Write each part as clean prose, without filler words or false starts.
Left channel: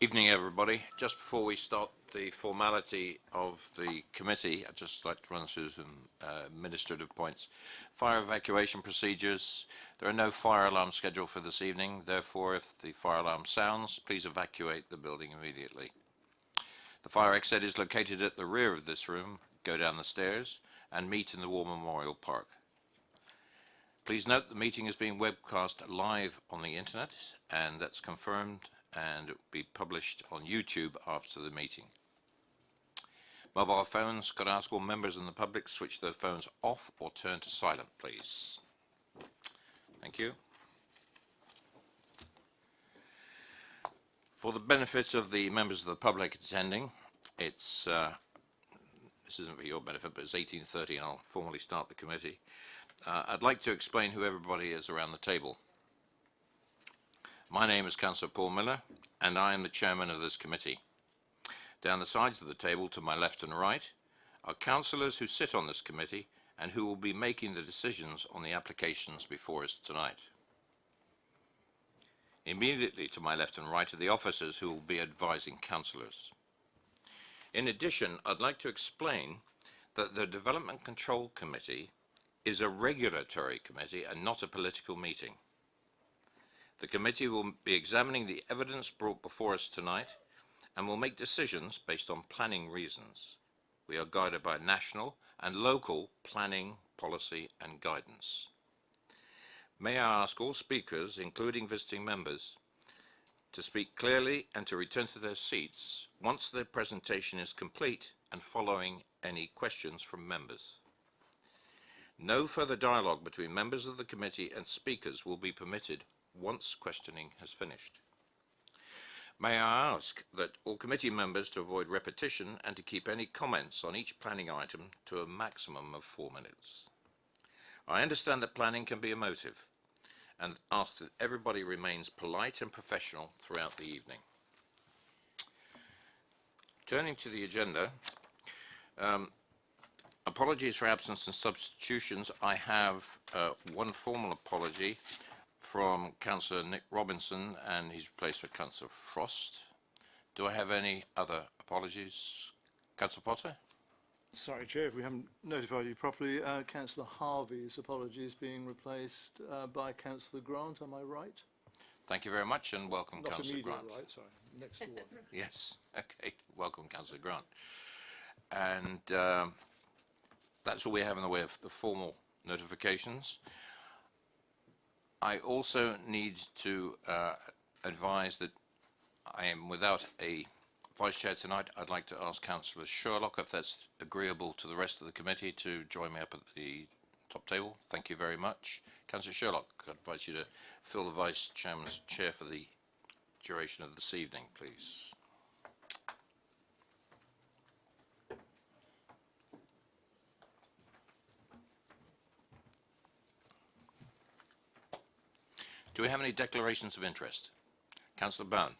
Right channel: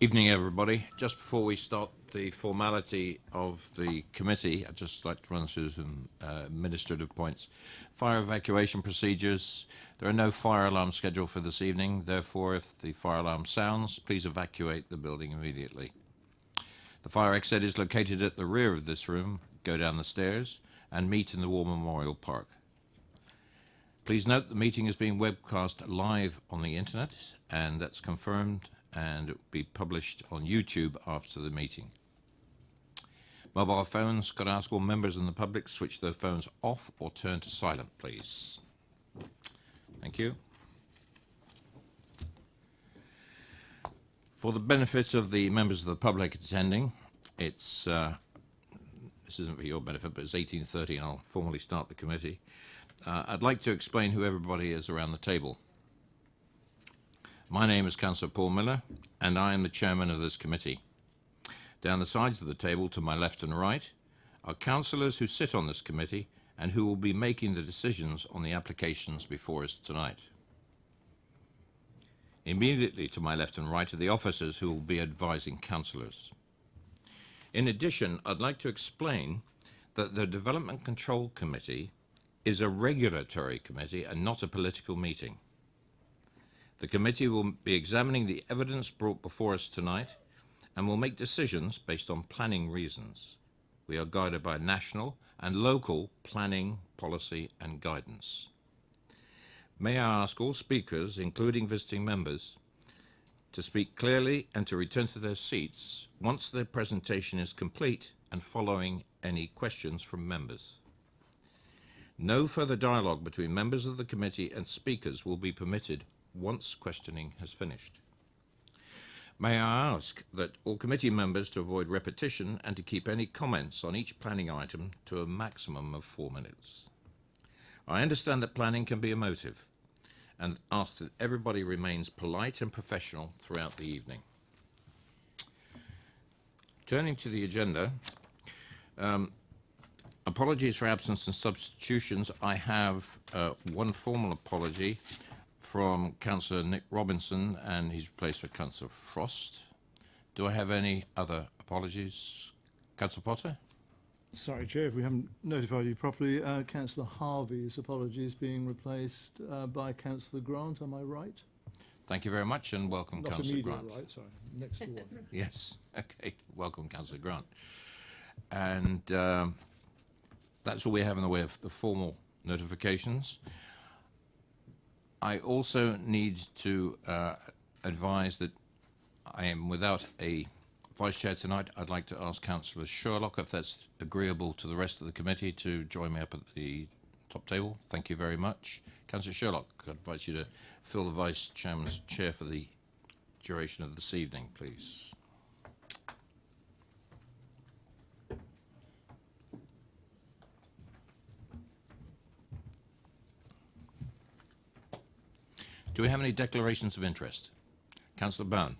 Evening, everybody. Just before we start the formality of the committee, I'd just like to run through some administrative points. Fire evacuation procedures. There are no fire alarms scheduled for this evening. Therefore, if the fire alarm sounds, please evacuate the building immediately. The fire exit is located at the rear of this room. Go down the stairs and meet in the War Memorial Park. Please note the meeting is being webcast live on the internet, and that's confirmed, and it will be published on YouTube after the meeting. Mobile phones, could I ask all members and the public switch their phones off or turn to silent, please. Thank you. For the benefit of the members of the public attending, this isn't for your benefit, but it's 18:30 and I'll formally start the committee. I'd like to explain who everybody is around the table. My name is Councillor Paul Miller, and I am the chairman of this committee. Down the sides of the table, to my left and right, are councillors who sit on this committee and who will be making the decisions on the applications before us tonight. Immediately to my left and right are the officers who will be advising councillors. In addition, I'd like to explain that the Development Control Committee is a regulatory committee and not a political meeting. The committee will be examining the evidence brought before us tonight and will make decisions based on planning reasons. We are guided by national and local planning, policy and guidance. May I ask all speakers, including visiting members, to speak clearly and to return to their seats once their presentation is complete and following any questions from members. No further dialogue between members of the committee and speakers will be permitted once questioning has finished. May I ask that all committee members to avoid repetition and to keep any comments on each planning item to a maximum of 4 minutes. I understand that planning can be emotive and ask that everybody remains polite and professional throughout the evening. Turning to the agenda, apologies for absence and substitutions. I have one formal apology from Councillor Nick Robinson, and he's replaced with Councillor Frost. Do I have any other apologies? Councillor Potter? Sorry, Chair, if we haven't notified you properly, Councillor Harvey's apologies being replaced by Councillor Grant. Am I right? Thank you very much, and welcome, Councillor Grant. Right, sorry, next door. Yes, okay, welcome, Councillor Grant. And that's all we have in the way of the formal notifications. I also need to advise that I am without a Vice Chair tonight. I'd like to ask Councillor Sherlock, if that's agreeable to the rest of the committee, to join me up at the top table. Thank you very much. Councillor Sherlock, I invite you to fill the Vice Chairman's chair for the duration of this evening, please. Do we have any declarations of interest? Councillor Byrne.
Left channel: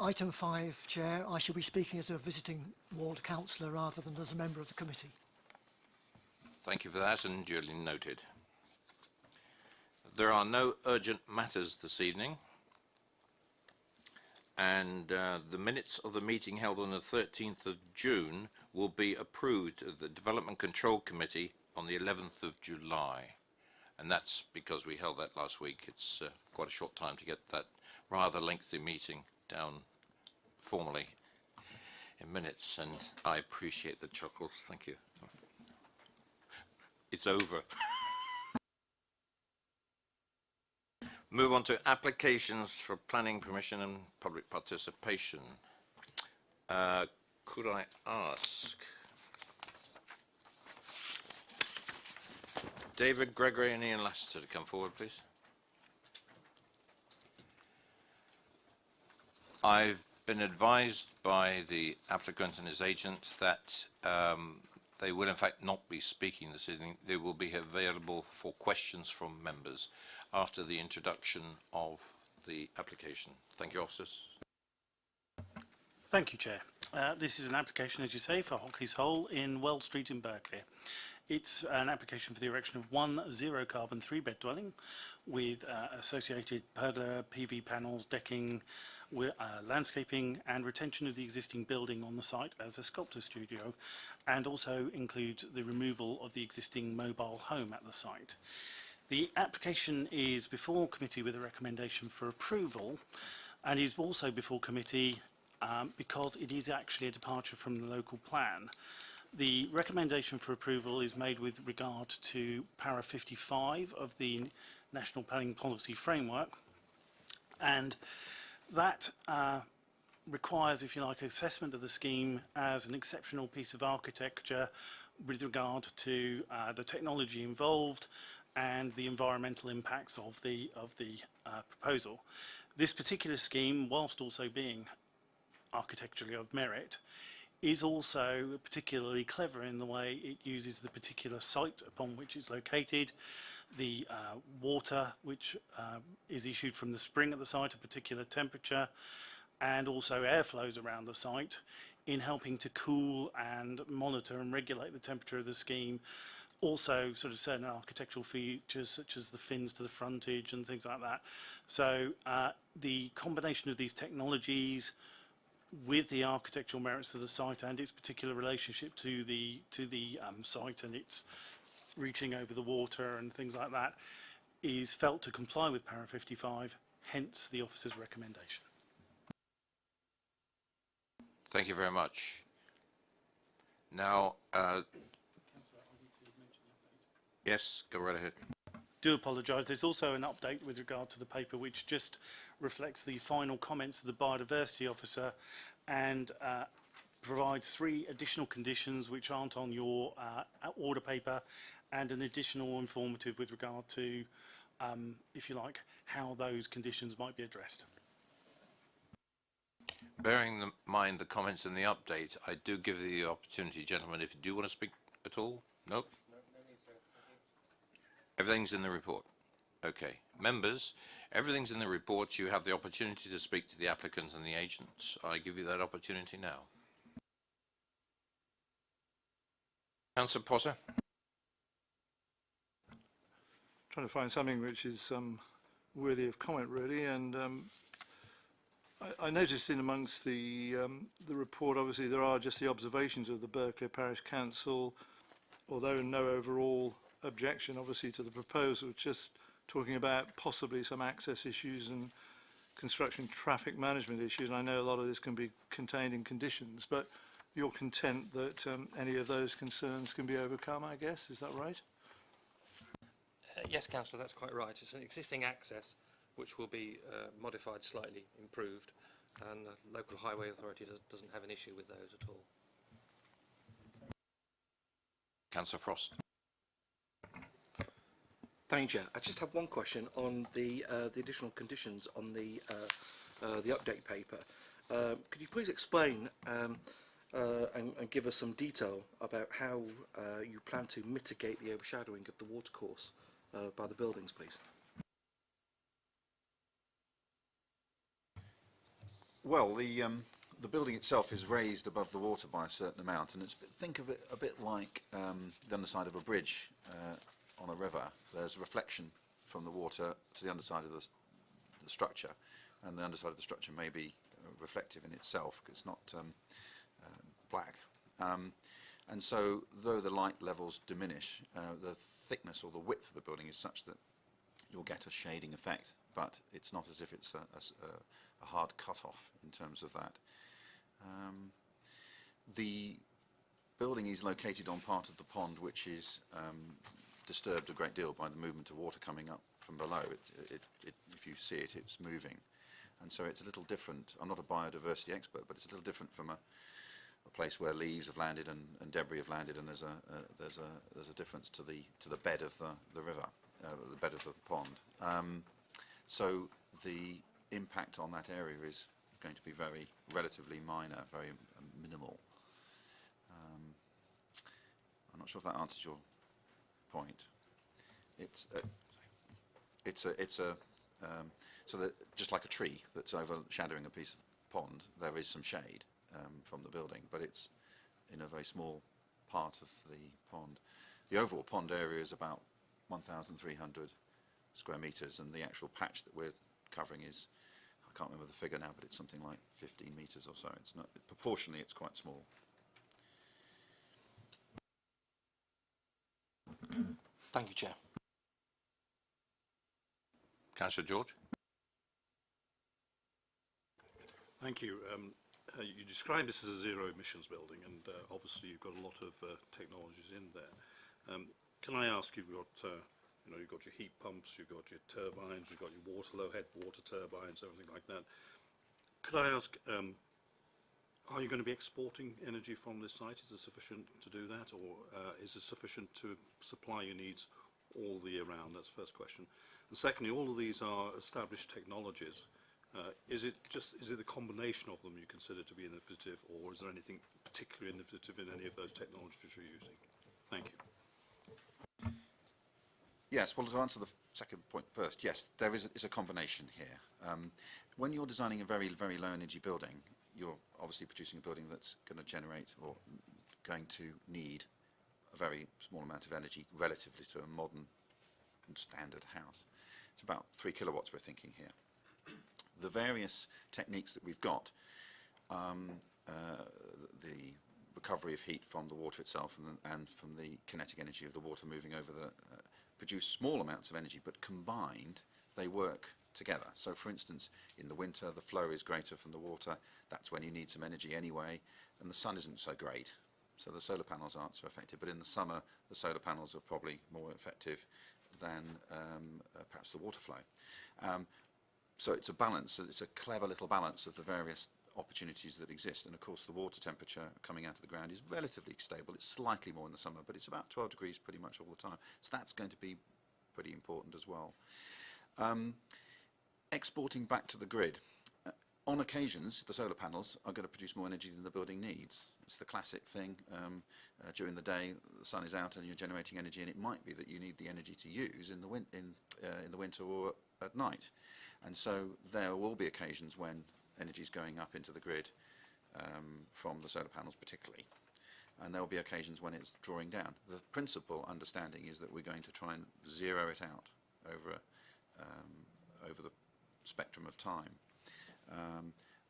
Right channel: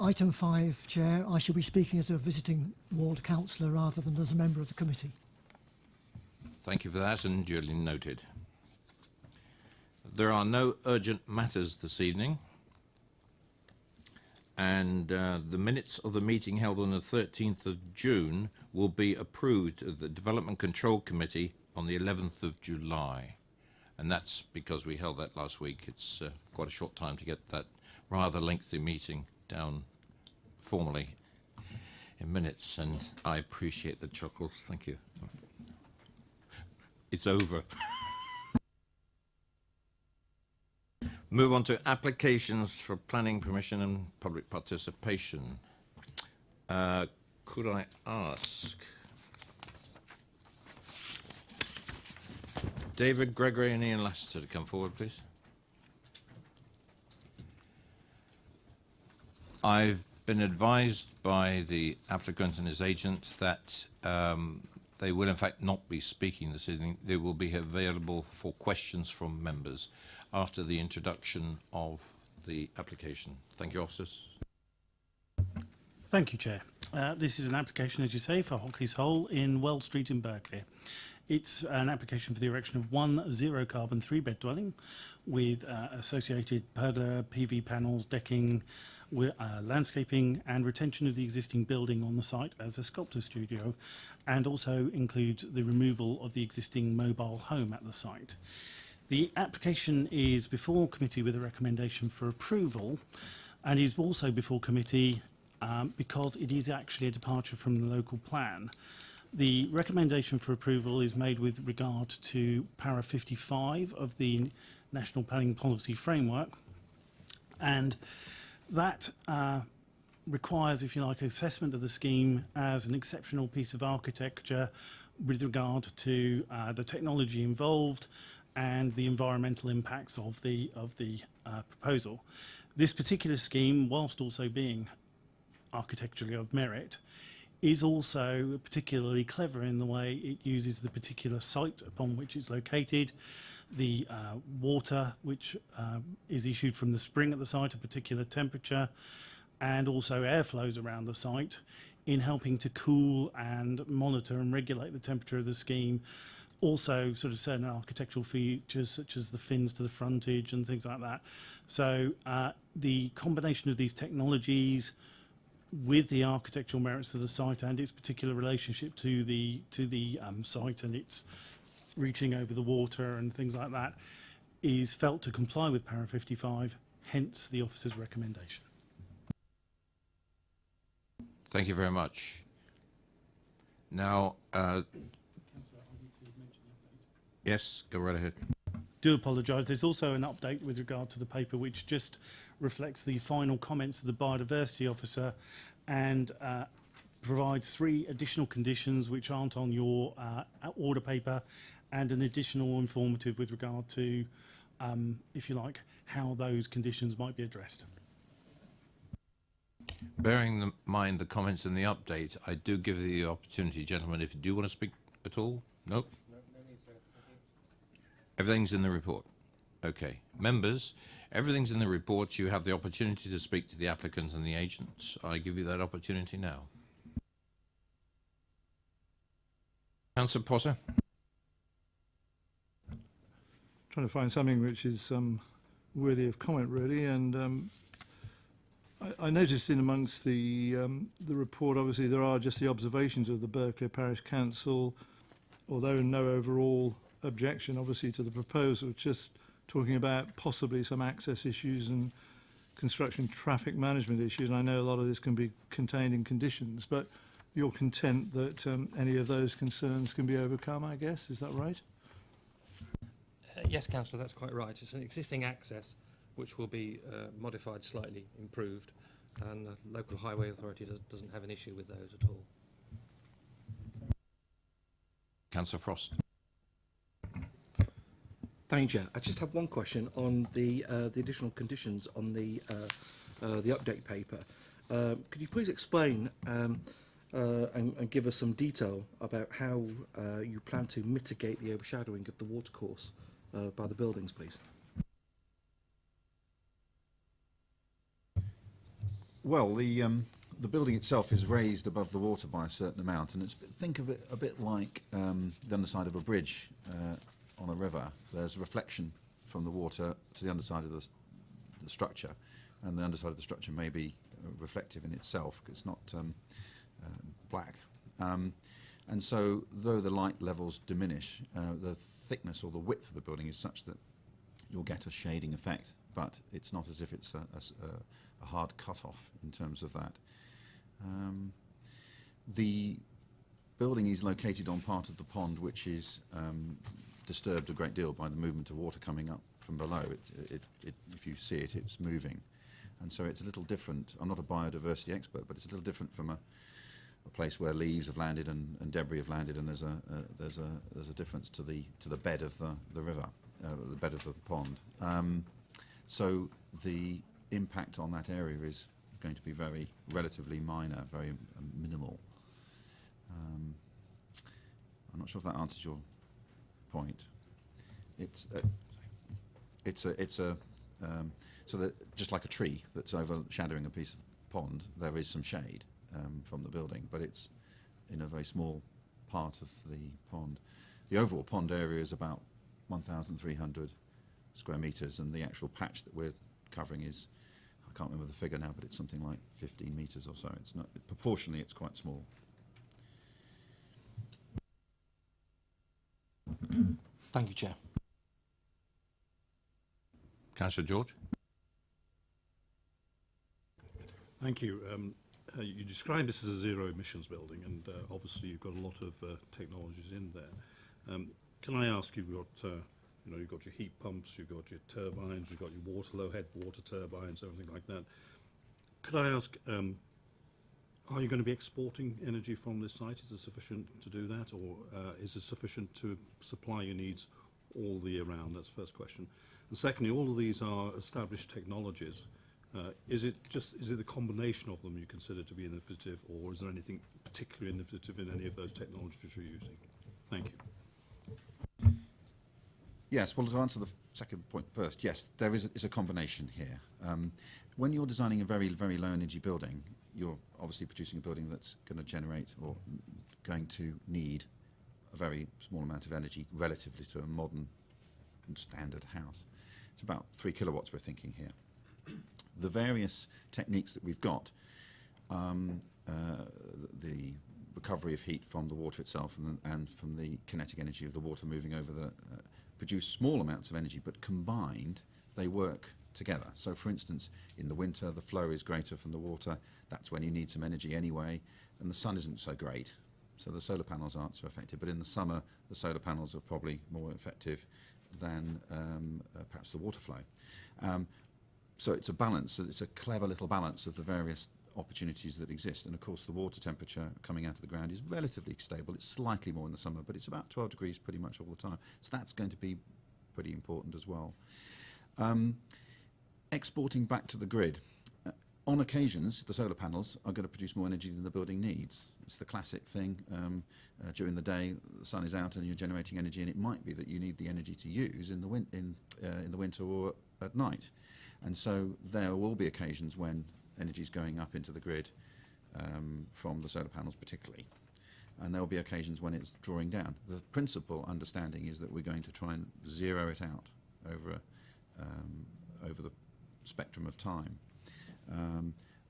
Item 5, Chair. I shall be speaking as a visiting ward councillor rather than as a member of the committee. Thank you for that, and duly noted. There are no urgent matters this evening, and the minutes of the meeting held on the 13th of June will be approved at the Development Control Committee on the 11th of July. And that's because we held that last week. It's quite a short time to get that rather lengthy meeting down formally in minutes, and I appreciate the chuckles. Thank you. It's over. Move on to applications for planning permission and public participation. Could I ask David Gregory and Ian Lassiter to come forward, please? I've been advised by the applicant and his agent that they will in fact not be speaking this evening. They will be available for questions from members after the introduction of the application. Thank you, officers. Thank you, Chair. This is an application, as you say, for Hockey's Hole in Well Street in Berkeley. It's an application for the erection of one zero-carbon three-bed dwelling with associated pergola, PV panels, decking, landscaping and retention of the existing building on the site as a sculptor studio, and also includes the removal of the existing mobile home at the site. The application is before committee with a recommendation for approval, and is also before committee because it is actually a departure from the local plan. The recommendation for approval is made with regard to para 55 of the National Planning Policy Framework, and that requires, if you like, assessment of the scheme as an exceptional piece of architecture with regard to the technology involved and the environmental impacts of the proposal. This particular scheme, whilst also being architecturally of merit, is also particularly clever in the way it uses the particular site upon which it's located, the water which is issued from the spring at the site, a particular temperature, and also airflows around the site in helping to cool and monitor and regulate the temperature of the scheme. Also sort of certain architectural features such as the fins to the frontage and things like that. So the combination of these technologies with the architectural merits of the site and its particular relationship to the site and its reaching over the water and things like that is felt to comply with para 55, hence the officer's recommendation. Thank you very much. Now, yes, go right ahead. Do apologise. There's also an update with regard to the paper which just reflects the final comments of the biodiversity officer and provides 3 additional conditions which aren't on your order paper, and an additional informative with regard to, if you like, how those conditions might be addressed. Bearing in mind the comments in the update, I do give you the opportunity, gentlemen, if you do want to speak at all. Nope. Everything's in the report. Okay. Members, everything's in the report. You have the opportunity to speak to the applicants and the agents. I give you that opportunity now. Councillor Potter. Trying to find something which is worthy of comment, really, and I noticed in amongst the report, obviously there are just the observations of the Berkeley Parish Council, although no overall objection, obviously, to the proposal, just talking about possibly some access issues and construction traffic management issues. And I know a lot of this can be contained in conditions, but you're content that any of those concerns can be overcome, I guess. Is that right? Yes, Councillor, that's quite right. It's an existing access which will be modified, slightly improved, and the local highway authority doesn't have an issue with those at all. Councillor Frost. Thank you, Chair. I just have one question on the additional conditions on the update paper. Could you please explain and give us some detail about how you plan to mitigate the overshadowing of the watercourse by the buildings, please? Well, the building itself is raised above the water by a certain amount, and think of it a bit like the underside of a bridge on a river. There's reflection from the water to the underside of the structure, and the underside of the structure may be reflective in itself, because it's not black. And so, though the light levels diminish, the thickness or the width of the building is such that you'll get a shading effect, but it's not as if it's a hard cut-off in terms of that. The building is located on part of the pond which is disturbed a great deal by the movement of water coming up from below. If you see it, it's moving. And so it's a little different. I'm not a biodiversity expert, but it's a little different from a place where leaves have landed and debris have landed, and there's a difference to the bed of the river, the bed of the pond. So the impact on that area is going to be very relatively minor, very minimal. I'm not sure if that answers your point. So that just like a tree that's overshadowing a piece of pond, there is some shade from the building, but it's in a very small part of the pond. The overall pond area is about 1,300 square metres, and the actual patch that we're covering is, I can't remember the figure now, but it's something like 15 metres or so. It's not, proportionally, it's quite small. Thank you, Chair. Councillor George? Thank you. You described this as a zero emissions building, and obviously you've got a lot of technologies in there. Can I ask, you've got you've got your heat pumps, you've got your turbines, you've got your low head water turbines, everything like that. Could I ask, are you going to be exporting energy from this site? Is it sufficient to do that, or is it sufficient to supply your needs all the year round? That's the first question. And secondly, all of these are established technologies. Is it the combination of them you consider to be innovative, or is there anything particularly innovative in any of those technologies you're using? Thank you. Yes, well, to answer the second point first, yes, there is a combination here. When you're designing a very, very low energy building, you're obviously producing a building that's going to generate or going to need a very small amount of energy relatively to a modern and standard house. It's about 3 kilowatts we're thinking here. The various techniques that we've got, the recovery of heat from the water itself and from the kinetic energy of the water moving over produce small amounts of energy, but combined they work together. So for instance, in the winter the flow is greater from the water, that's when you need some energy anyway, and the sun isn't so great, so the solar panels aren't so effective. But in the summer the solar panels are probably more effective than perhaps the water flow. So it's a balance, it's a clever little balance of the various opportunities that exist. And of course the water temperature coming out of the ground is relatively stable. It's slightly more in the summer, but it's about 12 degrees pretty much all the time. So that's going to be pretty important as well. Exporting back to the grid. On occasions, the solar panels are going to produce more energy than the building needs. It's the classic thing. During the day, the sun is out and you're generating energy, and it might be that you need the energy to use in the winter or at night. And so there will be occasions when energy is going up into the grid from the solar panels particularly. And there will be occasions when it's drawing down. The principal understanding is that we're going to try and zero it out over the spectrum of time.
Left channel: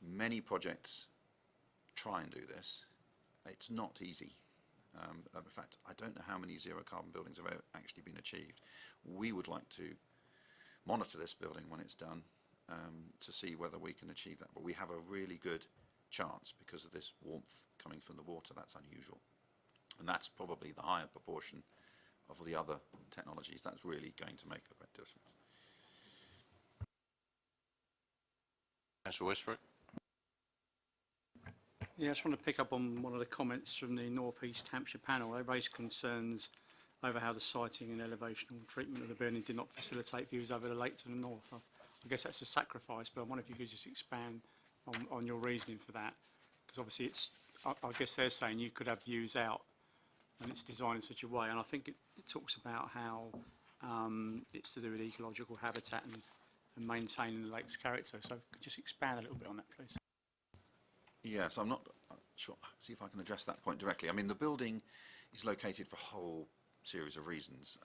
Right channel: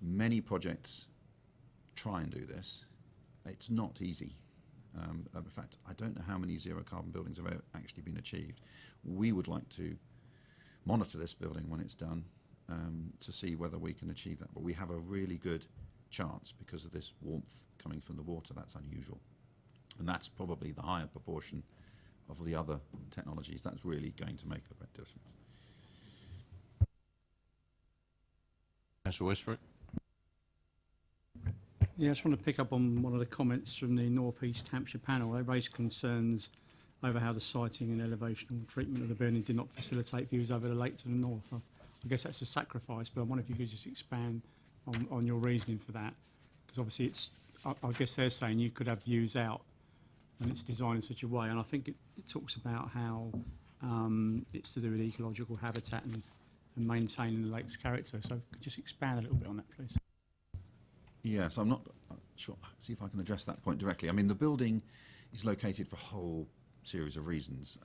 Many projects try and do this. It's not easy. In fact, I don't know how many zero carbon buildings have actually been achieved. We would like to monitor this building when it's done to see whether we can achieve that. But we have a really good chance because of this warmth coming from the water. That's unusual. And that's probably the higher proportion of the other technologies. That's really going to make a great difference. Councillor Westbrook? Yeah, I just want to pick up on one of the comments from the North East Hampshire panel. They raised concerns over how the siting and elevational treatment of the building did not facilitate views over the lake to the north. I guess that's a sacrifice, but I wonder if you could just expand on your reasoning for that. Because obviously I guess they're saying you could have views out and it's designed in such a way, and I think it talks about how it's to do with ecological habitat and maintaining the lake's character. So could you just expand a little bit on that, please? Yes, I'm not sure. See if I can address that point directly. I mean, the building is located for a whole series of reasons.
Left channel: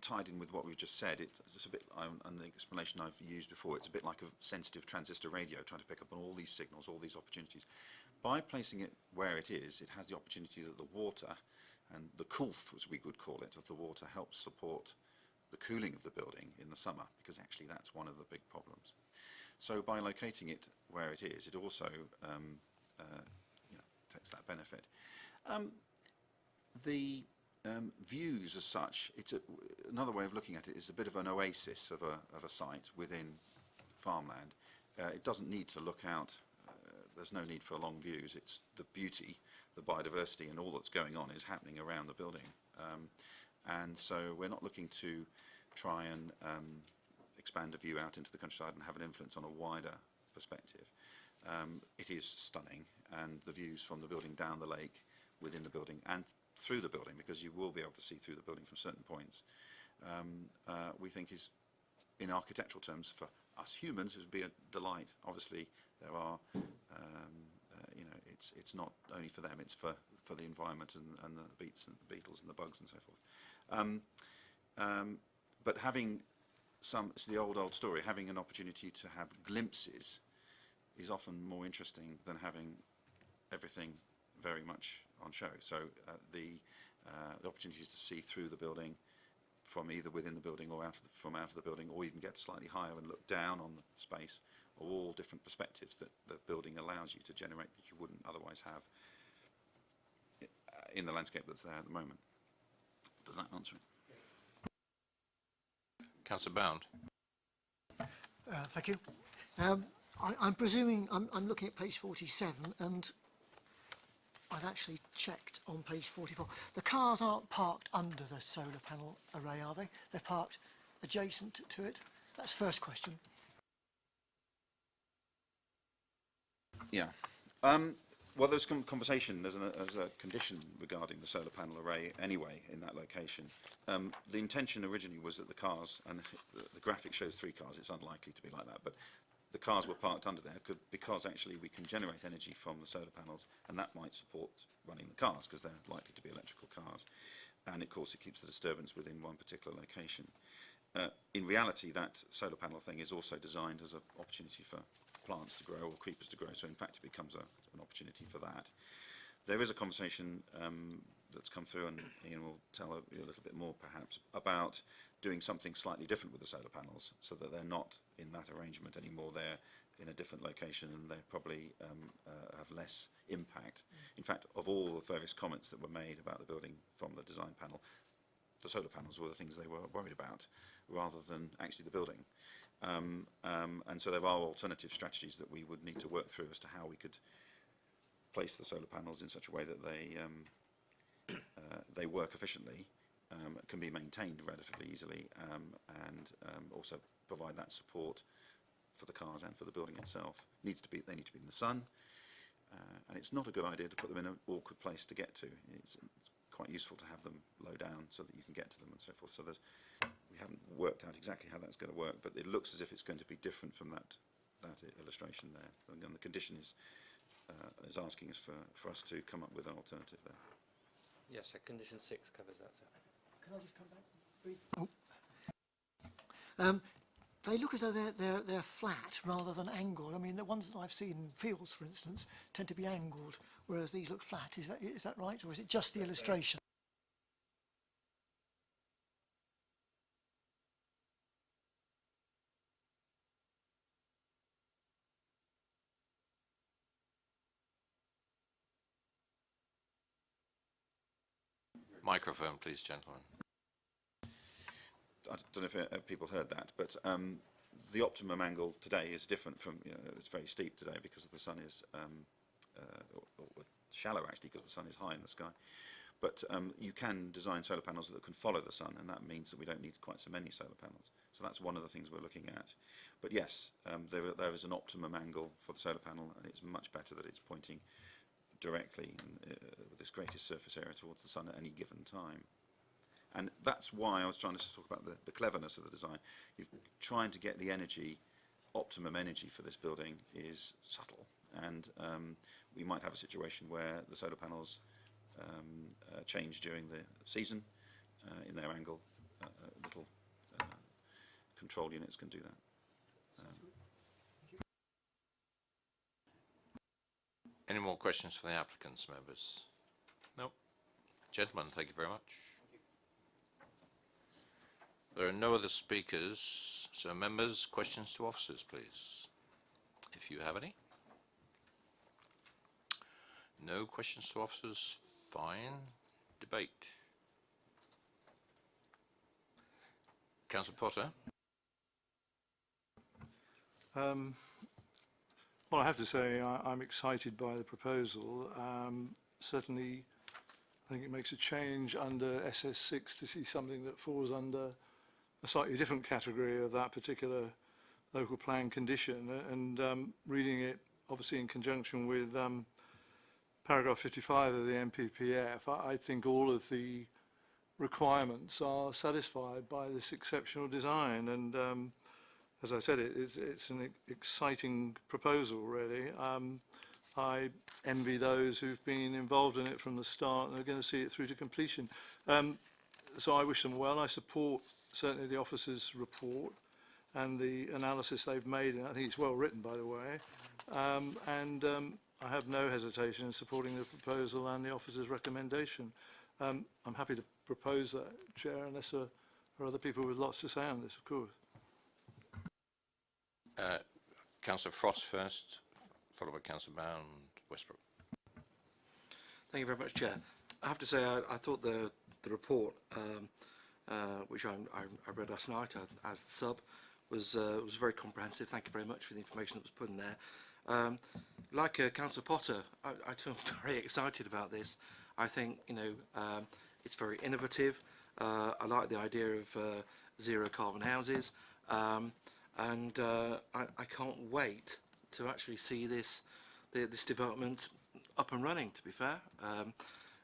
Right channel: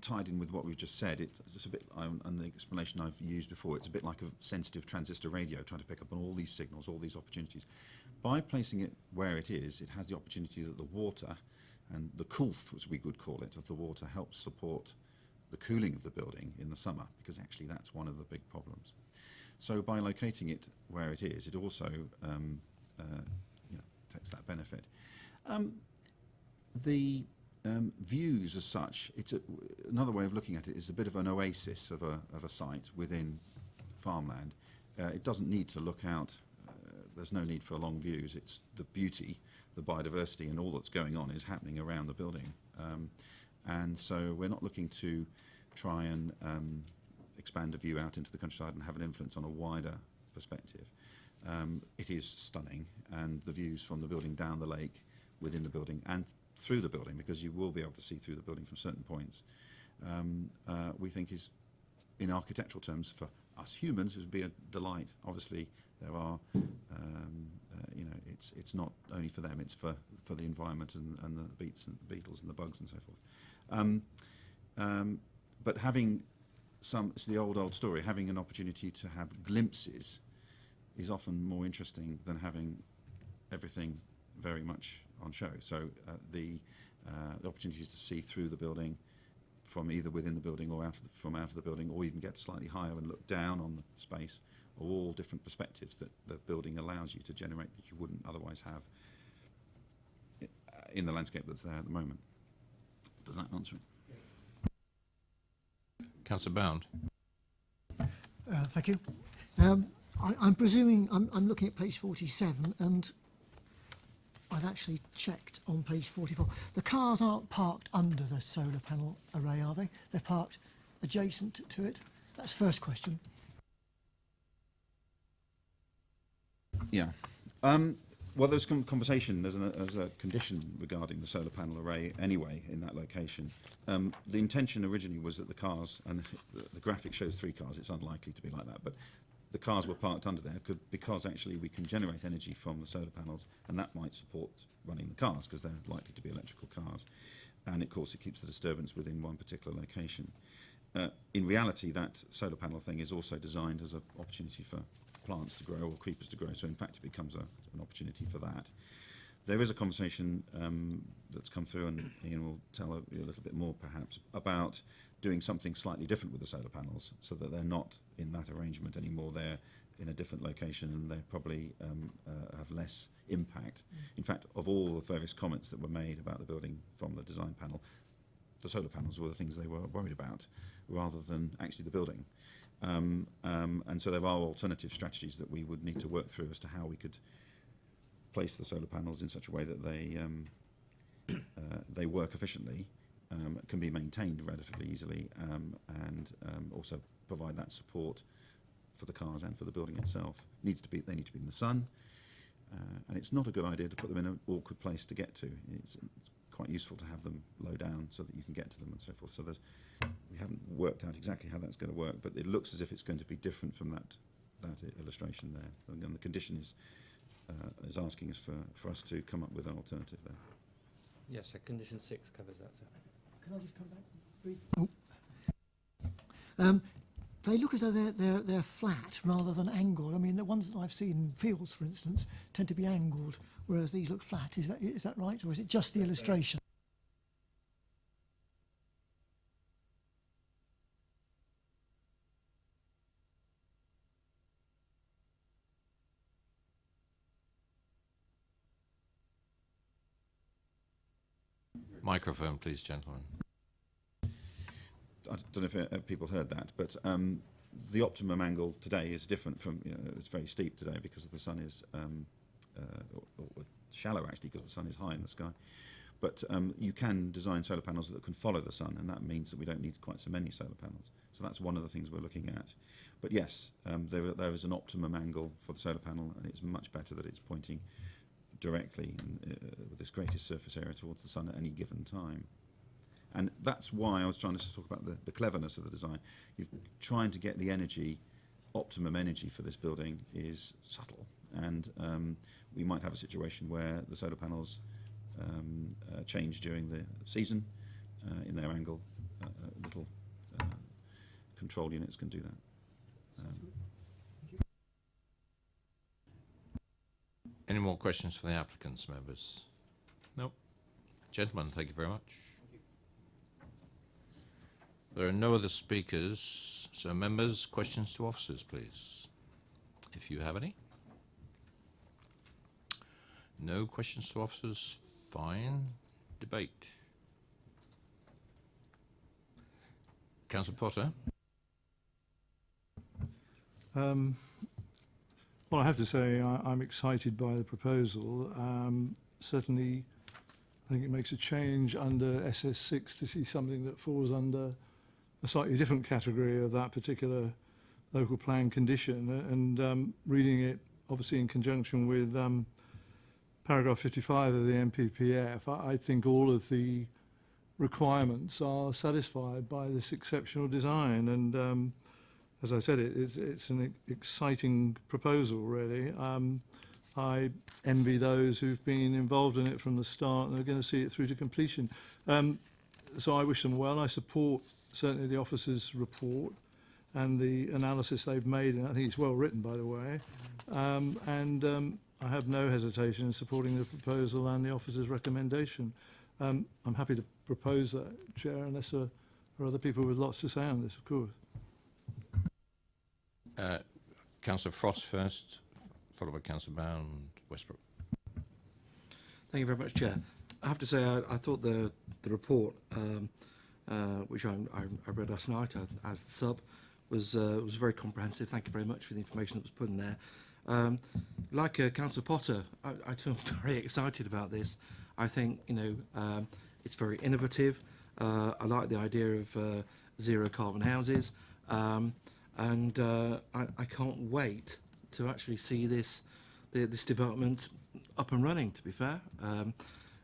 Tied in with what we've just said, it's a bit, and the explanation I've used before, it's a bit like a sensitive transistor radio trying to pick up on all these signals, all these opportunities. By placing it where it has the opportunity that the water and the coolth, as we would call it, of the water helps support the cooling of the building in the summer, because actually that's one of the big problems. So by locating it where it is, it also takes that benefit. The views as such, another way of looking at it is a bit of an oasis of a site within farmland. It doesn't need to look out. There's no need for long views. It's the beauty, the biodiversity, and all that's going on is happening around the building. And so we're not looking to try and expand a view out into the countryside and have an influence on a wider perspective. It is stunning, and the views from the building down the lake, within the building, and through the building, because you will be able to see through the building from certain points, we think is, in architectural terms, for us humans, it would be a delight. Obviously, there are you know, it's not only for them, it's for the environment and the beetles and the bugs and so forth. But having it's the old story, having an opportunity to have glimpses is often more interesting than having everything very much on show. So the opportunities to see through the building from either within the building or from out of the building, or even get slightly higher and look down on the space, are all different perspectives that the building allows you to generate that you wouldn't otherwise have in the landscape that's there at the moment. Does that answer it? Councillor Bound. Thank you. I'm presuming, I'm looking at page 47, and I've actually checked on page 44. The cars aren't parked under the solar panel array, are they? They're parked adjacent to it? That's the first question. Yeah. Well, there's conversation, there's a condition regarding the solar panel array anyway in that location. The intention originally was that the cars, and the graphic shows 3 cars, it's unlikely to be like that, but the cars were parked under there because actually we can generate energy from the solar panels, and that might support running the cars because they're likely to be electrical cars. And of course it keeps the disturbance within one particular location. In reality, that solar panel thing is also designed as an opportunity for plants to grow or creepers to grow, so in fact it becomes an opportunity for that. There is a conversation that's come through, and Ian will tell you a little bit more perhaps, about doing something slightly different with the solar panels so that they're not in that arrangement anymore, they're in a different location and they probably have less impact. In fact, of all the various comments that were made about the building from the design panel, the solar panels were the things they were worried about rather than actually the building. And so there are alternative strategies that we would need to work through as to how we could place the solar panels in such a way that they work efficiently, can be maintained relatively easily, and also provide that support for the cars and for the building itself. They need to be in the sun, and it's not a good idea to put them in an awkward place to get to. It's quite useful to have them low down so that you can get to them and so forth. So we haven't worked out exactly how that's going to work, but it looks as if it's going to be different from that illustration there. And the condition is asking us for us to come up with an alternative there. Yes, so condition 6 covers that. Sir. Can I just come back? Oh. They look as though they're flat rather than angled. I mean, the ones that I've seen in fields, for instance, tend to be angled, whereas these look flat. Is that right, or is it just the illustration? Microphone, please, gentlemen. I don't know if people heard that, but the optimum angle today is different from, it's very steep today because the sun is, or shallow actually because the sun is high in the sky. But you can design solar panels that can follow the sun, and that means that we don't need quite so many solar panels. So that's one of the things we're looking at. But yes, there is an optimum angle for the solar panel, and it's much better that it's pointing directly with this greatest surface area towards the sun at any given time. And that's why I was trying to talk about the cleverness of the design. You're trying to get the energy, optimum energy for this building is subtle. And we might have a situation where the solar panels change during the season in their angle. Little control units can do that. Any more questions for the applicants, members? No. Gentlemen, thank you very much. There are no other speakers, so members, questions to officers, please, if you have any. No questions to officers, fine. Debate. Councillor Potter. Well, I have to say I'm excited by the proposal. Certainly, I think it makes a change under SS6 to see something that falls under a slightly different category of that particular local plan condition. And reading it, obviously, in conjunction with paragraph 55 of the MPPF, I think all of the requirements are satisfied by this exceptional design. And as I said, it's an exciting proposal, really. I envy those who've been involved in it from the start and are going to see it through to completion. So I wish them well. I support certainly the officers' report and the analysis they've made, and I think it's well written, by the way. I have no hesitation in supporting the proposal and the officers' recommendation. I'm happy to propose that, Chair, unless there are other people with lots to say on this, of course. Councillor Frost first, followed by Councillor Bound, Westbrook. Thank you very much, Chair. I have to say, I thought the report, which I read last night as the sub, was very comprehensive. Thank you very much for the information that was put in there. Like Councillor Potter, I too am very excited about this. I think, you know, it's very innovative. I like the idea of zero carbon houses. And I can't wait to actually see this development up and running, to be fair.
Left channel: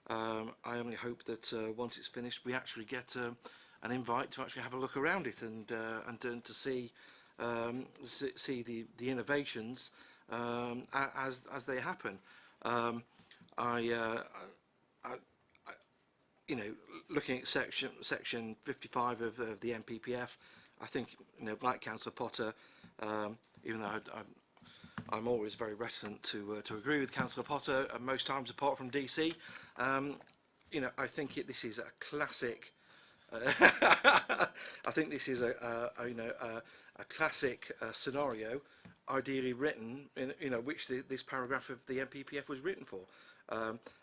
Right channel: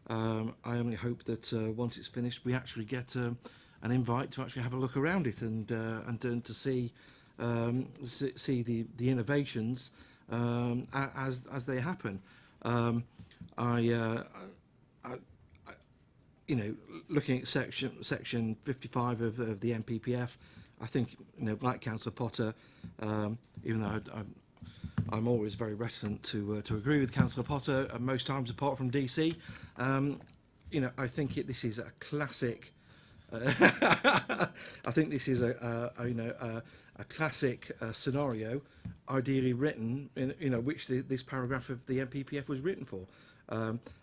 I only hope that once it's finished, we actually get an invite to actually have a look around it and to see the innovations as they happen. You know, looking at section 55 of the NPPF, I think, you know, like Councillor Potter, even though I'm always very reticent to agree with Councillor Potter most times apart from DC, you know, I think this is a classic. I think this is a classic scenario, ideally written in, you know, which this paragraph of the NPPF was written for.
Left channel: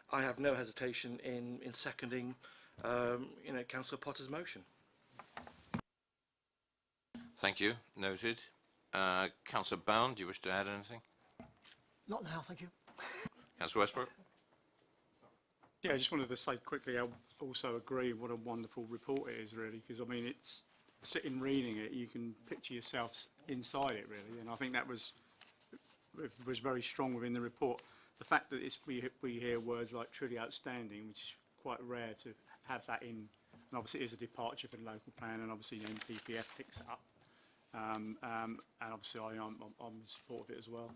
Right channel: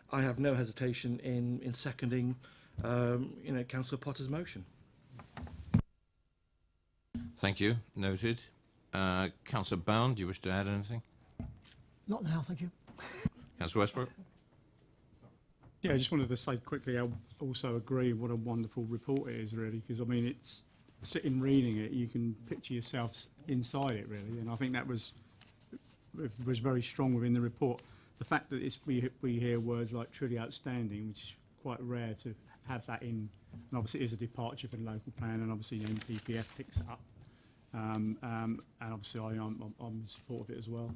I have no hesitation in seconding, you know, Councillor Potter's motion. Thank you. Noted. Councillor Bound, do you wish to add anything? Not now, thank you. Councillor Westbrook? Yeah, I just wanted to say quickly, I also agree what a wonderful report it is, really, because, I mean, it's sitting reading it, you can picture yourself inside it, really, and I think that was very strong within the report. The fact that we hear words like truly outstanding, which is quite rare to have that in, and obviously it is a departure from the local plan, and obviously the NPPF picks it up, and obviously I'm in support of it as well.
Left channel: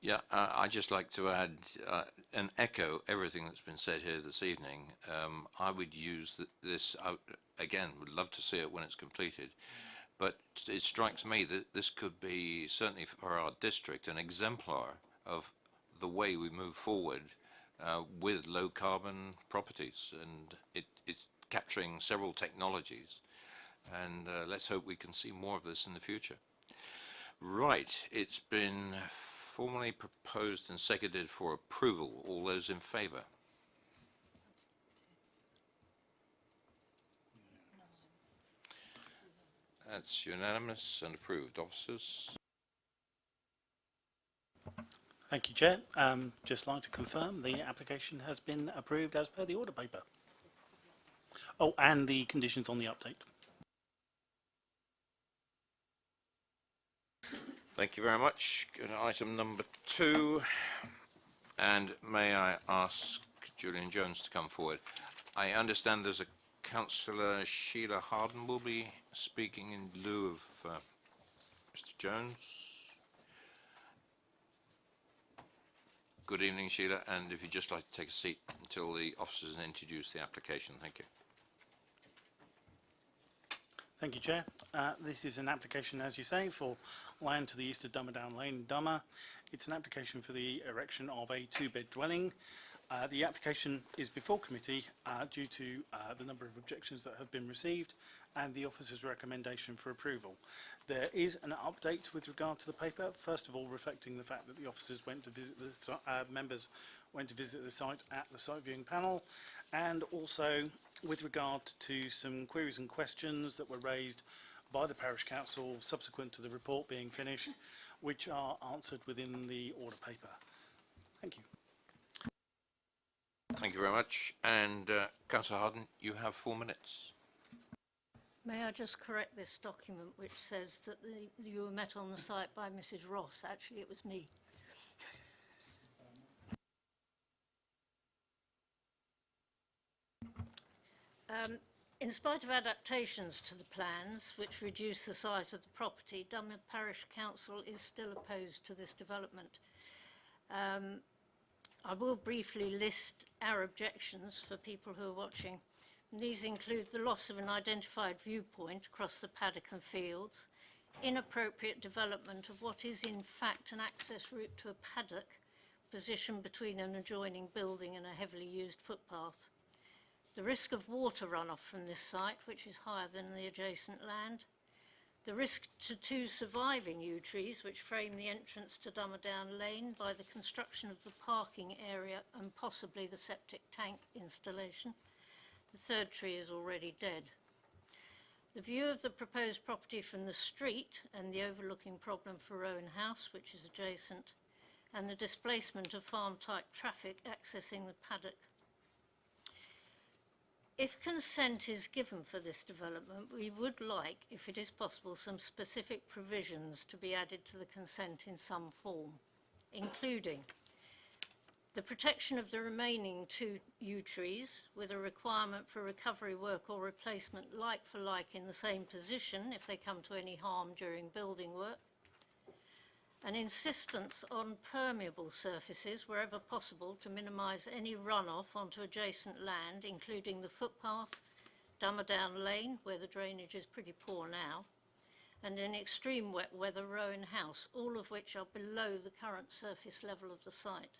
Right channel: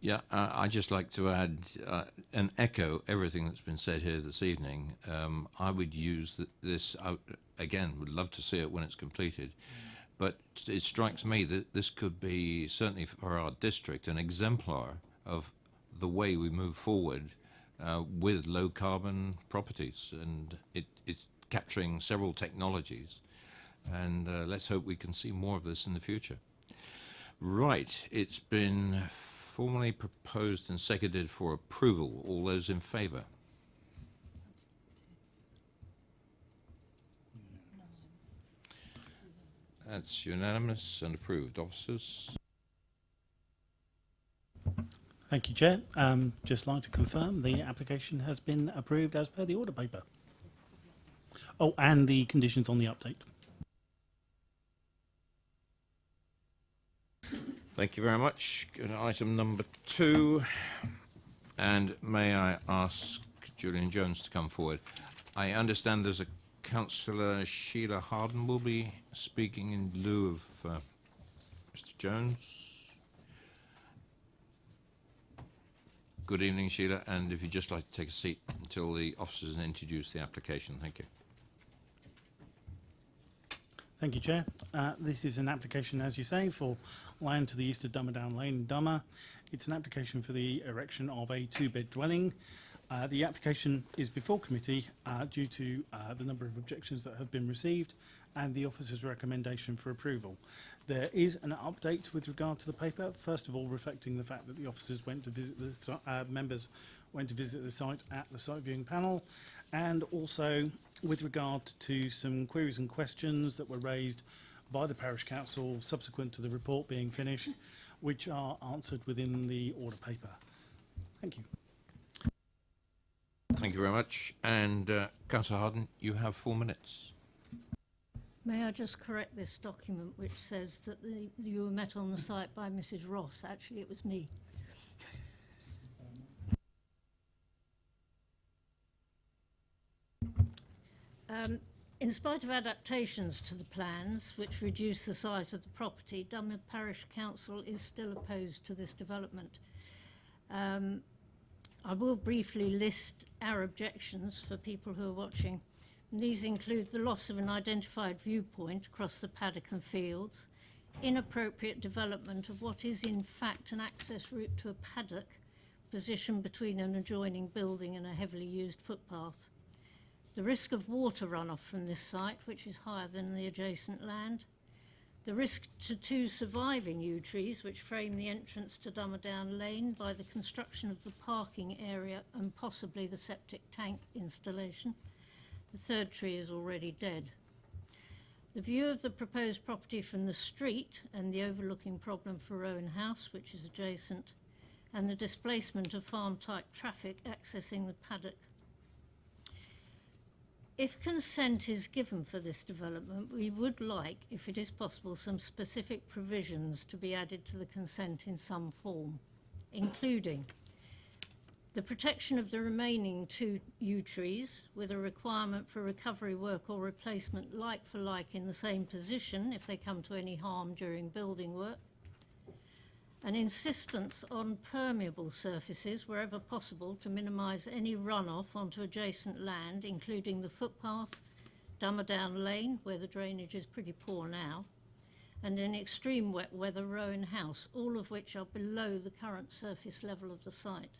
Yeah, I'd just like to add and echo everything that's been said here this evening. I would use this, again, would love to see it when it's completed, but it strikes me that this could be, certainly for our district, an exemplar of the way we move forward with low carbon properties, and it's capturing several technologies, and let's hope we can see more of this in the future. Right, it's been formally proposed and seconded for approval. All those in favour? That's unanimous and approved. Officers? Thank you, Chair. Just like to confirm the application has been approved as per the order paper. Oh, and the conditions on the update. Thank you very much. Go to item number 2. And may I ask Julian Jones to come forward? I understand there's a Councillor Sheila Harden will be speaking in lieu of Mr. Jones. Good evening, Sheila, and if you'd just like to take a seat until the officers introduce the application. Thank you. Thank you, Chair. This is an application, as you say, for land to the east of Dummerdown Lane in Dummer. It's an application for the erection of a 2-bed dwelling. The application is before committee due to the number of objections that have been received and the officer's recommendation for approval. There is an update with regard to the paper, first of all reflecting the fact that the officers went to visit the members went to visit the site at the site viewing panel, and also with regard to some queries and questions that were raised by the parish council subsequent to the report being finished, which are answered within the order paper. Thank you. Thank you very much. And Councillor Harden, you have 4 minutes. May I just correct this document which says that you were met on the site by Mrs. Ross. Actually, it was me. In spite of adaptations to the plans, which reduce the size of the property, Dunmow Parish Council is still opposed to this development. I will briefly list our objections for people who are watching. And these include the loss of an identified viewpoint across the paddock and fields, inappropriate development of what is in fact an access route to a paddock positioned between an adjoining building and a heavily used footpath, the risk of water runoff from this site, which is higher than the adjacent land, the risk to two surviving yew trees which frame the entrance to Dummerdown Lane by the construction of the parking area and possibly the septic tank installation. The third tree is already dead. The view of the proposed property from the street and the overlooking problem for Rowan House, which is adjacent, and the displacement of farm-type traffic accessing the paddock. If consent is given for this development, we would like, if it is possible, some specific provisions to be added to the consent in some form, including the protection of the remaining two yew trees with a requirement for recovery work or replacement like for like in the same position if they come to any harm during building work, an insistence on permeable surfaces wherever possible to minimise any runoff onto adjacent land, including the footpath, Dummerdown Lane, where the drainage is pretty poor now, and in extreme wet weather, Rowan House, all of which are below the current surface level of the site.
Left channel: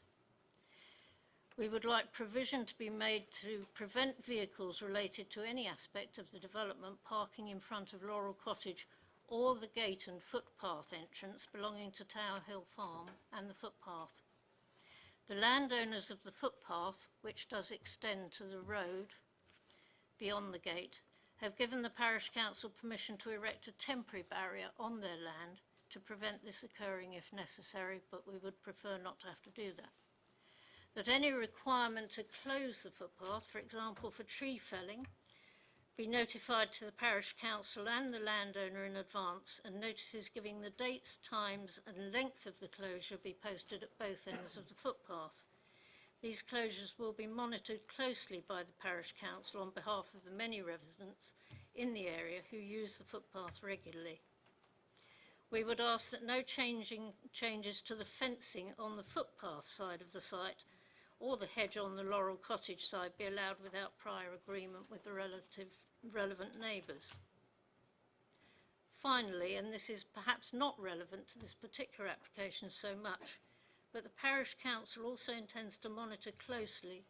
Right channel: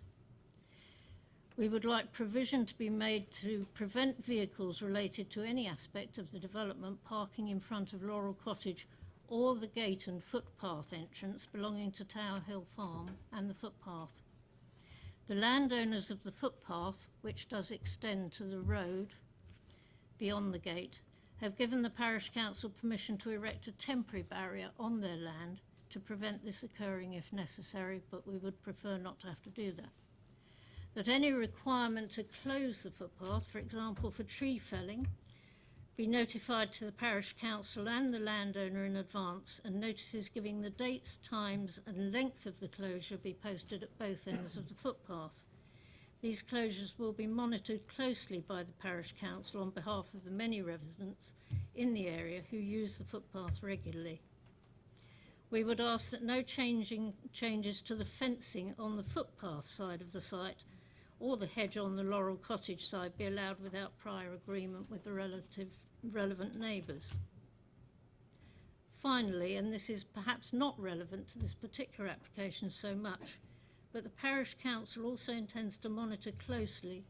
We would like provision to be made to prevent vehicles related to any aspect of the development parking in front of Laurel Cottage or the gate and footpath entrance belonging to Tower Hill Farm and the footpath. The landowners of the footpath, which does extend to the road beyond the gate, have given the Parish Council permission to erect a temporary barrier on their land to prevent this occurring if necessary, but we would prefer not to have to do that. That any requirement to close the footpath, for example for tree felling, be notified to the Parish Council and the landowner in advance, and notices giving the dates, times and length of the closure be posted at both ends of the footpath. These closures will be monitored closely by the Parish Council on behalf of the many residents in the area who use the footpath regularly. We would ask that no changes to the fencing on the footpath side of the site or the hedge on the Laurel Cottage side be allowed without prior agreement with the relevant neighbours. Finally, and this is perhaps not relevant to this particular application so much, but the Parish Council also intends to monitor closely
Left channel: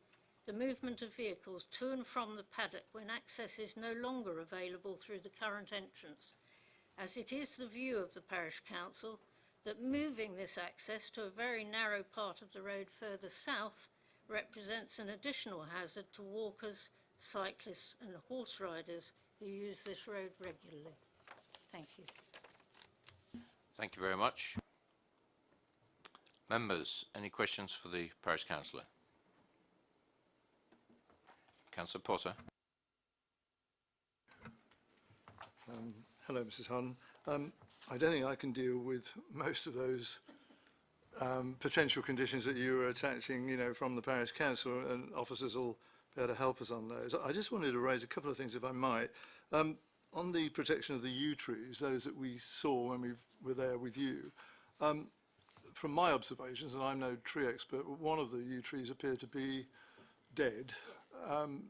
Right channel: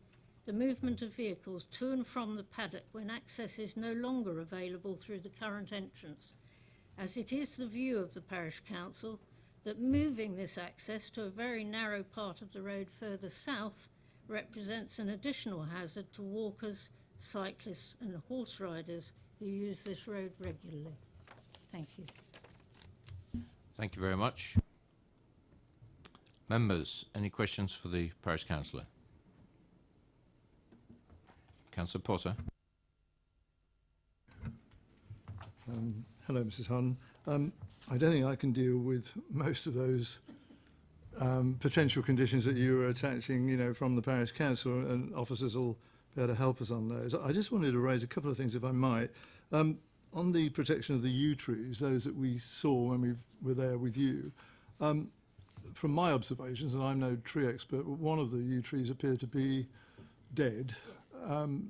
the movement of vehicles to and from the paddock when access is no longer available through the current entrance, as it is the view of the Parish Council that moving this access to a very narrow part of the road further south represents an additional hazard to walkers, cyclists and horse riders who use this road regularly. Thank you. Thank you very much. Members, any questions for the Parish Councillor? Councillor Potter. Hello, Mrs. Hahn. I don't think I can deal with most of those potential conditions that you were attaching, you know, from the Parish Council, and officers will be able to help us on those. I just wanted to raise a couple of things, if I might. On the protection of the yew trees, those that we saw when we were there with you, from my observations, and I'm no tree expert, but one of the yew trees appeared to be dead.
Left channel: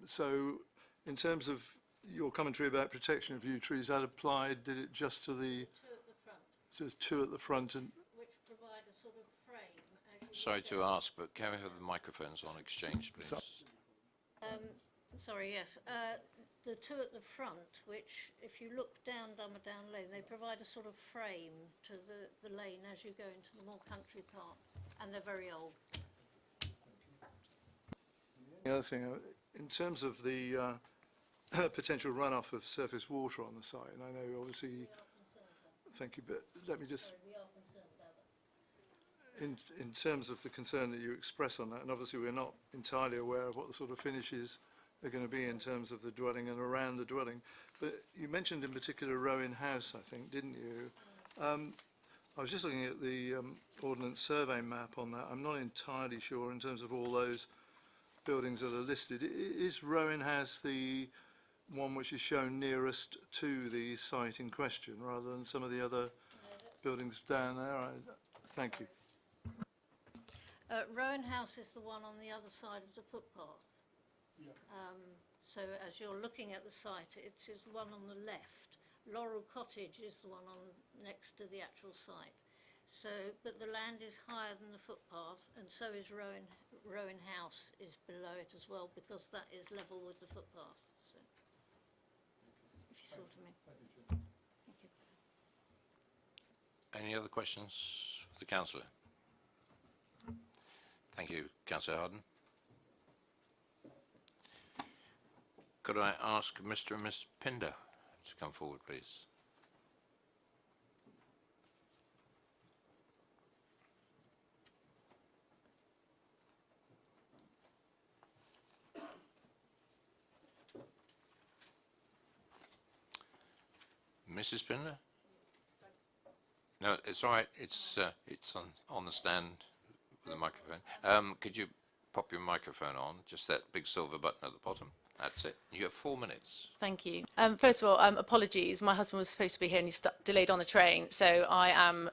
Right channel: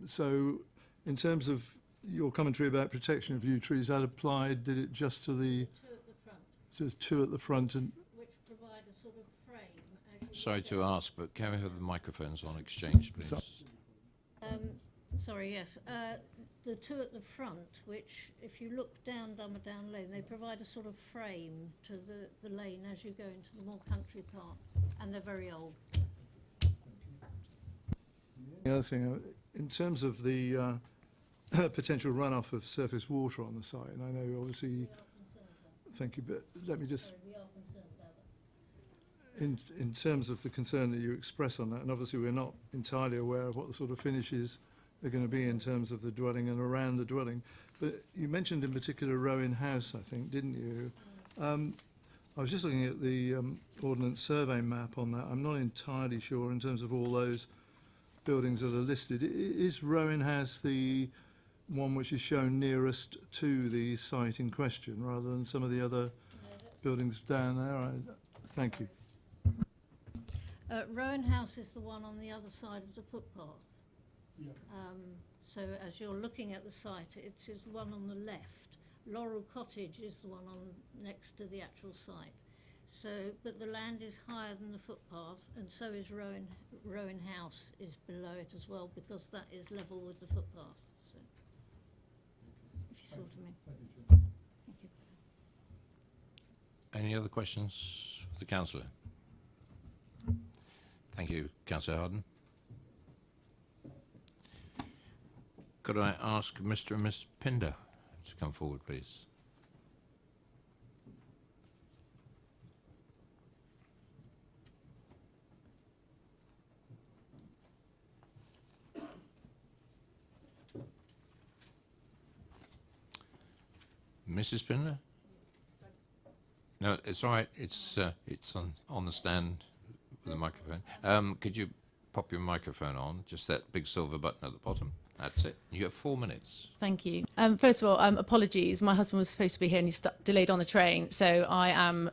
So in terms of your commentary about protection of yew trees, that applied, did it just to the... Two at the front, Just two at the front and... which provide a sort of frame. As you Sorry look to down. ask, but can we have the microphones on exchange, please? Sorry, yes. The two at the front, which, if you look down Dummerdown Lane, they provide a sort of frame to the lane as you go into the more country part, and they're very old. The other thing, in terms of the potential runoff of surface water on the site, and I know obviously, We are concerned about thank you, but let me just, Sorry, we are concerned about it. in terms of the concern that you express on that, and obviously we're not entirely aware of what the sort of finishes are going to be in terms of the dwelling and around the dwelling, but you mentioned in particular Rowan House, I think, didn't you? I was just looking at the Ordnance Survey map on that. I'm not entirely sure in terms of all those buildings that are listed. Is Rowan House the one which is shown nearest to the site in question, rather than some of the other buildings down there. Thank you. Rowan House is the one on the other side of the footpath. So as you're looking at the site, it's the one on the left. Laurel Cottage is the one on next to the actual site. So, but the land is higher than the footpath, and so is Rowan House is below it as well, because that is level with the footpath. So, if you saw what I mean. Thank you. Any other questions for the councillor? Thank you, Councillor Harden. Could I ask Mr. and Ms. Pinder to come forward, please? Mrs. Pinder? No, it's all right. It's on the stand with the microphone. Could you pop your microphone on? Just that big silver button at the bottom. That's it. You have 4 minutes. Thank you. First of all, apologies. My husband was supposed to be here and he's delayed on a train, so I am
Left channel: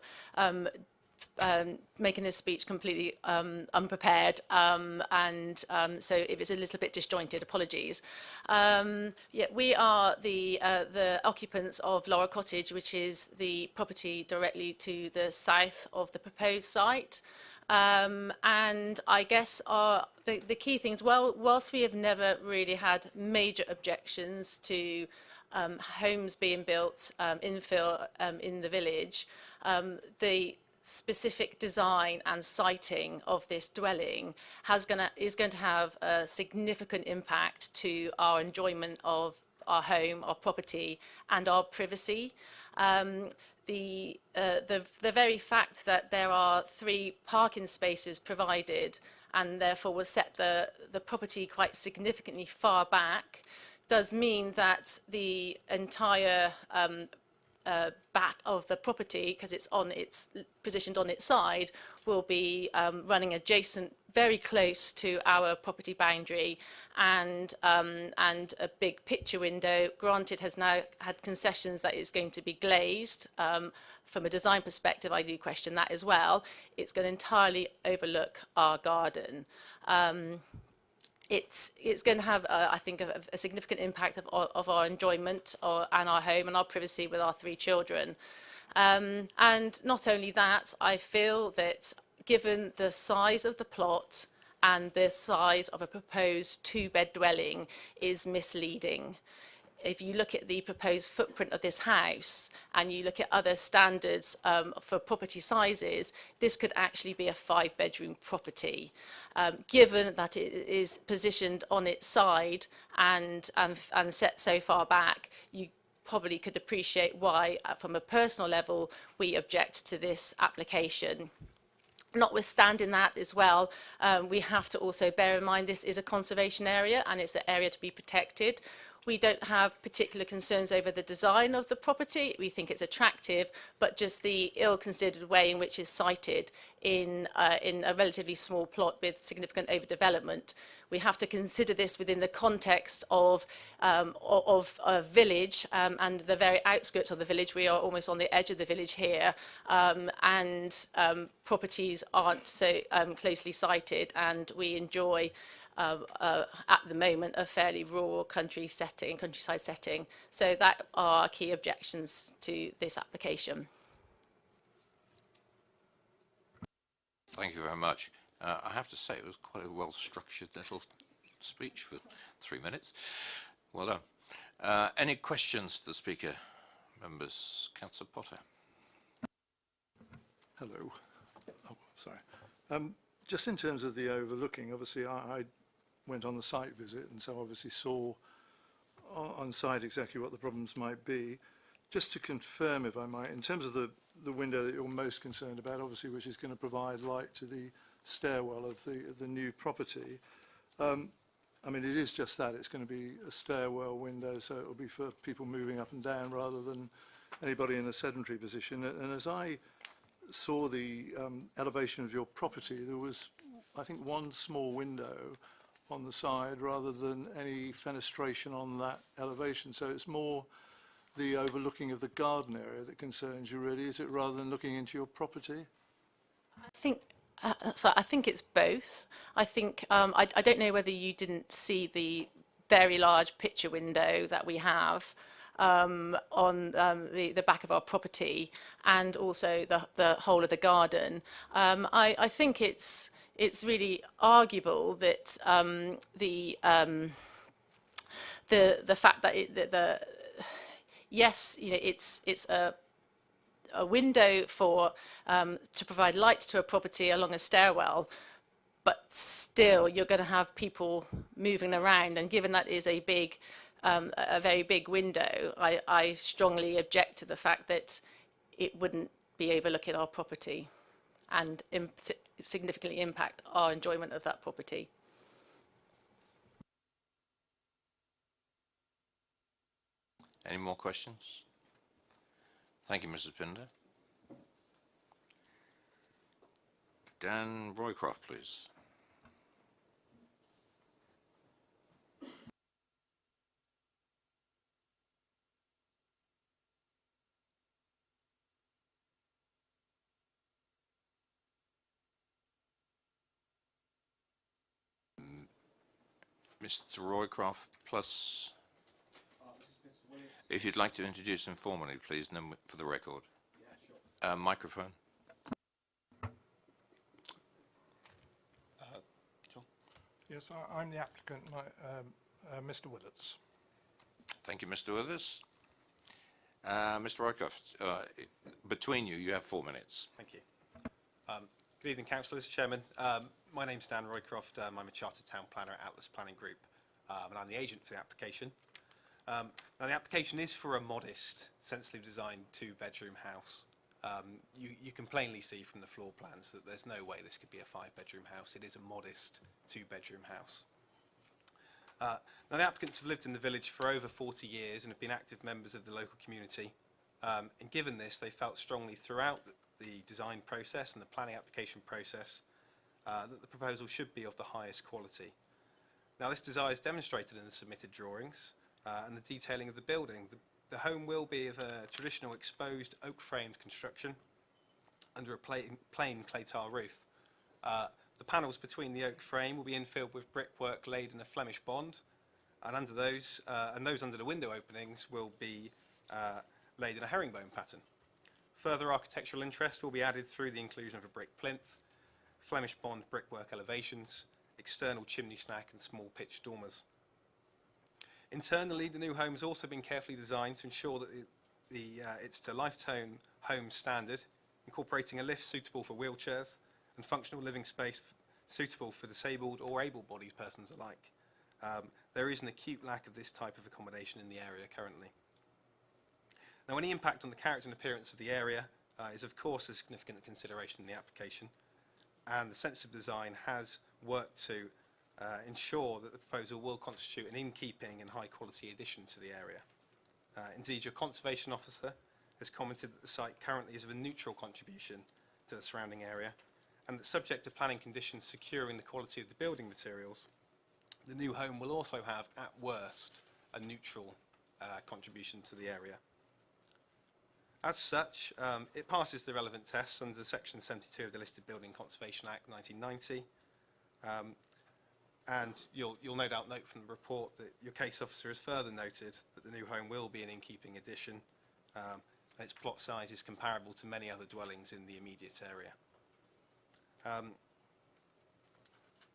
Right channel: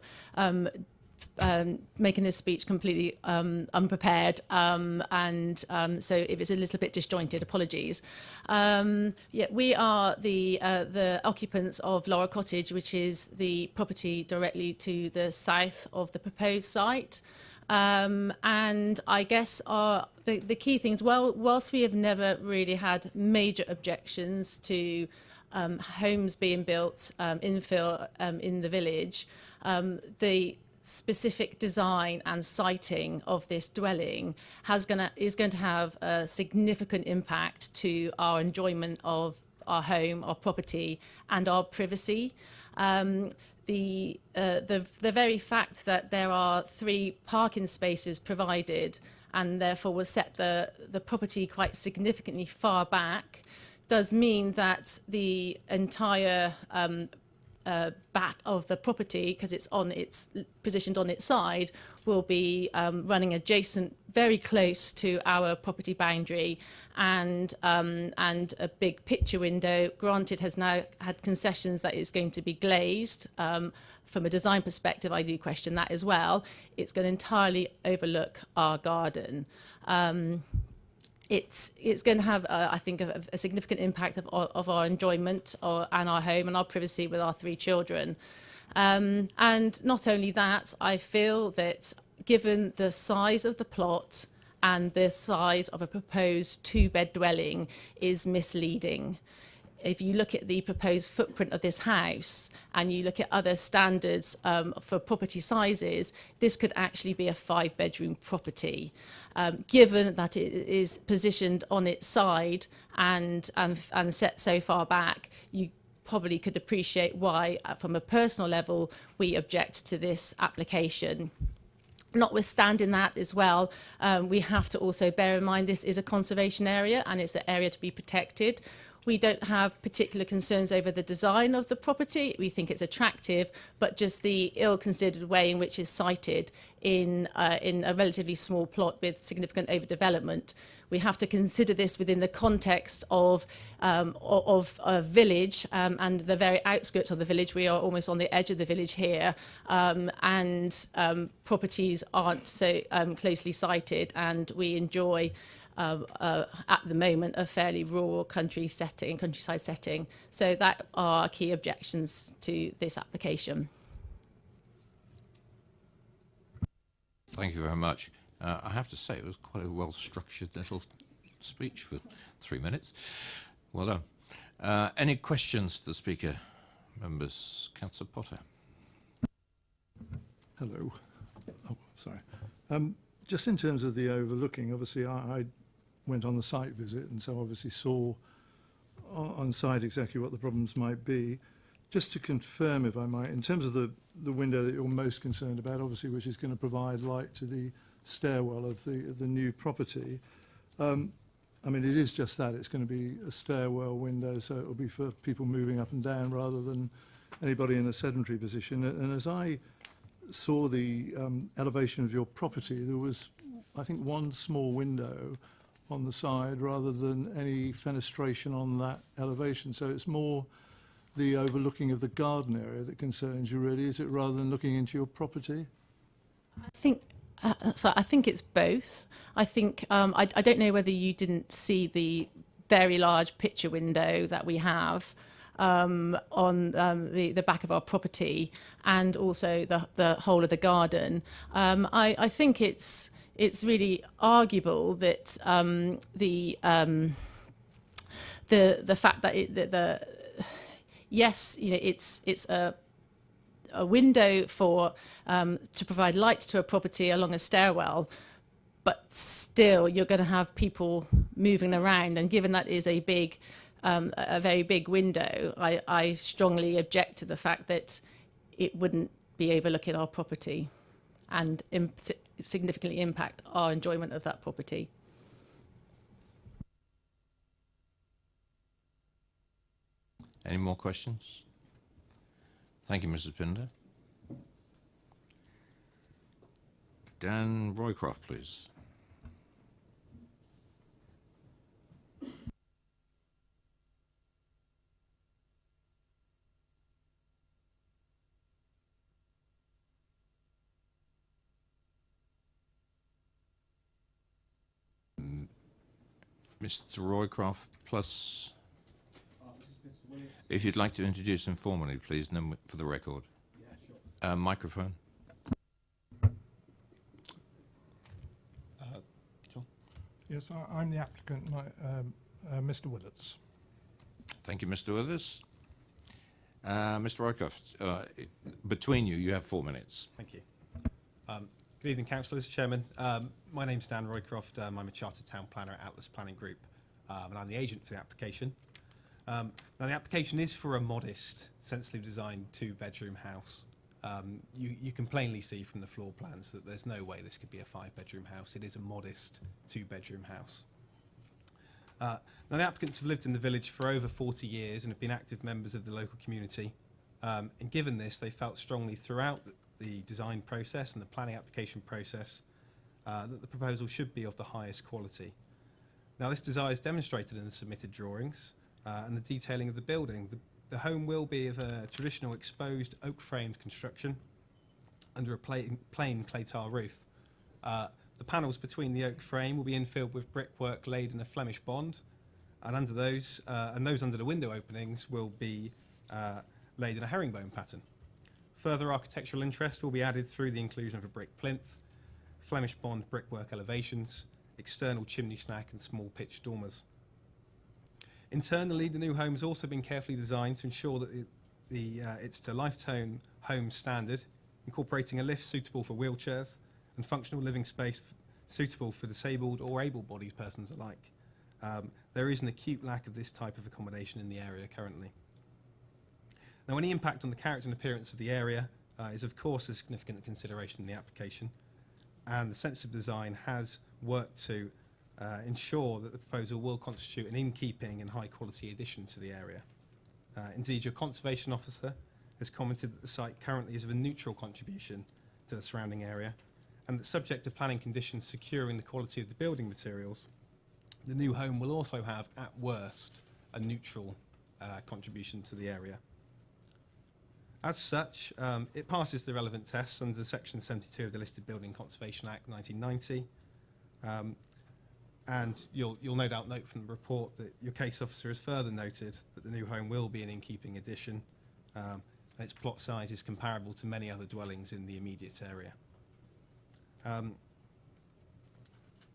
making this speech completely unprepared, so if it's a little bit disjointed, apologies. Yeah, we are the occupants of Laurel Cottage, which is the property directly to the south of the proposed site. And I guess the key things, whilst we have never really had major objections to homes being built, infill in the village, the specific design and siting of this dwelling is going to have a significant impact to our enjoyment of our home, our property, and our privacy. The very fact that there are 3 parking spaces provided and therefore will set the property quite significantly far back does mean that the entire back of the property, because it's positioned on its side, will be running adjacent, very close to our property boundary, and a big picture window. Granted, has now had concessions that it's going to be glazed. From a design perspective, I do question that as well. It's going to entirely overlook our garden. It's going to have, I think, a significant impact of our enjoyment and our home and our privacy with our 3 children. And not only that, I feel that given the size of the plot and the size of a proposed 2-bed dwelling is misleading. If you look at the proposed footprint of this house and you look at other standards for property sizes, this could actually be a 5-bedroom property. Given that it is positioned on its side and set so far back, you probably could appreciate why, from a personal level, we object to this application. Notwithstanding that as well, we have to also bear in mind this is a conservation area and it's an area to be protected. We don't have particular concerns over the design of the property. We think it's attractive, but just the ill-considered way in which it's sited in a relatively small plot with significant overdevelopment. We have to consider this within the context of a village and the very outskirts of the village. We are almost on the edge of the village here, and properties aren't so closely sited, and we enjoy at the moment a fairly rural countryside setting. So that are our key objections to this application. Thank you very much. I have to say it was quite a well-structured little speech for 3 minutes. Well done. Any questions to the speaker? Members, Councillor Potter. Hello. Oh, sorry. Just in terms of the overlooking, obviously I went on the site visit and so obviously saw on site exactly what the problems might be. Just to confirm, if I might, in terms of the window that you're most concerned about, obviously, which is going to provide light to the stairwell of the new property, I mean, it is just that. It's going to be a stairwell window, so it'll be for people moving up and down rather than anybody in a sedentary position. And as I saw the elevation of your property, there was, I think, one small window on the side rather than any fenestration on that elevation. So it's more the overlooking of the garden area that concerns you, really, is it, rather than looking into your property? I think so. I think it's both. I think I don't know whether you didn't see the very large picture window that we have on the back of our property, and also the whole of the garden. I think it's really arguable that the fact that yes, you know, it's a window for to provide light to a property along a stairwell, but still you're going to have people moving around, and given that is a very big window, I strongly object to the fact that it wouldn't be overlooking our property and significantly impact our enjoyment of that property. Any more questions? Thank you, Mrs. Pinder. Dan Roycroft, please. Mr. Roycroft, plus... If you'd like to introduce him formally, please, and then for the record. Yeah, sure. Microphone. Yes, I'm the applicant, Mr. Willets. Thank you, Mr. Withers. Mr. Roycroft, between you, you have 4 minutes. Thank you. Good evening, councillors, Chairman. My name's Dan Roycroft. I'm a Chartered Town Planner at Atlas Planning Group, and I'm the agent for the application. Now, the application is for a modest, sensibly designed 2-bedroom house. You can plainly see from the floor plans that there's no way this could be a 5-bedroom house. It is a modest 2-bedroom house. Now, the applicants have lived in the village for over 40 years and have been active members of the local community. And given this, they felt strongly throughout the design process and the planning application process that the proposal should be of the highest quality. Now, this desire is demonstrated in the submitted drawings and the detailing of the building. The home will be of a traditional exposed oak-framed construction under a plain clay tile roof. The panels between the oak frame will be infilled with brickwork laid in a Flemish bond, and under those under the window openings will be laid in a herringbone pattern. Further architectural interest will be added through the inclusion of a brick plinth, Flemish bond brickwork elevations, external chimney stack and small pitched dormers. Internally, the new home has also been carefully designed to ensure that it's to Lifetone home standard, incorporating a lift suitable for wheelchairs and functional living space suitable for disabled or able-bodied persons alike. There is an acute lack of this type of accommodation in the area currently. Now, any impact on the character and appearance of the area is of course a significant consideration in the application, and the sensitive design has worked to ensure that the proposal will constitute an in-keeping and high-quality addition to the area. Indeed, your conservation officer has commented that the site currently is of a neutral contribution to the surrounding area, and that subject to planning conditions securing the quality of the building materials, the new home will also have, at worst, a neutral contribution to the area. As such, it passes the relevant tests under Section 72 of the Listed Building Conservation Act 1990. And you'll no doubt note from the report that your case officer has further noted that the new home will be an in-keeping addition, and its plot size is comparable to many other dwellings in the immediate area.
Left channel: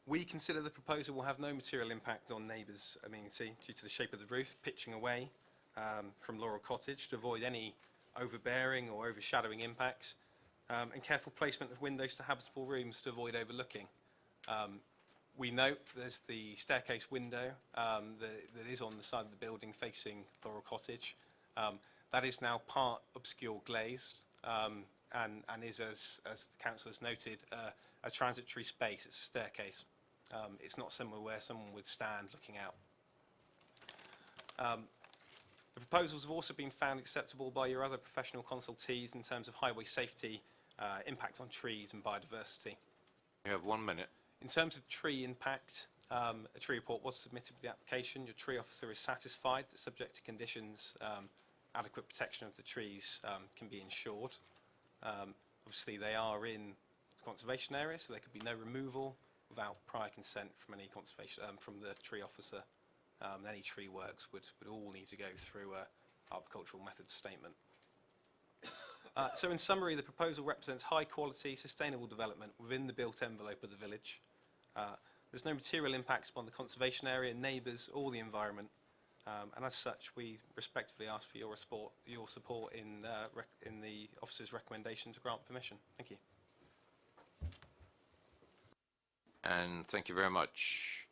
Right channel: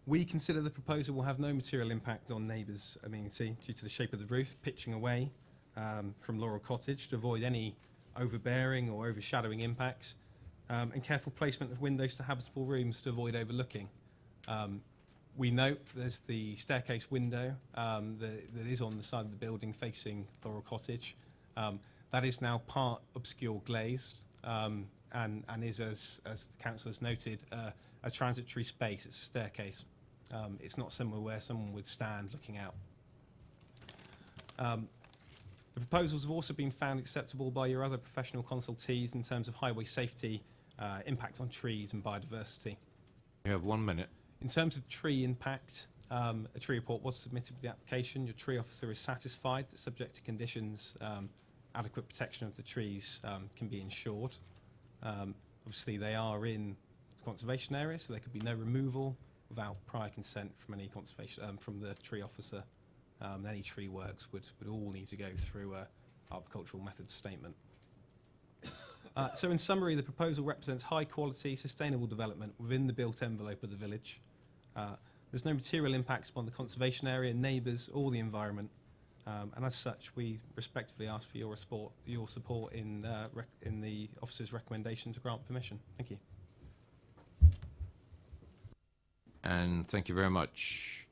We consider the proposal will have no material impact on neighbours' amenity due to the shape of the roof pitching away from Laurel Cottage to avoid any overbearing or overshadowing impacts, and careful placement of windows to habitable rooms to avoid overlooking. We note there's the staircase window that is on the side of the building facing Laurel Cottage. That is now part obscure glazed and is, as the council has noted, a transitory space. It's a staircase. It's not somewhere where someone would stand looking out. The proposals have also been found acceptable by your other professional consultees in terms of highway safety, impact on trees and biodiversity. You have 1 minute. In terms of tree impact, A tree report was submitted with the application. Your tree officer is satisfied that, subject to conditions, adequate protection of the trees can be ensured. Obviously, they are in the conservation area, so there could be no removal without prior consent from any conservation from the tree officer. Any tree works would all need to go through a arboricultural methods statement. So in summary, the proposal represents high quality, sustainable development within the built envelope of the village. There's no material impacts upon the conservation area, neighbours or the environment. And as such, we respectfully ask for your support in the officer's recommendation to grant permission. Thank you. And thank you very much.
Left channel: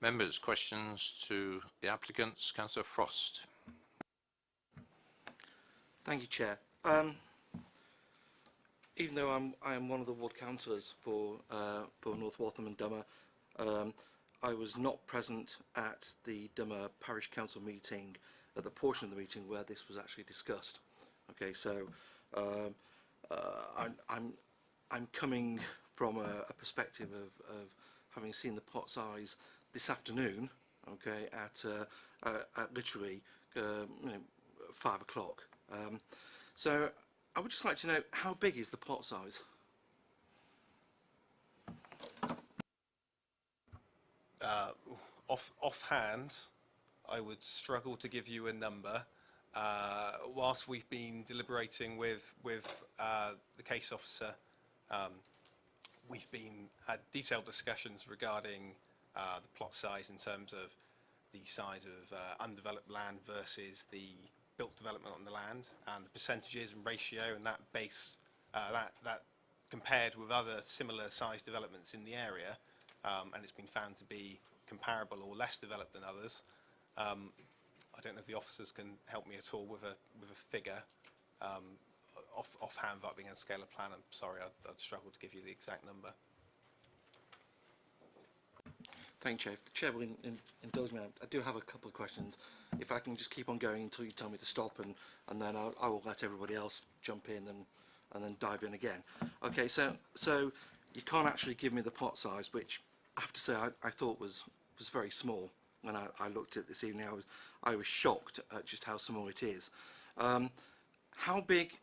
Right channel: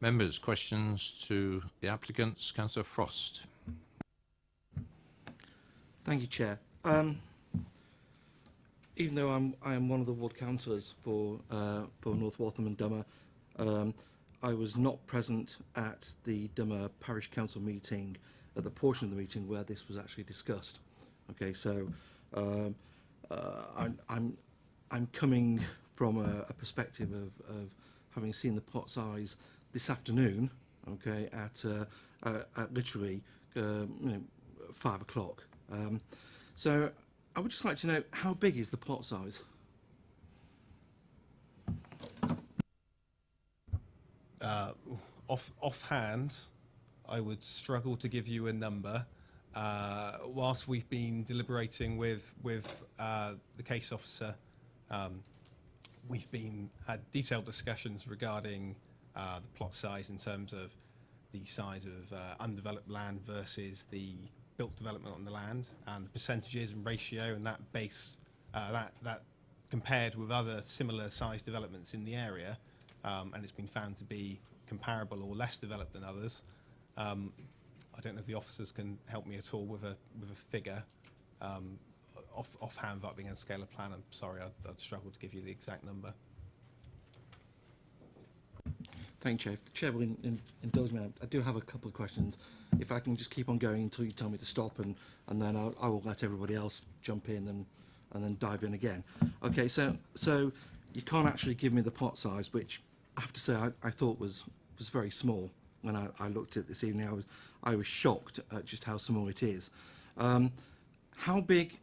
Members, questions to the applicants? Councillor Frost. Thank you, Chair. Even though I am one of the ward councillors for North Waltham and Dummer, I was not present at the Dummer Parish Council meeting, at the portion of the meeting where this was actually discussed. Okay, so I'm coming from a perspective of having seen the plot size this afternoon. Okay, at literally 5 o'clock. So I would just like to know, how big is the plot size? Offhand, I would struggle to give you a number. Whilst we've been deliberating with the case officer, we've had detailed discussions regarding the plot size in terms of the size of undeveloped land versus the built development on the land, and the percentages and ratio, and that base that compared with other similar sized developments in the area, and it's been found to be comparable or less developed than others. I don't know if the officers can help me at all with a figure offhand without being able to scale a plan. I'm sorry, I'd struggle to give you the exact number. Thank you, Chair. If the Chair will indulge me, I do have a couple of questions. If I can just keep on going until you tell me to stop, and then I will let everybody else jump in and then dive in again. Okay, so you can't actually give me the plot size, which I have to say I thought was very small when I looked at it this evening. I was shocked at just how small it is. How big?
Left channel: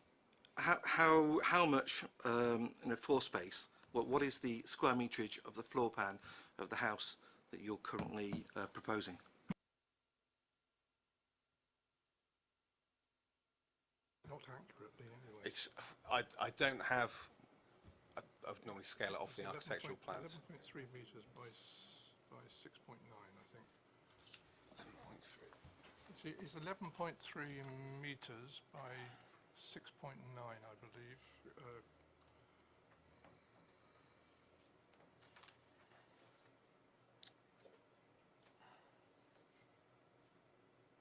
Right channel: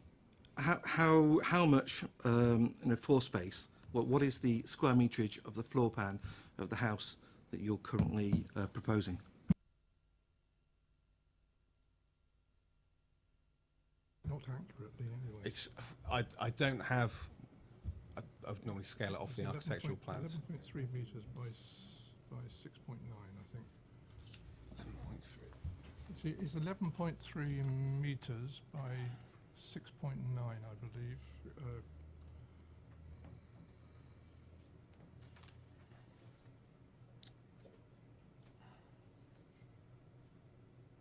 How much floor space? What is the square meterage of the floor plan of the house that you're currently proposing? Not accurately, anyway. It's I don't have. I would normally scale it off the architectural plans. 11.3 metres by 6.9, I think. 11.3. See, it's 11.3 metres by 6.9, I believe.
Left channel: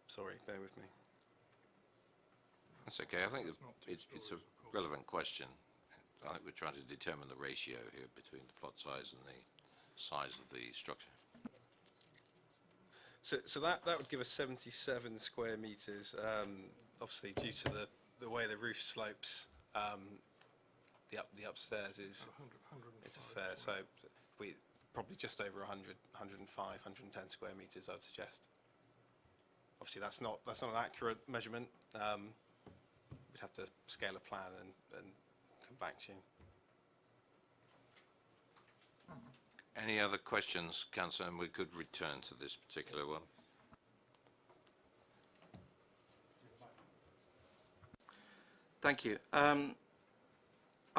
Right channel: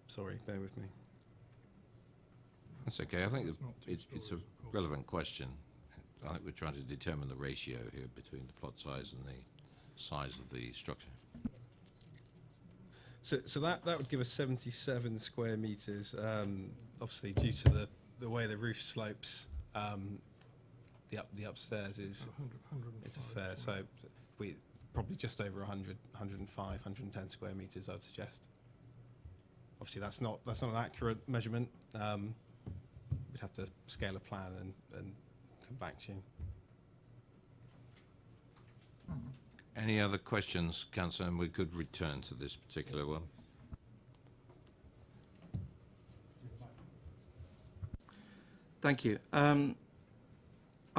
Sorry, bear with me. That's okay. I think It's not 2 it's a stories, of course. relevant question. I think we're trying to determine the ratio here between the plot size and the size of the structure. So that would give us 77 square metres. Obviously, due to the way the roof slopes, the upstairs is 105. it's a fair. So we probably just over 100, 105, 110 square metres, I'd suggest. Obviously, that's not an accurate measurement. We'd have to scale a plan and come back to you. Any other questions, Councillor? And we could return to this particular one. Thank you. I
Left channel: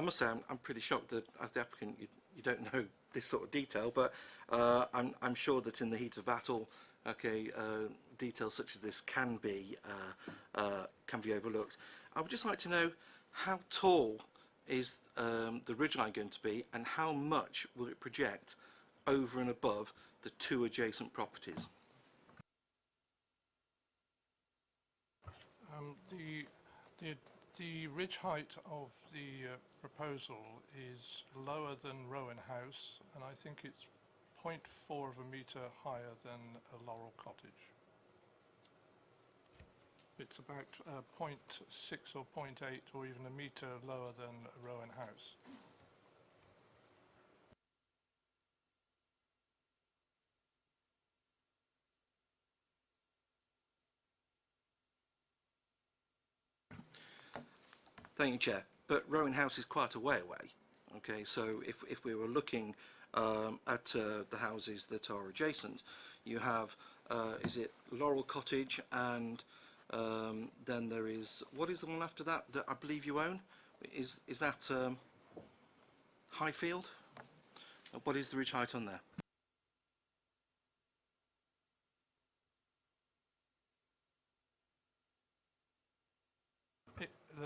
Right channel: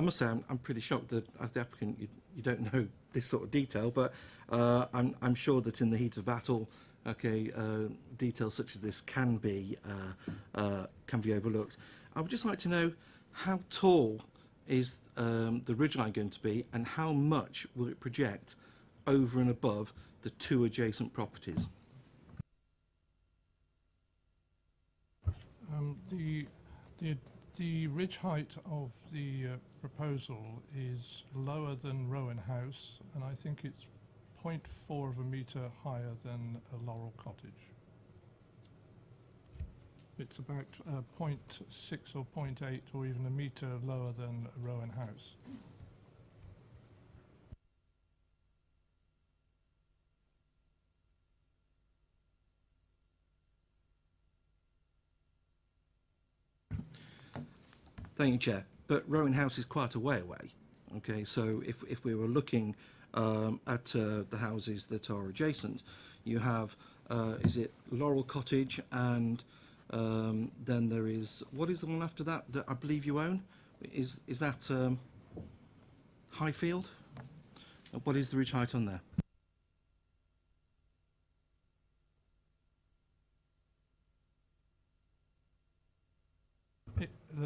must say I'm pretty shocked that, as the applicant, you don't know this sort of detail, but I'm sure that in the heat of battle, okay, details such as this can be overlooked. I would just like to know, how tall is the ridgeline going to be, and how much will it project over and above the 2 adjacent properties? The ridge height of the proposal is lower than Rowan House, and I think it's 0.4 of a metre higher than a Laurel Cottage. It's about 0.6 or 0.8 or even a metre lower than a Rowan House. Thank you, Chair. But Rowan House is quite a way away. Okay, so if we were looking at the houses that are adjacent, you have, is it Laurel Cottage, and then there is, what is the one after that that I believe you own? Is that Highfield? What is the ridge height on there?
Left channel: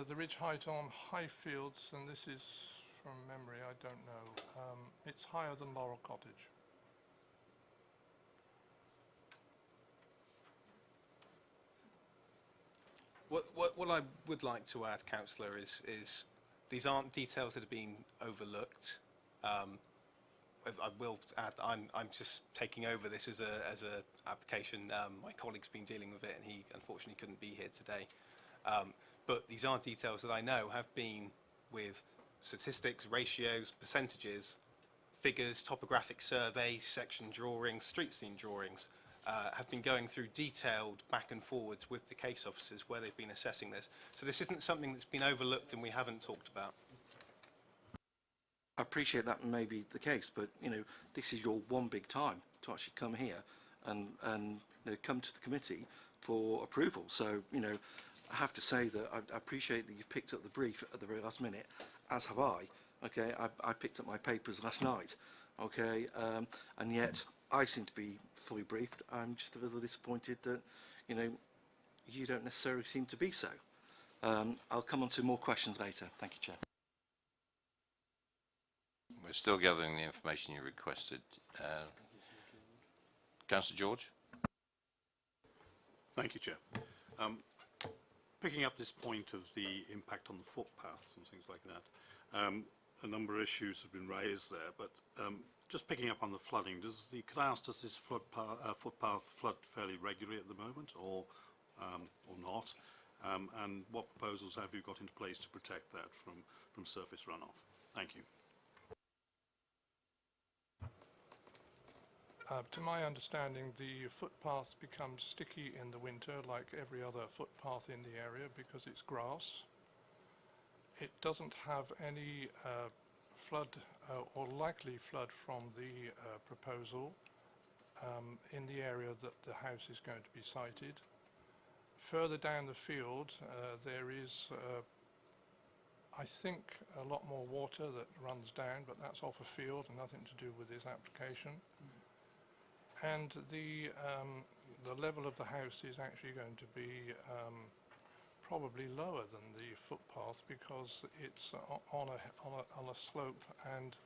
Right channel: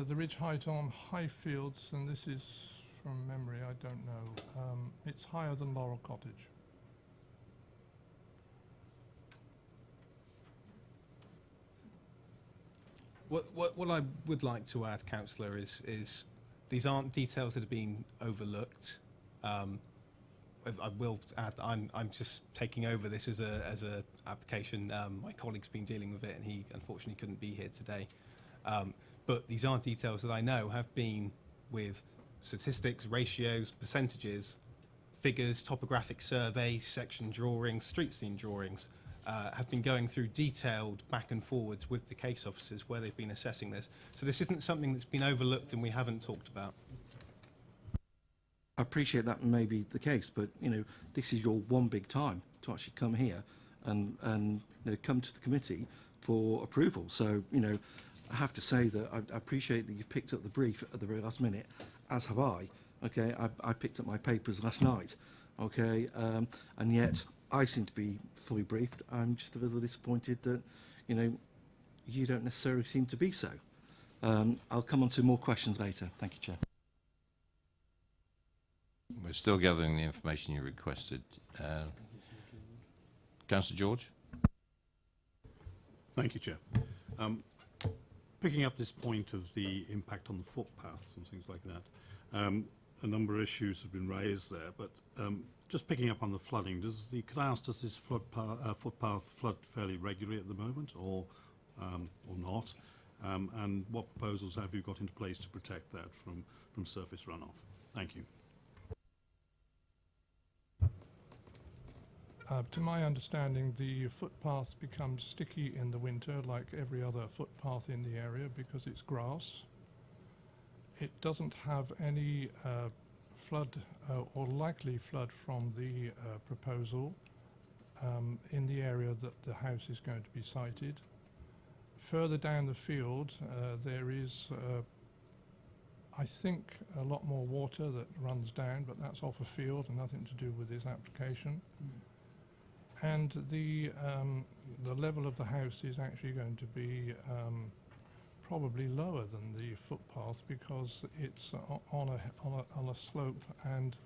The ridge height on Highfields, and this is from memory, I don't know, it's higher than Laurel Cottage. What I would like to add, Councillor, is these aren't details that have been overlooked. I will add that I'm just taking over this as a application. My colleague's been dealing with it, and he unfortunately couldn't be here today. But these are details that I know have been with statistics, ratios, percentages, figures, topographic surveys, section drawings, street scene drawings, have been going through detailed back and forwards with the case officers where they've been assessing this. So this isn't something that's been overlooked and we haven't talked about. I appreciate that may be the case, but you know, this is your one big time to actually come here and you know, come to the committee for approval. So you know, I have to say that I appreciate that you've picked up the brief at the very last minute, as have I. Okay, I picked up my papers last night. Okay, and yet I seem to be fully briefed. I'm just a little disappointed that you know you don't necessarily seem to be so. I'll come on to more questions later. Thank you, Chair. We're still gathering the information you requested. Councillor George? Thank you, Chair. Picking up this point of the impact on the footpaths and things like that, a number of issues have been raised there, but just picking up on the flooding, does this footpath flood fairly regularly at the moment, or not? And what proposals have you got into place to protect that from surface runoff? Thank you. To my understanding, the footpath becomes sticky in the winter like every other footpath in the area because it's grass. It doesn't have any flood or likely flood from the proposal in the area that the house is going to be sited. Further down the field, there is, I think, a lot more water that runs down, but that's off a field and nothing to do with this application. And the level of the house is actually going to be probably lower than the footpath because it's on a slope and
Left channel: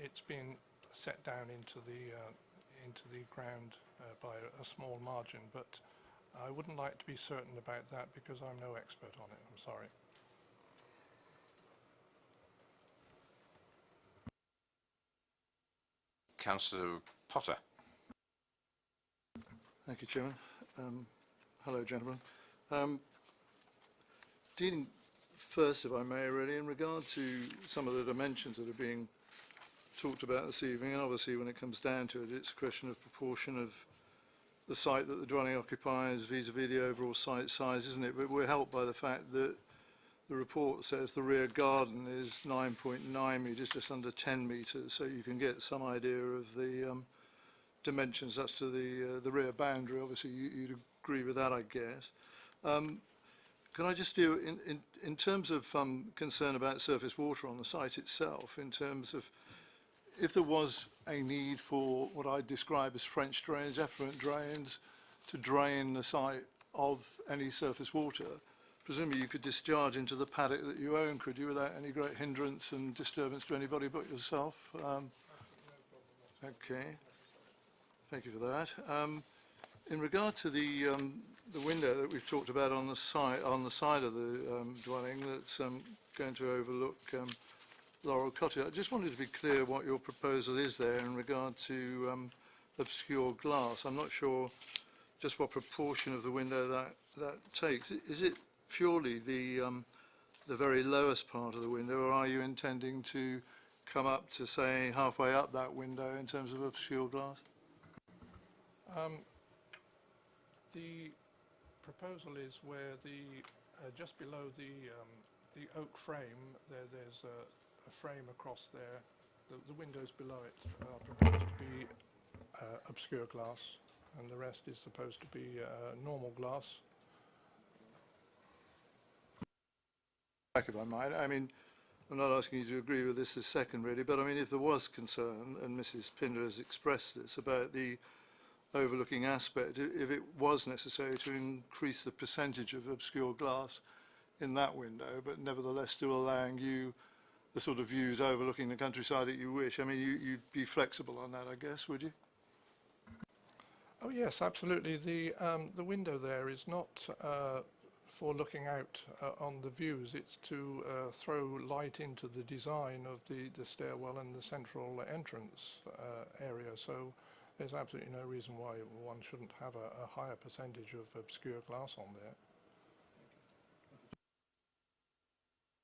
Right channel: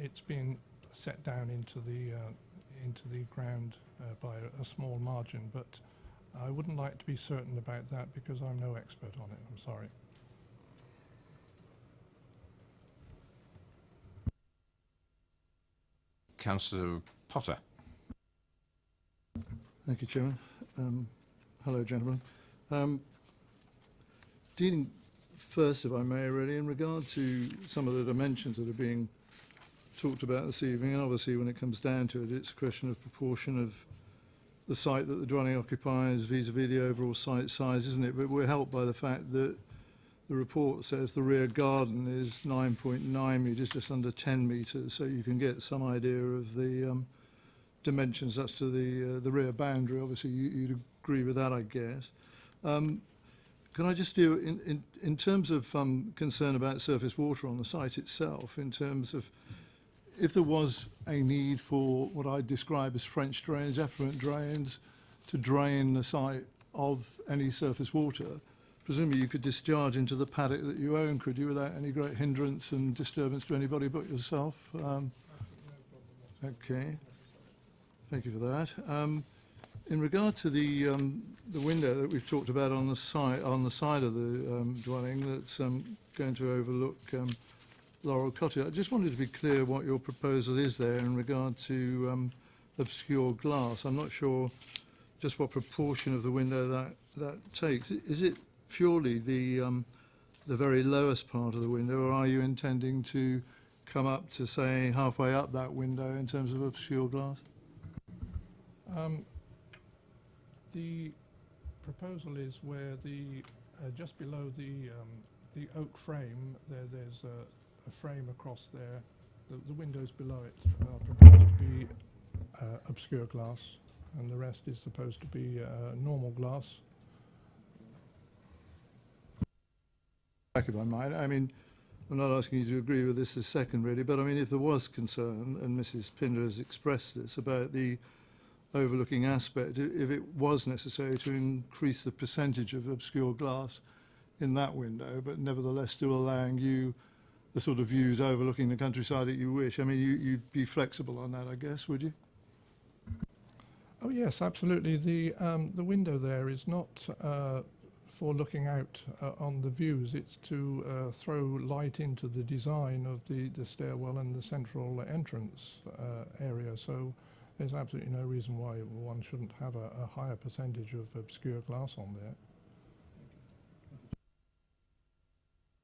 it's been set down into the ground by a small margin. But I wouldn't like to be certain about that because I'm no expert on it. I'm sorry. Councillor Potter? Thank you, Chairman. Hello, gentlemen. Dealing first, if I may, really, in regard to some of the dimensions that are being talked about this evening, and obviously when it comes down to it, it's a question of proportion of the site that the dwelling occupies vis-à-vis the overall site size, isn't it? But we're helped by the fact that the report says the rear garden is 9.9 metres, just under 10 metres, so you can get some idea of the dimensions as to the rear boundary. Obviously, you'd agree with that, I guess. Can I just do, in terms of concern about surface water on the site itself, in terms of if there was a need for what I describe as French drains, effluent drains, to drain the site of any surface water, presumably you could discharge into the paddock that you own, could you, without any great hindrance and disturbance to anybody but yourself? Okay. Thank you for that. In regard to the window that we've talked about on the side of the dwelling that's going to overlook Laurel Cottage, I just wanted to be clear what your proposal is there in regard to obscure glass. I'm not sure just what proportion of the window that takes. Is it purely the very lowest part of the window, or are you intending to come up to, say, halfway up that window in terms of obscure glass? The proposal is where the just below the the oak frame, there's a frame across there. The windows below it are proposed to be obscure glass, and the rest is supposed to be normal glass. If I might, I mean, I'm not asking you to agree with this second really, but I mean, if there was concern, and Mrs. Pinder has expressed this, about the overlooking aspect, if it was necessary to increase the percentage of obscure glass in that window, but nevertheless still allowing you the sort of views overlooking the countryside that you wish, I mean, you'd be flexible on that, I guess, would you? Oh yes, absolutely. The window there is not for looking out on the views. It's to throw light into the design of the stairwell and the central entrance area. So there's absolutely no reason why one shouldn't have a higher percentage of obscure glass on there.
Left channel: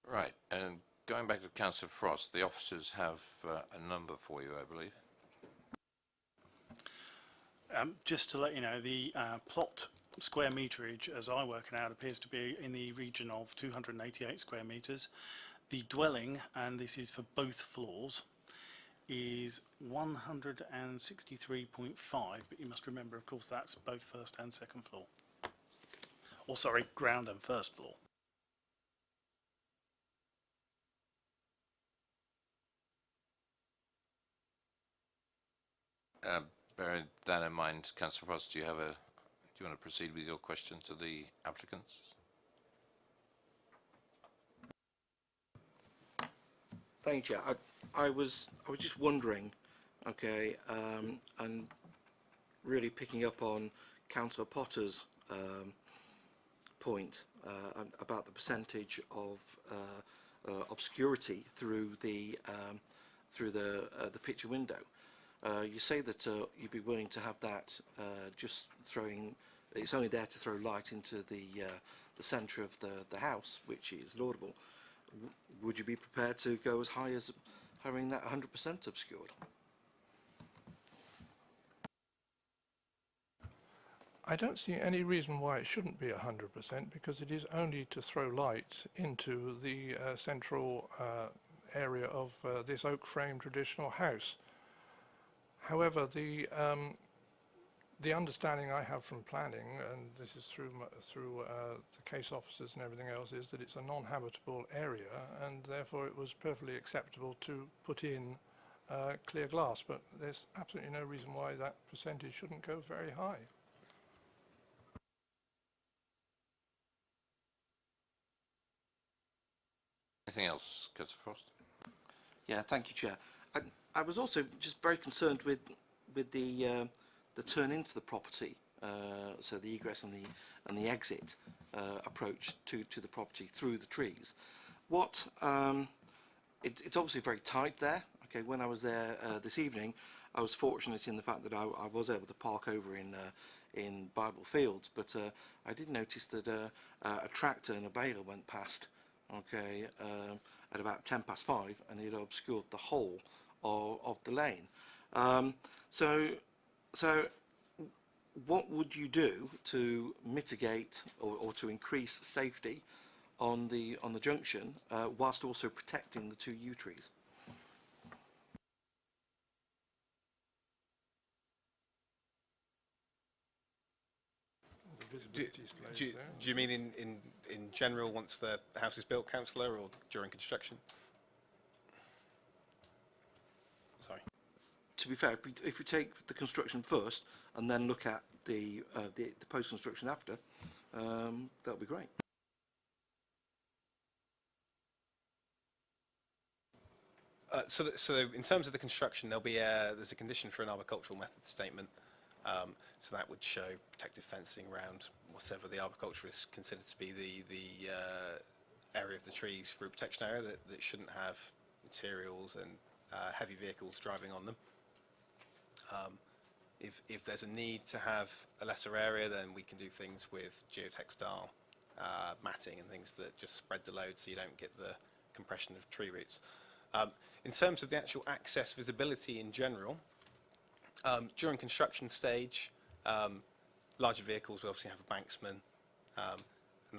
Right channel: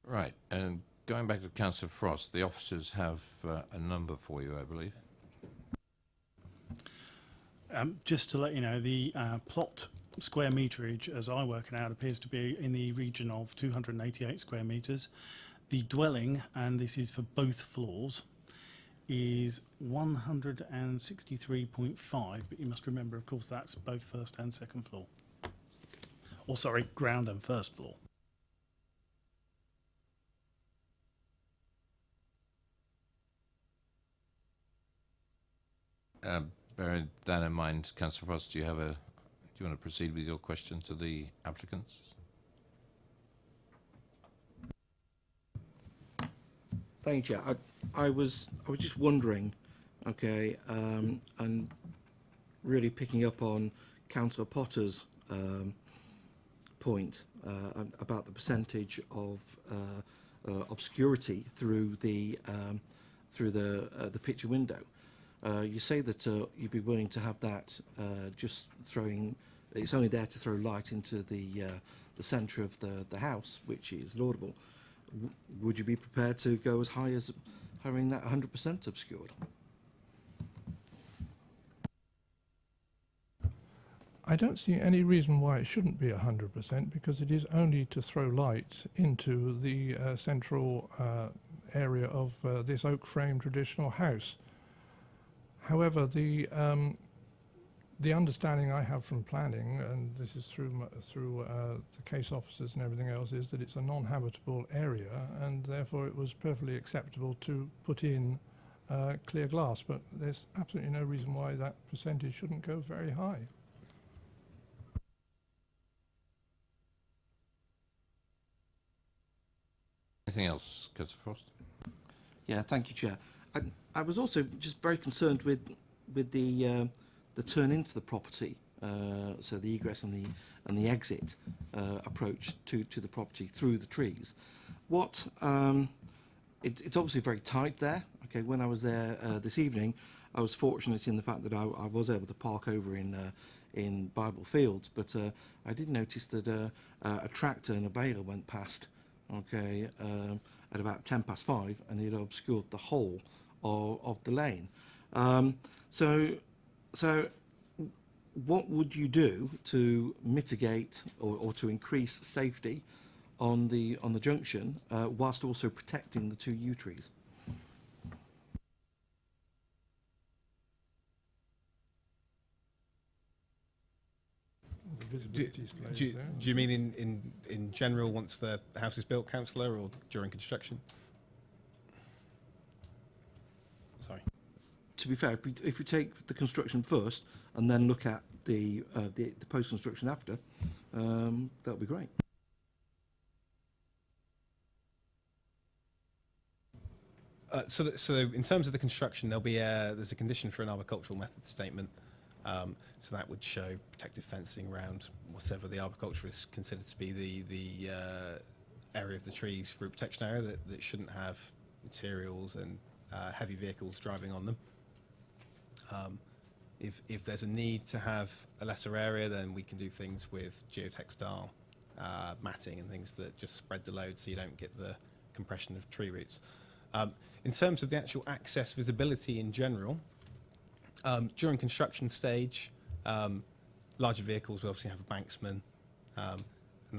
Right, and going back to Councillor Frost, the officers have a number for you, I believe. Just to let you know, the plot square meterage, as I work it out, appears to be in the region of 288 square metres. The dwelling, and this is for both floors, is 163.5, but you must remember, of course, that's both first and second floor. Or sorry, ground and first floor. Bearing that in mind, Councillor Frost, do you want to proceed with your question to the applicants? Thank you, Chair. I was just wondering, okay, and really picking up on Councillor Potter's point about the percentage of obscurity through the picture window. You say that you'd be willing to have that just throwing. It's only there to throw light into the centre of the house, which is laudable. Would you be prepared to go as high as having that 100% obscured? I don't see any reason why it shouldn't be 100%, because it is only to throw light into the central area of this oak frame traditional house. However, the understanding I have from planning, and this is through the case officers and everything else, is that it's a non-habitable area, and therefore it was perfectly acceptable to put in clear glass. But there's absolutely no reason why that percentage shouldn't go very high. Anything else, Councillor Frost? Yeah, thank you, Chair. I was also just very concerned with the turn into the property, so the egress and the exit approach to the property through the trees. It's obviously very tight there. Okay, when I was there this evening, I was fortunate in the fact that I was able to park over in Bible Fields, but I did notice that a tractor and a baler went past. Okay, at about 5:10, and it obscured the whole of the lane. So what would you do to mitigate or to increase safety on the junction whilst also protecting the two yew trees? The Do you mean in general once the house is built, Councillor, or during construction? Sorry. To be fair, if we take the construction first and then look at the post-construction after, that would be great. So in terms of the construction, there's a condition for an arboricultural method statement. So that would show protective fencing around whatever the arboriculturist considered to be the area of the trees, fruit protection area, that shouldn't have materials and heavy vehicles driving on them. If there's a need to have a lesser area, then we can do things with geotextile matting and things that just spread the load so you don't get the compression of tree roots. In terms of the actual access visibility in general, during construction stage, larger vehicles will obviously have a banksman, and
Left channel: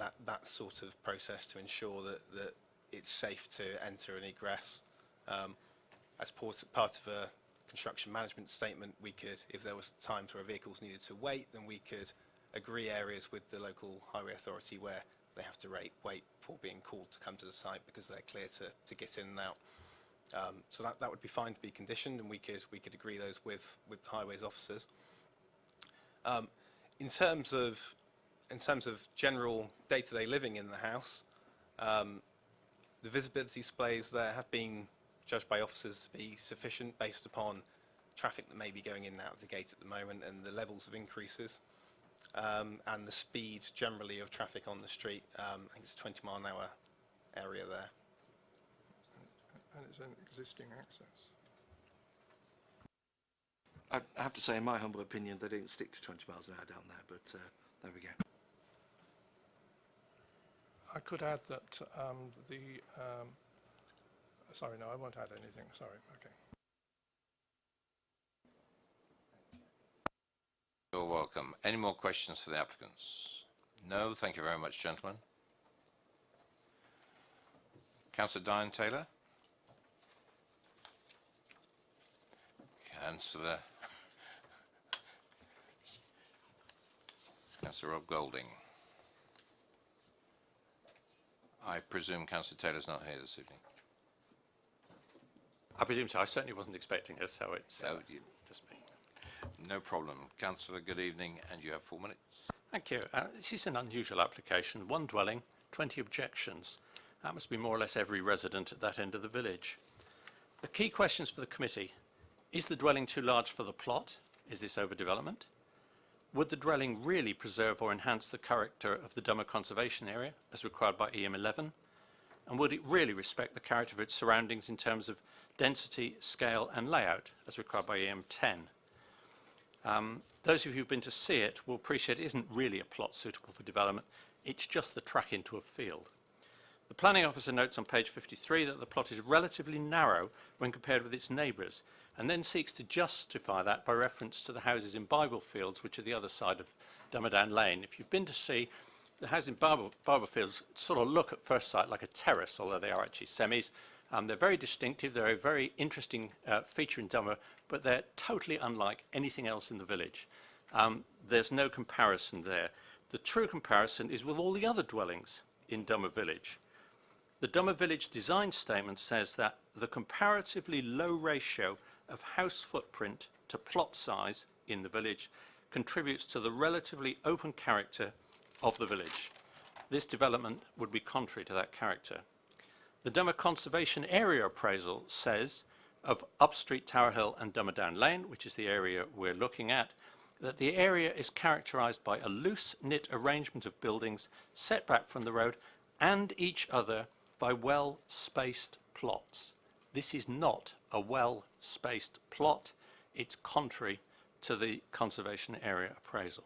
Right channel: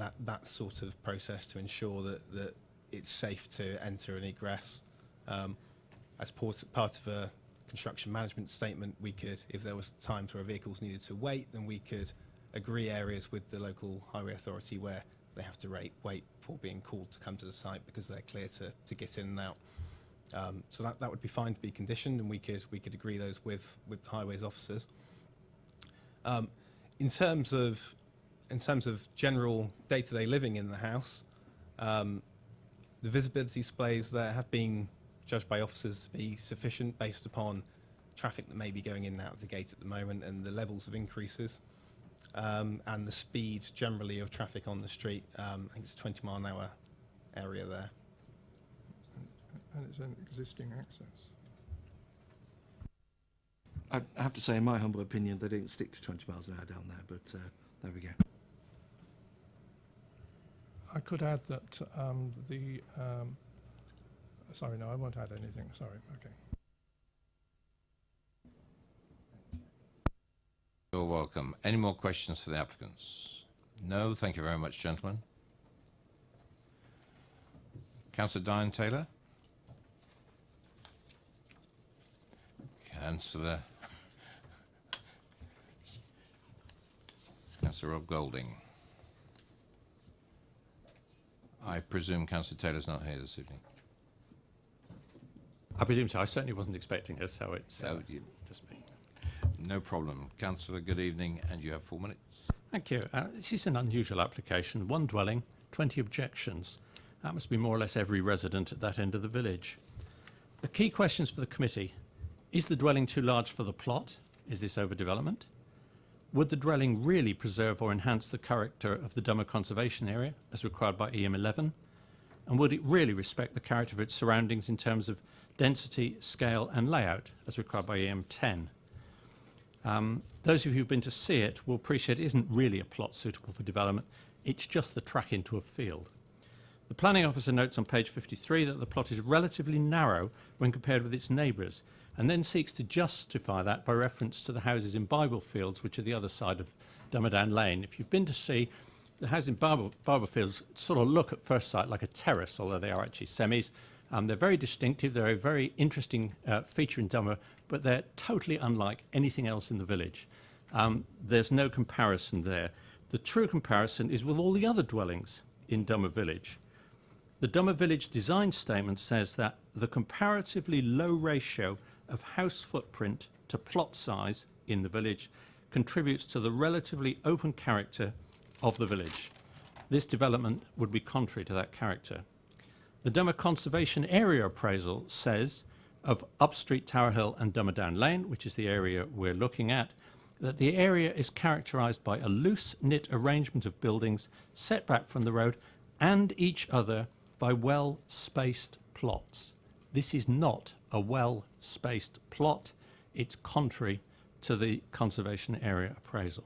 and that sort of process to ensure that it's safe to enter and egress. As part of a construction management statement, we could, if there was times where vehicles needed to wait, then we could agree areas with the local highway authority where they have to wait for being called to come to the site because they're clear to get in and out. So that would be fine to be conditioned, and we could agree those with the highways officers. In terms of general day-to-day living in the house, the visibility displays there have been judged by officers to be sufficient based upon traffic that may be going in and out of the gate at the moment and the levels of increases, and the speed generally of traffic on the street. I think it's a 20-mile-an-hour area there. And it's an existing access. I have to say, in my humble opinion, they didn't stick to 20 miles an hour down there, but there we go. I could add that sorry, no, I won't add anything. Sorry, okay. You're welcome. Any more questions for the applicants? No, thank you very much, gentlemen. Councillor Diane Taylor? Councillor Rob Golding. I presume Councillor Taylor's not here this evening. I presume so. I certainly wasn't expecting her, so it's just me. No problem. Councillor, good evening, and you have 4 minutes. Thank you. This is an unusual application. 1 dwelling, 20 objections. That must be more or less every resident at that end of the village. The key questions for the committee: is the dwelling too large for the plot? Is this overdevelopment? Would the dwelling really preserve or enhance the character of the Dummer Conservation Area, as required by EM 11? And would it really respect the character of its surroundings in terms of density, scale and layout, as required by EM 10? Those of you who've been to see it will appreciate it isn't really a plot suitable for development. It's just the track into a field. The planning officer notes on page 53 that the plot is relatively narrow when compared with its neighbours, and then seeks to justify that by reference to the houses in Bible Fields, which are the other side of Dummerdown Lane. If you've been to see the houses in Bible Fields, sort of look at first sight like a terrace, although they are actually semis. They're very distinctive. They're a very interesting feature in Dummer, but they're totally unlike anything else in the village. There's no comparison there. The true comparison is with all the other dwellings in Dummer Village. The Dummer Village design statement says that the comparatively low ratio of house footprint to plot size in the village contributes to the relatively open character of the village. This development would be contrary to that character. The Dummer Conservation Area appraisal says of Upstreet, Tower Hill and Dummerdown Lane, which is the area we're looking at, that the area is characterised by a loose-knit arrangement of buildings set back from the road and each other by well-spaced plots. This is not a well-spaced plot. It's contrary to the Conservation Area appraisal.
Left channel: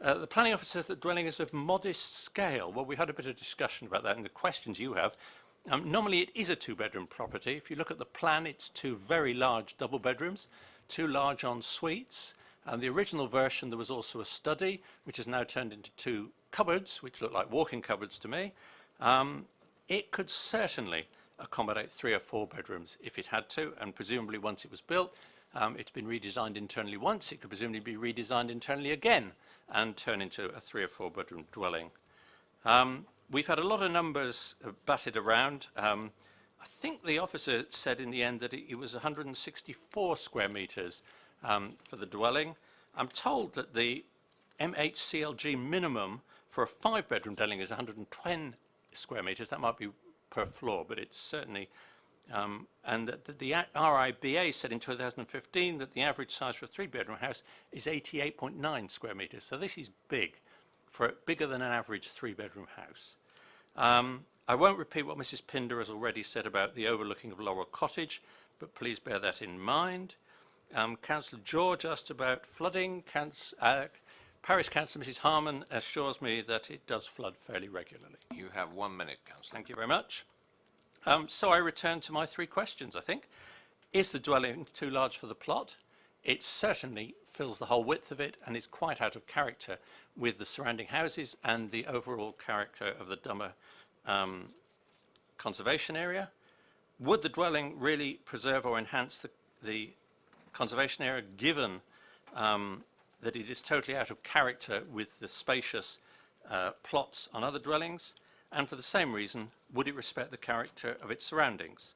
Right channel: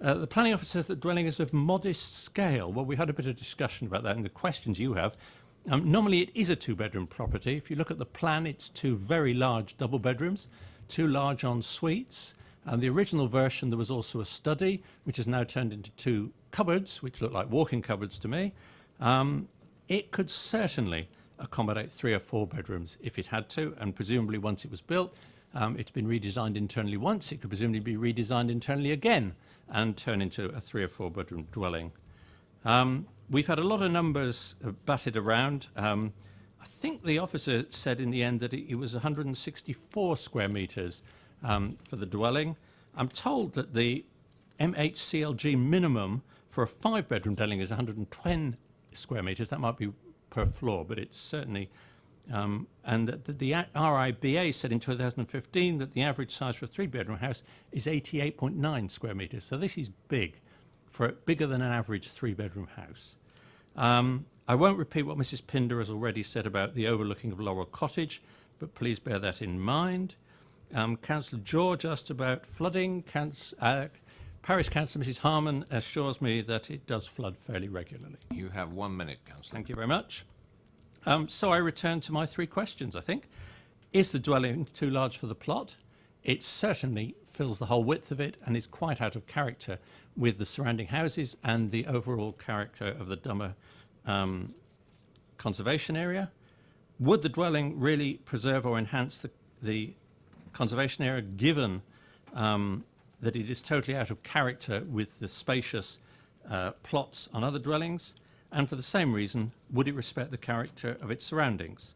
The planning officer says that dwelling is of modest scale. Well, we had a bit of discussion about that in the questions you have. Normally it is a 2-bedroom property. If you look at the plan, it's 2 very large double bedrooms, 2 large en suites. And the original version, there was also a study, which has now turned into 2 cupboards, which look like walk-in cupboards to me. It could certainly accommodate 3 or 4 bedrooms if it had to, and presumably once it was built, it's been redesigned internally once, it could presumably be redesigned internally again and turn into a 3 or 4 bedroom dwelling. We've had a lot of numbers batted around. I think the officer said in the end that it was 164 square metres for the dwelling. I'm told that the MHCLG minimum for a 5-bedroom dwelling is 110 square metres. That might be per floor, but it's certainly... and the RIBA said in 2015 that the average size for a 3-bedroom house is 88.9 square metres. So this is big, bigger than an average 3-bedroom house. I won't repeat what Mrs. Pinder has already said about the overlooking of Laurel Cottage, but please bear that in mind. Councillor George asked about flooding. Parish Councillor Mrs. Harman assures me that it does flood fairly regularly. You have 1 minute, Councillor. Thank you very much. So I return to my 3 questions, I think. Is the dwelling too large for the plot? it certainly fills the whole width of it and is quite out of character with the surrounding houses and the overall character of the Dummer conservation area. Would the dwelling really preserve or enhance the conservation area, given that it is totally out of character with the spacious plots on other dwellings? And for the same reason, would it respect the character of its surroundings?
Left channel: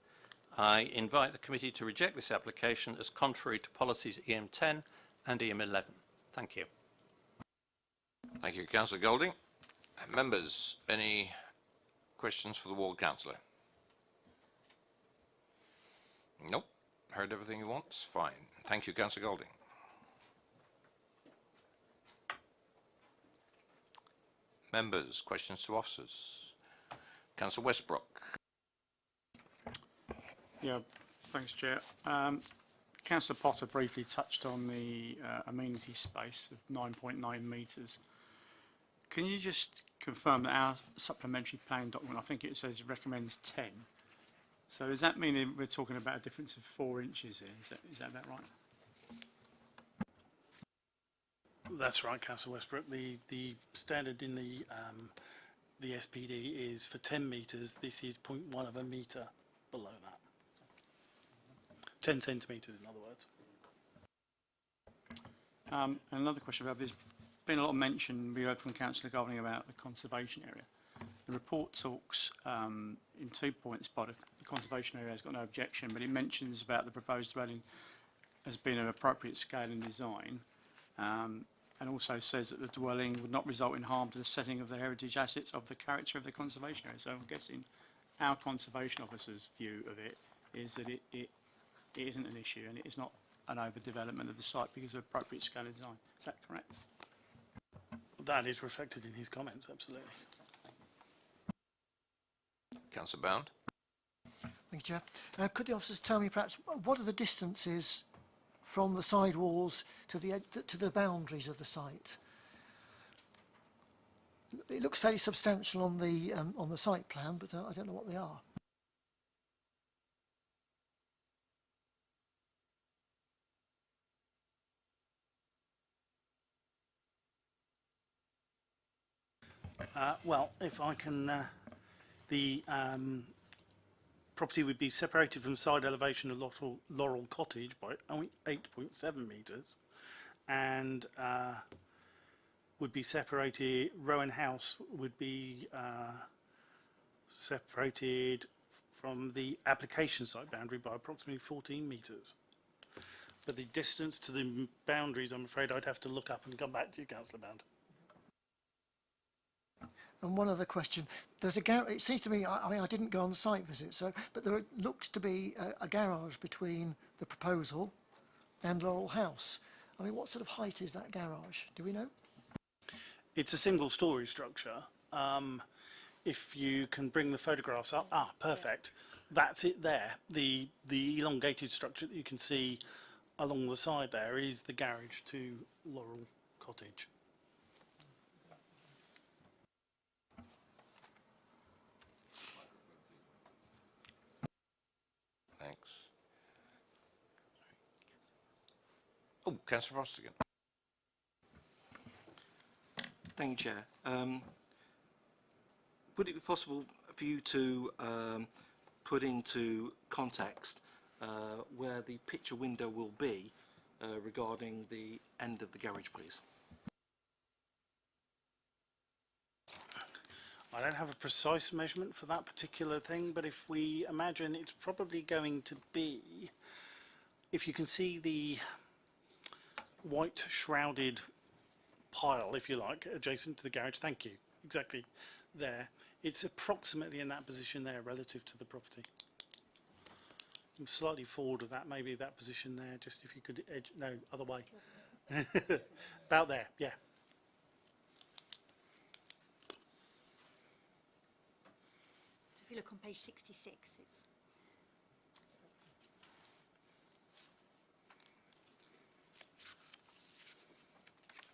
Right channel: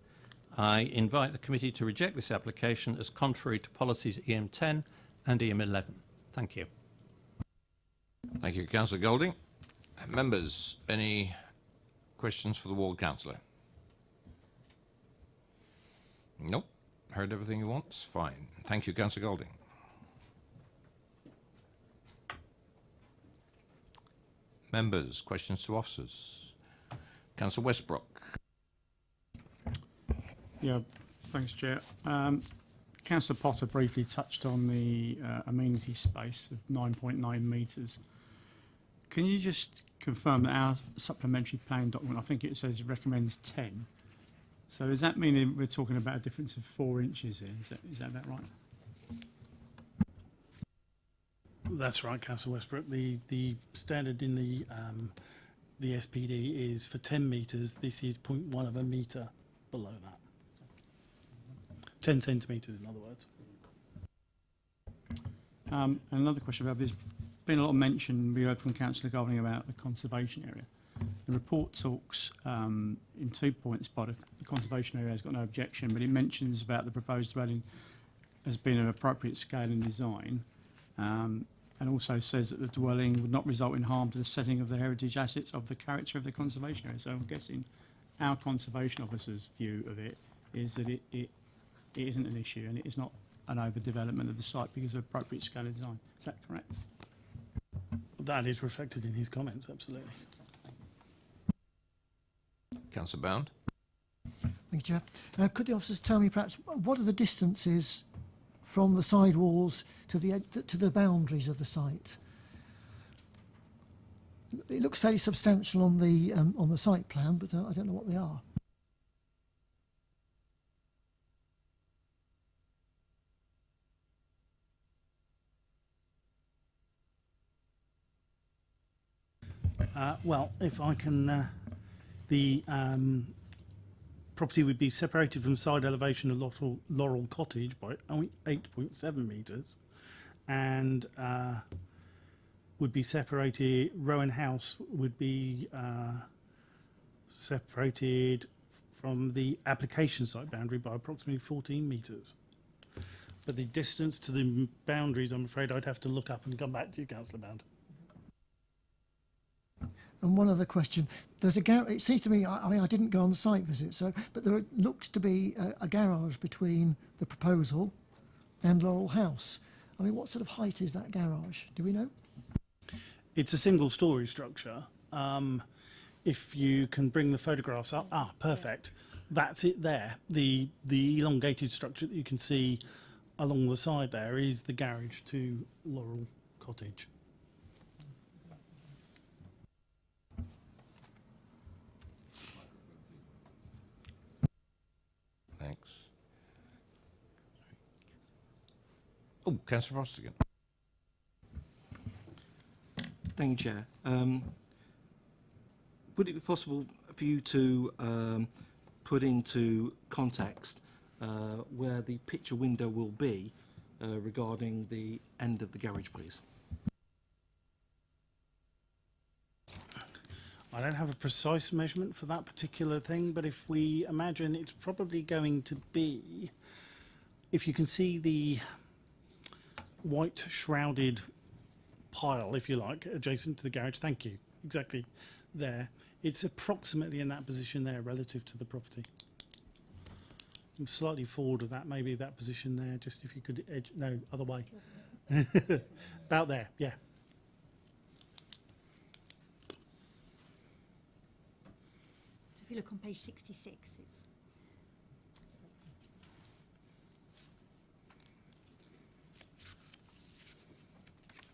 I invite the committee to reject this application as contrary to policies EM10 and EM11. Thank you. Thank you, Councillor Golding. Members, any questions for the ward councillor? Nope. Heard everything you want? Fine. Thank you, Councillor Golding. Members, questions to officers? Councillor Westbrook. Yeah, thanks, Chair. Councillor Potter briefly touched on the amenity space of 9.9 metres. Can you just confirm that our supplementary plan document, I think it says recommends 10. So does that mean we're talking about a difference of 4 inches here? Is that right? That's right, Councillor Westbrook. The standard in the SPD is for 10 metres. This is 0.1 of a metre below that. 10 centimetres, in other words. Another question about this. Been a lot of mention, we heard from Councillor Golding about the conservation area. The report talks in 2 points by the conservation area has got no objection, but it mentions about the proposed dwelling as being of appropriate scale and design, and also says that the dwelling would not result in harm to the setting of the heritage assets of the character of the conservation area. So I'm guessing our conservation officer's view of it is that it isn't an issue and it is not an overdevelopment of the site because of appropriate scale and design. Is that correct? That is reflected in his comments, absolutely. Councillor Bound. Thank you, Chair. Could the officers tell me perhaps what are the distances from the side walls to the boundaries of the site? It looks fairly substantial on the site plan, but I don't know what they are. Well, if I can, the property would be separated from side elevation of Laurel Cottage by 8.7 metres, and would be separated. Rowan House would be separated from the application site boundary by approximately 14 metres. But the distance to the boundaries, I'm afraid I'd have to look up and come back to you, Councillor Bound. And one other question. There's a it seems to me, I mean, I didn't go on the site visit, but there looks to be a garage between the proposal and Laurel House. I mean, what sort of height is that garage? Do we know? It's a single-storey structure. If you can bring the photographs up, perfect. That's it there. The elongated structure that you can see along the side there is the garage to Laurel Cottage. Thanks. Oh, Councillor Frost again. Thank you, Chair. Would it be possible for you to put into context where the picture window will be regarding the end of the garage, please? I don't have a precise measurement for that particular thing, but if we imagine it's probably going to be, if you can see the white shrouded pile, if you like, adjacent to the garage, thank you, exactly there. It's approximately in that position there relative to the property. I'm slightly forward of that, maybe that position there, just if you could edge, no, other way. About there, yeah. So if you look on page 66, it's...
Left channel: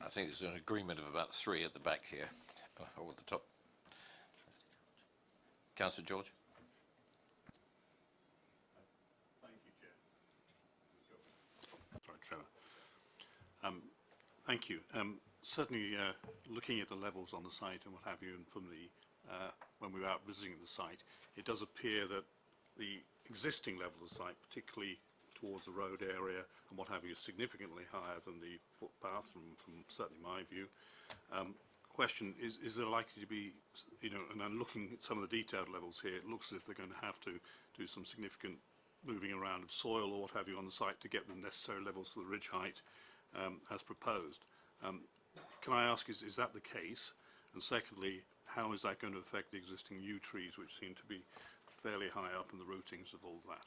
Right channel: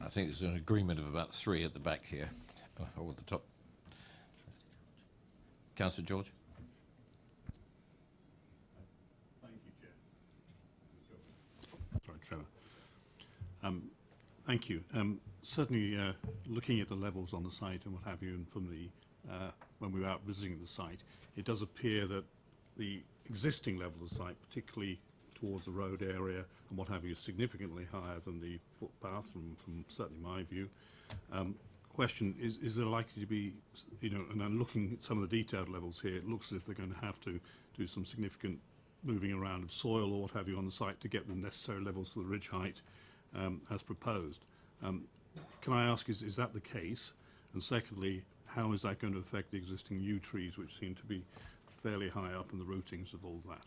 I think there's an agreement of about 3 at the back here, or at the top. Councillor George. Thank you, Chair. Sorry, Trevor. Thank you. Certainly, looking at the levels on the site and what have you, and from the when we were out visiting the site, it does appear that the existing level of the site, particularly towards the road area and what have you, is significantly higher than the footpath, from certainly my view. Question is there likely to be, you know, and I'm looking at some of the detailed levels here, it looks as if they're going to have to do some significant moving around of soil or what have you on the site to get the necessary levels for the ridge height as proposed. Can I ask, is that the case? And secondly, how is that going to affect the existing yew trees, which seem to be fairly high up in the rootings of all that?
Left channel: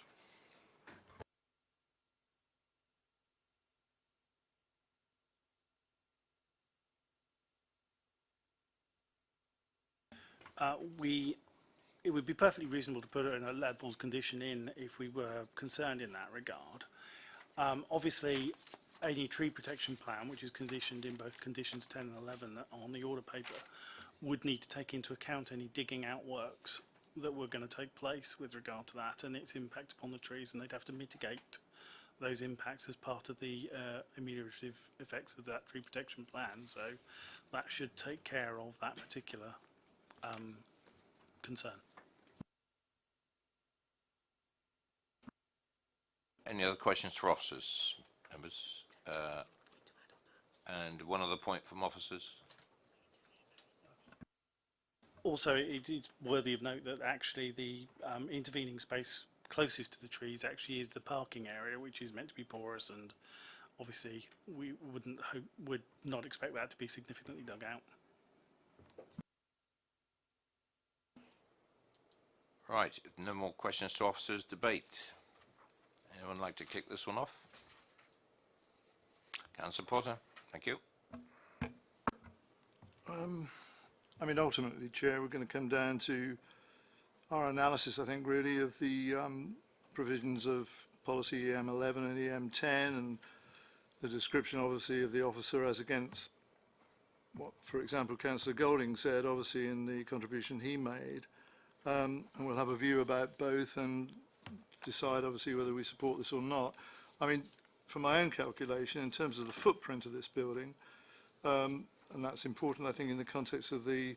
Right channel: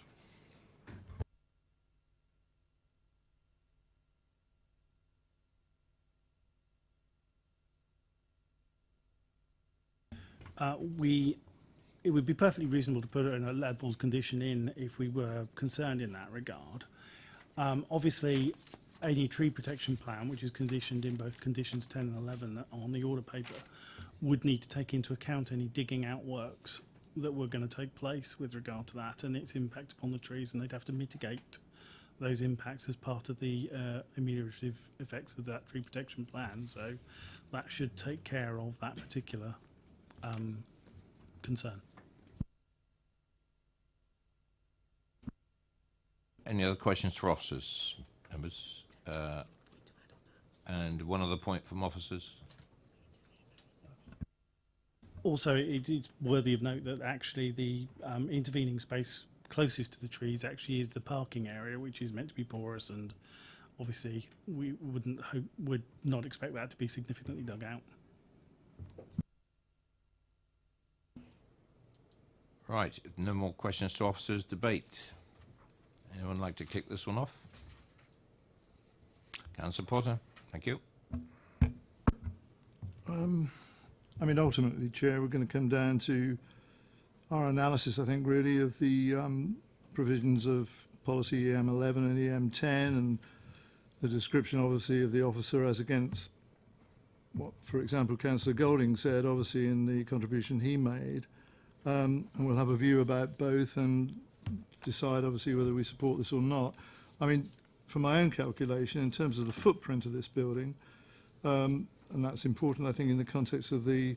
It would be perfectly reasonable to put it in a levels condition in if we were concerned in that regard. Obviously, any tree protection plan, which is conditioned in both conditions 10 and 11 on the order paper, would need to take into account any digging out works that were going to take place with regard to that and its impact upon the trees, and they'd have to mitigate those impacts as part of the ameliorative effects of that tree protection plan. So that should take care of that particular concern. Any other questions for officers, members? And one other point from officers. Also, it's worthy of note that actually the intervening space closest to the trees actually is the parking area, which is meant to be porous, and obviously we would not expect that to be significantly dug out. Right, if no more questions to officers. Debate. Anyone like to kick this one off? Councillor Potter, thank you. I mean, ultimately, Chair, we're going to come down to our analysis, I think, really, of the provisions of policy EM11 and EM10 and the description, obviously, of the officer as against what, for example, Councillor Golding said, obviously, in the contribution he made. And we'll have a view about both and decide, obviously, whether we support this or not. I mean, for my own calculation, in terms of the footprint of this building, and that's important, I think, in the context of the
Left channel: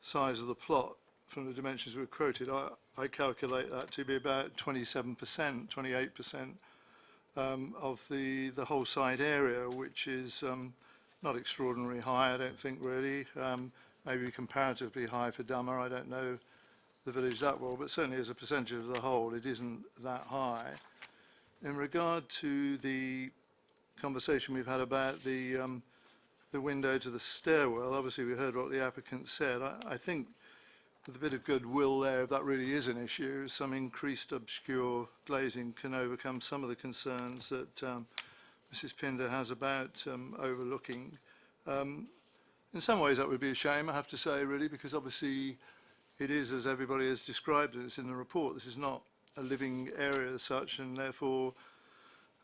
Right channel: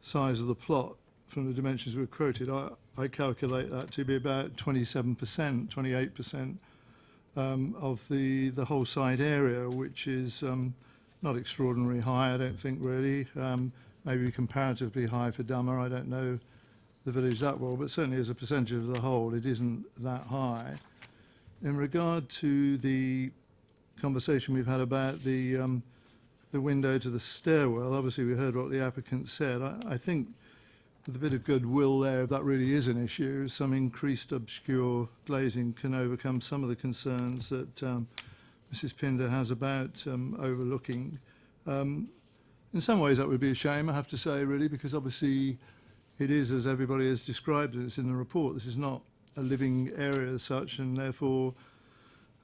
size of the plot from the dimensions we've quoted, I calculate that to be about 27%, 28% of the whole site area, which is not extraordinarily high, I don't think, really. Maybe comparatively high for Dummer. I don't know the village that well, but certainly as a percentage of the whole, it isn't that high. In regard to the conversation we've had about the window to the stairwell, obviously we heard what the applicant said. I think with a bit of goodwill there, if that really is an issue, some increased obscure glazing can overcome some of the concerns that Mrs. Pinder has about overlooking. In some ways that would be a shame, I have to say, really, because obviously it is, as everybody has described it, it's in the report, this is not a living area as such, and therefore,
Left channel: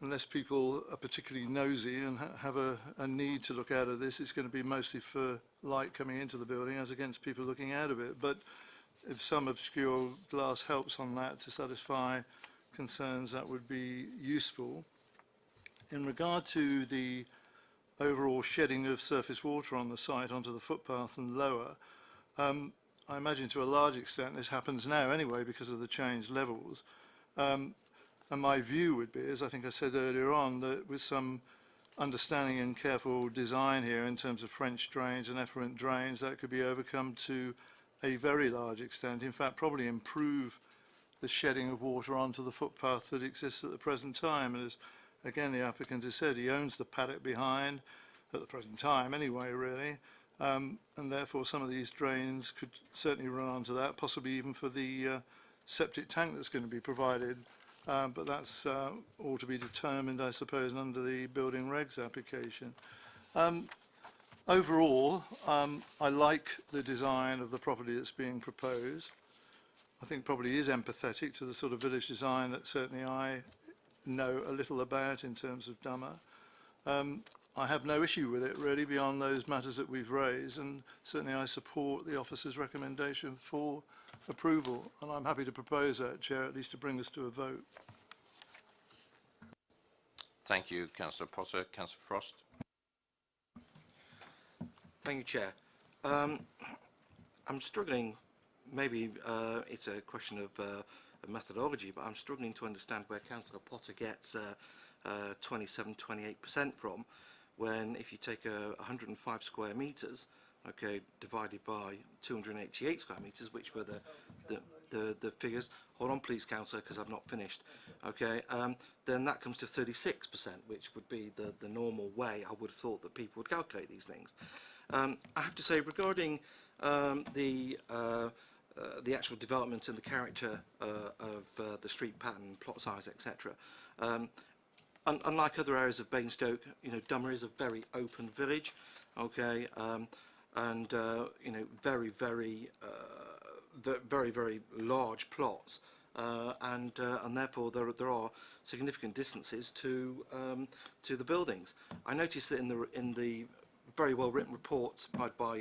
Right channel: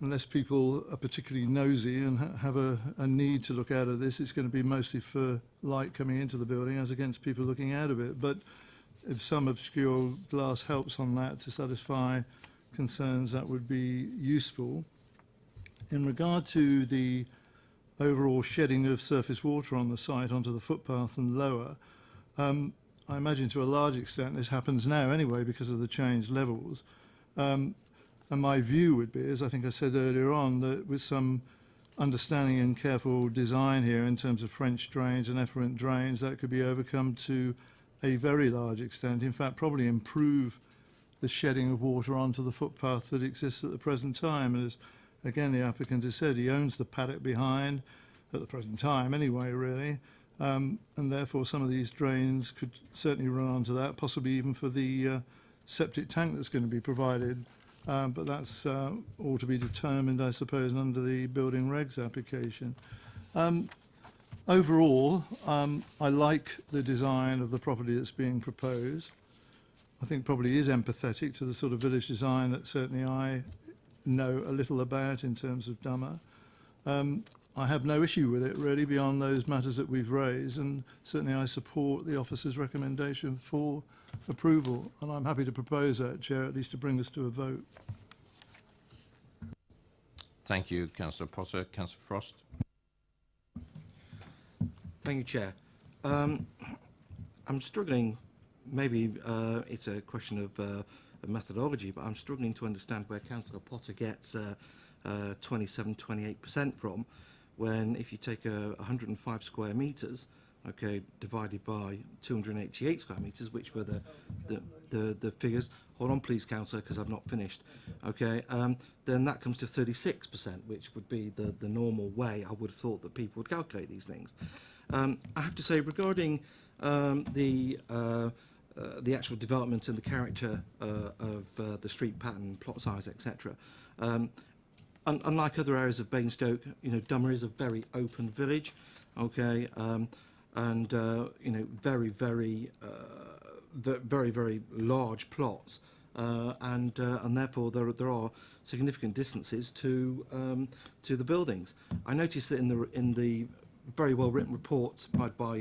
unless people are particularly nosy and have a need to look out of this, it's going to be mostly for light coming into the building as against people looking out of it. But if some obscure glass helps on that to satisfy concerns, that would be useful. In regard to the overall shedding of surface water on the site onto the footpath and lower, I imagine to a large extent this happens now anyway because of the changed levels. And my view would be, as I think I said earlier on, that with some understanding and careful design here in terms of French drains and effluent drains, that could be overcome to a very large extent. In fact, probably improve the shedding of water onto the footpath that exists at the present time. And as, again, the applicant has said, he owns the paddock behind, at the present time anyway, really. And therefore some of these drains could certainly run onto that, possibly even for the septic tank that's going to be provided. But that's all to be determined, I suppose, under the building regs application. Overall, I like the design of the property that's being proposed. I think probably is empathetic to the sort of village design that certainly I know a little about in terms of Dummer. I have no issue with it, really, beyond those matters that we've raised, and certainly I support the officer's recommendation for approval, and I'm happy to propose that, Chair, at least to bring us to a vote. Thank you, Councillor Potter. Councillor Frost. Thank you, Chair. I'm struggling, maybe it's a question of methodology, but I'm struggling to understand where Councillor Potter gets 27-28% from, when if you take 105 square metres, okay, divided by 288 square metres, which were the figures. Hold on, please, Councillor, because I've not finished. Okay, then that comes to 36%, which would be the normal way I would have thought that people would calculate these things. I have to say, regarding the actual development and the character of the street pattern, plot size, etc. Unlike other areas of Basingstoke, you know, Dummer is a very open village, okay, and you know, very large plots, and therefore there are significant distances to the buildings. I noticed that in the very well written report by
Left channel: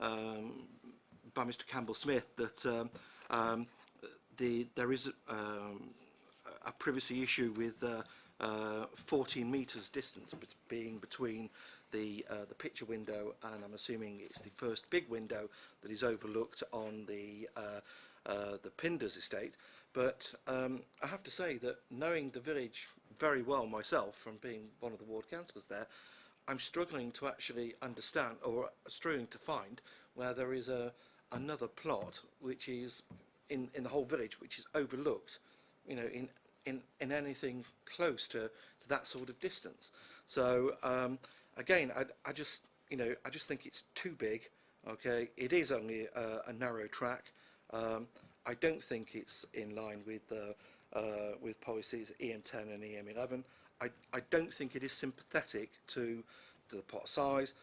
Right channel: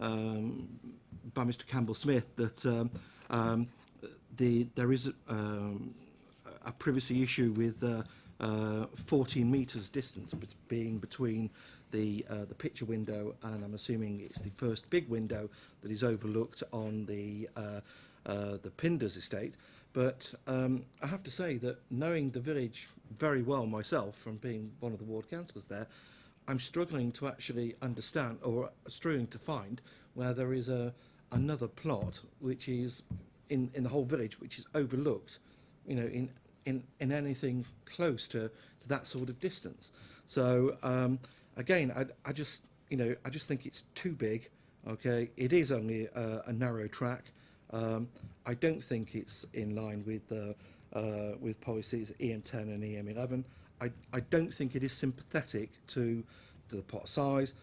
Mr. Campbell Smith that there is a privacy issue with 14 metres distance being between the picture window, and I'm assuming it's the first big window that is overlooked on the Pinders estate. But I have to say that, knowing the village very well myself from being one of the ward councillors there, I'm struggling to actually understand, or struggling to find, where there is another plot which is in the whole village which is overlooked, you know, in anything close to that sort of distance. So again, I just think it's too big. Okay, it is only a narrow track. I don't think it's in line with policies EM10 and EM11. I don't think it is sympathetic to the plot size,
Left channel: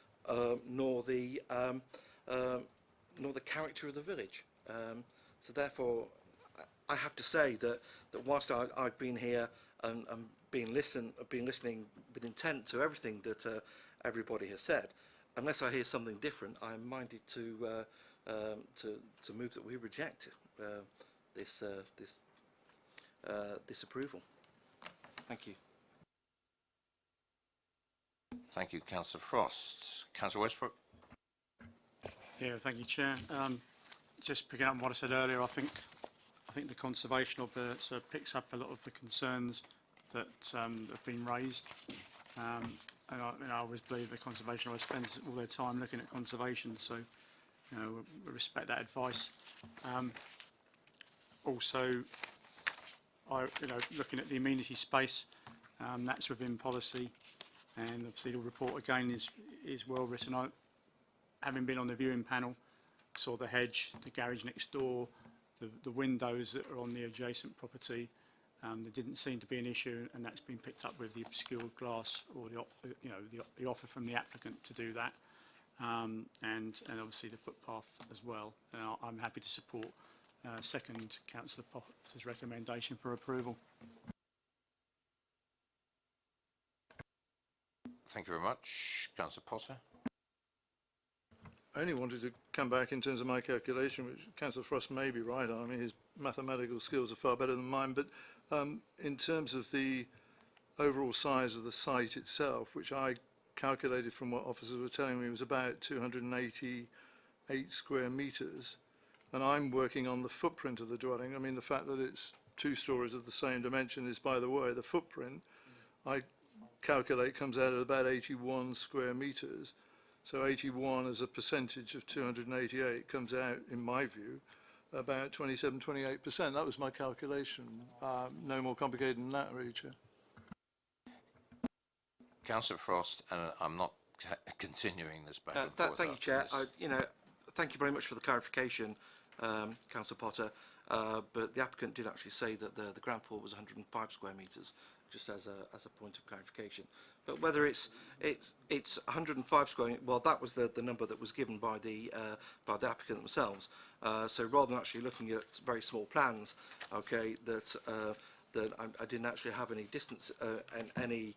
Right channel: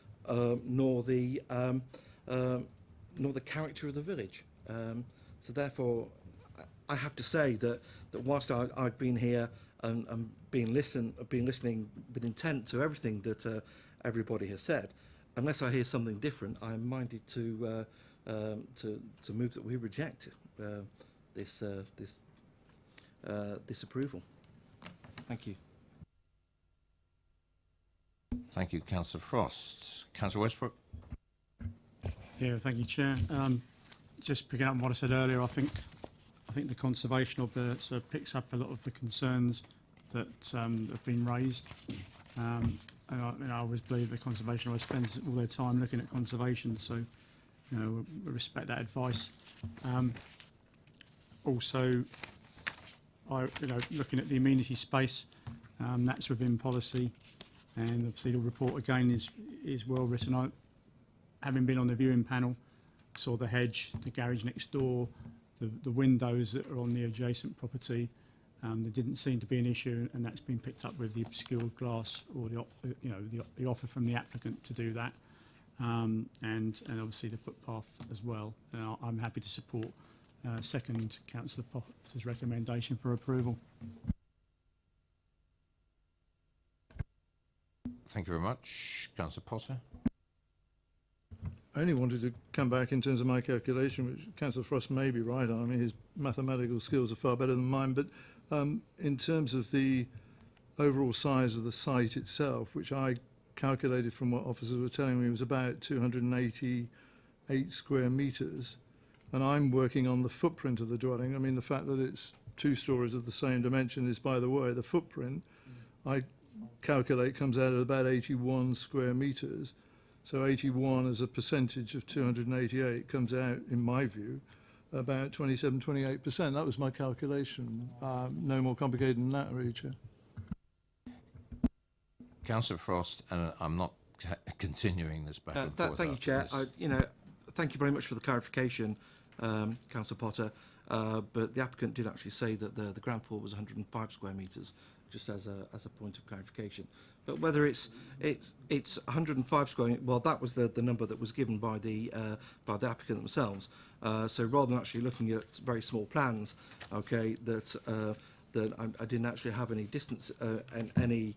nor the character of the village. So therefore, I have to say that whilst I've been here and been listening with intent to everything that everybody has said, unless I hear something different, I am minded to move that we reject this approval. Thank you. Thank you, Councillor Frost. Councillor Westbrook. Yeah, thank you, Chair. Just picking up on what I said earlier, I think the conservation of the sort of picks up a lot of the concerns that have been raised. And I always believe the conservation always spends all their time looking at conservation, so you know, we respect that advice. Also, looking at the amenity space, that's within policy, and obviously the report again is well written. Having been on the viewing panel, saw the hedge, the garage next door, the windows that are on the adjacent property. There didn't seem to be an issue, and that's been picked up with the obscured glass, or the offer from the applicant to do that, and obviously the footpath as well. And I'm happy to support second Councillor Potter's recommendation for approval. Thank you very much, Councillor Potter. I only wanted to come back in terms of my calculation, which Councillor Frost may be right on. I mean, his mathematical skills are far better than mine, but in terms of the overall size of the site itself, which I calculated from what officers were telling me was about 288 square metres, and I'm working on the footprint of the dwelling. I mean, the fact that it's 2 stories of the same dimension is, by the way, the footprint, I calculate, comes out at about 81 square metres. So 81 as a percentage of 288 comes out, in my view, about 27-28%. That was my calculation. No more complicated than that, really, Chair. Councillor Frost, and I'm not continuing this back and forth. Thank you, Chair. Thank you very much for the clarification, Councillor Potter. But the applicant did actually say that the ground floor was 105 square metres, just as a point of clarification. But whether it's 105 square, well, that was the number that was given by the applicant themselves. So rather than actually looking at very small plans, okay, that I didn't actually have any distance and any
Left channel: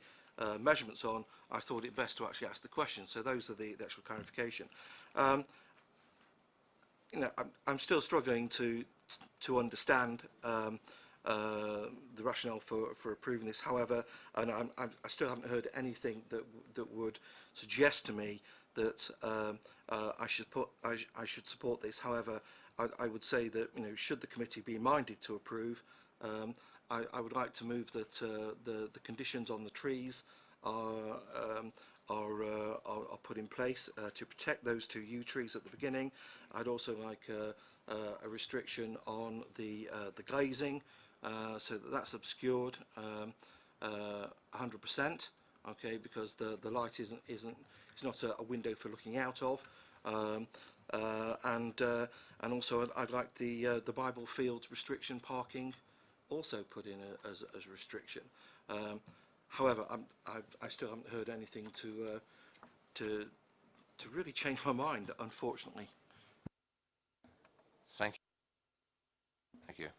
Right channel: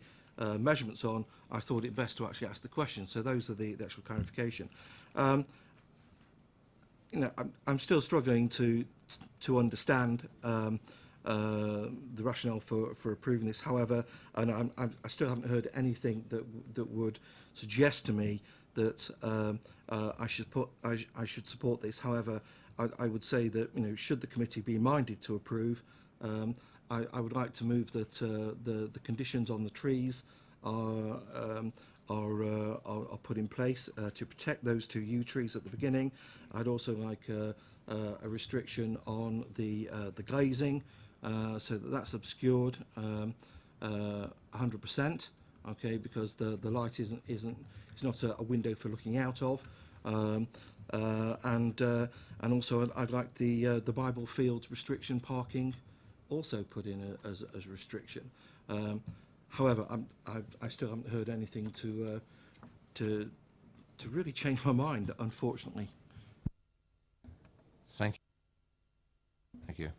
measurements on, I thought it best to actually ask the question. So those are the actual clarification. You know, I'm still struggling to understand the rationale for approving this. However, and I still haven't heard anything that would suggest to me that I should support this. However, I would say that, you know, should the committee be minded to approve, I would like to move that the conditions on the trees are put in place to protect those two yew trees at the beginning. I'd also like a restriction on the glazing, so that's obscured 100%. Okay, because the light it's not a window for looking out of. And also I'd like the Bible Fields restriction parking also put in as a restriction. However, I still haven't heard anything to really change my mind, unfortunately. Thank you. Thank you.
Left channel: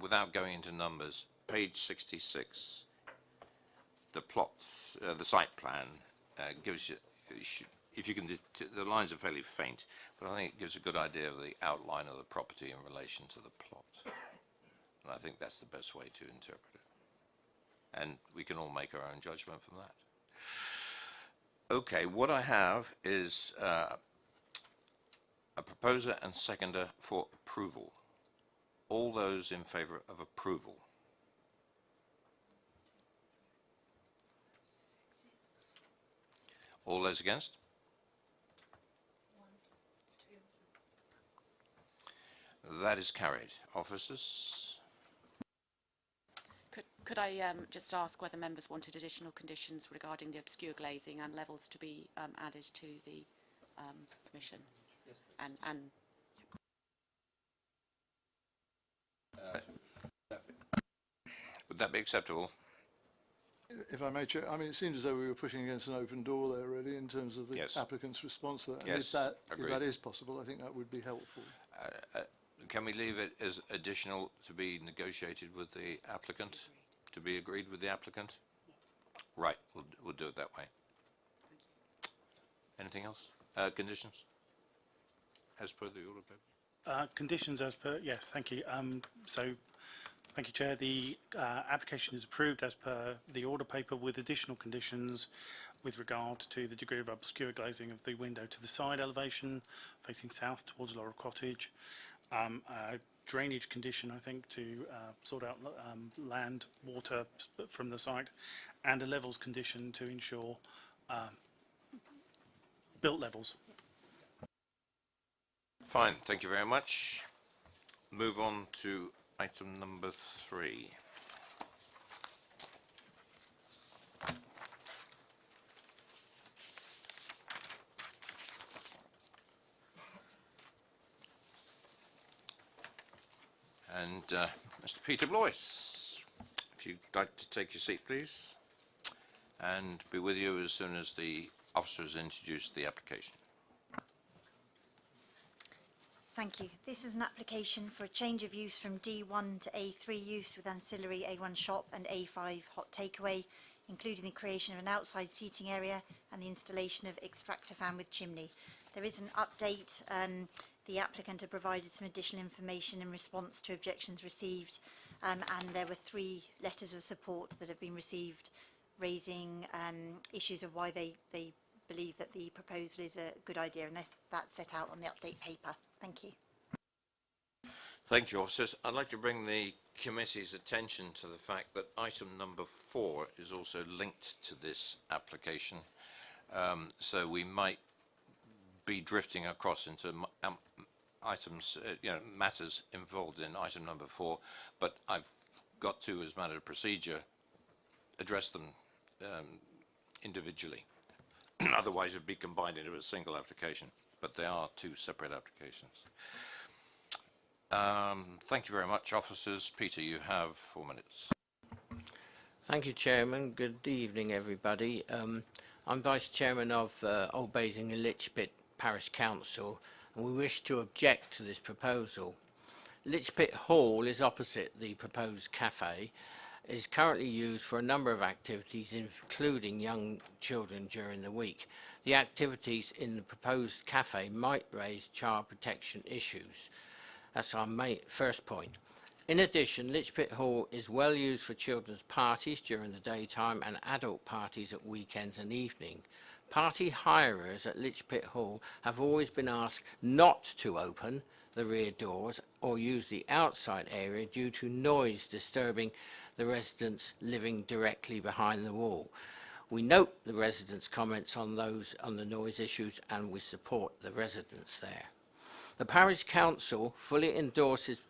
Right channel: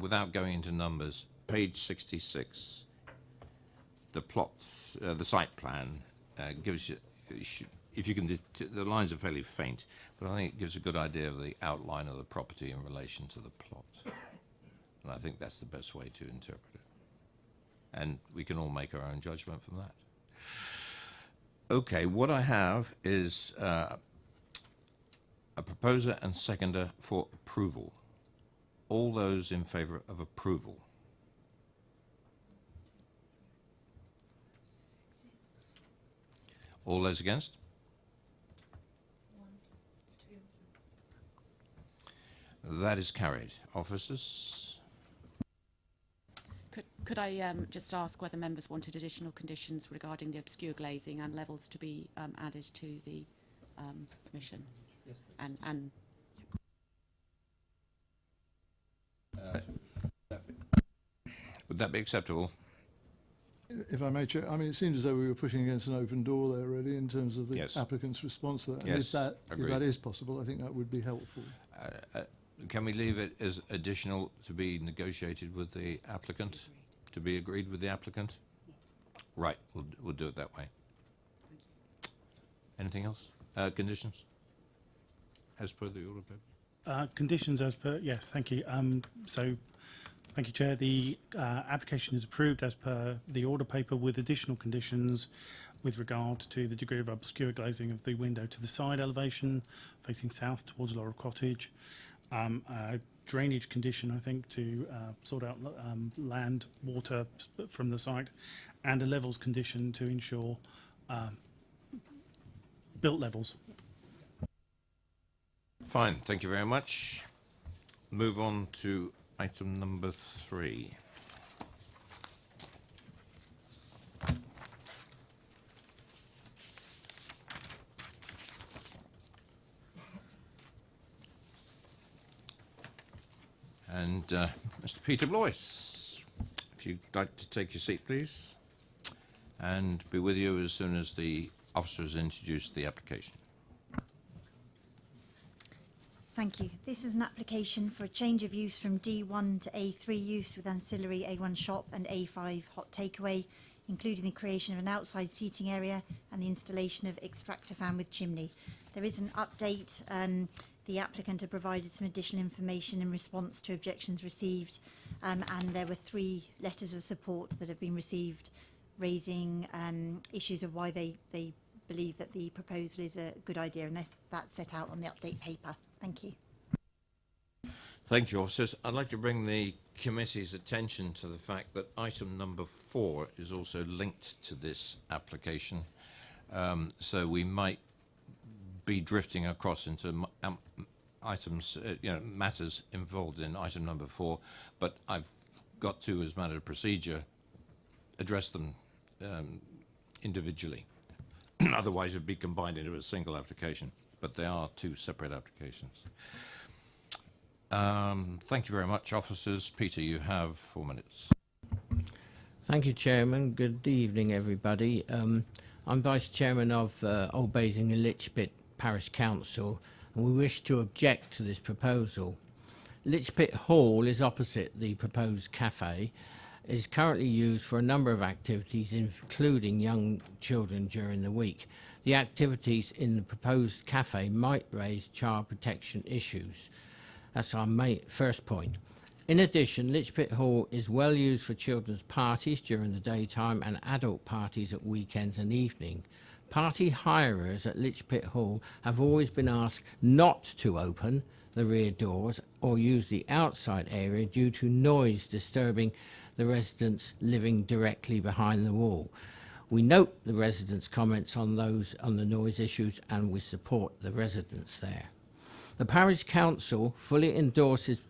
Without going into numbers, page 66, the plots, the site plan gives you, if you can, the lines are fairly faint, but I think it gives a good idea of the outline of the property in relation to the plot. And I think that's the best way to interpret it. And we can all make our own judgment from that. Okay, what I have is a proposer and seconder for approval. All those in favour of approval? All those against? That is carried. Officers? Could I just ask whether members wanted additional conditions regarding the obscure glazing and levels to be added to the permission? Yes, please. And would that be acceptable? If I may, Chair, I mean, it seems as though we were pushing against an open door there, really, in terms of the Yes. applicant's response to that. Yes, And if agreed. that is possible, I think that would be helpful. Can we leave it as additional to be negotiated with the applicant? To be agreed with the applicant? Right, we'll do it that way. Anything else? Conditions? As per the order paper? Conditions as per, yes, thank you. So, thank you, Chair. The application is approved as per the order paper with additional conditions with regard to the degree of obscure glazing of the window to the side elevation facing south towards Laurel Cottage. A drainage condition, I think, to sort out land, water from the site, and a levels condition to ensure built levels. Fine, thank you very much. Move on to item number 3. And Mr. Peter Blois, if you'd like to take your seat, please, and be with you as soon as the officers introduce the application. Thank you. This is an application for a change of use from D1 to A3 use with ancillary A1 shop and A5 hot takeaway, including the creation of an outside seating area and the installation of extractor fan with chimney. There is an update. The applicant had provided some additional information in response to objections received, and there were 3 letters of support that have been received raising issues of why they believe that the proposal is a good idea, and that's set out on the update paper. Thank you. Thank you, officers. I'd like to bring the committee's attention to the fact that item number 4 is also linked to this application, so we might be drifting across into items, matters involved in item number 4, but I've got to, as a matter of procedure, address them individually. Otherwise, it would be combined into a single application, but they are 2 separate applications. Thank you very much, officers. Peter, you have 4 minutes. Thank you, Chairman. Good evening, everybody. I'm Vice Chairman of Old Basing and Litchpit Parish Council, and we wish to object to this proposal. Litchpit Hall is opposite the proposed cafe. It is currently used for a number of activities, including young children during the week. The activities in the proposed cafe might raise child protection issues. That's our first point. In addition, Litchpit Hall is well used for children's parties during the daytime and adult parties at weekends and evening. Party hirers at Litchpit Hall have always been asked not to open the rear doors or use the outside area due to noise disturbing the residents living directly behind the wall. We note the residents' comments on the noise issues, and we support the residents there. The Parish Council fully endorses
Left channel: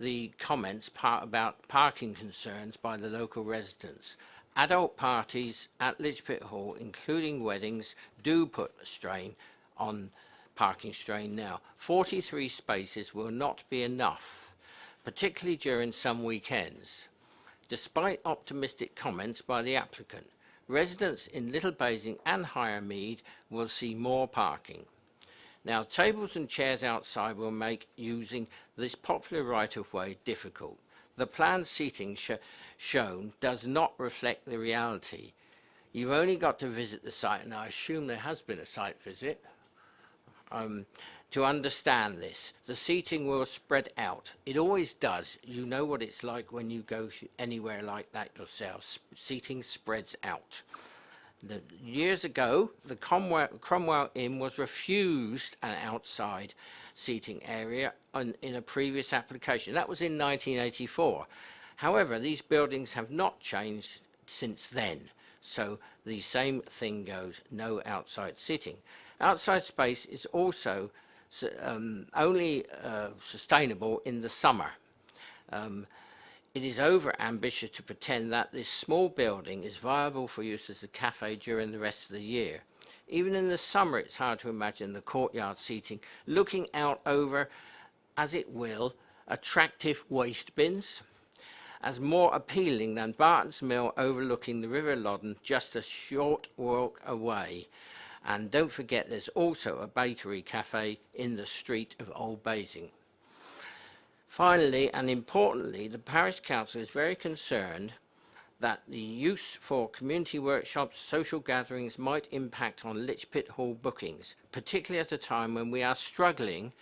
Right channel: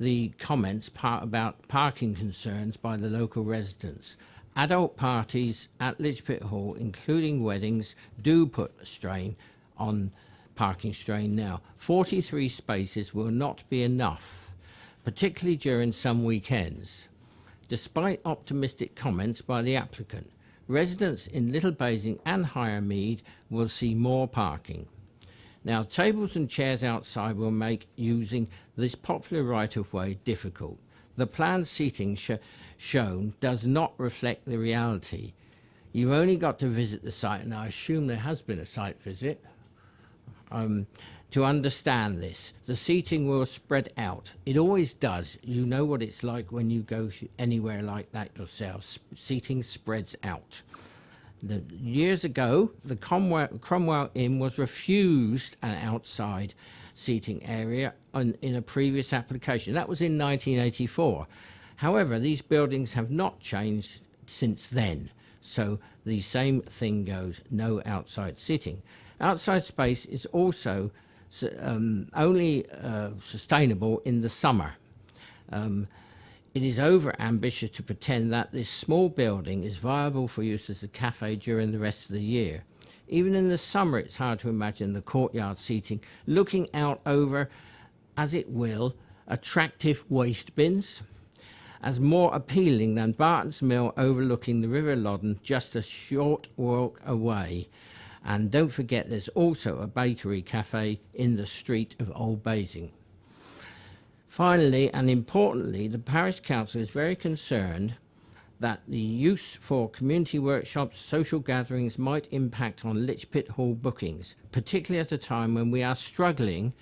the comments about parking concerns by the local residents. Adult parties at Litchpit Hall, including weddings, do put a strain on parking strain now. 43 spaces will not be enough, particularly during some weekends. Despite optimistic comments by the applicant, residents in Little Basing and Higher Mead will see more parking. Now, tables and chairs outside will make using this popular right-of-way difficult. The planned seating shown does not reflect the reality. You've only got to visit the site, and I assume there has been a site visit, to understand this. The seating will spread out. It always does. You know what it's like when you go anywhere like that yourself. Seating spreads out. Years ago, the Cromwell Inn was refused an outside seating area in a previous application. That was in 1984. However, these buildings have not changed since then. So the same thing goes, no outside seating. Outside space is also only sustainable in the summer. It is over-ambitious to pretend that this small building is viable for use as a cafe during the rest of the year. Even in the summer, it's hard to imagine the courtyard seating looking out over, as it will, attractive waste bins, as more appealing than Barton's Mill overlooking the River Loddon just a short walk away. And don't forget, there's also a bakery cafe in the street of Old Basing. Finally, and importantly, the Parish Council is very concerned that the use for community workshops, social gatherings might impact on Litchpit Hall bookings, particularly at a time when we are struggling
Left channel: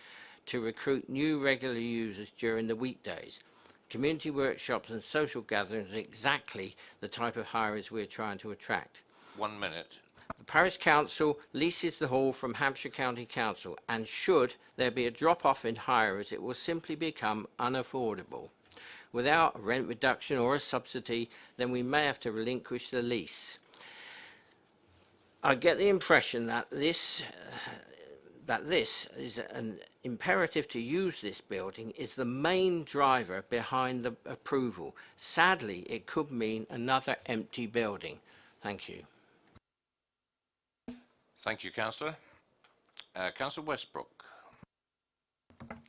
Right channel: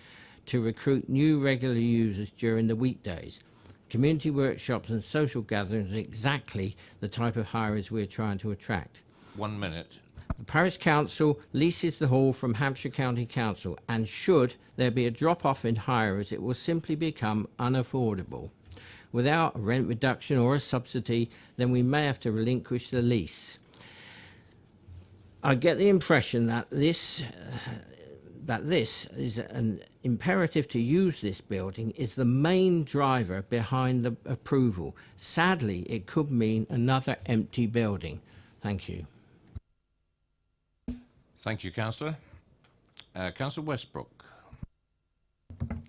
to recruit new regular users during the weekdays. Community workshops and social gatherings are exactly the type of hirers we're trying to attract. 1 minute. The Parish Council leases the hall from Hampshire County Council, and should there be a drop-off in hirers, it will simply become unaffordable. Without a rent reduction or a subsidy, then we may have to relinquish the lease. I get the impression that this is an imperative to use this building is the main driver behind the approval. Sadly, it could mean another empty building. Thank you. Thank you, Councillor. Councillor Westbrook.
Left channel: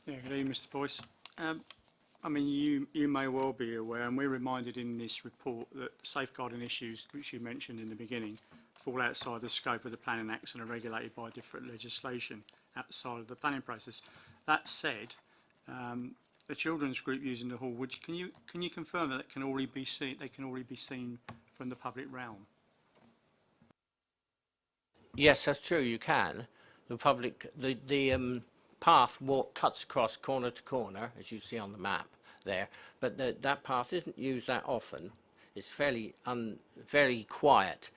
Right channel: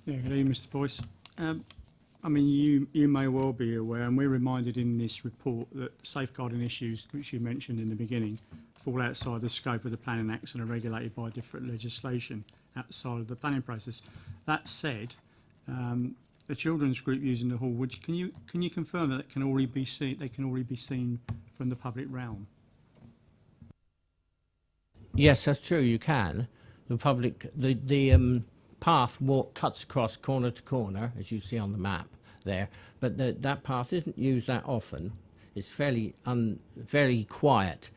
Yeah, good evening, Mr. Boyce. I mean, you may well be aware, and we're reminded in this report, that safeguarding issues, which you mentioned in the beginning, fall outside the scope of the Planning Acts and are regulated by different legislation outside of the planning process. That said, the children's group using the hall, can you confirm that it can already be seen? They can already be seen from the public realm. Yes, that's true. You can. The path cuts across corner to corner, as you see on the map there. But that path isn't used that often. It's very quiet.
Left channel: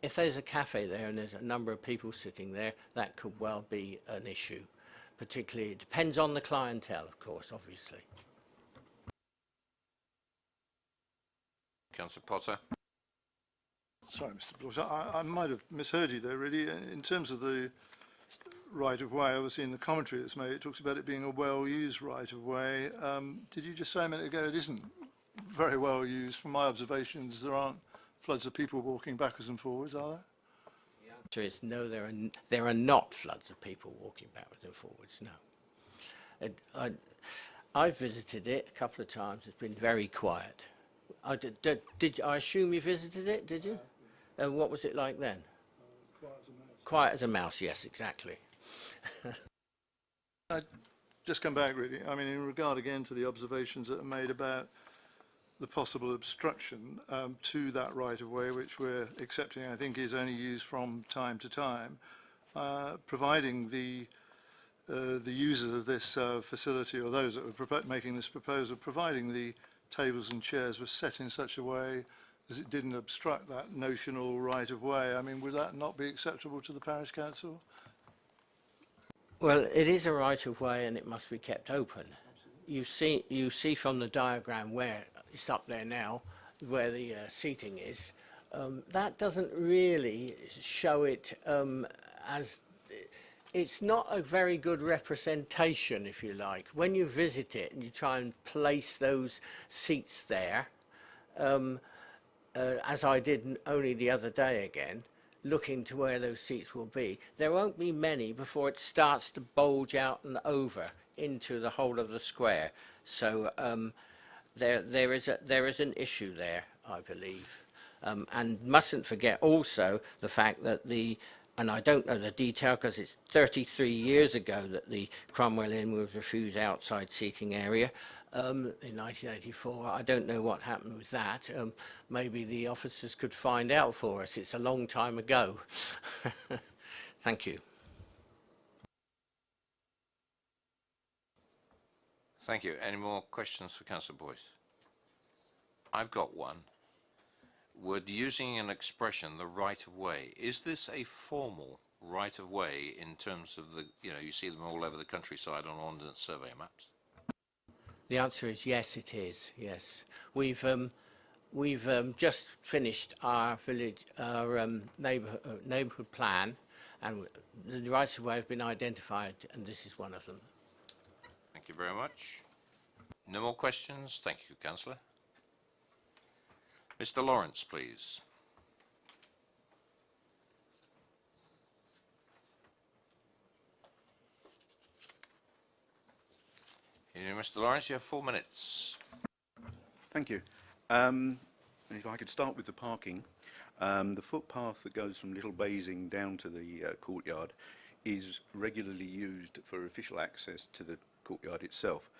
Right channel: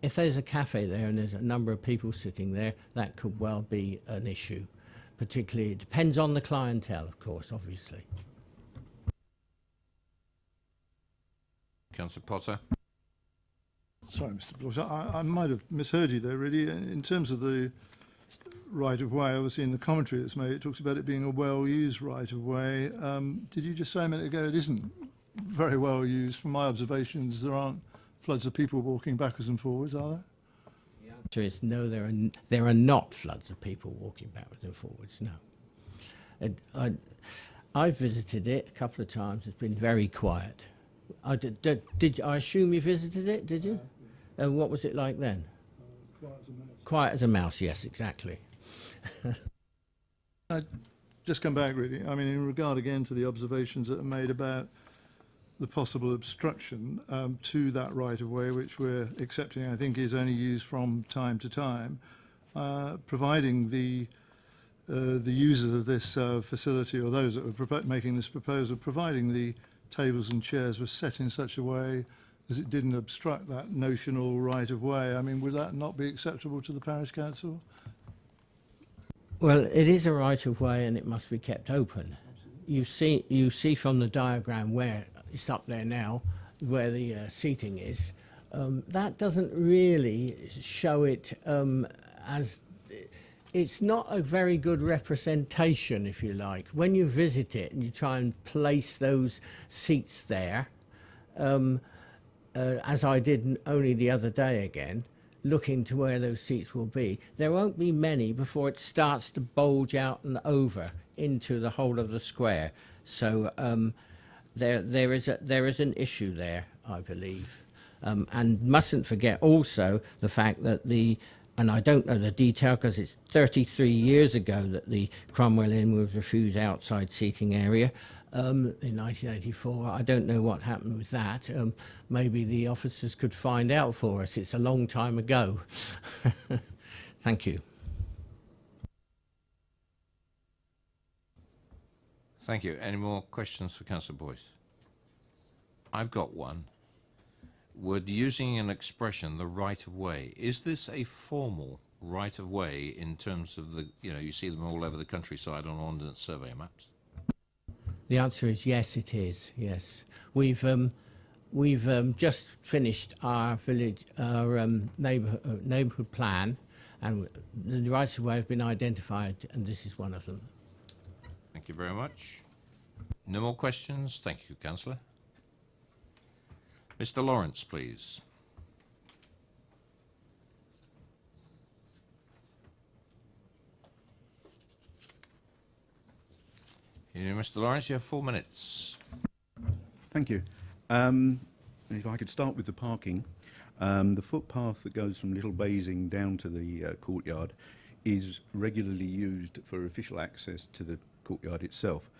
If there's a cafe there and there's a number of people sitting there, that could well be an issue. Particularly, it depends on the clientele, of course, obviously. Councillor Potter. Sorry, Mr. Bloss, I might have misheard you there, really. In terms of the right-of-way, obviously in the commentary that's made, it talks about it being a well-used right-of-way. Did you just say a minute ago it isn't very well used? From my observations, there aren't floods of people walking backwards and forwards, are there? The answer is no, there are not floods of people walking backwards and forwards, no. I've visited it a couple of times. It's been very quiet. I assume you visited it, did you? What was it like then? Quiet as a mouse. Quiet as a mouse, yes, exactly. I'd just come back, really. I mean, in regard again to the observations that are made about the possible obstruction to that right-of-way, which we're accepting, I think, is only used from time to time, providing the the users of this facility, or those that were making this proposal, providing the tables and chairs were set in such a way as it didn't obstruct that notional right of way. I mean, would that not be acceptable to the parish council? Well, it is a right of way and it must be kept open. You see from the diagram where it's up there now, where the seating is. That doesn't really show it as... It's not a very good representation, if you like. When you visit it and you try and place those seats there, as I did only the other day again, looking to where those seats will be, there won't be many before it starts to bulge out and over into the whole of the square. So there is an issue there, I believe. And mustn't forget also the fact that and I don't know the detail because it's 33 years ago that the Cromwell Inn was refused outside seating area in 1984. I don't know what happened with that. Maybe the officers could find out for us. It's a long time ago. Thank you. Thank you. Any more questions for Councillor Boyce? I've got one. Would using an expression, the right of way, is this a formal right of way in terms of the, you see them all over the countryside on ordnance survey maps? The answer is yes, it is. Yes, we've just finished our village, our neighbourhood plan, and the rights of way have been identified, and this is one of them. Thank you very much. No more questions. Thank you, Councillor. Mr. Lawrence, please. Mr. Lawrence, you have 4 minutes. Thank you. If I could start with the parking. The footpath that goes from Little Basing down to the courtyard is regularly used for official access to the courtyard itself.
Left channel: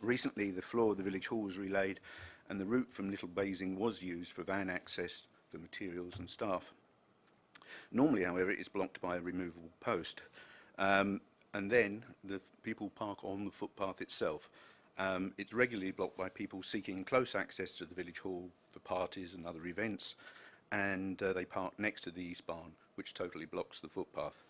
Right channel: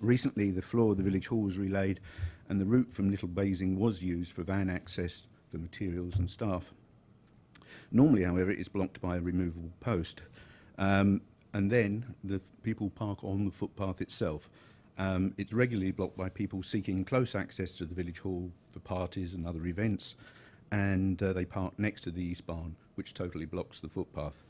Recently, the floor of the village hall was relaid, and the route from Little Basing was used for van access for materials and staff. Normally, however, it is blocked by a removable post, and then the people park on the footpath itself. It's regularly blocked by people seeking close access to the village hall for parties and other events, and they park next to the east barn, which totally blocks the footpath.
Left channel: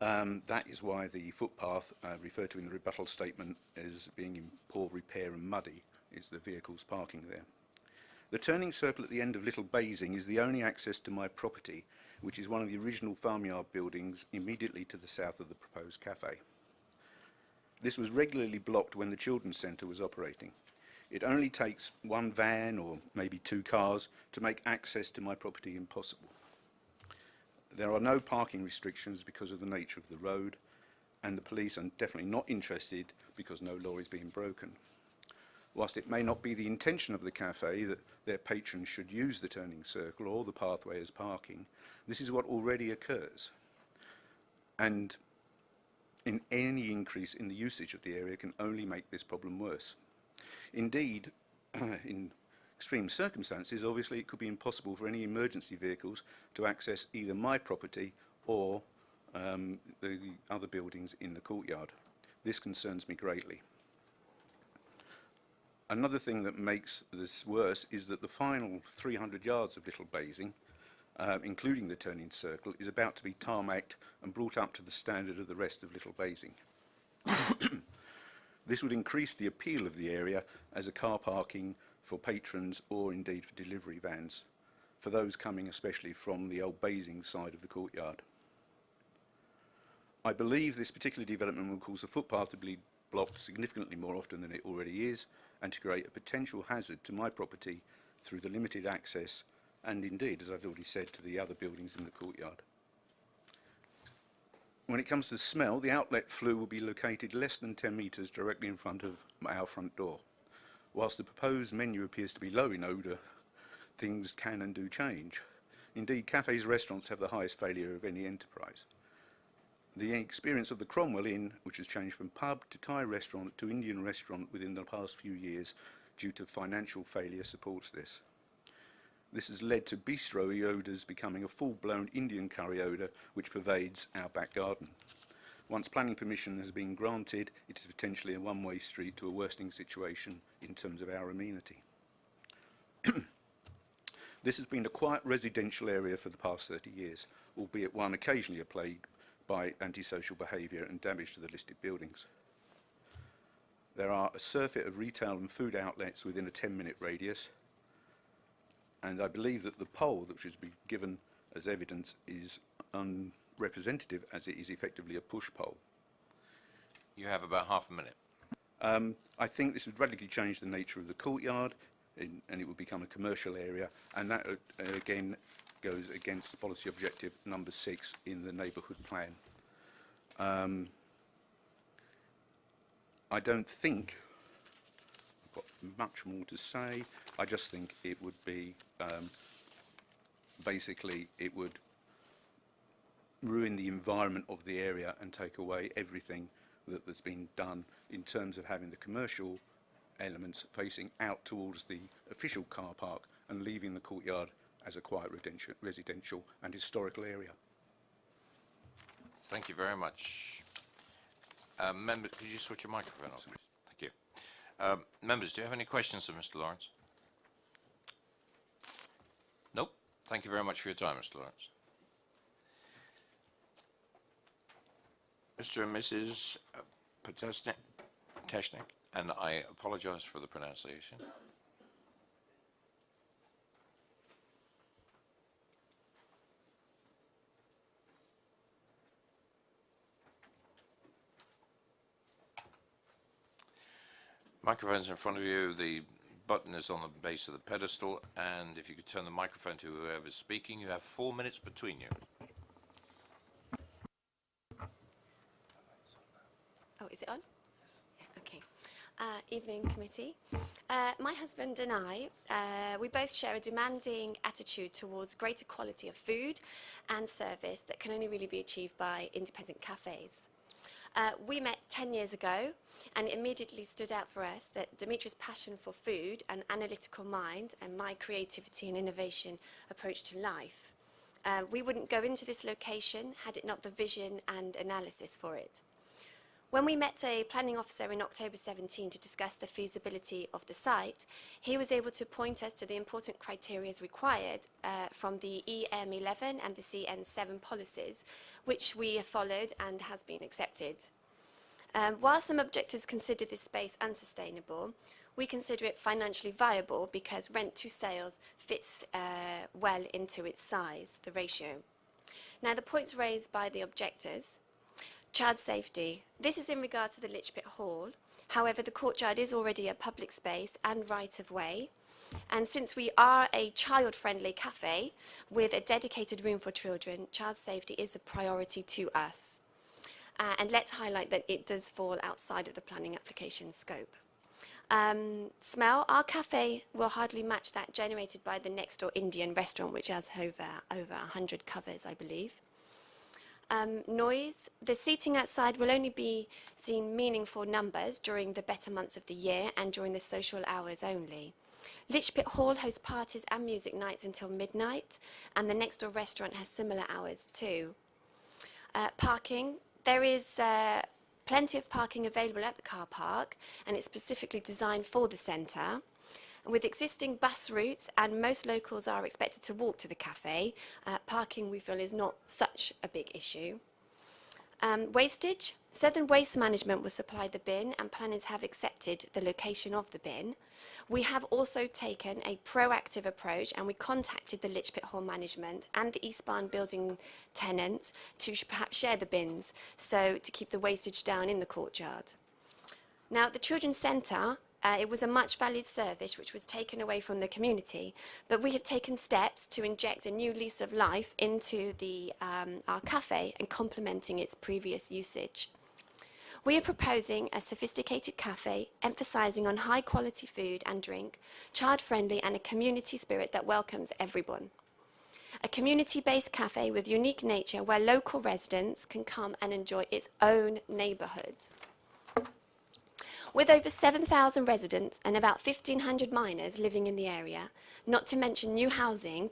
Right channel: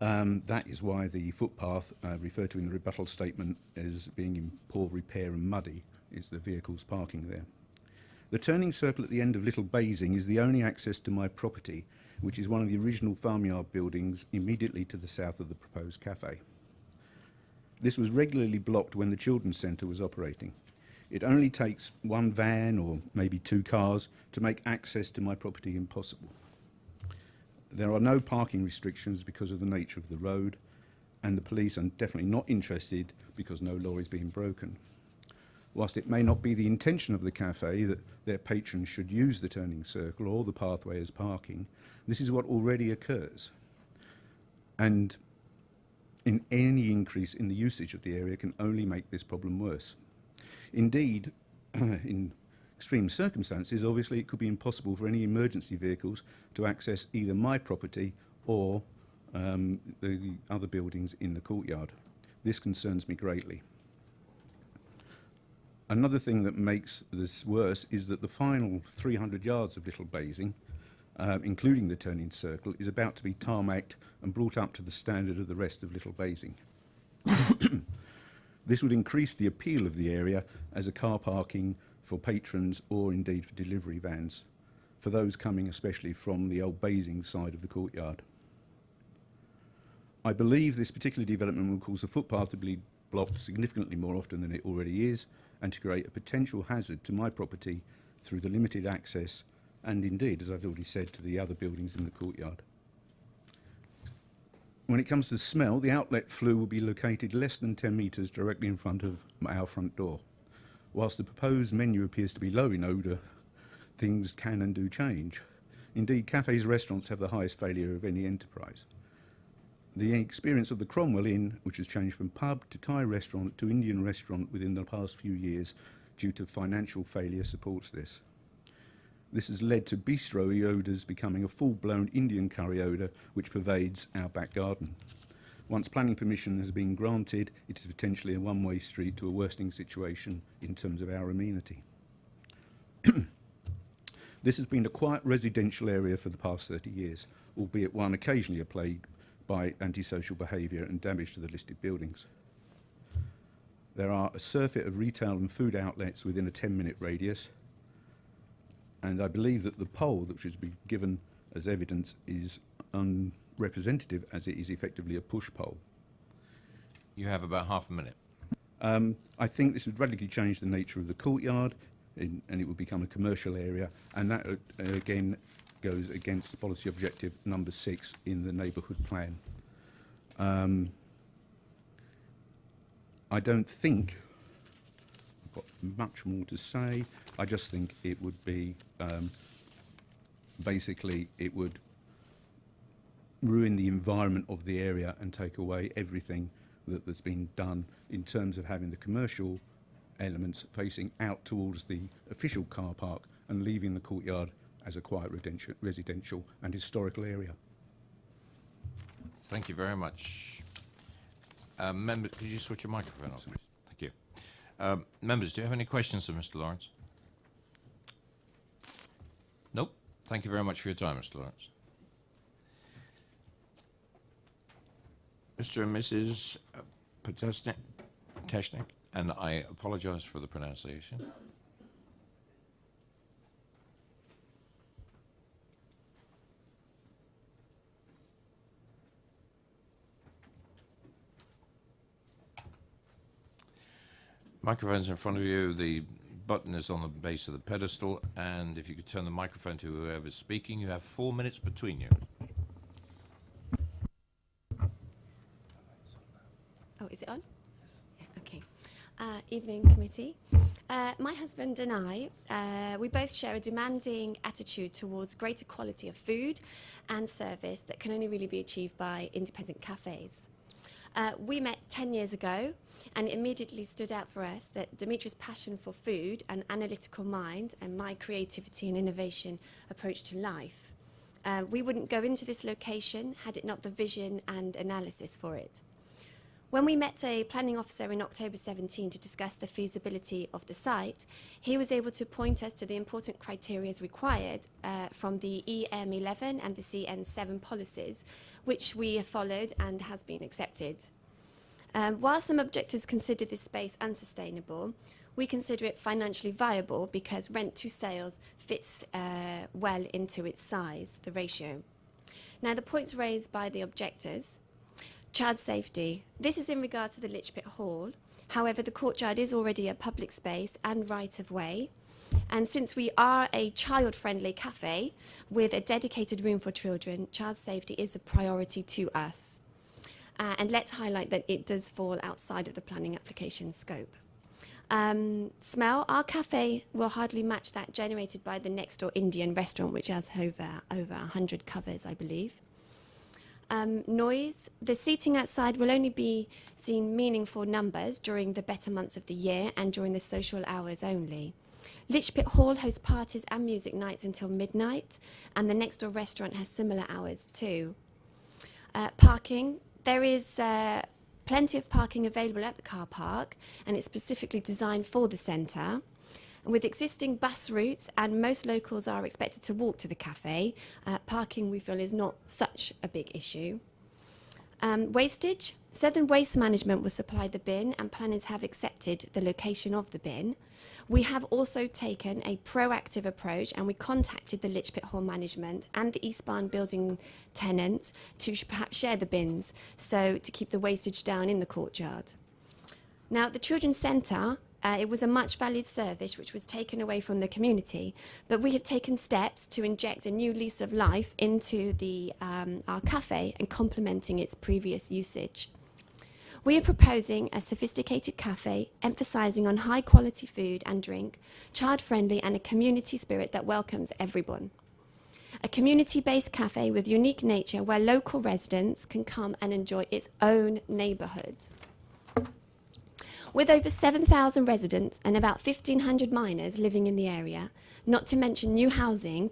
That is why the footpath, referred to in the rebuttal statement as being in poor repair and muddy, is the vehicles parking there. The turning circle at the end of Little Basing is the only access to my property, which is one of the original farmyard buildings immediately to the south of the proposed cafe. This was regularly blocked when the children's centre was operating. It only takes one van or maybe 2 cars to make access to my property impossible. There are no parking restrictions because of the nature of the road, and the police are definitely not interested because no law is being broken. Whilst it may not be the intention of the cafe that their patrons should use the turning circle or the pathway as parking, this is what already occurs. And any increase in the usage of the area can only make this problem worse. Indeed, in extreme circumstances, obviously it could be impossible for any emergency vehicles to access either my property or the other buildings in the courtyard. This concerns me greatly. Another thing that makes this worse is that the final 300 yards of Little Basing, including the turning circle, is about to be tarmacked and brought up to the standard of the rest of Little Basing. This would increase the appeal of the area as a car parking for patrons or indeed for delivery vans, for those coming especially from the Old Basing side of the courtyard. I believe this particular development will cause the footpath to be blocked significantly more often than it already is, and to create a potential hazard to my property through the limited access and indeed, as I've already said, to the other buildings in the courtyard. When it comes to smell, the outlet flue will be located less than 10 metres directly in front of our front door. Whilst the proposed menu appears to be low in odour, things can and do change. Indeed, cafes and restaurants have the highest failure of any enterprise. The experience of the Cromwell Inn, which has changed from pub to Thai restaurant to Indian restaurant within the past few years due to financial failure, supports this. This has led to bistro odours becoming a full-blown Indian curry odour which pervades our back garden. Once planning permission has been granted, it is potentially a one-way street to a worsening situation in terms of our amenity. This has been a quiet residential area for the past 30 years, albeit one occasionally plagued by antisocial behaviour and damage to the listed buildings. There are a surfeit of retail and food outlets within a 10-minute radius, and I believe that the poll that should be given as evidence is unrepresentative, as it is effectively a push poll. You have about half a minute. I think this would radically change the nature of the courtyard, and it would become a commercial area, and that again goes against policy objective number 6 in the neighbourhood plan. I don't think I've got much more to say. I just think it would be basically it would ruin the environment of the area and take away everything that's been done in terms of having the commercial elements facing out towards the official car park and leaving the courtyard as a quiet residential and historical area. Thank you very much. Members, could you switch your microphone off, please? Thank you. Members, do you have any questions of Mr. Lawrence? Nope. Thank you very much for your time, Mr. Lawrence. Mr. and Mrs. Poteshnik, and I apologize for the pronunciation. Microphone's in front of you. The button is on the base of the pedestal, and if you could turn the microphone to whoever's speaking, you have 4 minutes between you. Oh, is it on? Yes. Yeah, okay. Evening, committee. My husband and I, we both share a demanding attitude towards greater quality of food and service that can only really be achieved by independent cafes. We met 10 years ago, and it immediately stood out for us that Dimitri's passion for food and analytical mind and my creativity and innovation approach to life. We wouldn't go into this location had it not the vision and analysis for it. When we met a planning officer in October 17 to discuss the feasibility of the site, he was able to point us to the important criteria required from the EM11 and the CN7 policies, which we have followed and has been accepted. While some objectors consider this space unsustainable, we consider it financially viable because rent to sales fits well into its size, the ratio. Now, the points raised by the objectors. Child safety. This is in regard to the Litchpit Hall. However, the courtyard is already a public space and right-of-way. And since we are a child-friendly cafe with a dedicated room for children, child safety is a priority to us. And let's highlight that it does fall outside of the planning application scope. Smell. Our cafe will hardly match that generated by the next-door Indian restaurant, which has over 100 covers, I believe. Noise. The seating outside will only be seen meaningful numbers during the better months of the year and during the social hours only. Litchpit Hall hosts parties and music nights until midnight, and the next door restaurant has similar hours too. Parking. There is plenty of parking available at the car park, and it's specifically designed for the centre. With existing bus routes, and most locals are expected to walk to the cafe, parking, we feel, is not such a big issue. Wastage. Southern Waste Management will supply the bin, and planners have accepted the location of the bin. We have also taken a proactive approach, and we contacted the Litchpit Hall management and the East Barn building tenants to perhaps share the bins, so to keep the wastage down in the courtyard. Now, the Children's Centre, it was a much valued service which was taken away from the community, but we have taken steps to inject a new lease of life into our cafe and complementing its previous usage. We are proposing a sophisticated cafe emphasising on high quality food and drink, child friendly, and a community spirit that welcomes everyone. A community-based cafe with unique nature where local residents can come and enjoy its own neighbourhood. With over 7,000 residents and about 1,500 miners living in the area, not to mention new housing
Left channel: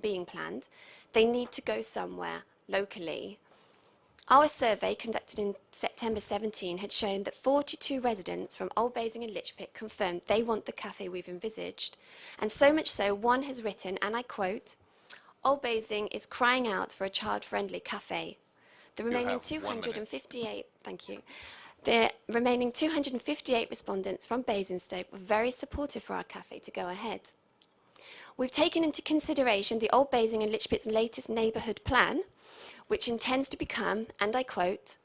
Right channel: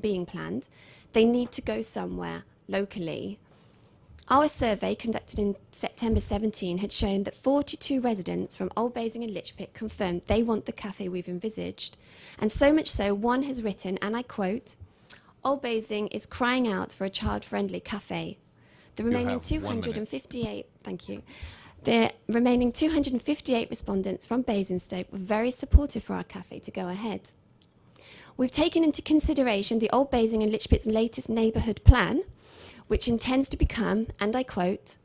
being planned, they need to go somewhere locally. Our survey, conducted in September 17, had shown that 42 residents from Old Basing and Lichpit confirmed they want the cafe we've envisaged. And so much so, one has written, and I quote, "Old Basing is crying out for a child-friendly cafe." The remaining have 1 minute. 258, thank you. The remaining 258 respondents from Basingstoke were very supportive for our cafe to go ahead. We've taken into consideration the Old Basing and Lichpit's latest neighbourhood plan, which intends to become, and I quote,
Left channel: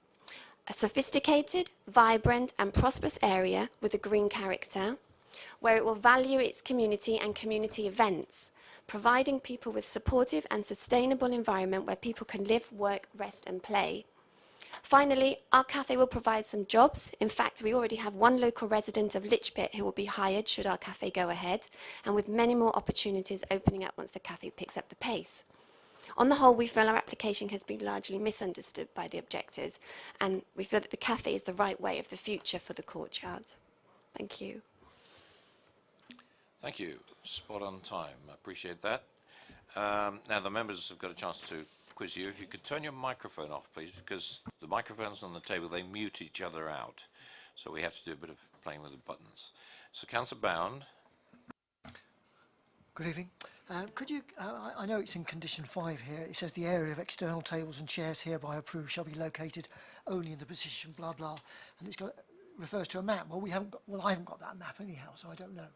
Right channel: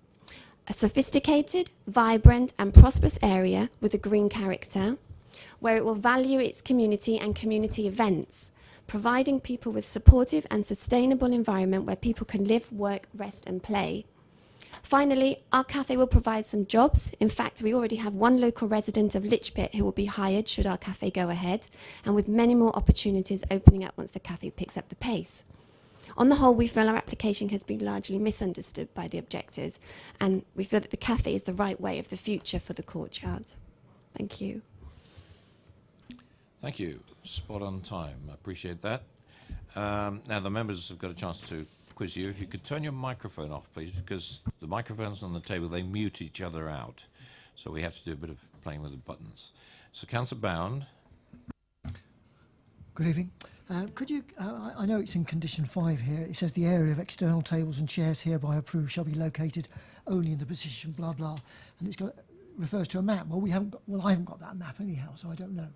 "a sophisticated, vibrant and prosperous area with a green character, where it will value its community and community events, providing people with supportive and sustainable environment where people can live, work, rest and play. Finally, our cafe will provide some jobs. In fact, we already have one local resident of Lichpit who will be hired should our cafe go ahead, and with many more opportunities opening up once the cafe picks up the pace. On the whole, we feel our application has been largely misunderstood by the objectors, and we feel that the cafe is the right way of the future for the courtyard." Thank you. Thank you. Spot on time. I appreciate that. Now, the members have got a chance to quiz you. If you could turn your microphone off, please, because the microphones on the table, they mute each other out. So we have to do a bit of playing with the buttons. So, Councillor Bound. Good evening. Could you, I know it's in condition 5 here, it says the area of external tables and chairs hereby approved shall be located only in the position blah blah, and it's got, refers to a map. Well, I haven't got that map anyhow, so I don't know.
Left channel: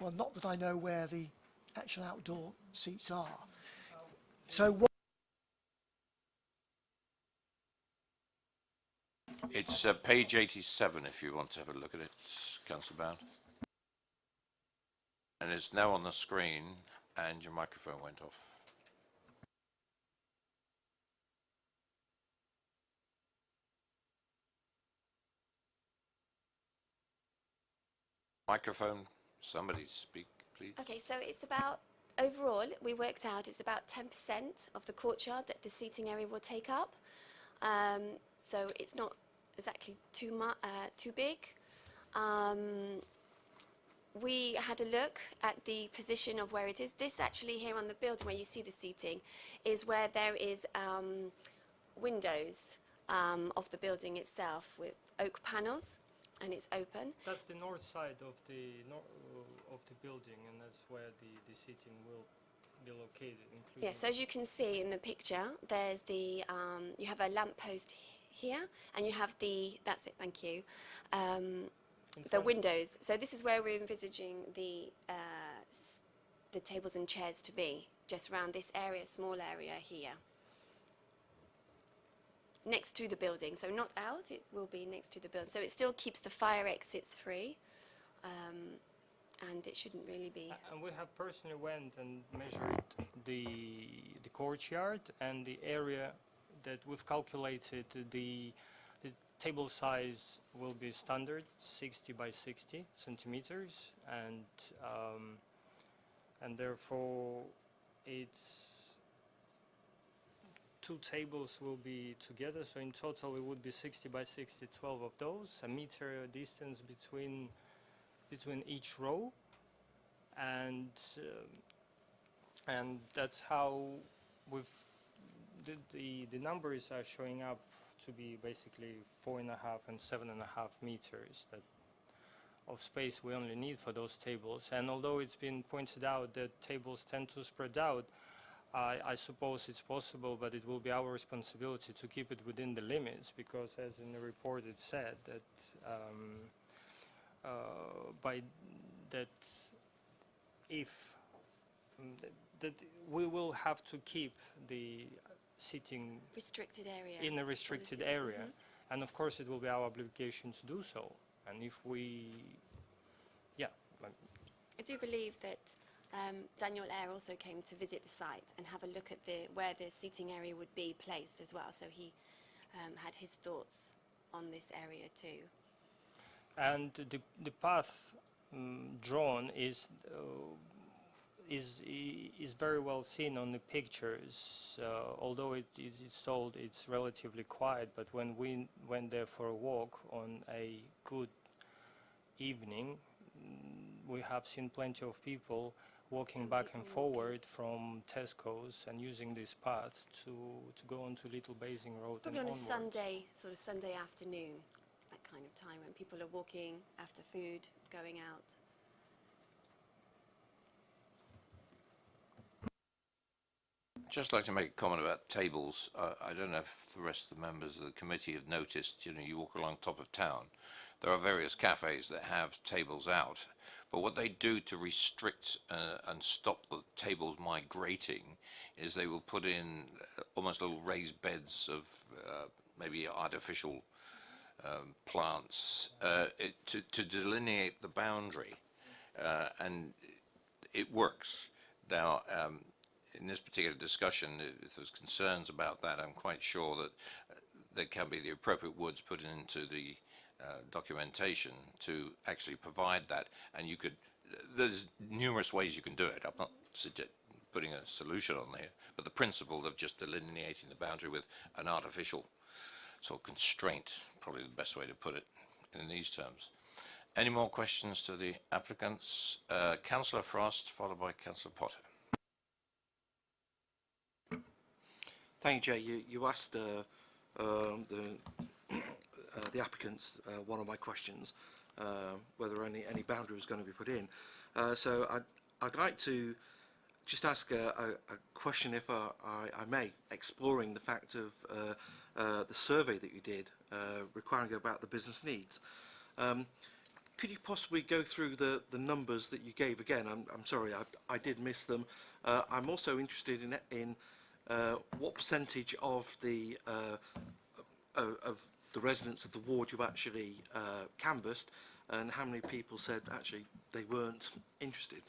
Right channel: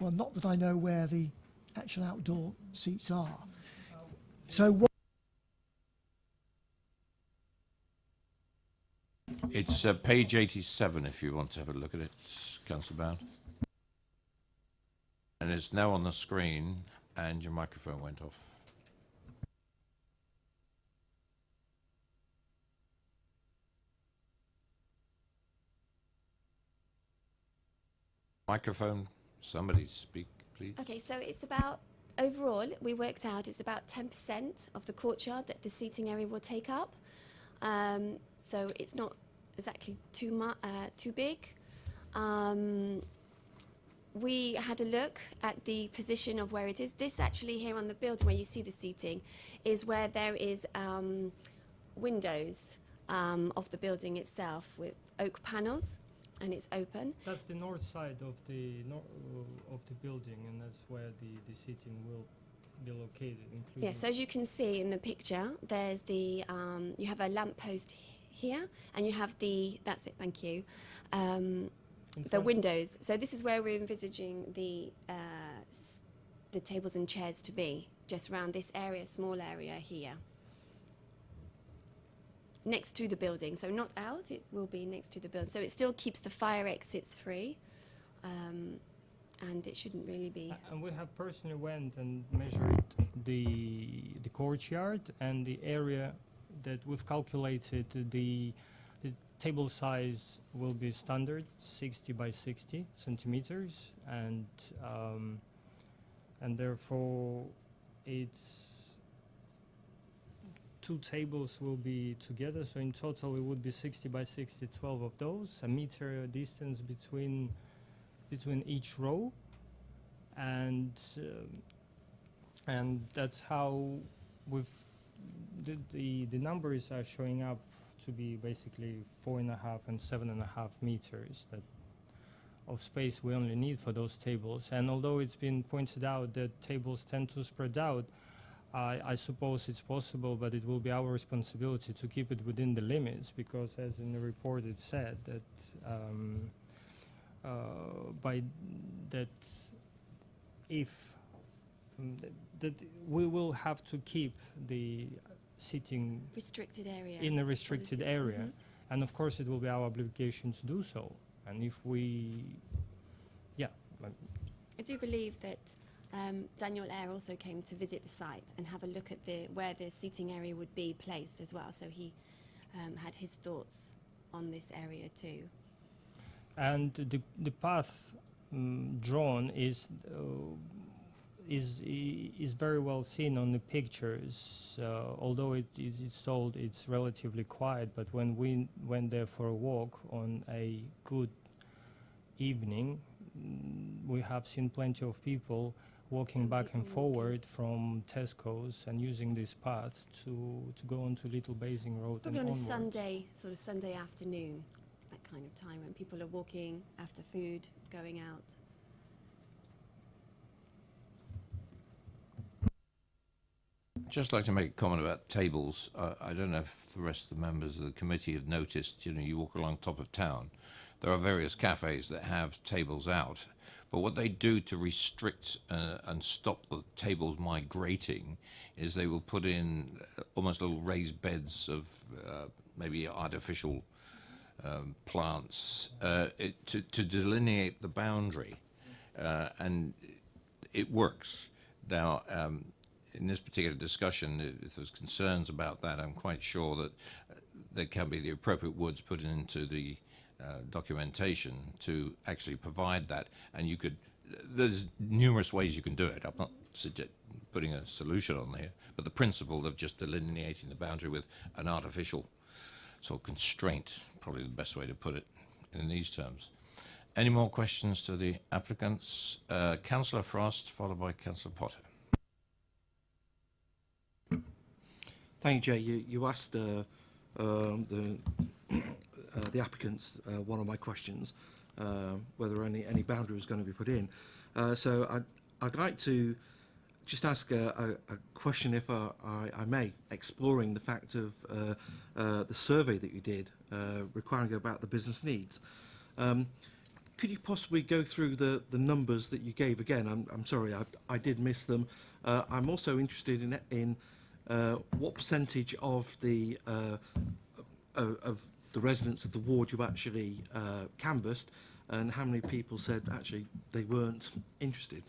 Well, not that I know where the actual outdoor seats are. So what? It's page 87 if you want to have a look at it, Councillor Bound. And it's now on the screen, and your microphone went off. Microphone, somebody speak, please. Okay, so it's about, overall, we worked out it's about 10% of the courtyard that the seating area will take up. So it's not exactly too big. We had a look at the position of where it is. This actually here on the building where you see the seating is where there is windows of the building itself with oak panels, and it's open. That's the north side of the building, and that's where the seating will be located. Yes, as you can see in the picture, there's the you have a lamppost here, and you have the, that's it, thank you, the windows. So this is where we're envisaging the tables and chairs to be, just around this area, small area here, next to the building. So not out, it will be next to the building. So it still keeps the fire exits free, and it shouldn't really be. And we have personally went and measured the courtyard and the area that we've calculated. The table size will be standard 60 by 60 centimeters, and therefore it's 2 tables will be together, so in total it would be 60 by 60, 12 of those, a meter distance between each row, and that's how we've the numbers are showing up to be basically 4.5 and 7.5 meters that of space we only need for those tables. And although it's been pointed out that tables tend to spread out, I suppose it's possible, but it will be our responsibility to keep it within the limits, because as in the report it said that that we will have to keep the seating restricted area in a restricted area, and of course it will be our obligation to do so. And if we, I do believe that Daniel Eyre also came to visit the site and have a look at where the seating area would be placed as well, so he had his thoughts on this area too. And the path drawn is very well seen on the pictures. Although it's told it's relatively quiet, but when we went there for a walk on a good evening, we have seen plenty of people walking back and forward from Tesco's and using this path to go onto Little Basing Road Probably and on a onwards. Sunday, sort of Sunday afternoon, that kind of time when people are walking after food, going out. Just like to make a comment about tables. I don't know if the rest of the members of the committee have noticed, you know, you walk along top of town, there are various cafes that have tables out, but what they do to restrict and stop the tables migrating is they will put in almost little raised beds of maybe artificial plants to delineate the boundary, and it works. Now, in this particular discussion, if there's concerns about that, I'm quite sure that there can be the appropriate words put into the documentation to actually provide that. And you could, there's numerous ways you can do it. I'm not putting a solution on there, but the principle of just delineating the boundary with an artificial sort of constraint, probably the best way to put it in these terms. Any more questions to the applicants? Councillor Frost, followed by Councillor Potter. Thank you, Jay. You asked the applicants one of my questions, whether any boundary was going to be put in. So I'd like to just ask a question, if I may, exploring the fact of the survey that you did, requiring about the business needs. Could you possibly go through the numbers that you gave again? I'm sorry, I did miss them. I'm also interested in what percentage of the residents of the ward you actually canvassed, and how many people said actually they weren't interested?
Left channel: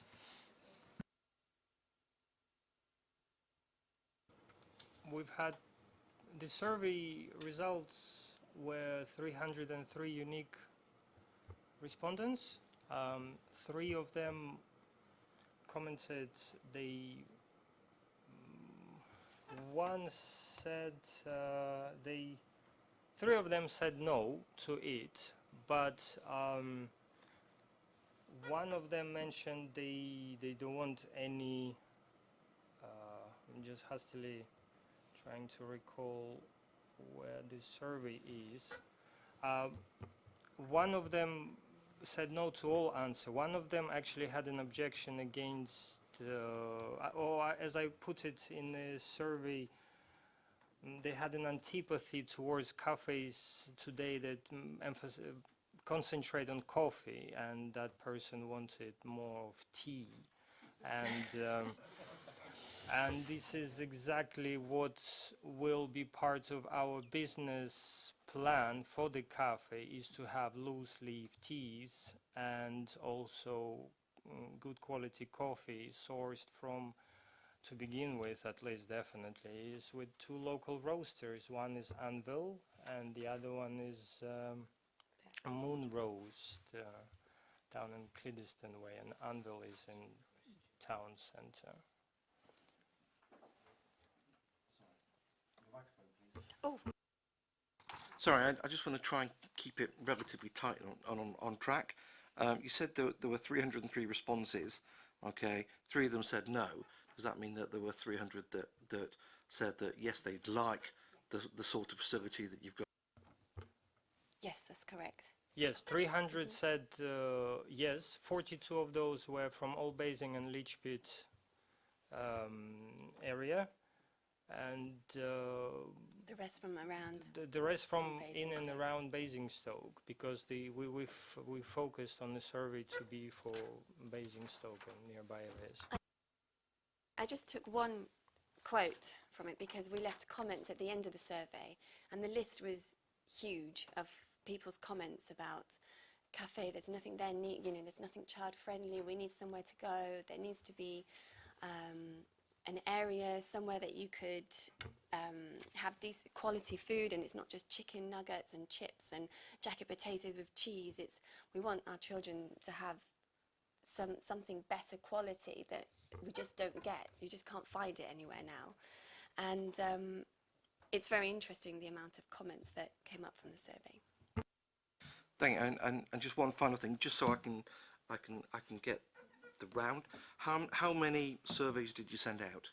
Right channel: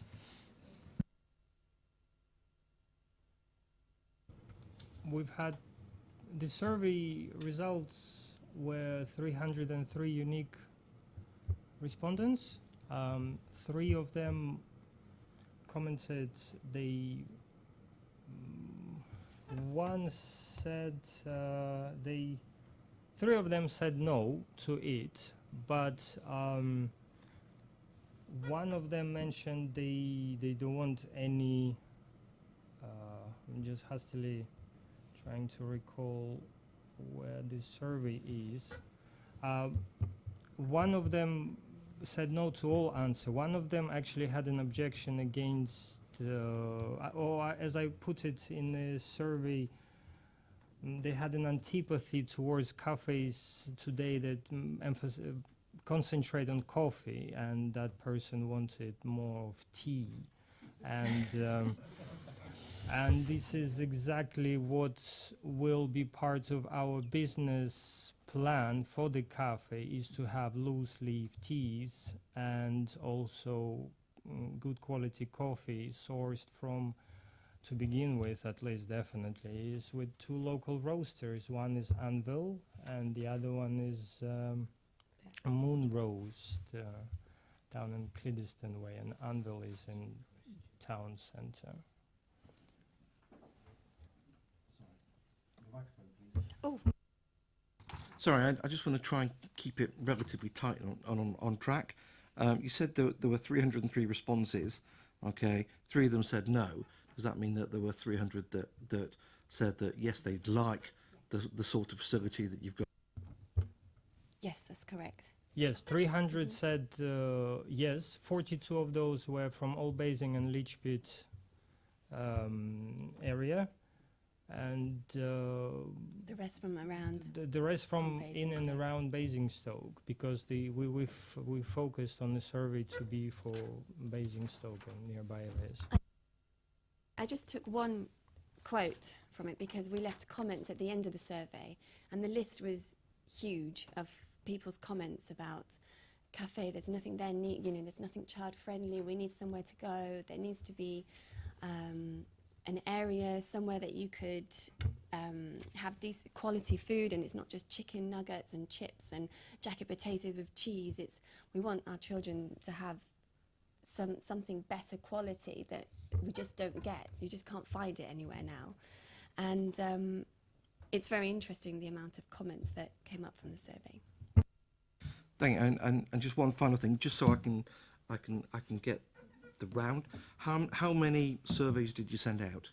We've had the survey results were 303 unique respondents. 3 of them commented one said 3 of them said no to it, but one of them mentioned they don't want any. I'm just hastily trying to recall where this survey is. One of them said no to all answer. One of them actually had an objection against, as I put it in the survey, they had an antipathy towards cafes today that concentrate on coffee, and that person wanted more of tea. And and this is exactly what will be part of our business plan for the cafe, is to have loose leaf teas and also good quality coffee sourced from, to begin with at least definitely, is with 2 local roasters. One is Anvil and the other one is Moon Roast down in Cliddeston Way, and Anvil is in town centre. Oh. Sorry, I just want to try and keep it relatively tight on track. You said there were 303 responses. Okay, 3 of them said no. Does that mean that there were 300 that said that yes, they'd like the sort of facility that you've got? Yes, that's correct. Yes, 300 said yes. 42 of those were from Old Basing and Lichpit area, and the rest from around. The rest from in and around Basingstoke, because we focused on the survey to be for Basingstoke and nearby areas. I just took one quote from it because we left comments at the end of the survey, and the list was huge of people's comments about cafe. There's nothing there, there's nothing child friendly. We need somewhere to go. There needs to be an area, somewhere that you could have decent quality food, and it's not just chicken nuggets and chips and jacket potatoes with cheese. We want our children to have something better quality that we just don't get. You just can't find it anywhere now. And it's very interesting, the amount of comments that came up from the survey. Thank you. And just one final thing, just so I can get the round. How many surveys did you send out?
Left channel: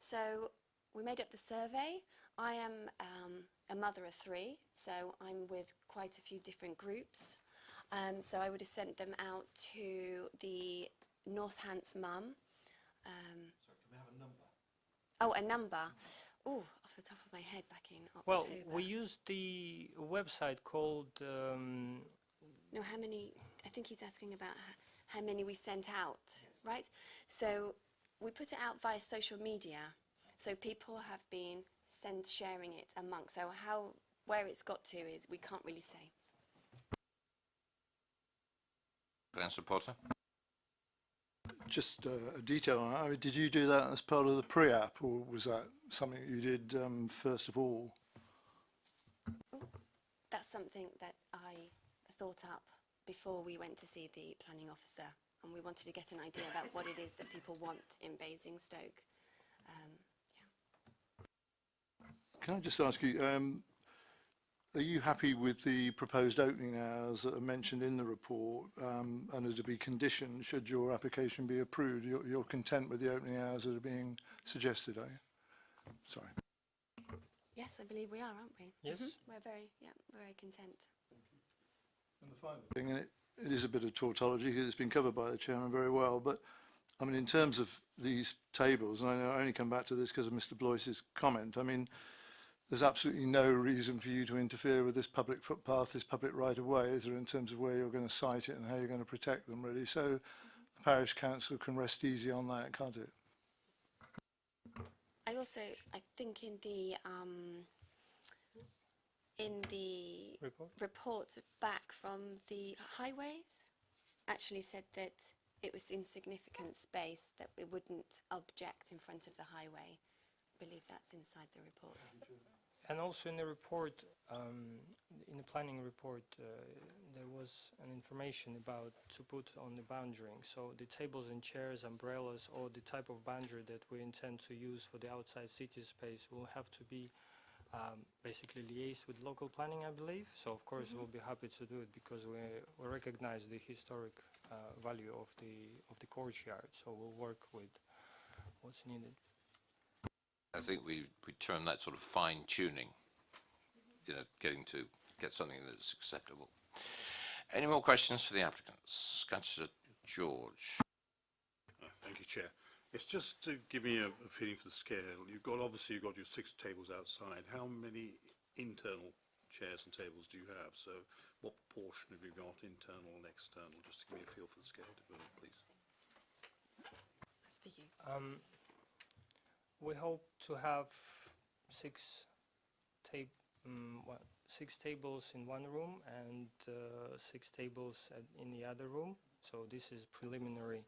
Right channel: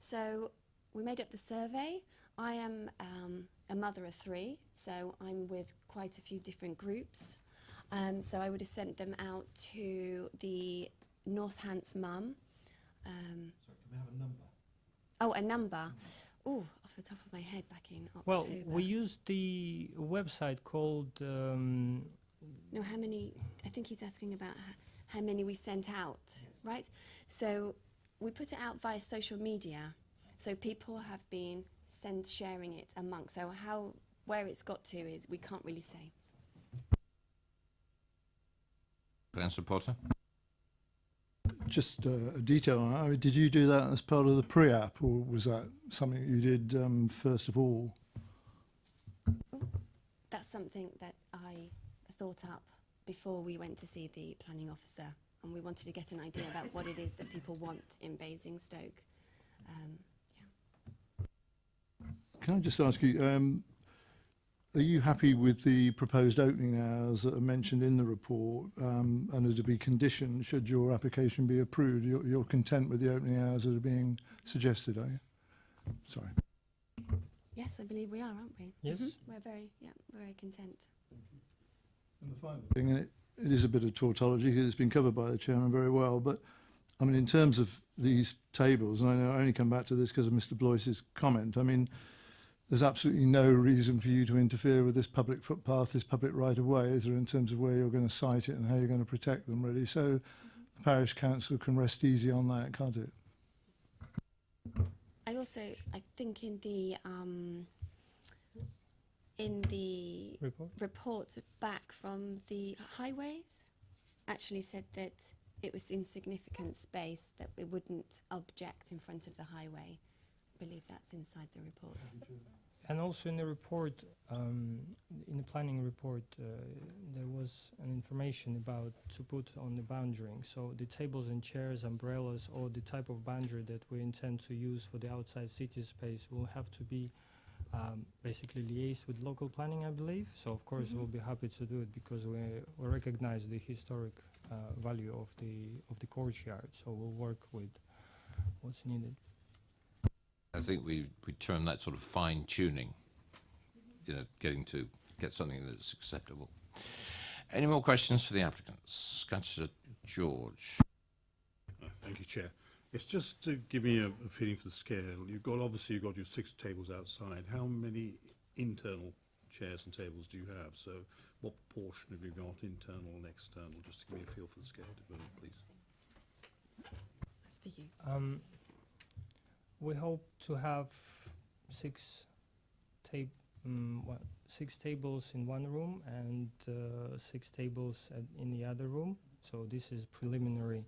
So we made up the survey. I am a mother of 3, so I'm with quite a few different groups. So I would have sent them out to the Northants mum. Sorry, can we have a number? Oh, a number. Oh, off the top of my head, back in October. Well, we used the website called. No, how many? I think he's asking about how many we sent out, right? So we put it out via social media, so people have been sharing it amongst. So where it's got to is we can't really say. Councillor Potter? Just a detail on that. I mean, did you do that as part of the pre-app, or was that something that you did first of all? That's something that I thought up before we went to see the planning officer, and we wanted to get an idea about what it is that people want in Basingstoke. Can I just ask you, are you happy with the proposed opening hours that are mentioned in the report, and are to be conditioned should your application be approved? You're content with the opening hours that are being suggested, are you? Sorry. Yes, I believe we are, aren't we? Yes. We're very content. And the final thing, and it is a bit of tautology because it's been covered by the chairman very well, but I mean, in terms of these tables, and I know I only come back to this because of Mr. Blois's comment, I mean, there's absolutely no reason for you to interfere with this public footpath, this public right-of-way, is there, in terms of where you're going to site it and how you're going to protect them, really. So the parish council can rest easy on that, can't it? I think in the report back from the highways, actually said that it was in significant space, that we wouldn't object in front of the highway. I believe that's inside the report. And also in the report, in the planning report, there was an information about to put on the boundarying. So the tables and chairs, umbrellas, or the type of boundary that we intend to use for the outside city space will have to be basically liaised with local planning, I believe. So of course we'll be happy to do it because we recognize the historic value of the courtyard. So we'll work with what's needed. I think we term that sort of fine tuning, you know, get something that's acceptable. Any more questions for the applicants? Councillor George. Thank you, Chair. It's just to give me a feeling for the scale. Obviously you've got your 6 tables outside. How many internal chairs and tables do you have? So what proportion have you got, internal and external? Just to give me a feel for the scale, please. Speaking. We hope to have 6 tables in one room and 6 tables in the other room. So this is preliminary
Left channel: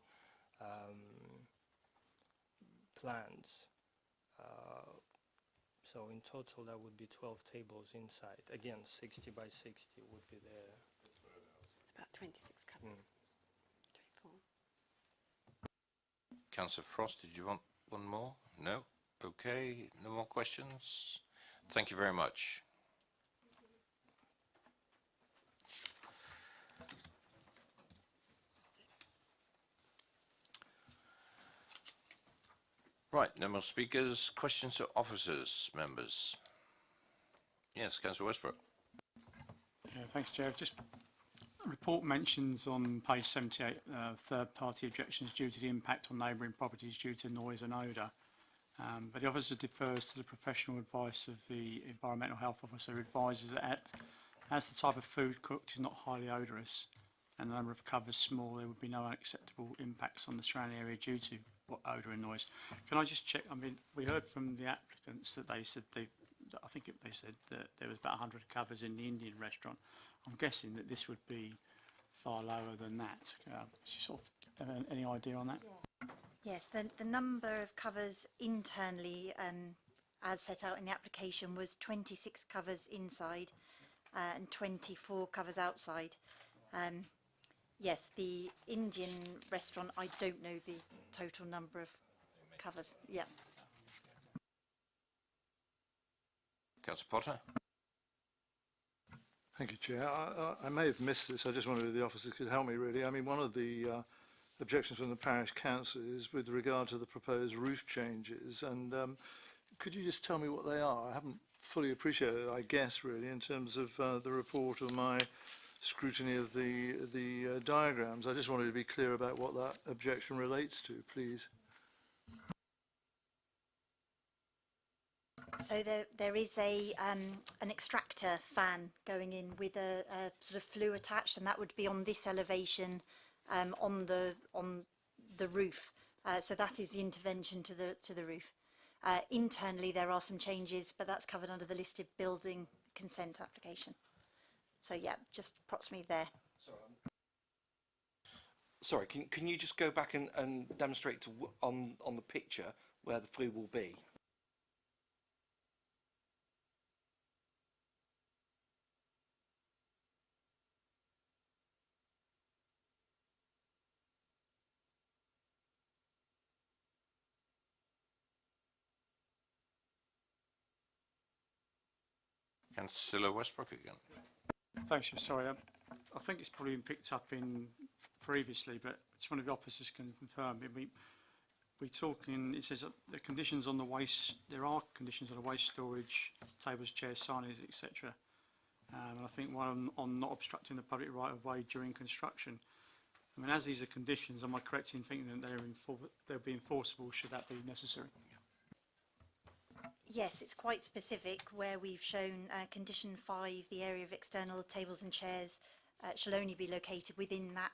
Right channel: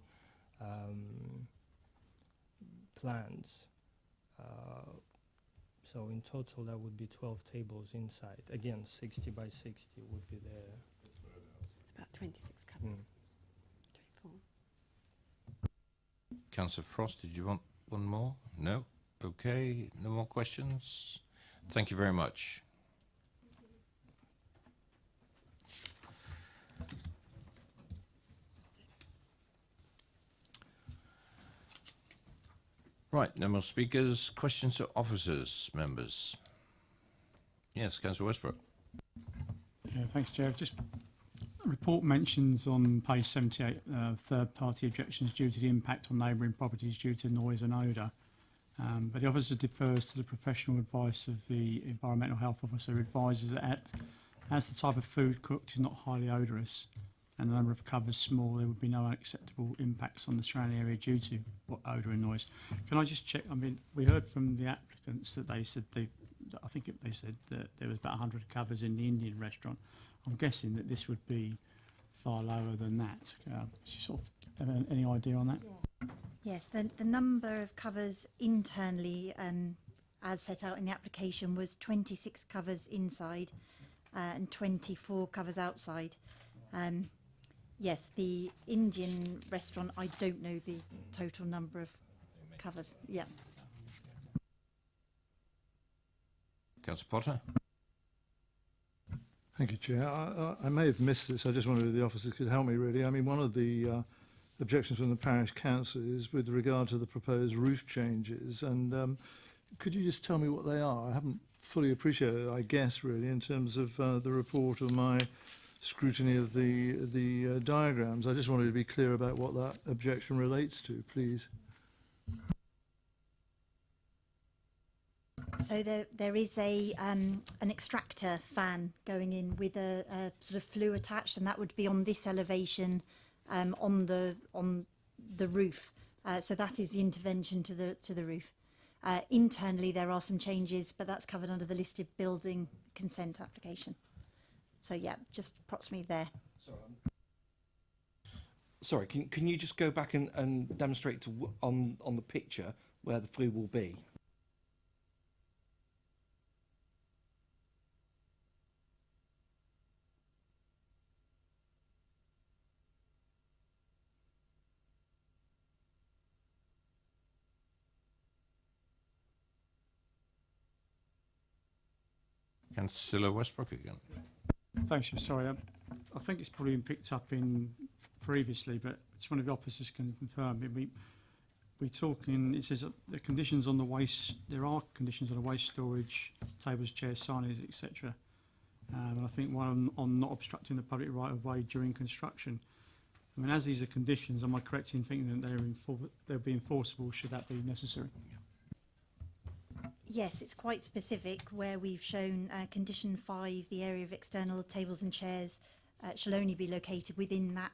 plans. So in total that would be 12 tables inside. Again, 60 by 60 would be there. It's about 26 covers. 24. Councillor Frost, did you want one more? No? Okay, no more questions? Thank you very much. Right, no more speakers. Questions to officers, members? Yes, Councillor Westbrook. Yeah, thanks, Chair. Just a report mentions on page 78 third-party objections due to the impact on neighbouring properties due to noise and odour. But the officer defers to the professional advice of the environmental health officer, advises that as the type of food cooked is not highly odorous and the number of covers small, there would be no unacceptable impacts on the surrounding area due to odour and noise. Can I just check? I mean, we heard from the applicants that they said they said that there was about 100 covers in the Indian restaurant. I'm guessing that this would be far lower than that. Sort of have any idea on that? Yeah. Yes, the number of covers internally, as set out in the application, was 26 covers inside and 24 covers outside. Yes, the Indian restaurant, I don't know the total number of covers. Yeah. Councillor Potter. Thank you, Chair. I may have missed this. I just wondered if the officers could help me, really. I mean, one of the objections from the parish council is with regard to the proposed roof changes. And could you just tell me what they are? I haven't fully appreciated it, I guess, really, in terms of the report or my scrutiny of the diagrams. I just wanted to be clear about what that objection relates to, please. So there is an extractor fan going in with a sort of flue attached, and that would be on this elevation on the roof. So that is the intervention to the roof. Internally, there are some changes, but that's covered under the listed building consent application. So yeah, just approximately there. Sorry, can you just go back and demonstrate on the picture where the flue will be? Councillor Westbrook again. Thanks, Chair. Sorry, I think it's probably been picked up in previously, but just one of the officers can confirm. We're talking, it says that the conditions on the waste, there are conditions on the waste storage, tables, chairs, signage, etc. And I think one on not obstructing the public right of way during construction. I mean, as these are conditions, am I correct in thinking that they'll be enforceable should that be necessary? Yes, it's quite specific where we've shown condition 5, the area of external tables and chairs shall only be located within that,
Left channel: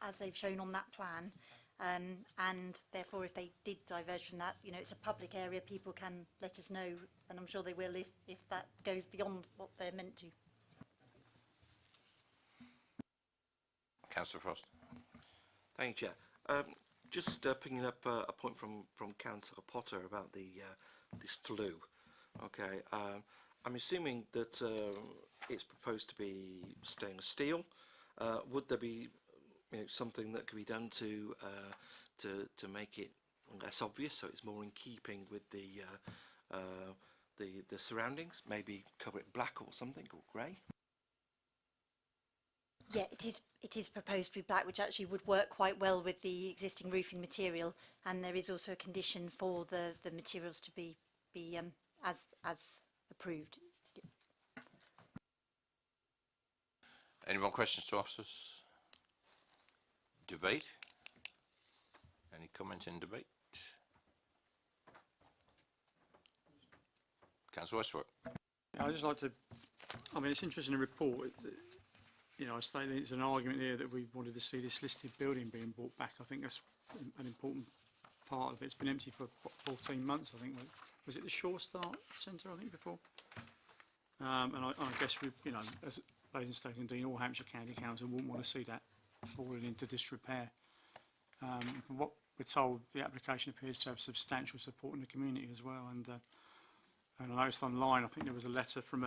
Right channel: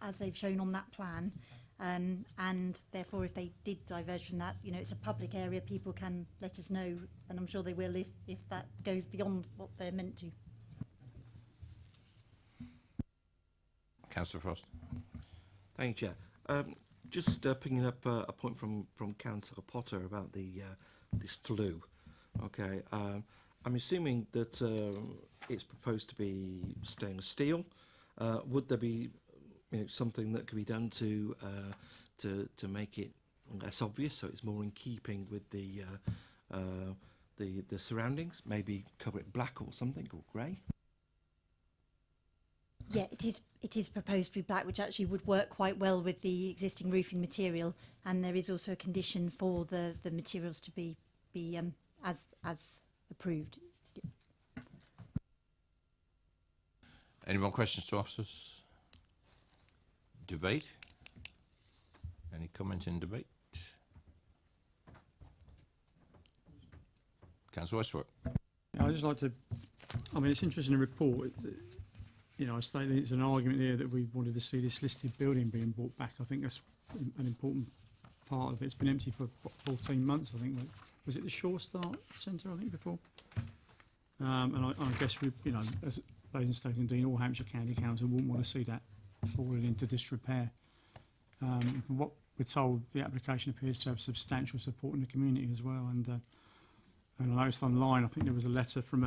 as they've shown on that plan. And therefore, if they did diverge from that, you know, it's a public area, people can let us know, and I'm sure they will if that goes beyond what they're meant to. Councillor Frost. Thank you, Chair. Just picking up a point from Councillor Potter about the this flue. Okay, I'm assuming that it's proposed to be stainless steel. Would there be something that could be done to make it less obvious, so it's more in keeping with the surroundings? Maybe cover it black or something, or grey. Yeah, it is proposed to be black, which actually would work quite well with the existing roofing material. And there is also a condition for the materials to be as approved. Any more questions to officers? Debate? Any comments in debate? Councillor Westbrook. I'd just like to, I mean, it's interesting in the report. You know, I stated it's an argument here that we wanted to see this listed building being brought back. I think that's an important part of it. It's been empty for what, 14 months, I think. Was it the Shore Start Centre, I think, before? And I guess we, you know, as Basingstoke and Dean, all Hampshire County Council wouldn't want to see that falling into disrepair. From what we're told, the application appears to have substantial support in the community as well. And I noticed online, I think there was a letter from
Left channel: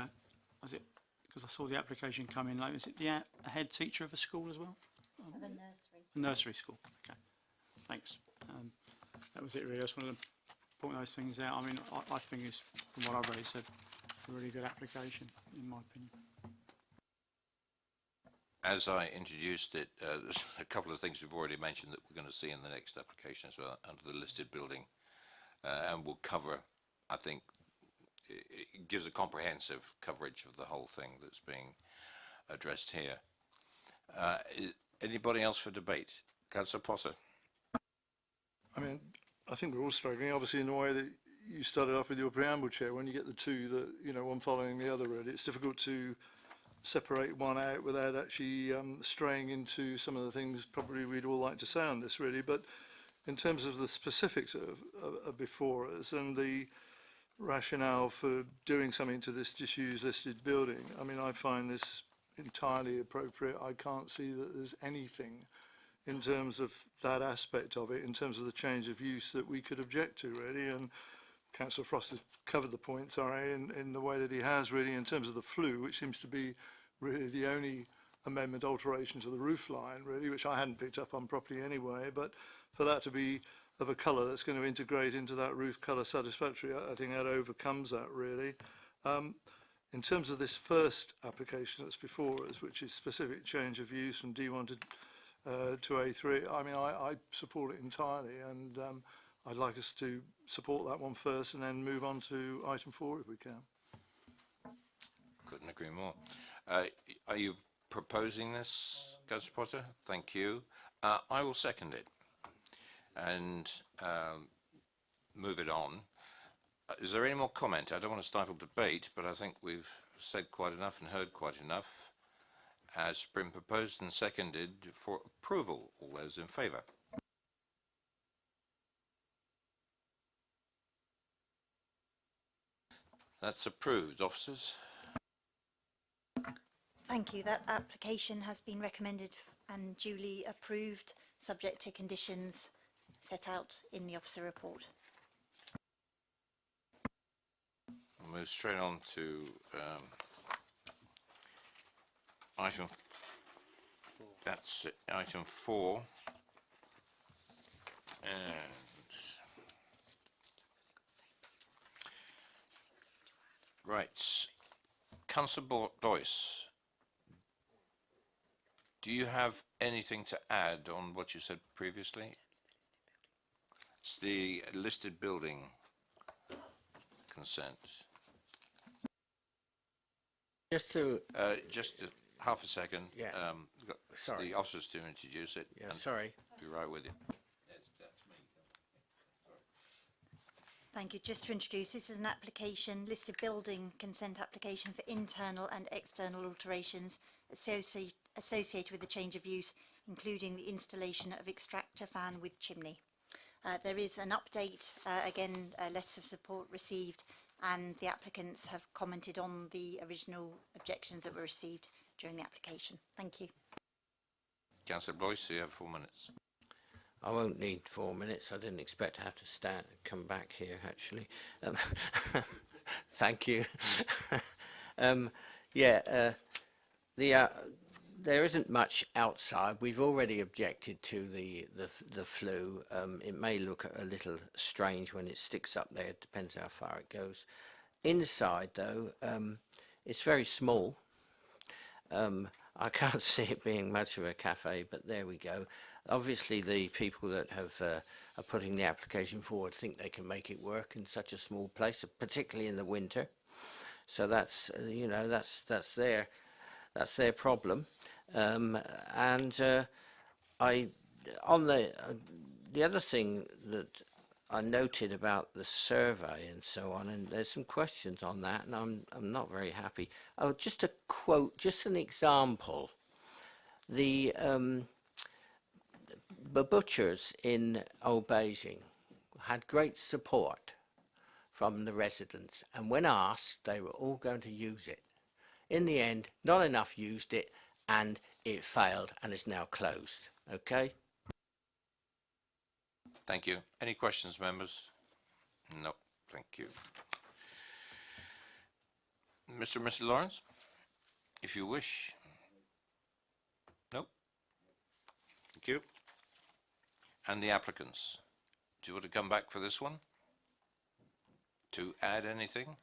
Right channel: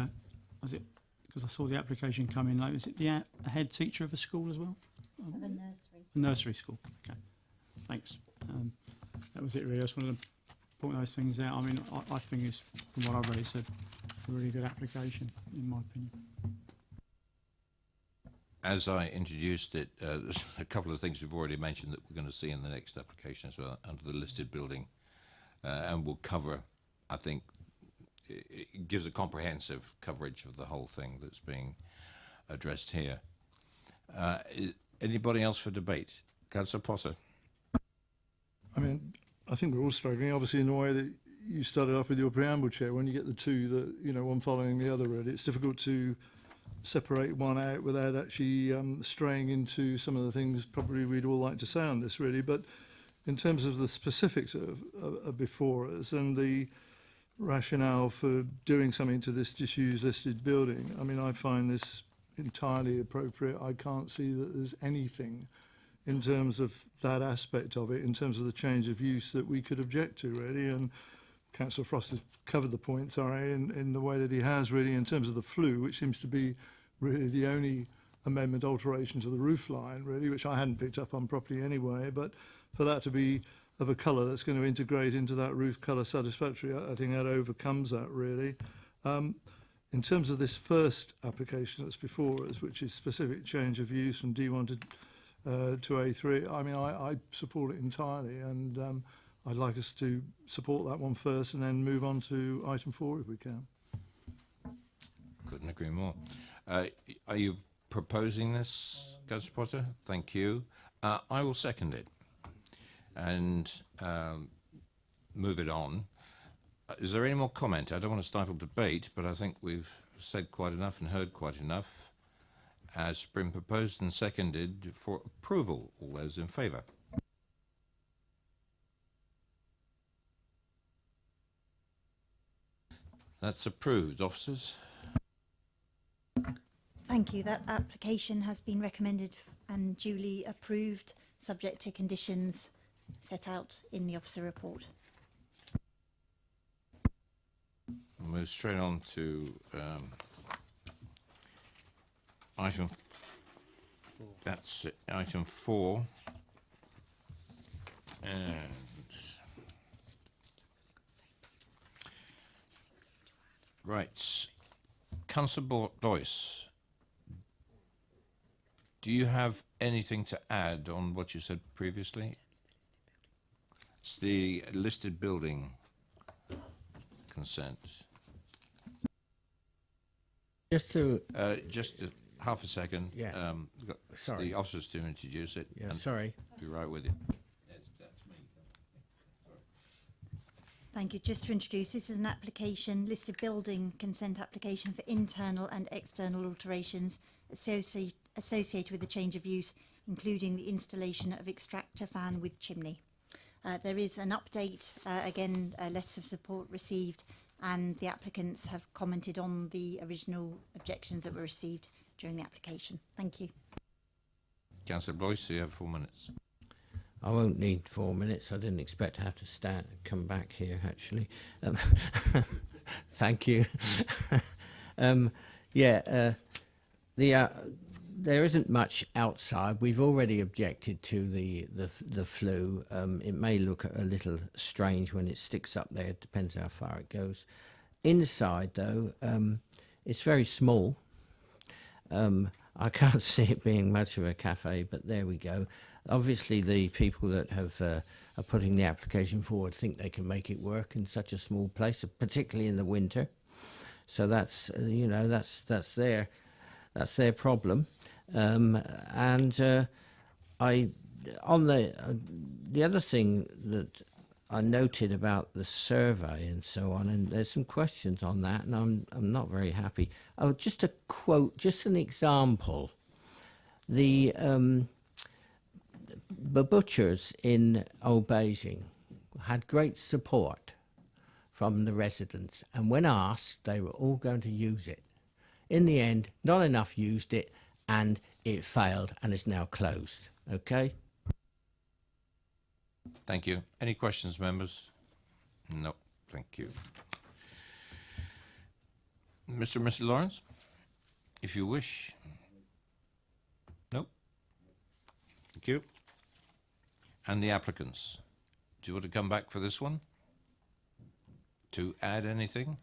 was it, because I saw the application come in late, was it a head teacher of a school as well? Of a nursery. A nursery school, okay. Thanks. That was it really. I just wanted to point those things out. I mean, I think it's, from what I've read, it's a really good application, in my opinion. As I introduced it, there's a couple of things we've already mentioned that we're going to see in the next application as well, under the listed building, and we'll cover, I think, it gives a comprehensive coverage of the whole thing that's being addressed here. Anybody else for debate? Councillor Potter. I mean, I think we're all struggling, obviously, in the way that you started off with your preamble, Chair. When you get the two that, you know, one following the other, really, it's difficult to separate one out without actually straying into some of the things probably we'd all like to say on this, really. But in terms of the specifics of before us and the rationale for doing something to this disused listed building, I mean, I find this entirely appropriate. I can't see that there's anything in terms of that aspect of it, in terms of the change of use, that we could object to, really. And Councillor Frost has covered the point, sorry, in the way that he has, really, in terms of the flue, which seems to be really the only amendment alteration to the roof line, really, which I hadn't picked up on properly anyway. But for that to be of a colour that's going to integrate into that roof colour satisfactory, I think that overcomes that, really. In terms of this first application that's before us, which is specific change of use from D1 to A3, I mean, I support it entirely, and I'd like us to support that one first and then move on to item 4 if we can. Couldn't agree more. Are you proposing this, Councillor Potter? Thank you. I will second it and move it on. Is there any more comment? I don't want to stifle debate, but I think we've said quite enough and heard quite enough. As been proposed and seconded for approval. All those in favour? That's approved. Officers? Thank you. That application has been recommended and duly approved, subject to conditions set out in the officer report. We'll move straight on to item. That's it, item 4. And right, Councillor Boyce, do you have anything to add on what you said previously? It's the listed building consent. Just half a second. Yeah. Sorry. The officers to introduce it. Yeah, and sorry. Be right with you. Thank you. Just to introduce, this is an application, listed building consent application for internal and external alterations associated with the change of use, including the installation of extractor fan with chimney. There is an update, again, letters of support received, and the applicants have commented on the original objections that were received during the application. Thank you. Councillor Boyce, you have 4 minutes. I won't need 4 minutes. I didn't expect to have to come back here, actually. Thank you. There isn't much outside. We've already objected to the flue. It may look a little strange when it sticks up there. It depends how far it goes. Inside, though, it's very small. I can't see it being much of a cafe, but there we go. Obviously, the people that are putting the application forward think they can make it work in such a small place, particularly in the winter. So that's that's their problem. The other thing that I noted about the survey and so on, and there's some questions on that, and I'm not very happy. Oh, just a quote, just an example. The butchers in Old Basing had great support from the residents, and when asked, they were all going to use it. In the end, not enough used it, and it failed and is now closed. Okay? Thank you. Any questions, members? No. Thank you. Mr. and Mrs. Lawrence, if you wish. No. Thank you. And the applicants, do you want to come back for this one? To add anything?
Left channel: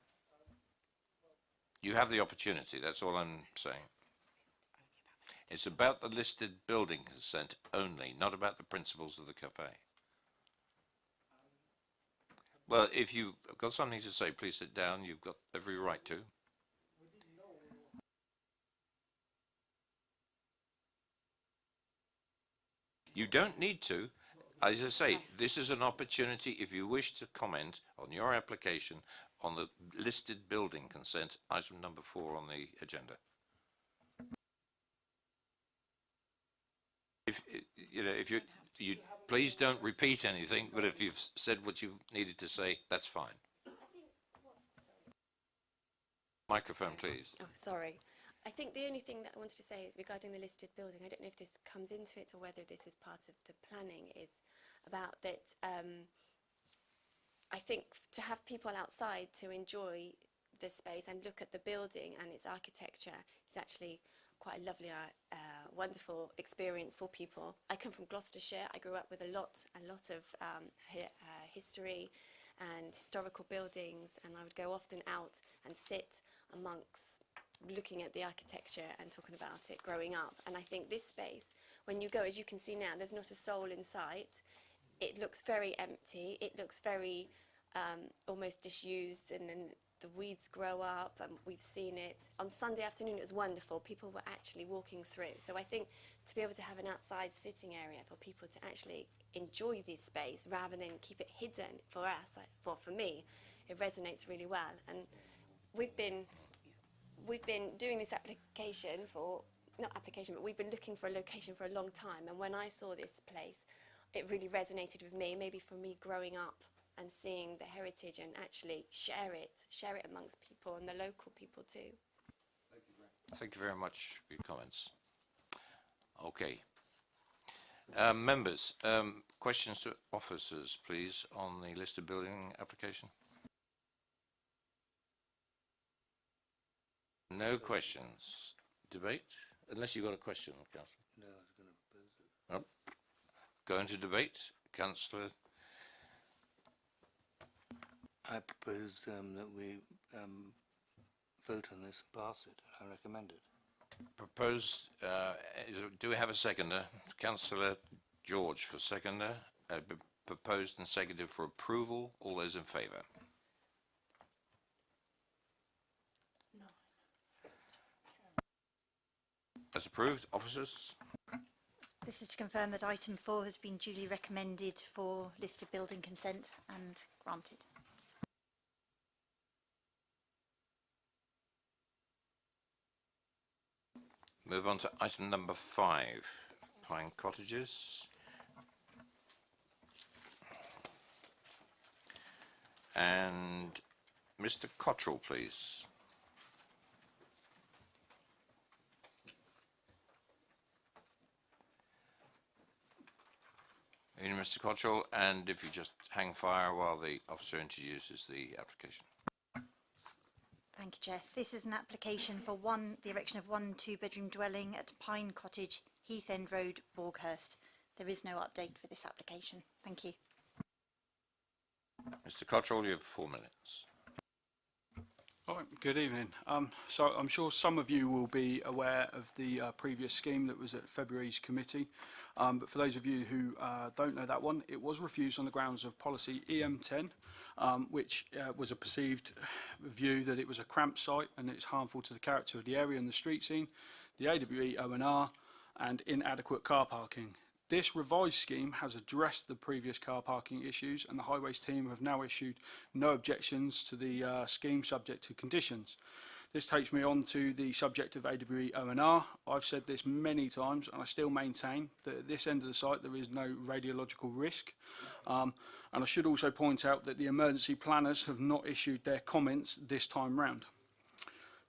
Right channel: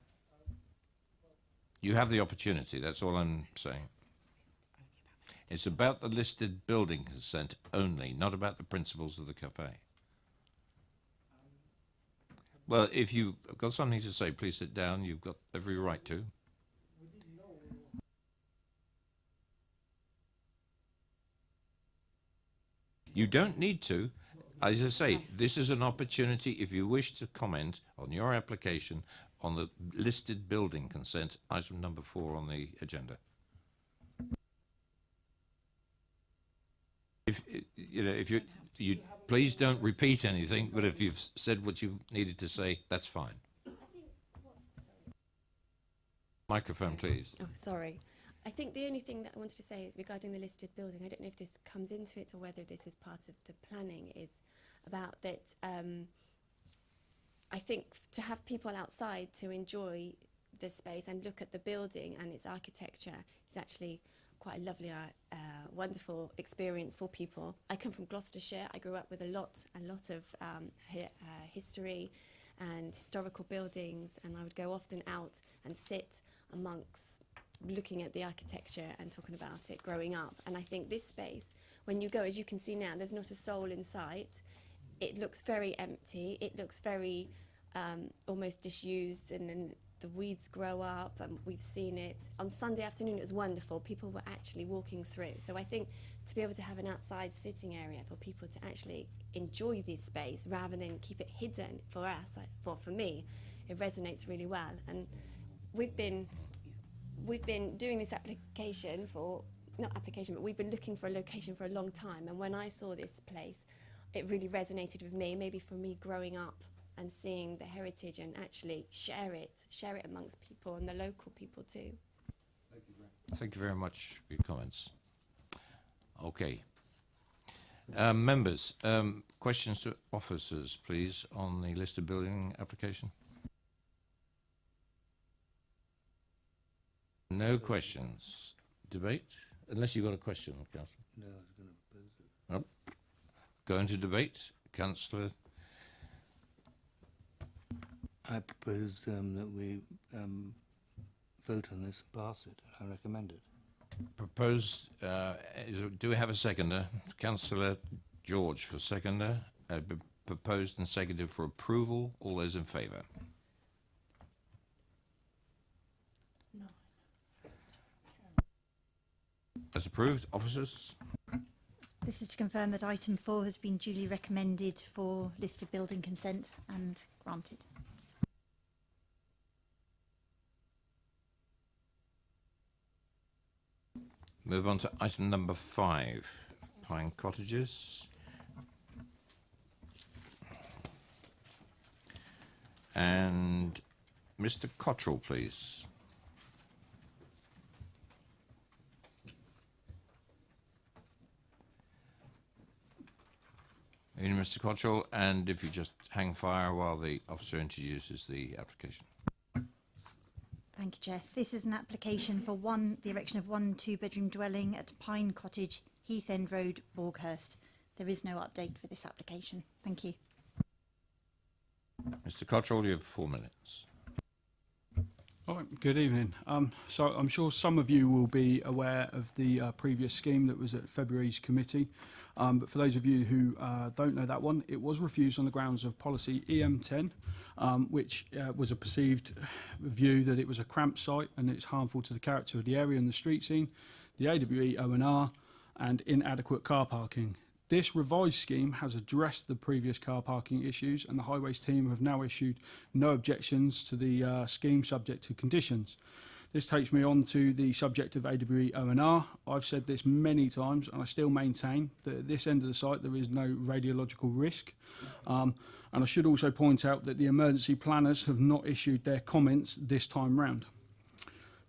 You have the opportunity, that's all I'm saying. It's about the listed building consent only, not about the principles of the cafe. Well, if you've got something to say, please sit down. You've got every right to. You don't need to. As I say, this is an opportunity, if you wish to comment on your application on the listed building consent, item number 4 on the agenda. If you please don't repeat anything, but if you've said what you needed to say, that's fine. Microphone, please. Oh, sorry. I think the only thing that I wanted to say regarding the listed building, I don't know if this comes into it or whether this was part of the planning, is about that I think to have people outside to enjoy the space and look at the building and its architecture is actually quite a lovely, wonderful experience for people. I come from Gloucestershire. I grew up with a lot of history and historical buildings, and I would go often out and sit amongst looking at the architecture and talking about it growing up. And I think this space, when you go, as you can see now, there's not a soul in sight. It looks very empty. It looks very almost disused, and then the weeds grow up, and we've seen it. On Sunday afternoon, it was wonderful. People were actually walking through. So I think to be able to have an outside sitting area for people to actually enjoy this space rather than keep it hidden, for us, for me, it resonates really well. And we've been doing this application for, not application, but we've been looking for a location for a long time. And when I saw this place, it really resonated with me, maybe for me growing up and seeing the heritage and actually share it amongst people and the local people too. Thank you very much for your comments. Okay. Members, questions to officers, please, on the listed building application? No questions. Debate? Unless you've got a question, Councillor. No, I was going to propose it. Oh. Going to debate, Councillor. I propose that we vote on this and pass it. I recommend it. Proposed, do we have a seconder? Councillor George for seconder. Proposed and seconded for approval. All those in favour? No. As approved, officers? This is to confirm that item 4 has been duly recommended for listed building consent and granted. Move on to item number 5, Pine Cottages. And Mr. Cottrell, please. In Mr. Cottrell, and if you just hang fire while the officer introduces the application. Thank you, Chair. This is an application for the erection of one 2-bedroom dwelling at Pine Cottage, Heath End Road, Borghurst. There is no update for this application. Thank you. Mr. Cottrell, you have 4 minutes. All right, good evening. So I'm sure some of you will be aware of the previous scheme that was at February's committee. But for those of you who don't know that one, it was refused on the grounds of policy EM10, which was a perceived view that it was a cramped site and it's harmful to the character of the area and the street scene, the AWE O&R, and inadequate car parking. This revised scheme has addressed the previous car parking issues, and the Highways team have now issued no objections to the scheme subject to conditions. This takes me on to the subject of AWE O&R. I've said this many times, and I still maintain that at this end of the site there is no radiological risk. And I should also point out that the emergency planners have not issued their comments this time round.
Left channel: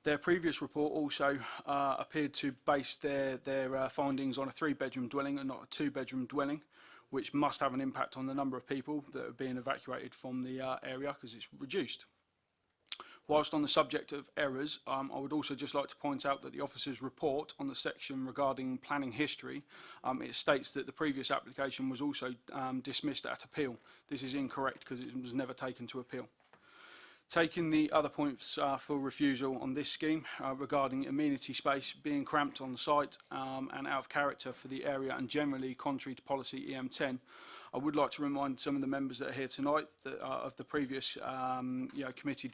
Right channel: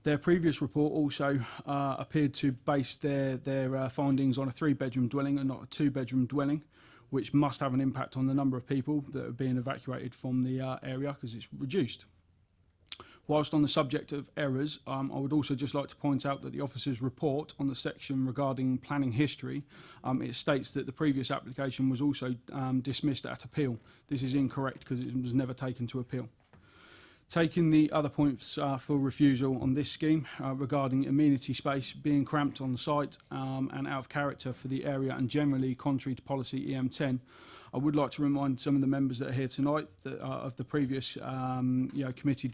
Their previous report also appeared to base their findings on a 3-bedroom dwelling and not a 2-bedroom dwelling, which must have an impact on the number of people that are being evacuated from the area because it's reduced. Whilst on the subject of errors, I would also just like to point out that the officer's report on the section regarding planning history, it states that the previous application was also dismissed at appeal. This is incorrect because it was never taken to appeal. Taking the other points for refusal on this scheme regarding amenity space being cramped on the site and out of character for the area and generally contrary to policy EM10, I would like to remind some of the members that are here tonight that, of the previous committee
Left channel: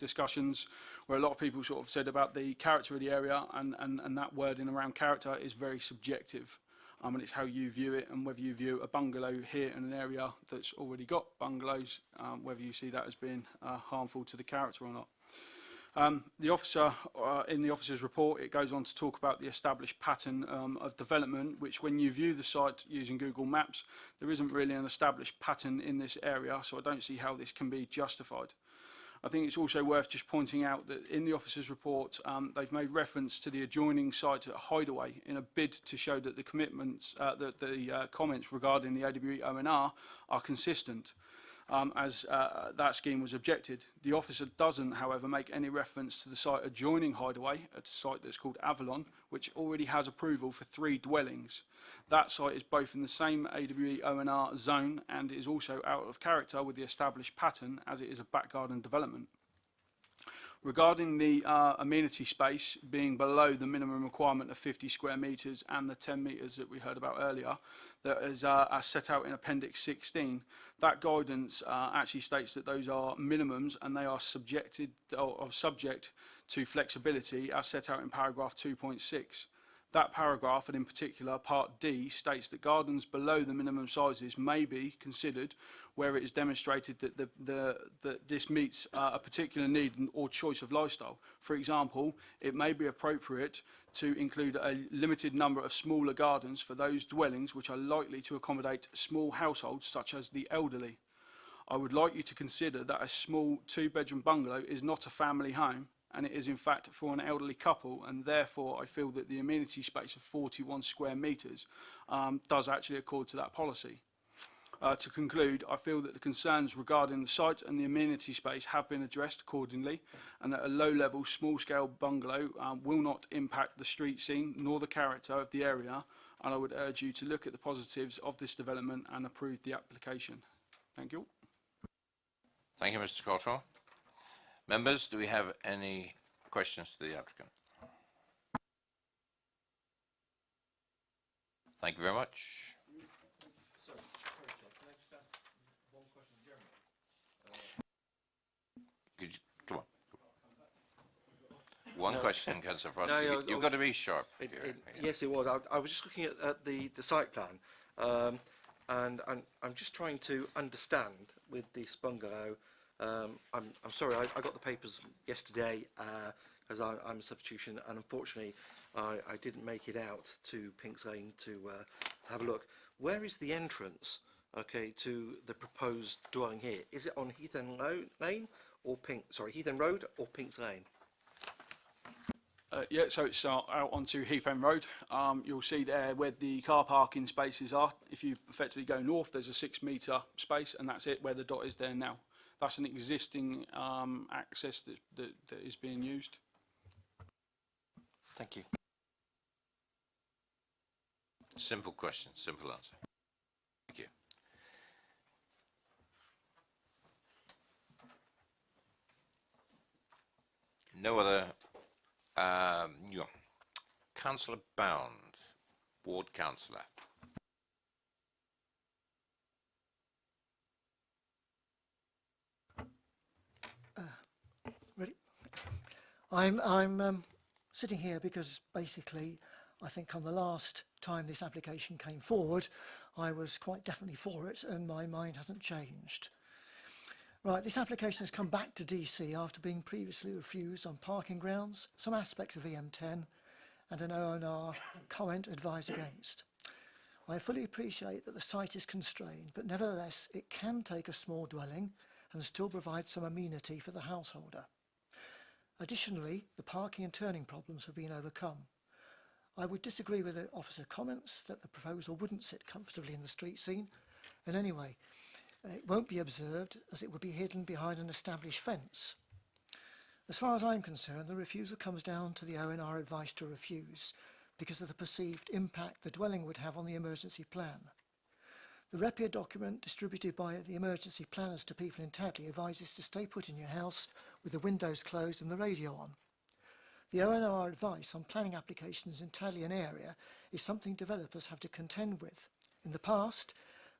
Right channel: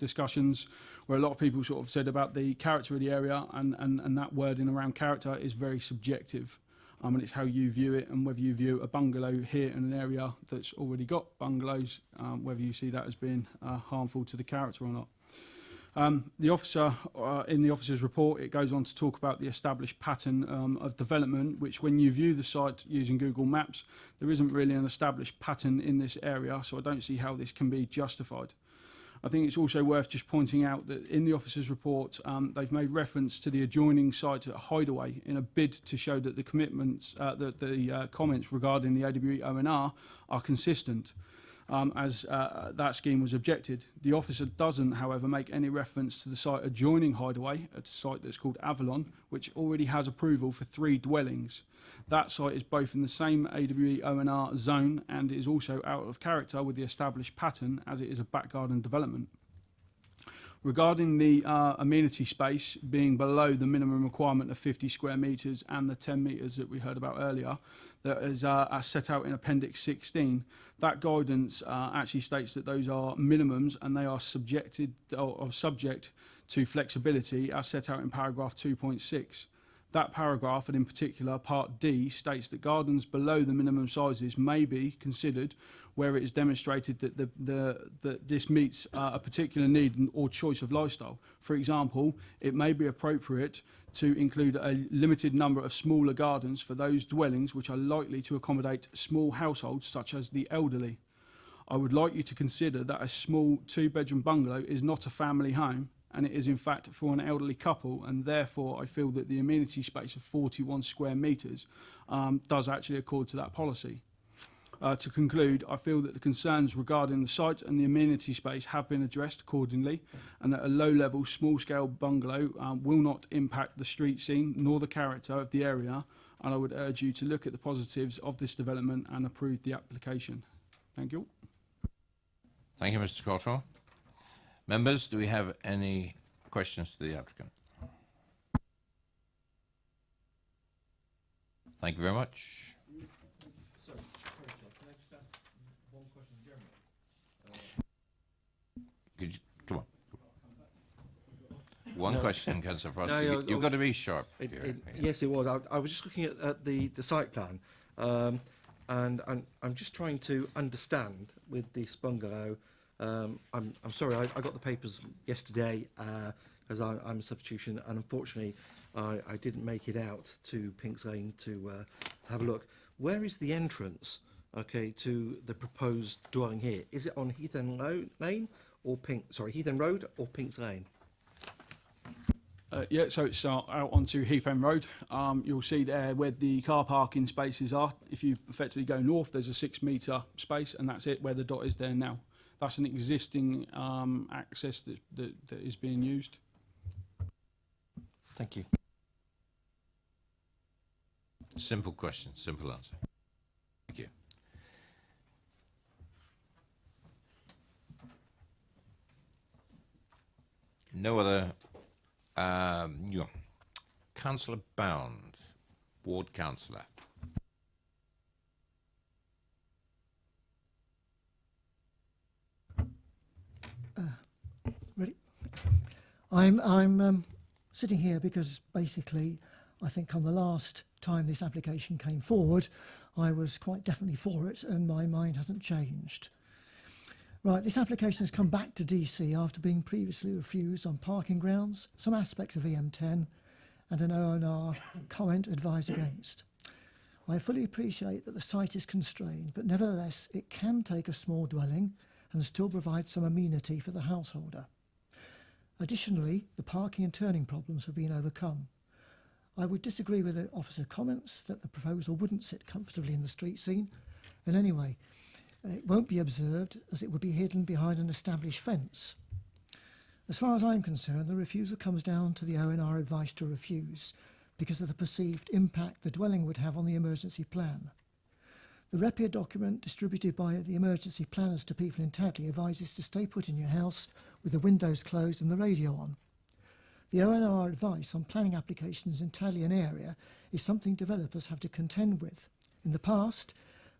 discussions where a lot of people sort of said about the character of the area and that wording around character is very subjective. And it's how you view it and whether you view a bungalow here in an area that's already got bungalows, whether you see that as being harmful to the character or not. The officer, in the officer's report, it goes on to talk about the established pattern of development, which when you view the site using Google Maps, there isn't really an established pattern in this area, so I don't see how this can be justified. I think it's also worth just pointing out that in the officer's report, they've made reference to the adjoining site at Hideaway in a bid to show that the commitments, the comments regarding the AWE O&R are consistent. As that scheme was objected. The officer doesn't, however, make any reference to the site adjoining Hideaway, a site that's called Avalon, which already has approval for 3 dwellings. That site is both in the same AWE O&R zone and is also out of character with the established pattern as it is a back garden development. Regarding the amenity space being below the minimum requirement of 50 square metres and the 10 metres that we heard about earlier, that is set out in Appendix 16, that guidance actually states that those are minimums and they are subject to flexibility as set out in paragraph 2.6. That paragraph, and in particular Part D, states that gardens below the minimum sizes may be considered where it is demonstrated that that this meets a particular need or choice of lifestyle. For example, it may be appropriate to include a limited number of smaller gardens for those dwellings which are likely to accommodate small households such as the elderly. I would like you to consider that a small 2-bedroom bungalow is not a family home, and it is in fact for an elderly couple, and therefore I feel that the amenity space of 41 square metres does actually accord to that policy. To conclude, I feel that the concerns regarding the site and the amenity space have been addressed accordingly, and that a low-level, small-scale bungalow will not impact the street scene nor the character of the area, and I would urge you to look at the positives of this development and approve the application. Thank you. Thank you, Mr. Cottrell. Members, do we have any questions to the applicant? Thank you very much. Sorry, can I just ask one question, Jeremy? Could you, come on. One No. question, Councillor Frost. No, You've got to be sharp. here. Yes, it was. I was just looking at the site plan, and I'm just trying to understand with this bungalow. I'm sorry, I got the papers yesterday as I'm a substitution, and unfortunately I didn't make it out to Pinks Lane to have a look. Where is the entrance, okay, to the proposed dwelling here? Is it on Heath End Lane or Heath End Road or Pinks Lane? Yeah, so it's out onto Heath End Road. You'll see there where the car parking spaces are. If you effectively go north, there's a 6-metre space, and that's it, where the dot is there now. That's an existing access that is being used. Thank you. Simple question, simple answer. Thank you. No other. Councillor Bound, Ward Councillor. Ready? I'm sitting here because basically I think on the last time this application came forward I was quite definitely for it and my mind hasn't changed. Right, this application has come back to DC after being previously refused on parking grounds, some aspects of EM10 and an ONR comment advised against. I fully appreciate that the site is constrained, but nevertheless it can take a small dwelling and still provide some amenity for the householder. Additionally, the parking and turning problems have been overcome. I would disagree with the officer's comments that the proposal wouldn't sit comfortably in the street scene. And anyway, it won't be observed as it would be hidden behind an established fence. As far as I'm concerned, the refusal comes down to the ONR advice to refuse because of the perceived impact the dwelling would have on the emergency plan. The REPIA document distributed by the emergency planners to people in Tadley advises to stay put in your house with the windows closed and the radio on. The ONR advice on planning applications in Tadley and area is something developers have to contend with. In the past,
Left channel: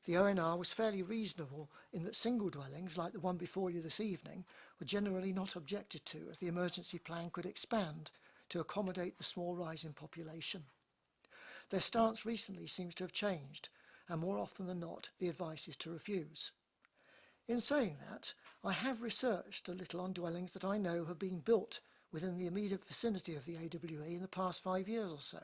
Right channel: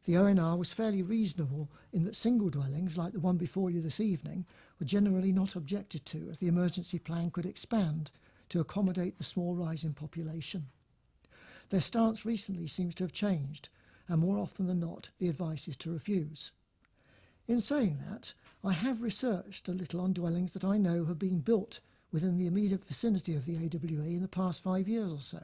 the ONR was fairly reasonable in that single dwellings, like the one before you this evening, were generally not objected to as the emergency plan could expand to accommodate the small rise in population. Their stance recently seems to have changed, and more often than not, the advice is to refuse. In saying that, I have researched a little on dwellings that I know have been built within the immediate vicinity of the AWE in the past 5 years or so.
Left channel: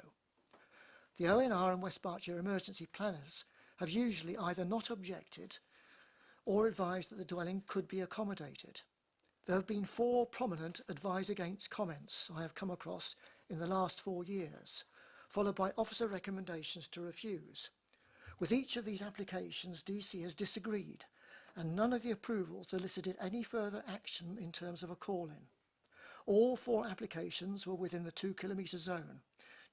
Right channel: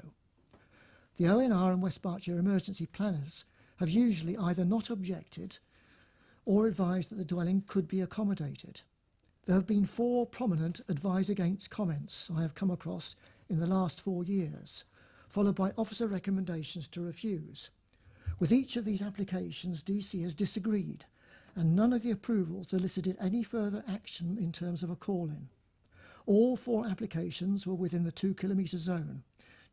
The ONR and West Berkshire emergency planners have usually either not objected or advised that the dwelling could be accommodated. There have been 4 prominent advise against comments I have come across in the last 4 years, followed by officer recommendations to refuse. With each of these applications, DC has disagreed, and none of the approvals elicited any further action in terms of a call-in. All 4 applications were within the 2-kilometre zone.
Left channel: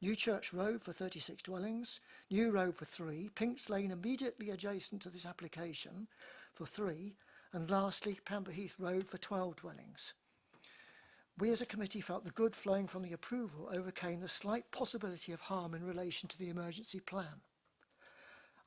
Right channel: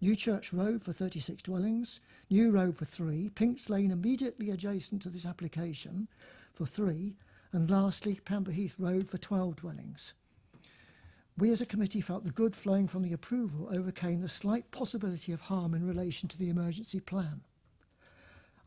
New Church Road for 36 dwellings, New Road for 3, Pinks Lane immediately adjacent to this application for 3, and lastly Pamber Heath Road for 12 dwellings. We as a committee felt the good flowing from the approval overcame the slight possibility of harm in relation to the emergency plan.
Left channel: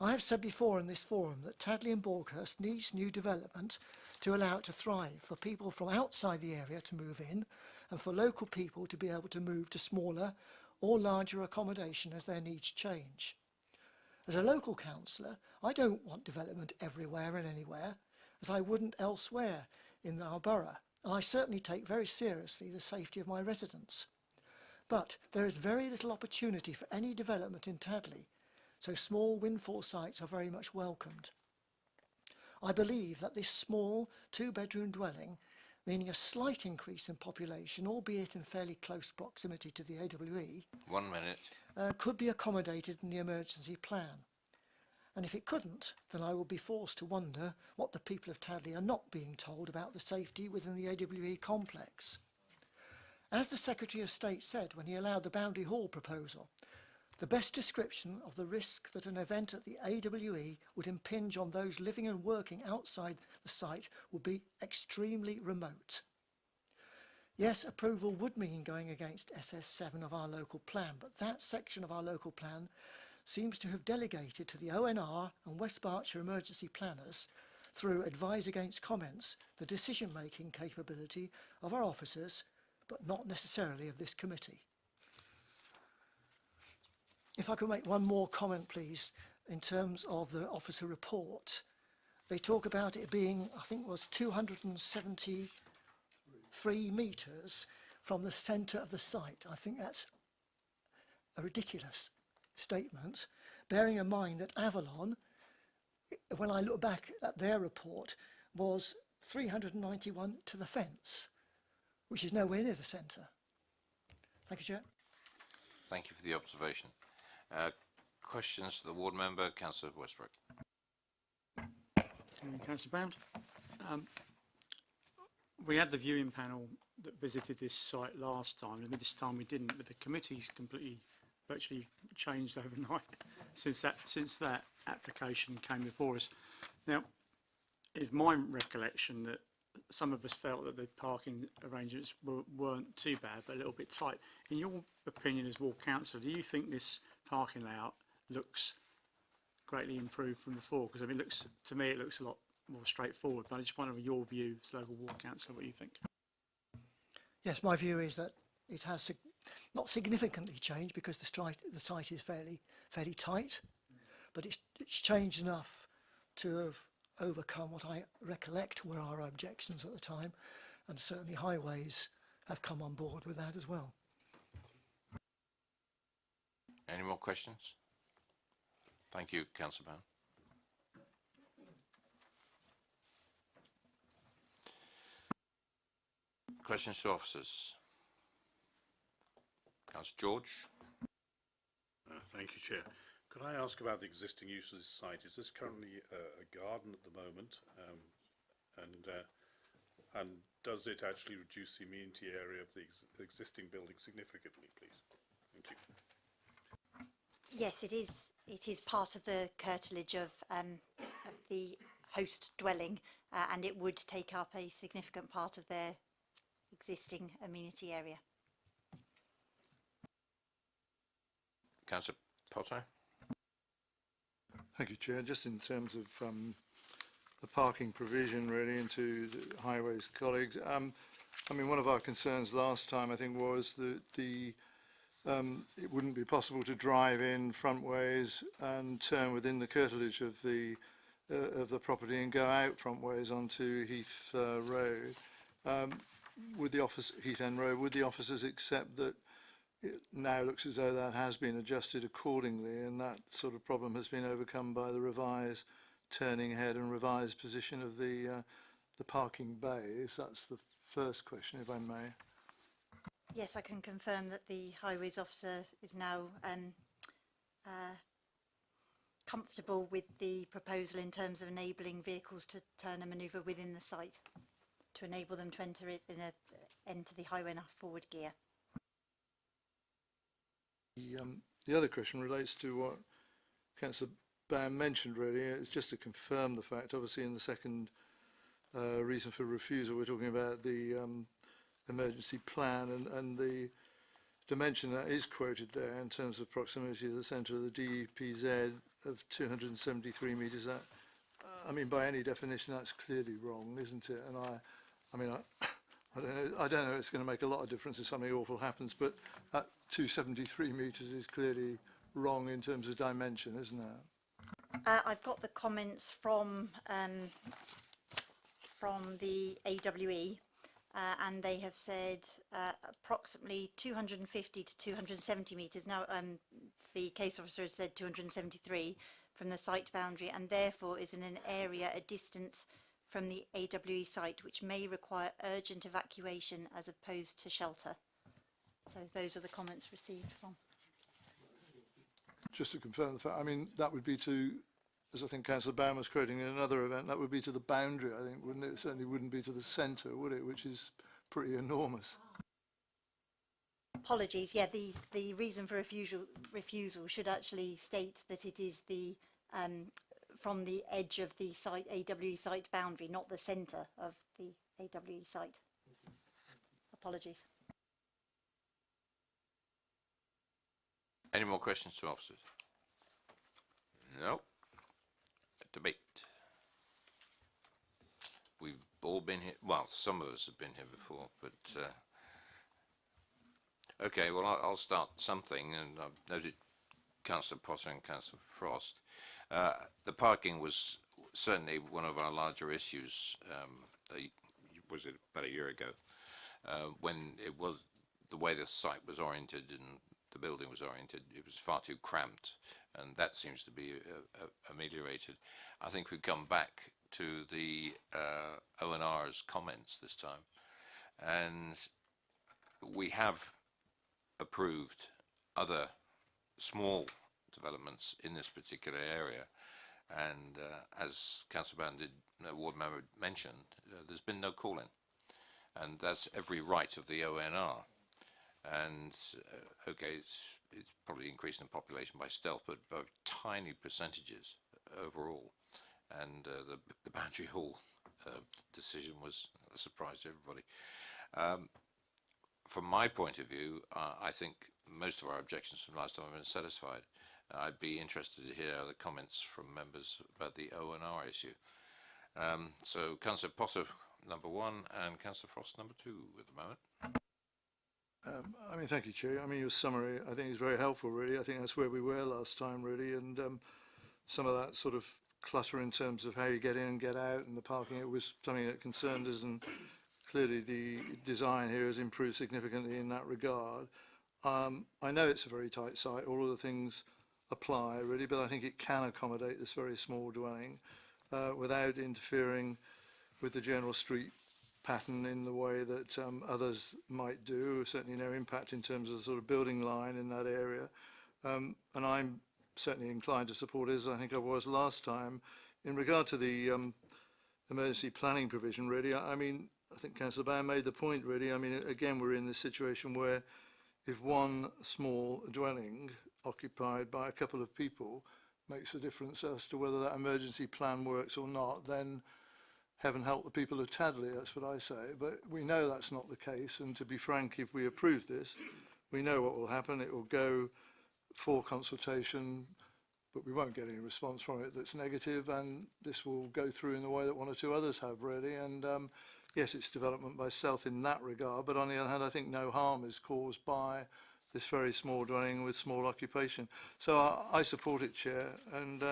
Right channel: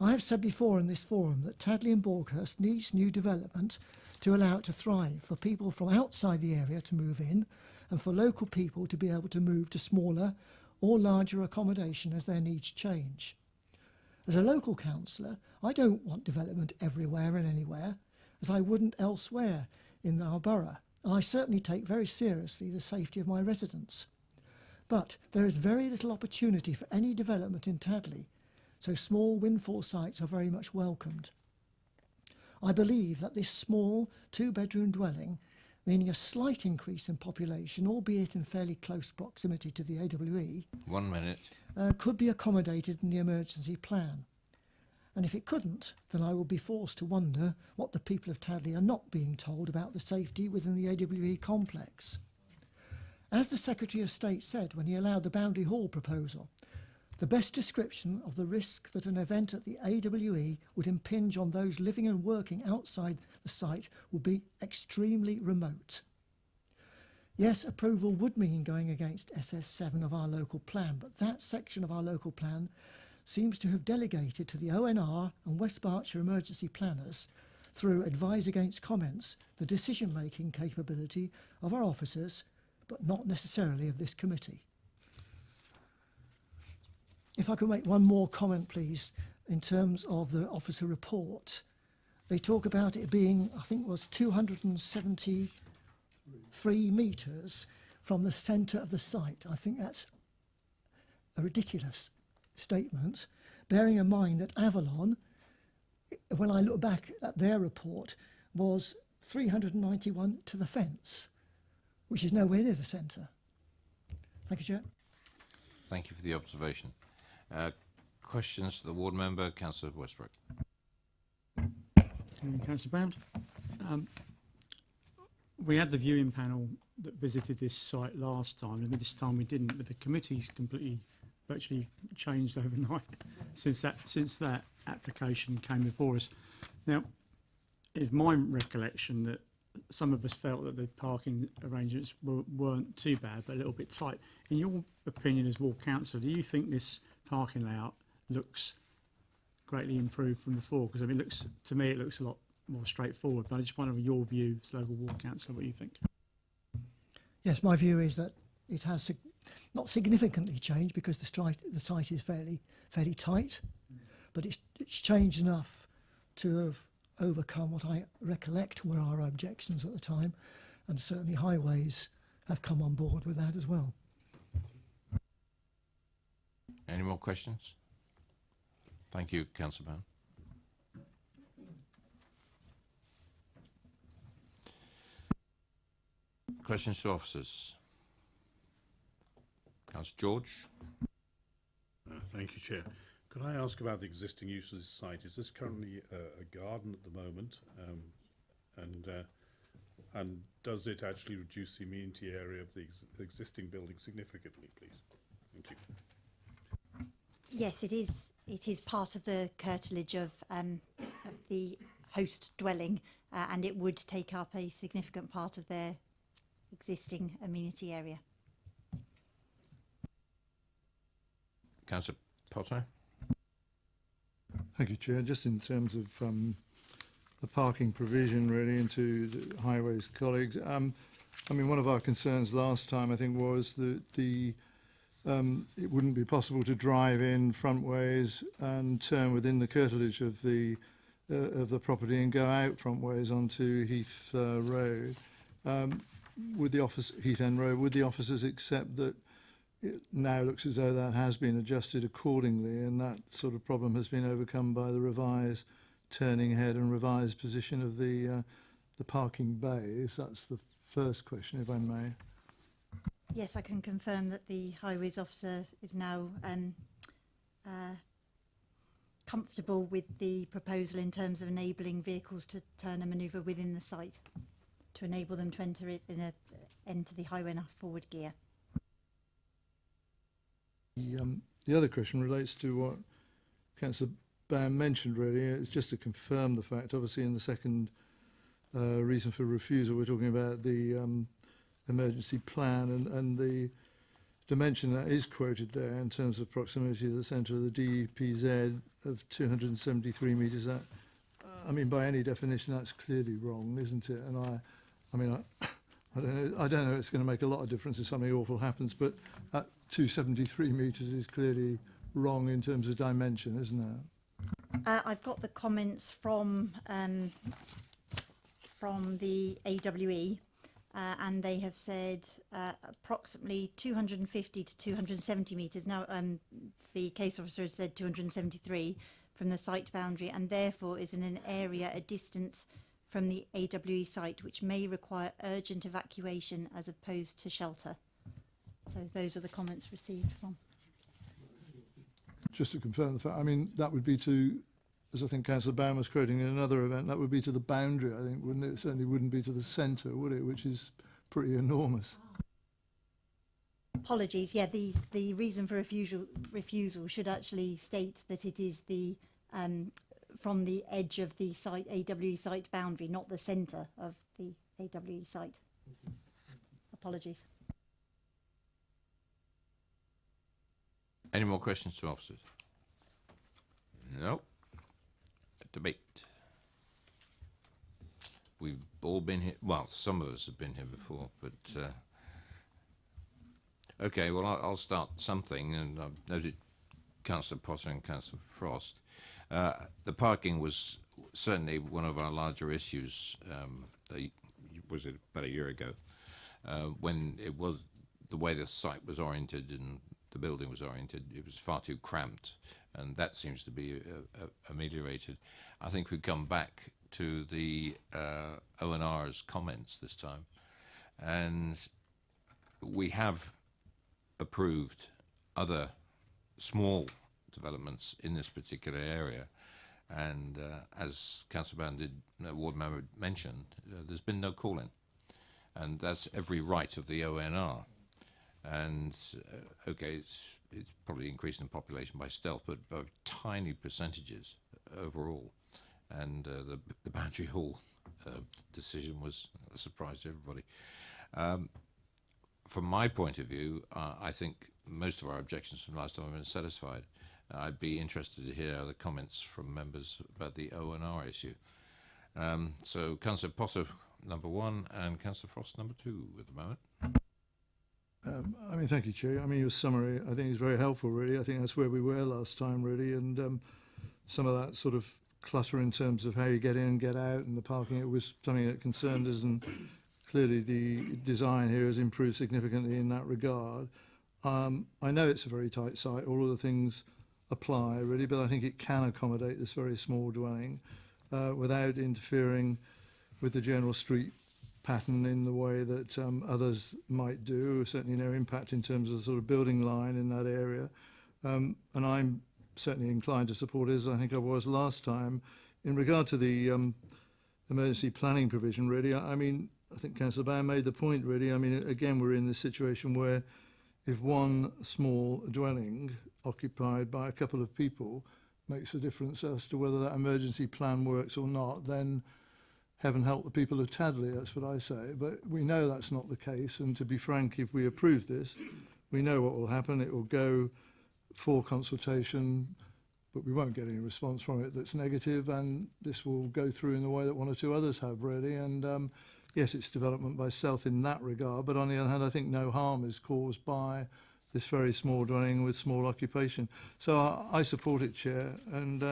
I have said before in this forum that Tadley and Borkhurst needs new development to allow it to thrive, for people from outside the area to move in and for local people to be able to move to smaller or larger accommodation as their needs change. As a local councillor, I don't want development everywhere and anywhere, as I wouldn't elsewhere in our borough, and I certainly take very seriously the safety of my residents. But there is very little opportunity for any development in Tadley, so small windfall sites are very much welcomed. I believe that this small two-bedroom dwelling, meaning a slight increase in population, albeit in fairly close proximity to the AWE, 1 minute. could be accommodated in the emergency plan. And if it couldn't, then I would be forced to wonder what the people of Tadley are not being told about the safety within the AWE complex. As the Secretary of State said when he allowed the Boundary Hall proposal, the best description of the risk that an event at the AWE would impinge on those living and working outside the site would be extremely remote. Yes, approval would mean going against SS7 of our local plan, but that section of our local plan seems to have delegated to the ONR and West Berkshire emergency planners, through advise against comments, the decision-making capability of our officers, but not necessarily of this committee. If I could make one more comment, please, in terms of the officer report. They talk about it being, I think it was 273 metres from the centre of the site. I think that's a ridiculous statement, bearing in mind that Avalon, when I look back at their report, was 391 to the fence, which is nowhere near the centre. Thank you, Chair. Thank you for the observation. Questions to the ward member, Councillor Westbrook. Councillor Brown. We had the viewing panel that visited this site last time, and this time we didn't, but the committee's completely virtually changed overnight since that application came before us. Now, it's my recollection that some of us felt that the parking arrangements weren't too bad, but a little bit tight. In your opinion as ward councillor, do you think this parking layout looks greatly improved from before? Because I mean, to me it looks a lot more straightforward, but I just wonder your view as local ward councillor, what you think. Yes, my view is that it has not significantly changed, because the site is fairly tight, but it's changed enough to have overcome what I recollect were our objections at the time, and certainly highways have come on board with that as well. Any more questions? Thank you, Councillor Brown. Questions to officers? Councillor George. Thank you, Chair. Could I ask about the existing use of this site? Is this currently a garden at the moment? And does it actually reduce the amenity area of the existing building significantly, please? Thank you. Yes, it is. It is part of the curtilage of the host dwelling, and it would take up a significant part of their existing amenity area. Councillor Potter. Thank you, Chair. Just in terms of the parking provision, really, into the highways colleagues. I mean, one of our concerns last time, I think, was that it wouldn't be possible to drive in front ways and turn within the curtilage of the property and go out front ways onto Heath Road. Heath End Road, would the officers accept that it now looks as though that has been adjusted accordingly, and that sort of problem has been overcome by the revised turning head and revised position of the parking bays? That's the first question, if I may. Yes, I can confirm that the highways officer is now comfortable with the proposal in terms of enabling vehicles to turn and manoeuvre within the site to enable them to enter it enter the highway in a forward gear. The other question relates to what Councillor Baird mentioned, really. It's just to confirm the fact, obviously in the second reason for refusal, we're talking about the emergency plan, and the dimension that is quoted there in terms of proximity to the centre of the DEPZ of 273 metres, that, I mean, by any definition, that's clearly wrong, isn't it? And I don't know it's going to make a lot of difference if something awful happens, but that 273 metres is clearly wrong in terms of dimension, isn't it? I've got the comments from the AWE, and they have said approximately 250 to 270 metres. Now, the case officer has said 273 from the site boundary, and therefore is in an area a distance from the AWE site, which may require urgent evacuation as opposed to shelter. So those are the comments received from. Just to confirm the fact, I mean, that would be to, as I think Councillor Baum was quoting in another event, that would be to the boundary, I think, wouldn't it? It certainly wouldn't be to the centre, would it? Which is pretty enormous. Apologies, yeah, the reason for refusal should actually state that it is the from the edge of the site, AWE site boundary, not the centre of the AWE site. Apologies. Any more questions to officers? No. Debate. We've all been here, well, some of us have been here before, but okay, well, I'll start something, and I've noted Councillor Potter and Councillor Frost. The parking was certainly one of our larger issues, was it about a year ago, when it was the way the site was oriented and the building was oriented, it was far too cramped, and that seems to be ameliorated. I think we come back to the ONR's comments this time, and we have approved other small developments in this particular area, and as Councillor Ward Member mentioned, there's been no call-in, and that's every right of the ONR. And okay, it's probably increased in population by stealth, but by tiny percentages overall. And the Boundary Hall decision was a surprise to everybody. From my point of view, I think most of our objections from last time have been satisfied. I'd be interested to hear the comments from members about the ONR issue. So Councillor Potter, number 1, and Councillor Frost, number 2 at the moment. I mean, thank you, Chair. I mean, your summary, I think, is very helpful, really. I think that's where we were last time, really, and some of that sort of clutter in terms of how you get in and get out and the parking, it was something that concerned us, and clearly the design here has improved significantly in that regard. I know it's a very tight site, all of the things apply, really, but I think it can accommodate this very small dwelling without interfering with the general street pattern in the way that others might do. Certainly no impact in terms of the sort of building line in that area. And I'm certainly inclined to support it, as I think I was last time. In regard to the emergency planning provision, really, I mean, I think Councillor Baum made the point, really. I mean, again, we're in this situation where if one small dwelling occupied by a couple of people makes a difference as to whether that emergency plan works or not, then heaven help the people of Tadley, that's what I say. But we know that's not the case, and to be frank, if we approve this, we know what will happen. It will go for consultation, but we won't get any response from it that's negative, and this will go through in the way that one or two others have, really. And yes, it's development by stealth in that regard, but on the other hand, I think no harm is caused by this very small dwelling with small occupation. So I support it, Chair, and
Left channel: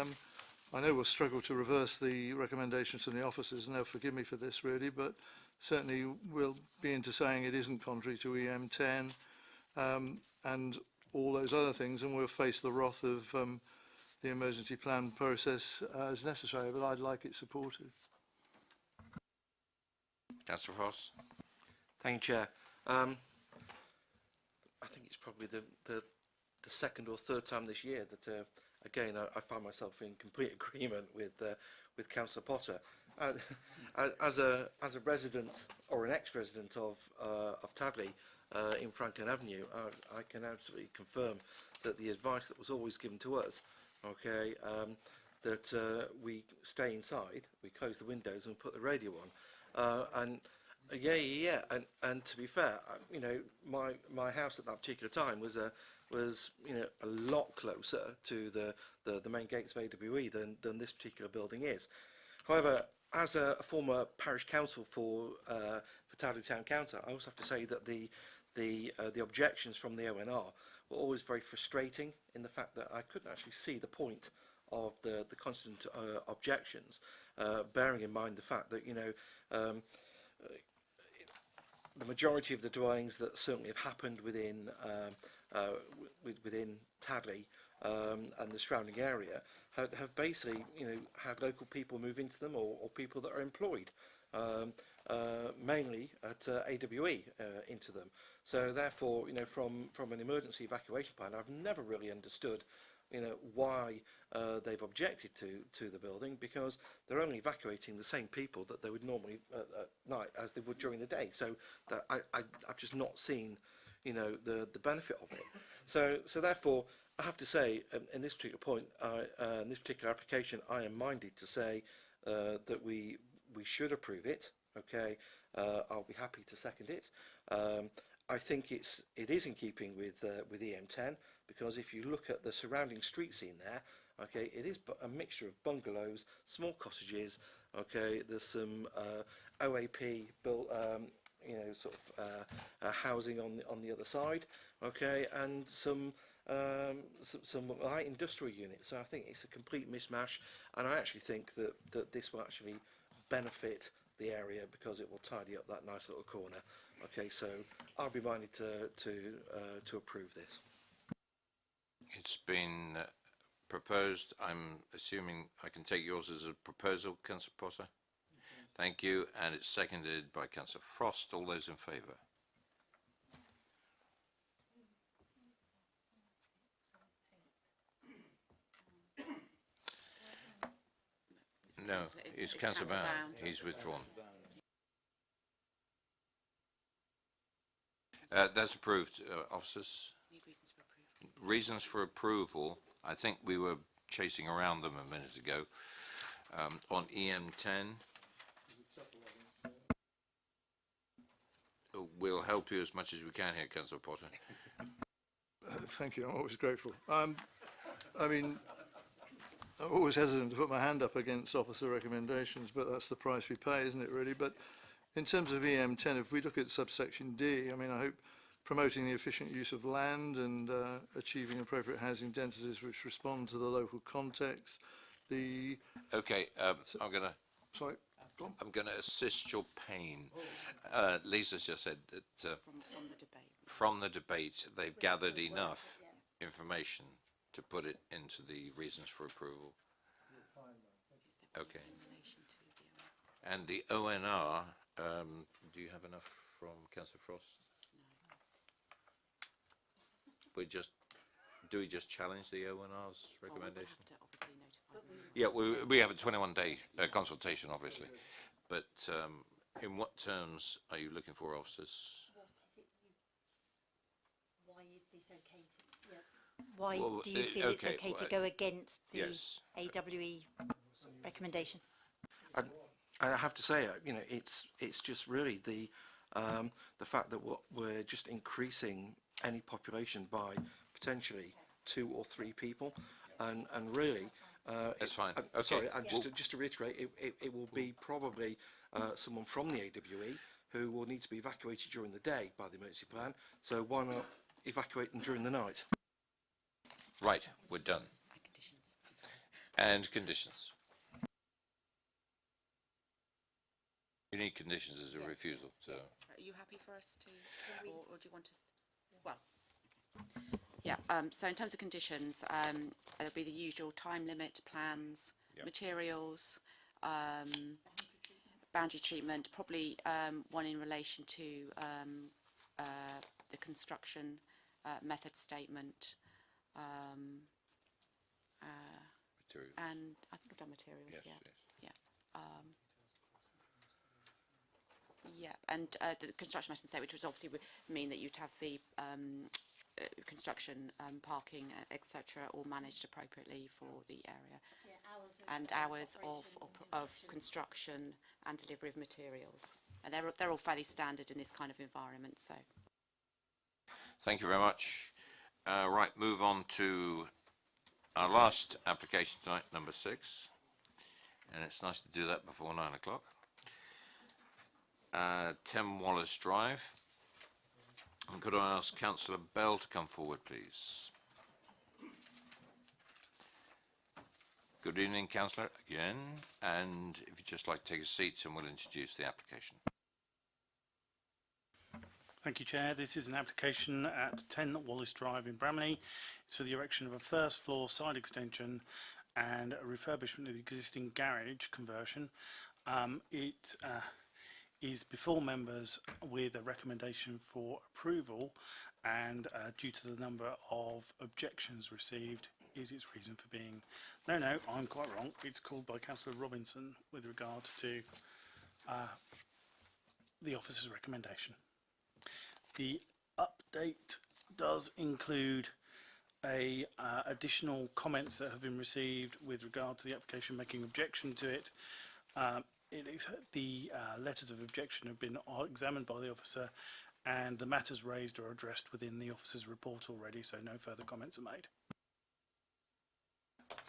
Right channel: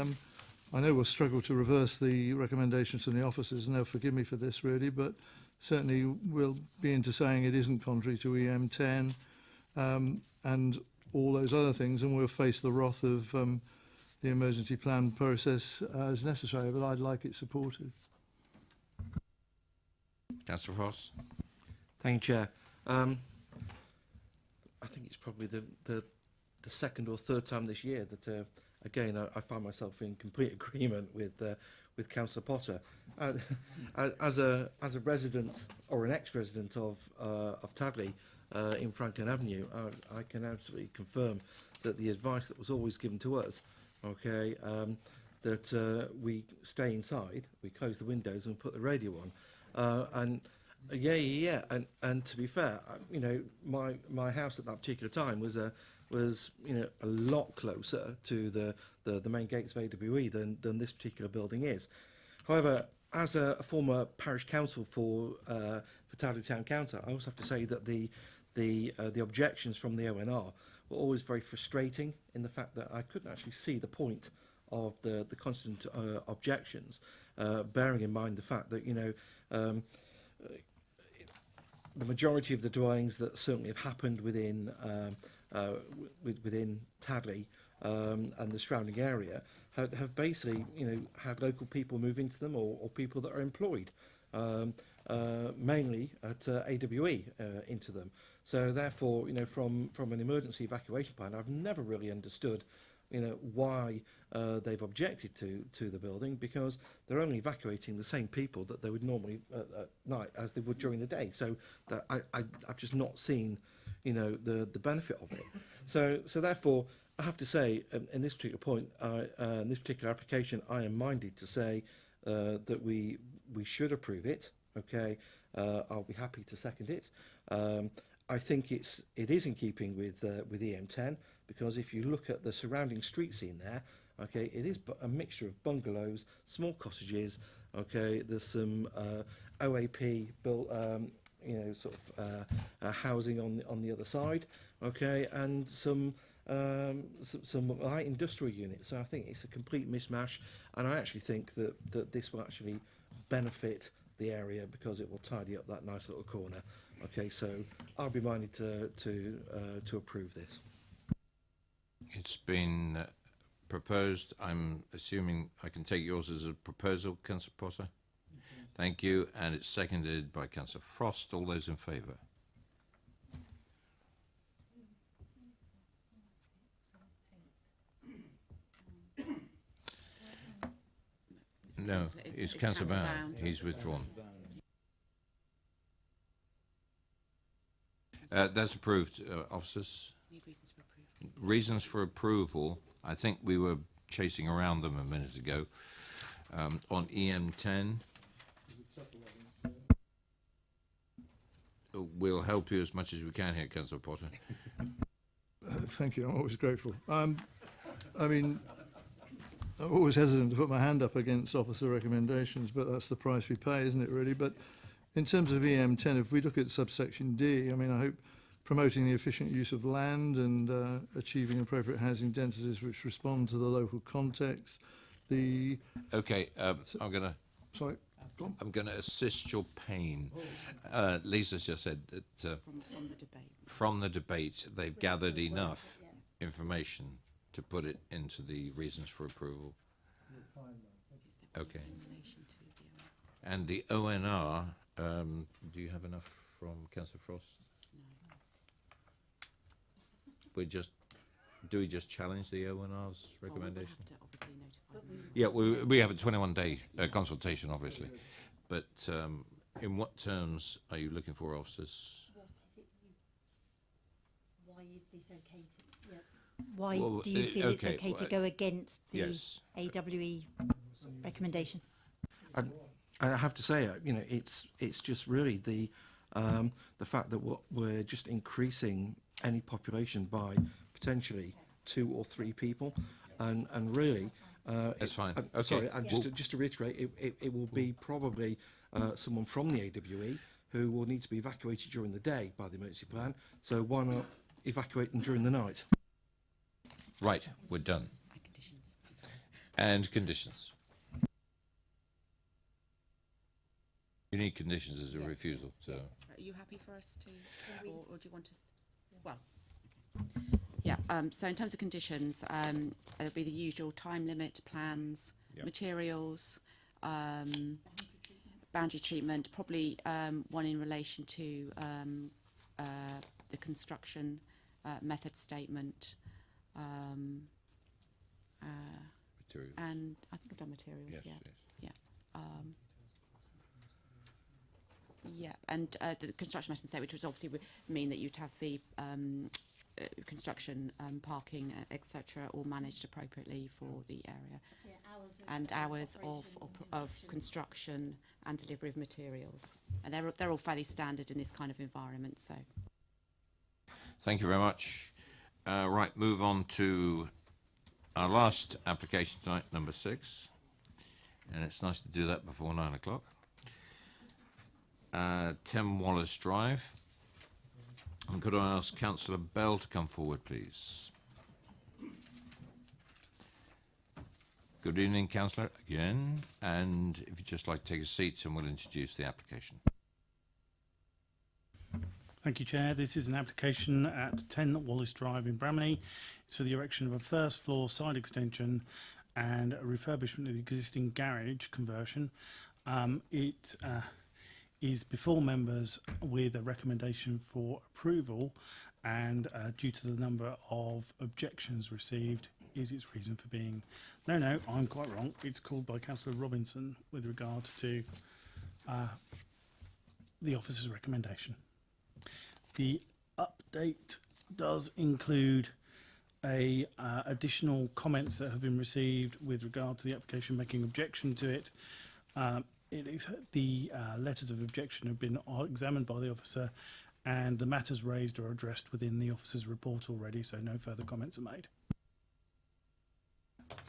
I know we'll struggle to reverse the recommendations from the officers, and they'll forgive me for this, really, but certainly we'll be into saying it isn't contrary to EM10 and all those other things, and we'll face the wrath of the emergency plan process as necessary, but I'd like it supported. Councillor Frost. Thank you, Chair. I think it's probably the second or third time this year that again, I find myself in complete agreement with Councillor Potter. As a resident or an ex-resident of Tadley in Franklin Avenue, I can absolutely confirm that the advice that was always given to us, okay, that we stay inside, we close the windows and put the radio on, Yeah. And to be fair, you know, my house at that particular time was you know, a lot closer to the main gates of AWE than this particular building is. However, as a former parish council for Tadley Town Council, I also have to say that the objections from the ONR were always very frustrating in the fact that I couldn't actually see the point of the constant objections, bearing in mind the fact that, you know, the majority of the dwellings that certainly have happened within Tadley and the surrounding area have basically, you know, had local people move into them, or people that are employed mainly at AWE into them. So therefore, you know, from an emergency evacuation plan, I've never really understood, you know, why they've objected to the building, because they're only evacuating the same people that they would normally at night as they would during the day. So that I've just not seen, you know, the benefit of it. So therefore, I have to say, in this particular point, in this particular application, I am minded to say that we should approve it. Okay, I'll be happy to second it. I think it is in keeping with EM10, because if you look at the surrounding street scene there, okay, it is a mixture of bungalows, small cottages. Okay, there's some OAP built, you know, sort of housing on the other side. Okay, and some light industrial units. So I think it's a complete mismatch, and I actually think that this will actually benefit the area, because it will tidy up that nice little corner. Okay, so I'll be minded to approve this. It's been proposed. I'm assuming I can take yours as a proposal, Councillor Potter. Thank you, and it's seconded by Councillor Frost. All those in favour? No, it's Councillor Bound. He's withdrawn. That's approved, officers. Reasons for approval. I think we were chasing around them a minute ago. On EM10, we'll help you as much as we can here, Councillor Potter. Thank you. I'm always grateful. I mean, I'm always hesitant to put my hand up against officer recommendations, but that's the price we pay, isn't it, really? But in terms of EM10, if we look at subsection D, I mean, I hope promoting the efficient use of land and achieving appropriate housing densities which respond to the local context. Okay, I'm going to... Sorry? I'm going to assist your pain. Lisa's just said that from the debate, they've gathered enough information to put it into the reasons for approval. Okay. And the ONR, do you have enough from Councillor Frost? Do we just challenge the ONR's recommendation? Yeah, we have a 21-day consultation, obviously. But in what terms are you looking for, officers? Why is this okay to... Yeah. Why do you feel it's okay to go against the AWE recommendation? I have to say, you know, it's just really the fact that we're just increasing any population by potentially 2 or 3 people, and really, that's fine. Okay. Sorry, and just to reiterate, it will be probably someone from the AWE who will need to be evacuated during the day by the emergency plan. So why not evacuate them during the night? Right, we're done. And conditions. You need conditions as a refusal. So. Are you happy for us to, or do you want us? Well, yeah. So in terms of conditions, there'll be the usual time limit, plans, materials, boundary treatment. Probably one in relation to the construction method statement. Materials. And I think I've done materials. Yes, yeah. Yeah, and the construction method statement, which would obviously mean that you'd have the construction, parking, etc., all managed appropriately for the area, and hours of construction and delivery of materials. And they're all fairly standard in this kind of environment. So. Thank you very much. Right, move on to our last application tonight, number 6. And it's nice to do that before 9 o'clock. 10 Wallace Drive. And could I ask Councillor Bell to come forward, please? Good evening, Councillor, again. And if you'd just like to take a seat, and we'll introduce the application. Thank you, Chair. This is an application at 10 Wallace Drive in Bramley. It's for the erection of a first floor side extension and a refurbishment of the existing garage conversion. It is before members with a recommendation for approval, and due to the number of objections received is its reason for being. No, I'm quite wrong. It's called by Councillor Robinson with regard to the officer's recommendation. The update does include additional comments that have been received with regard to the application making objection to it. The letters of objection have been examined by the officer, and the matters raised are addressed within the officer's report already, so no further comments are made.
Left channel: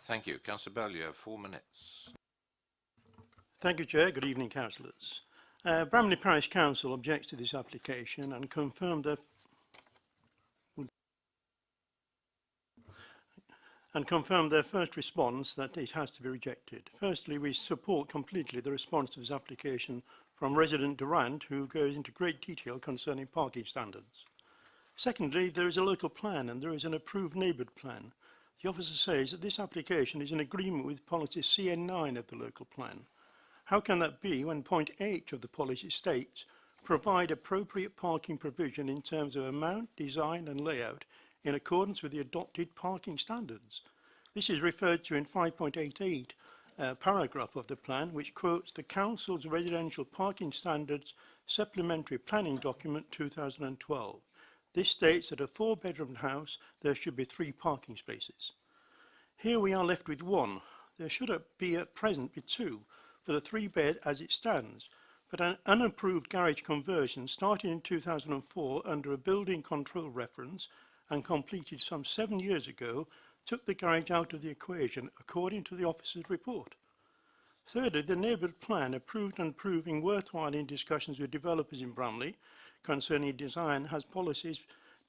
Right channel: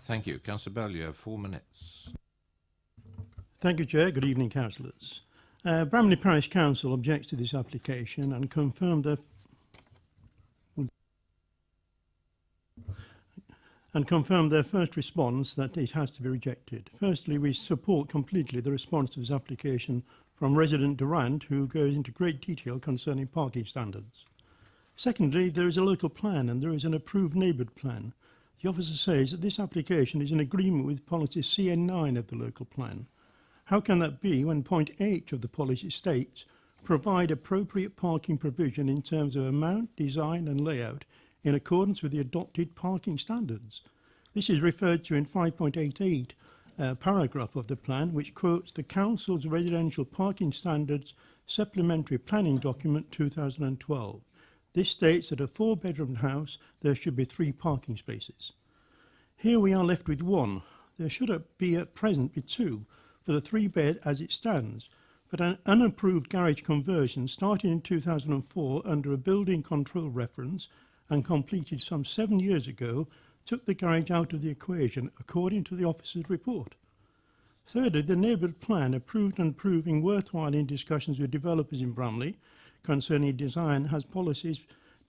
Thank you. Councillor Bell, you have 4 minutes. Thank you, Chair. Good evening, councillors. Bramley Parish Council objects to this application and confirmed their first response that it has to be rejected. Firstly, we support completely the response to this application from resident Durant, who goes into great detail concerning parking standards. Secondly, there is a local plan and there is an approved neighbourhood plan. The officer says that this application is in agreement with policy CN9 of the local plan. How can that be when point H of the policy states provide appropriate parking provision in terms of amount, design and layout in accordance with the adopted parking standards? This is referred to in 5.88 paragraph of the plan, which quotes the Council's Residential Parking Standards Supplementary Planning Document 2012. This states that a 4-bedroom house there should be 3 parking spaces. Here we are left with 1. There should be at present be 2 for the 3-bed as it stands, but an unapproved garage conversion started in 2004 under a building control reference and completed some 7 years ago took the garage out of the equation according to the officer's report. Thirdly, the neighbourhood plan approved and proving worthwhile in discussions with developers in Bramley concerning design has policies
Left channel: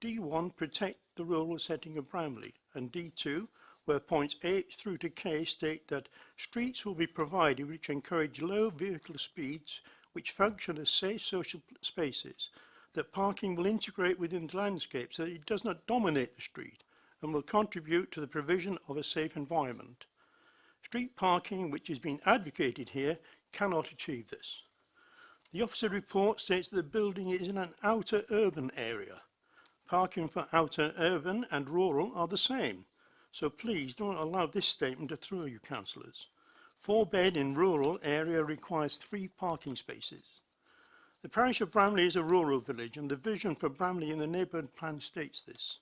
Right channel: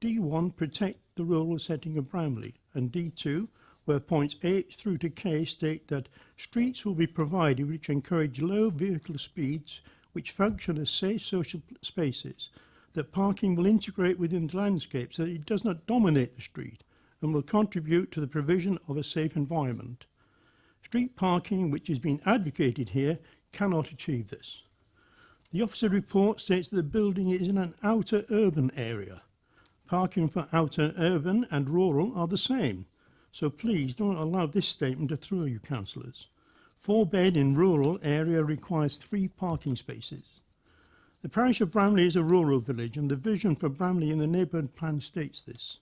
D1 protect the rural setting of Bramley and D2 where points H through to K state that streets will be provided which encourage low vehicle speeds which function as safe social spaces, that parking will integrate within the landscape so that it does not dominate the street and will contribute to the provision of a safe environment. Street parking, which is being advocated here, cannot achieve this. The officer report states that the building is in an outer urban area. Parking for outer urban and rural are the same. So please don't allow this statement to throw you, councillors. 4-bed in rural area requires 3 parking spaces. The parish of Bramley is a rural village and the vision for Bramley in the neighbourhood plan states this.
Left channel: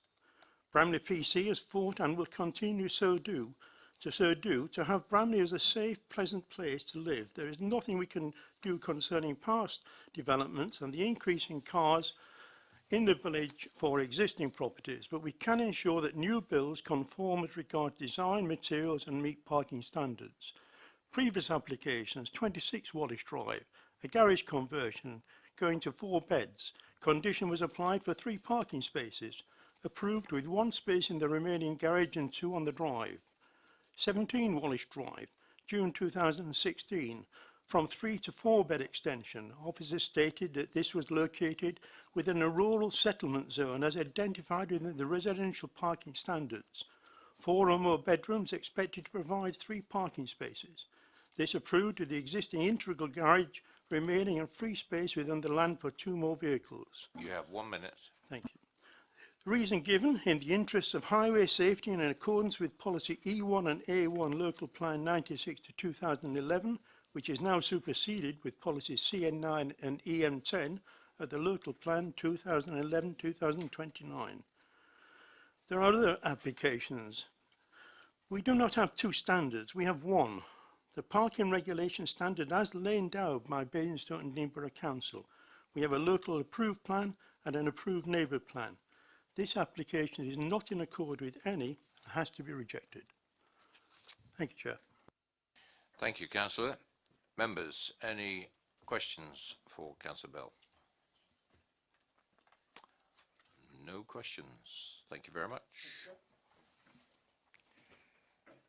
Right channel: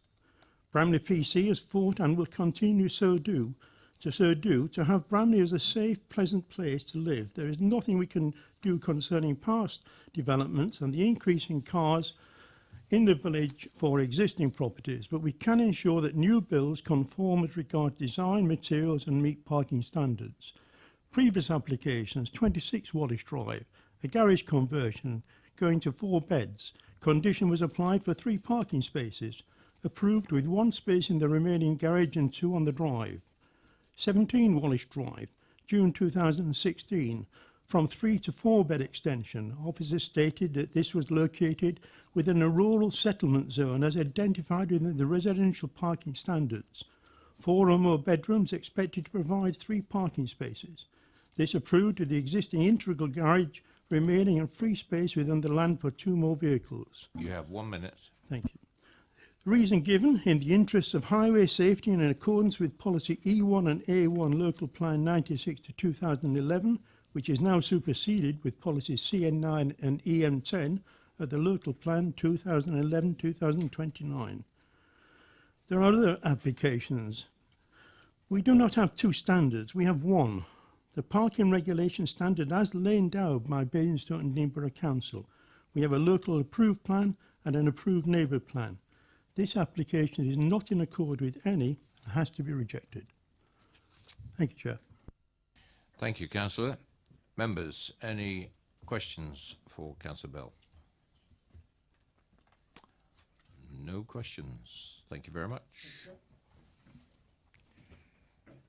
Bramley PC has fought and will continue to have Bramley as a safe, pleasant place to live. There is nothing we can do concerning past developments and the increase in cars in the village for existing properties, but we can ensure that new builds conform as regards design, materials and meet parking standards. Previous applications, 26 Wallace Drive, a garage conversion going to 4 beds. Condition was applied for 3 parking spaces, approved with 1 space in the remaining garage and 2 on the drive. 17 Wallace Drive, June 2016, from 3 to 4 bed extension. Officers stated that this was located within a rural settlement zone as identified within the residential parking standards. 4 or more bedrooms expected to provide 3 parking spaces. This approved with the existing integral garage remaining in free space within the land for 2 more vehicles. You have 1 minute. Thank you. The reason given, in the interests of highway safety and in accordance with policy E1 and A1 Local Plan 96 to 2011, which is now superseded with policies CN9 and EM10 of the Local Plan 2011-2029. There are other applications. We do not have 2 standards, we have 1. The parking regulation standard as laid down by Basingstoke and Dean Borough Council. We have a local approved plan and an approved neighbour plan. This application is not in accord with any and has to be rejected. Thank you, Chair. Thank you, Councillor. Members, any questions for Councillor Bell? No questions. Thank you very much.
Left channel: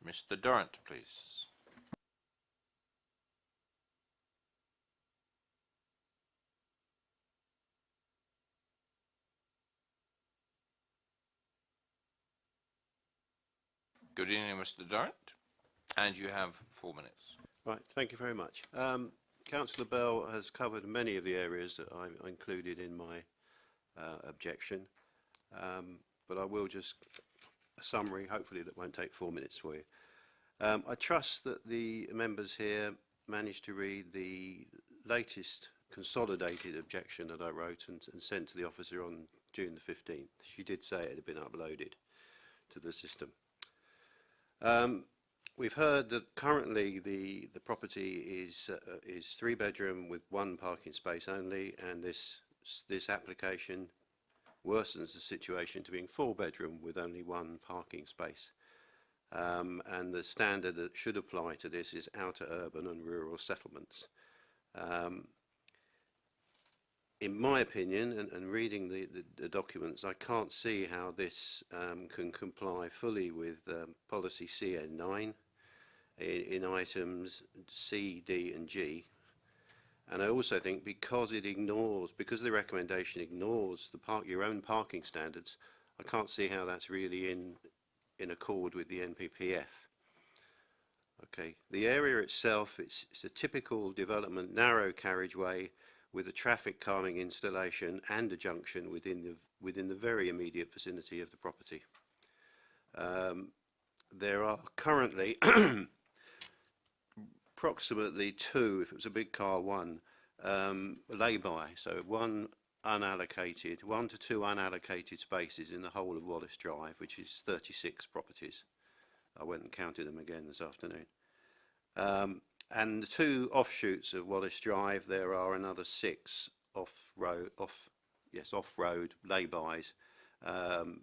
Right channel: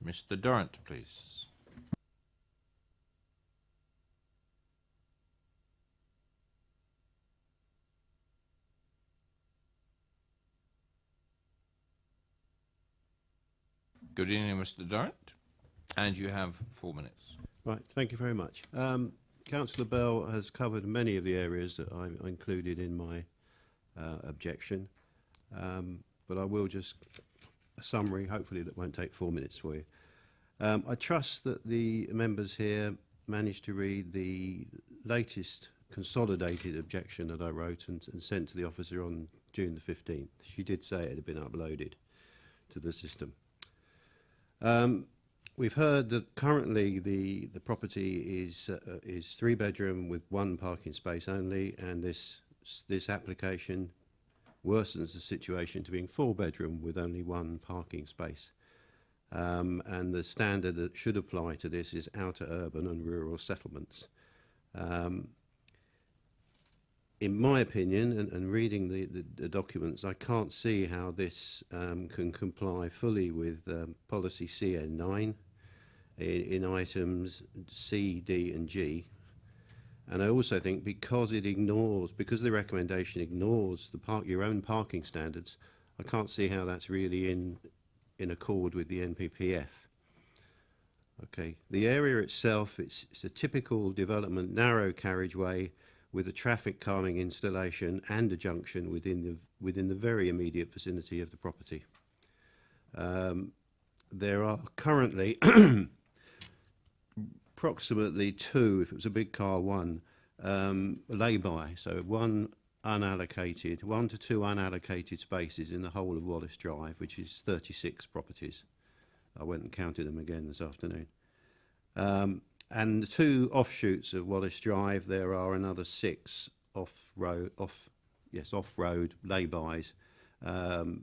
Mr. Durrant, please. Good evening, Mr. Durrant. And you have 4 minutes. Right, thank you very much. Councillor Bell has covered many of the areas that I included in my objection, but I will just a summary, hopefully that won't take 4 minutes for you. I trust that the members here managed to read the latest consolidated objection that I wrote and sent to the officer on June the 15th. She did say it had been uploaded to the system. We've heard that currently the property is 3-bedroom with 1 parking space only, and this application worsens the situation to being 4-bedroom with only 1 parking space. And the standard that should apply to this is outer urban and rural settlements. In my opinion, and reading the documents, I can't see how this can comply fully with policy CN9 in items C, D and G. And I also think because the recommendation ignores your own parking standards, I can't see how that's really in accord with the NPPF. Okay, the area itself, it's a typical development, narrow carriageway with a traffic calming installation and a junction within the very immediate vicinity of the property. There are currently approximately 2, if it was a big car, 1 lay-by, so 1 to 2 unallocated spaces in the whole of Wallace Drive, which is 36 properties. I went and counted them again this afternoon. And the 2 offshoots of Wallace Drive, there are another 6 off-road lay-bys,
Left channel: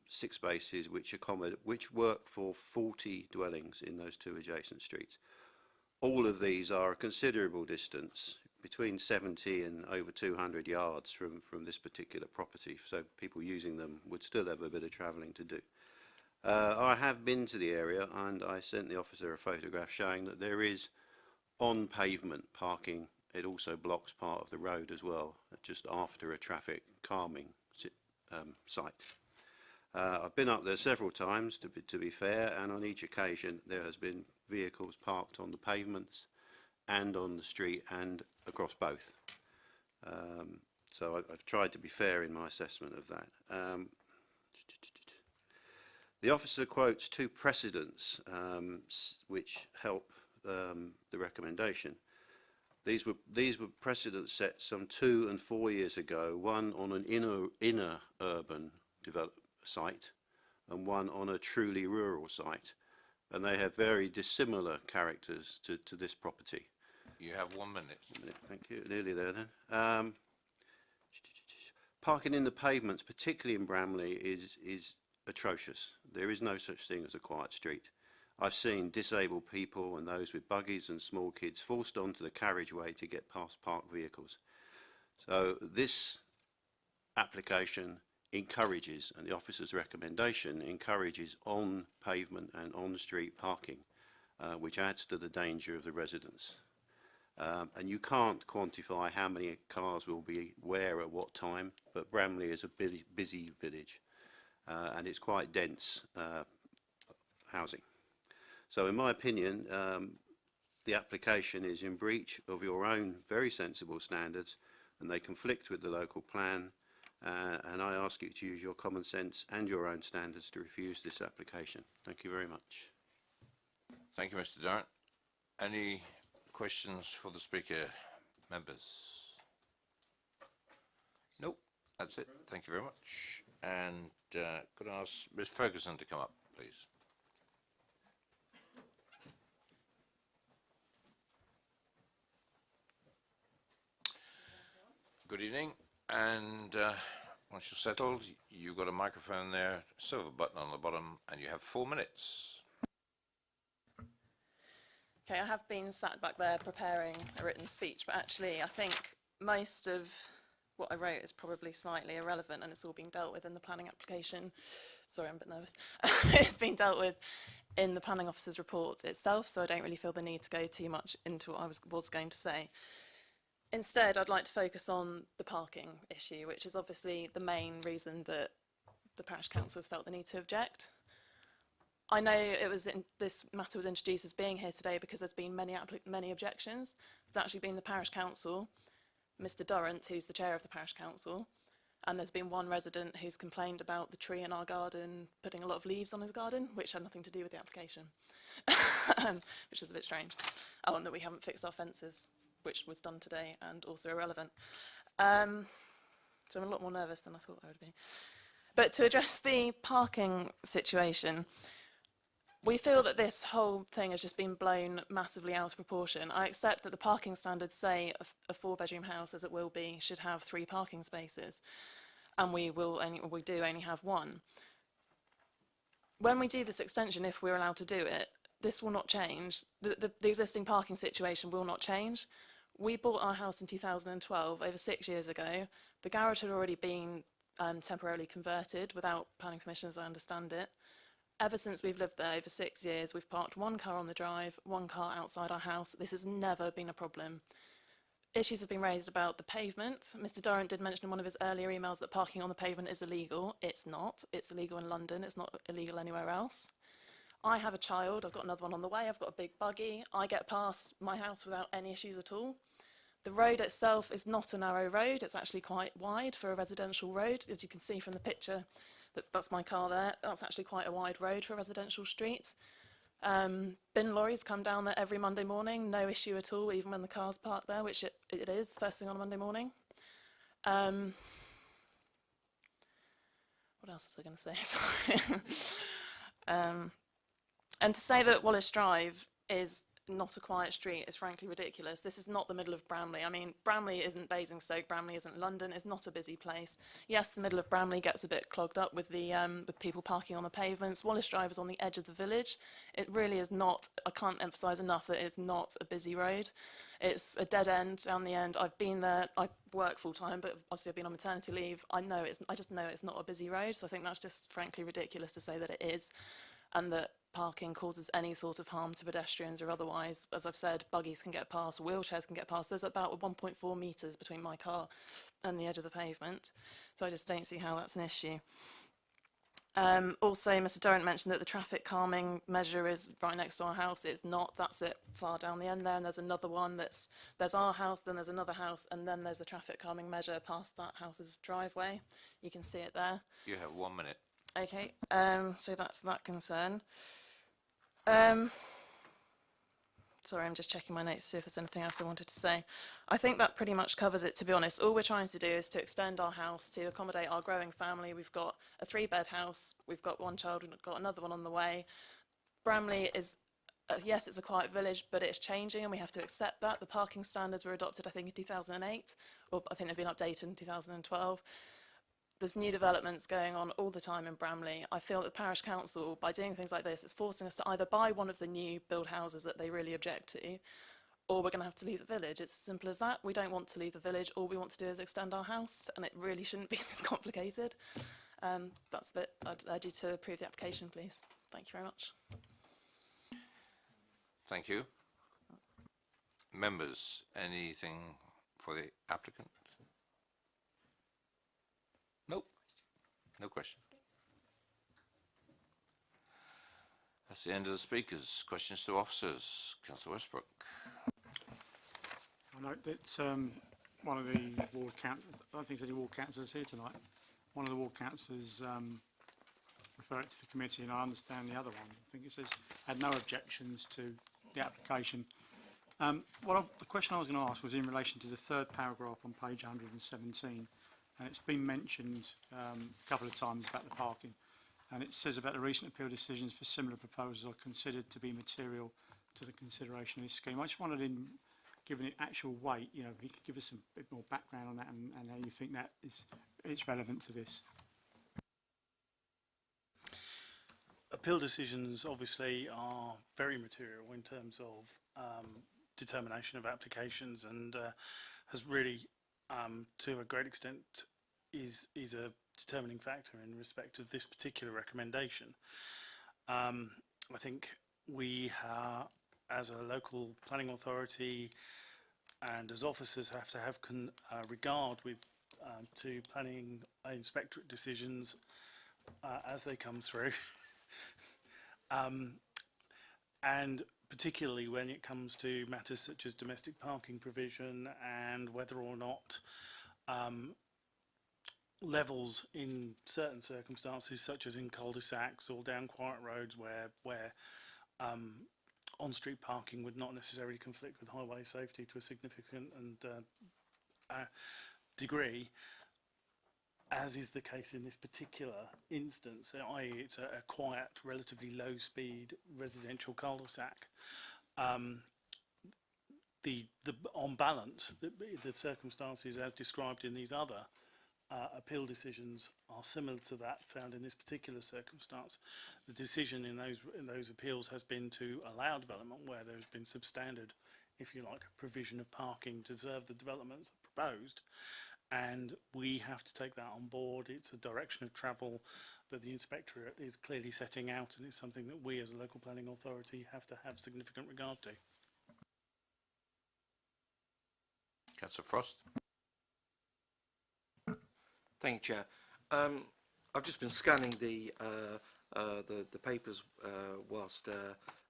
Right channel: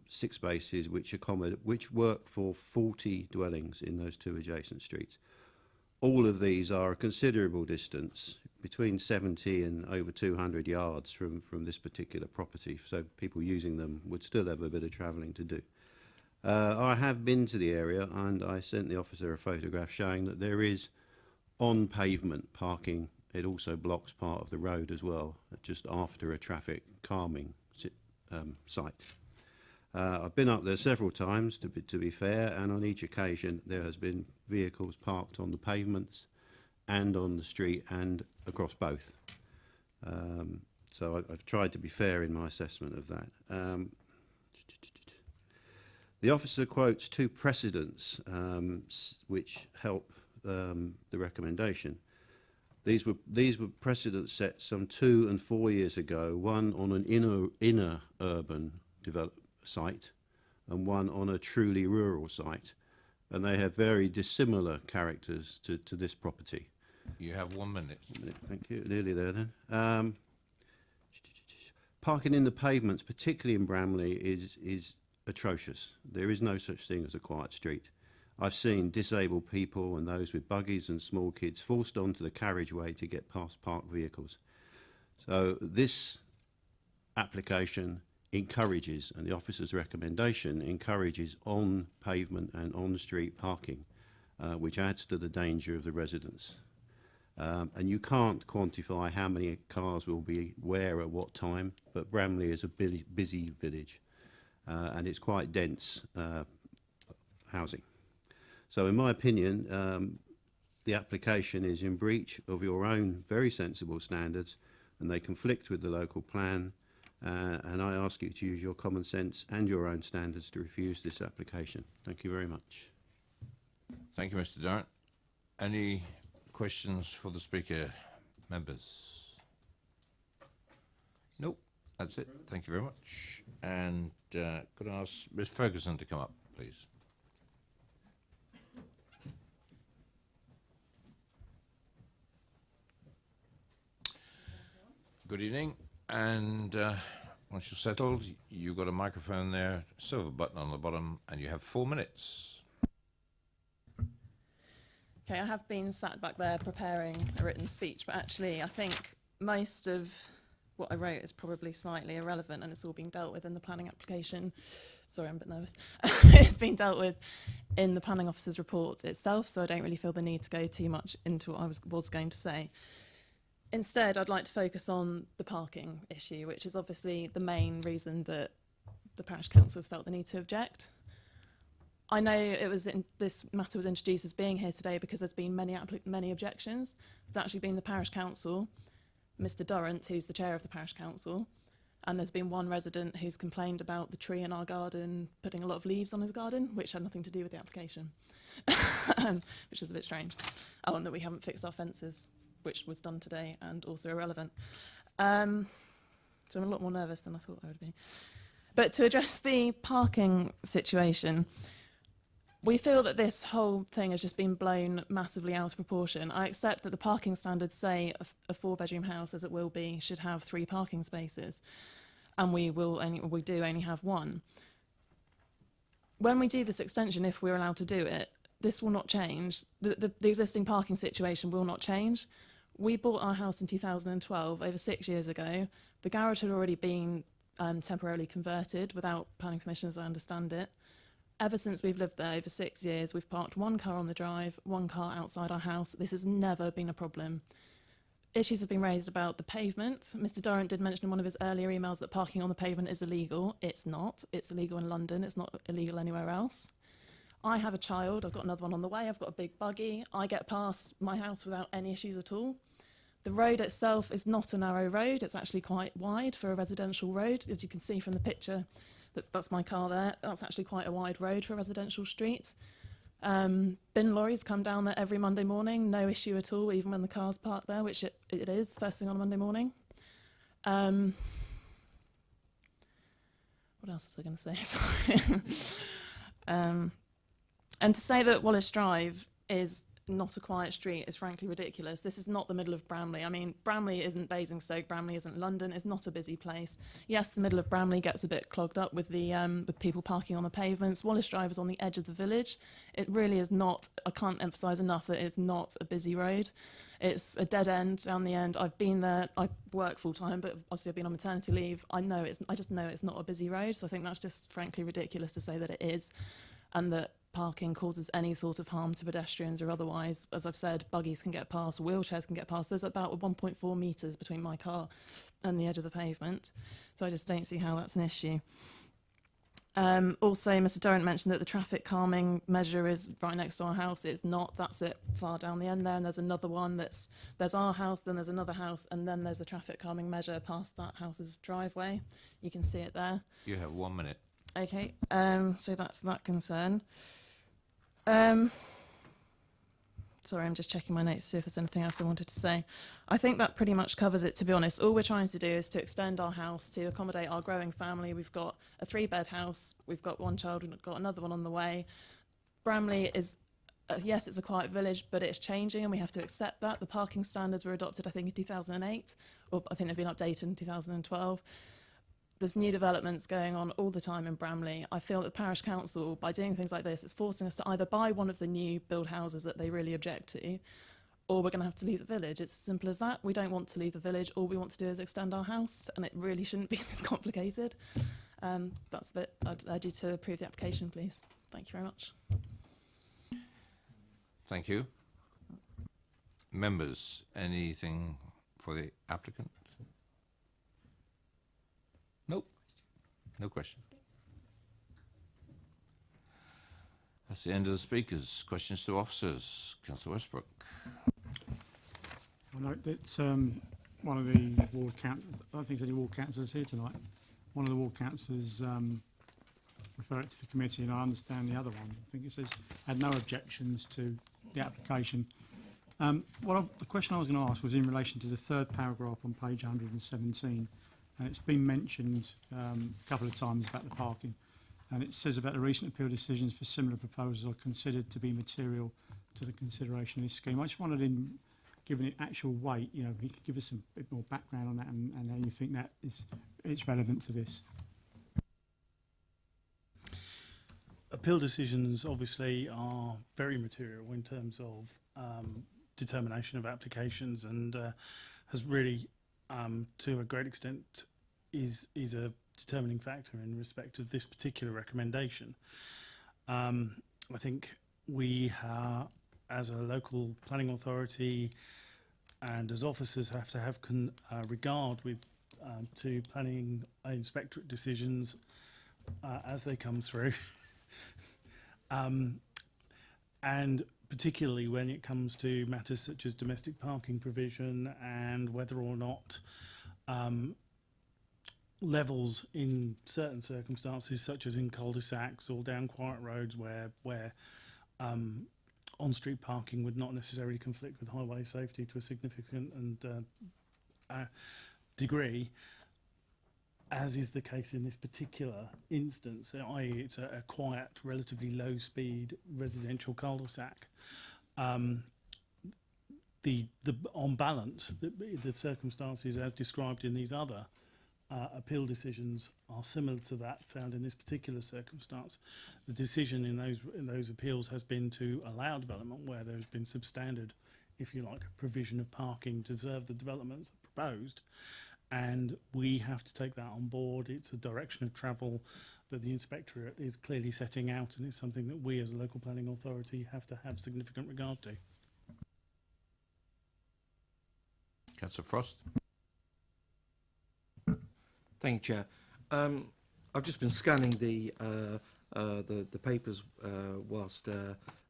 6 spaces which work for 40 dwellings in those 2 adjacent streets. All of these are a considerable distance, between 70 and over 200 yards from this particular property, so people using them would still have a bit of travelling to do. I have been to the area and I sent the officer a photograph showing that there is on pavement parking. It also blocks part of the road as well, just after a traffic calming site. I've been up there several times to be fair, and on each occasion there has been vehicles parked on the pavements and on the street and across both. So I've tried to be fair in my assessment of that. The officer quotes 2 precedents which help the recommendation. These were precedents set some 2 and 4 years ago, one on an inner urban site and one on a truly rural site, and they have very dissimilar characters to this property. You have 1 minute. Thank you. Nearly there then. Parking in the pavements, particularly in Bramley, is atrocious. There is no such thing as a quiet street. I've seen disabled people and those with buggies and small kids forced onto the carriageway to get past parked vehicles. So this application encourages, and the officer's recommendation encourages, on pavement and on street parking, which adds to the danger of the residents. And you can't quantify how many cars will be where at what time, but Bramley is a busy village and it's quite dense housing. So in my opinion, the application is in breach of your own very sensible standards, and they conflict with the local plan, and I ask you to use your common sense and your own standards to refuse this application. Thank you very much. Thank you, Mr. Durrant. Any questions for the speaker, members? Nope, that's it. Thank you very much. And could I ask Ms. Ferguson to come up, please? Good evening, and once you're settled, you've got a microphone there, silver button on the bottom, and you have 4 minutes. Okay, I have been sat back there preparing a written speech, but actually I think most of what I wrote is probably slightly irrelevant, and it's all being dealt with in the planning application. Sorry, I'm a bit nervous. It's been dealt with in the planning officer's report itself, so I don't really feel the need to go too much into what I was going to say. Instead, I'd like to focus on the parking issue, which is obviously the main reason that the parish council has felt the need to object. I know this matter was introduced as being here today because there's been many objections. It's actually been the parish council, Mr. Durrant, who's the chair of the parish council, and there's been one resident who's complained about the tree in our garden putting a lot of leaves on his garden, which had nothing to do with the application, which is a bit strange. Oh, and that we haven't fixed our fences, which was done today and also irrelevant. So I'm a lot more nervous than I thought I would be. But to address the parking situation, we feel that this whole thing has just been blown massively out of proportion. I accept that the parking standards say a 4-bedroom house, as it will be, should have 3 parking spaces, and we do only have 1. When we do this extension, if we're allowed to do it, this will not change. The existing parking situation will not change. We bought our house in 2012, over 6 years ago. The garage had already been temporarily converted without planning permission, as I understand it. Ever since we've lived there over 6 years, we've parked 1 car on the drive, 1 car outside our house. This has never been a problem. Issues have been raised about the pavement. Mr. Durrant did mention in one of his earlier emails that parking on the pavement is illegal. It's not. It's illegal in London. It's not illegal anywhere else. I have a child. I've got another one on the way. I've got a big buggy. I get past my house without any issues at all. The road itself is not a narrow road. It's actually quite wide for a residential road, as you can see from the picture. That's my car there. That's actually quite a wide road for a residential street. Bin lorries come down there every Monday morning, no issue at all, even when the car's parked there, which it is, first thing on a Monday morning. What else was I going to say? Sorry. And to say that Wallace Drive is not a quiet street is frankly ridiculous. This is not the middle of Bramley. I mean, Bramley isn't Basingstoke, Bramley isn't London, it's not a busy place. Yes, the middle of Bramley gets a bit clogged up with with people parking on the pavements. Wallace Drive is on the edge of the village. It really is not, I can't emphasise enough that it's not a busy road. It's a dead end down the end. I've been there, I work full time, but obviously I've been on maternity leave. I just know it's not a busy road, so I think that's just frankly ridiculous to say that it is, and that parking causes any sort of harm to pedestrians or otherwise. As I've said, buggies can get past, wheelchairs can get past. There's about 1.4 metres between my car and the edge of the pavement, so I just don't see how that's an issue. Also, Mr. Durrant mentioned that the traffic calming measure is right next to our house. It's not. That's it far down the end there, and there's another one there's our house, then there's another house, and then there's the traffic calming measure past that house's driveway. You can see it there. You have 1 minute. Okay, so that's that concern. Sorry, I'm just checking my notes to see if there's anything else I wanted to say. I think that pretty much covers it, to be honest. All we're trying to do is to extend our house to accommodate our growing family. We've got a 3-bed house, we've got 1 child, we've got another one on the way. Bramley is, yes, it's a quiet village, but it's changing and we have to accept that. The parking standards were adopted, I think, in 2008, or I think they've been updated in 2012. There's new developments going on all the time in Bramley. I feel that the parish council, by doing things like this, is forcing us to either buy one of the new build houses that they really object to, or we're going to have to leave the village. It's as simple as that. We don't want to leave the village. All we want to do is extend our house, and it really shouldn't be this complicated. That's it. I'd urge you to approve the application, please. Thank you very much. Thank you. Members, anything for the applicant? Nope. No question. That's the end of the speakers. Questions to officers. Councillor Westbrook. I note that one of the ward councillors, I don't think there's any ward councillors here tonight. One of the ward councillors referred it to the committee, and I understand the other one. I think it says had no objections to the application. The question I was going to ask was in relation to the 3rd paragraph on page 117. And it's been mentioned a couple of times about the parking. And it says about the recent appeal decisions for similar proposals are considered to be material to the consideration of this scheme. I just wanted to given it actual weight, you know, if you could give us a bit more background on that and how you think that it's relevant to this. Appeal decisions obviously are very material in terms of determination of applications, and has really, to a great extent, is a determining factor in respect of this particular recommendation. I think we, as a local planning authority and as officers, have to have regard with to planning inspectorate decisions as they come through. And particularly when it comes to matters such as domestic parking provision and whether or not levels in certain circumstances, such as in cul-de-sacs or down quiet roads where on-street parking would not necessarily conflict with highway safety to a significant and degree, as is the case in this particular instance, i.e. it's a quiet, relatively low-speed residential cul-de-sac. On balance, the circumstances as described in these other appeal decisions are similar to that found in this particular circumstance. The decision in those appeals has been to allow development where there has been substandard, if you like, provision of parking to serve the developments proposed. And we have to take that on board. It's a direction of travel that the inspectorate is clearly setting out, and it's something that we as a local planning authority have to have significant regard to. Councillor Frost. Thank you, Chair. I've just been scanning the papers whilst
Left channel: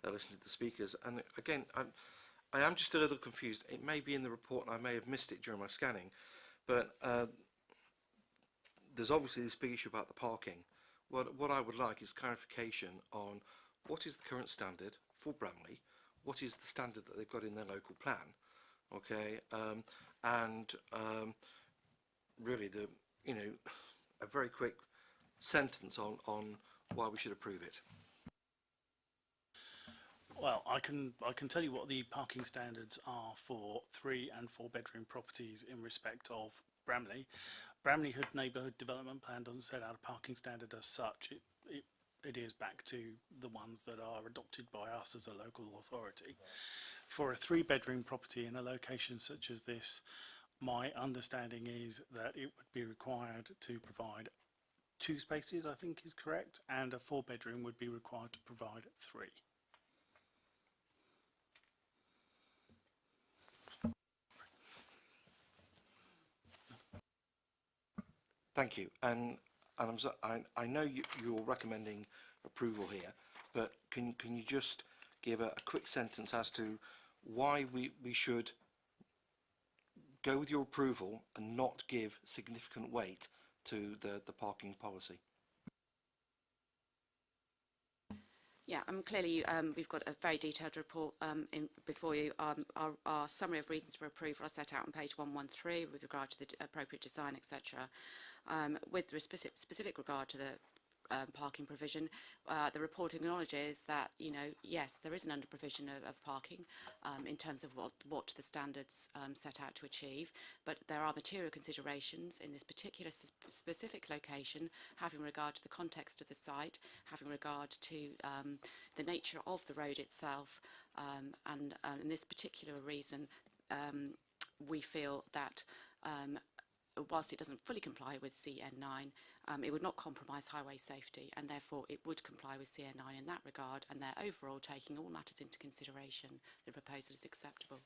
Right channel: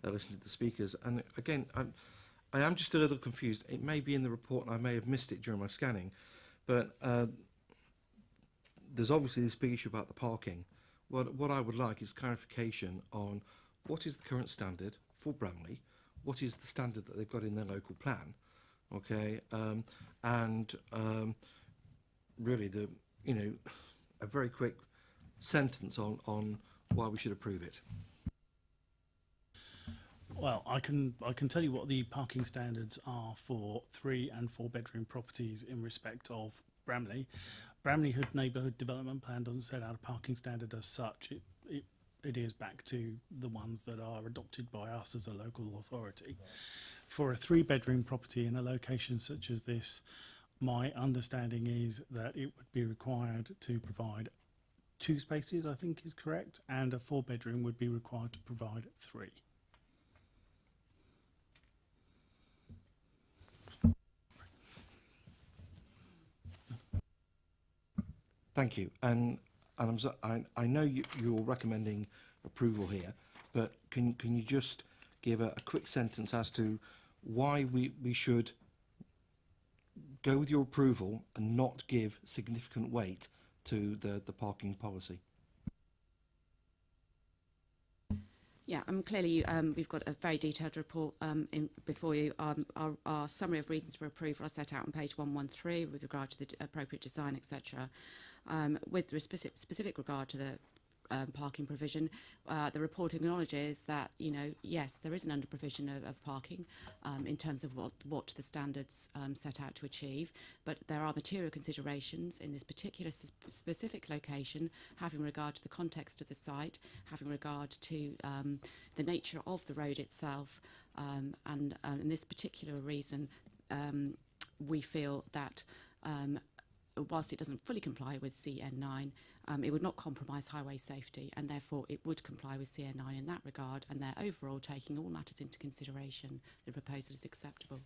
listening to the speakers, and again, I am just a little confused. It may be in the report, and I may have missed it during my scanning. But there's obviously this big issue about the parking. What I would like is clarification on what is the current standard for Bramley, what is the standard that they've got in their local plan, okay, and really a very quick sentence on why we should approve it. Well, I can tell you what the parking standards are for 3 and 4 bedroom properties in respect of Bramley. Bramley Hood Neighbourhood Development Plan doesn't set out a parking standard as such. It adheres back to the ones that are adopted by us as a local authority. For a 3 bedroom property in a location such as this, my understanding is that it would be required to provide 2 spaces, I think is correct, and a 4 bedroom would be required to provide 3. Thank you. And I know you're recommending approval here, but can you just give a quick sentence as to why we should go with your approval and not give significant weight to the parking policy? Yeah, clearly we've got a very detailed report before you. Our summary of reasons for approval are set out on page 113 with regard to the appropriate design, etc. With the specific regard to the parking provision, the report acknowledges that, yes, there is an under-provision of parking in terms of what the standards set out to achieve, but there are material considerations in this particular specific location, having regard to the context of the site, having regard to the nature of the road itself, and in this particular reason, we feel that whilst it doesn't fully comply with CN9, it would not compromise highway safety, and therefore it would comply with CN9 in that regard, and they're overall taking all matters into consideration. The proposal is acceptable.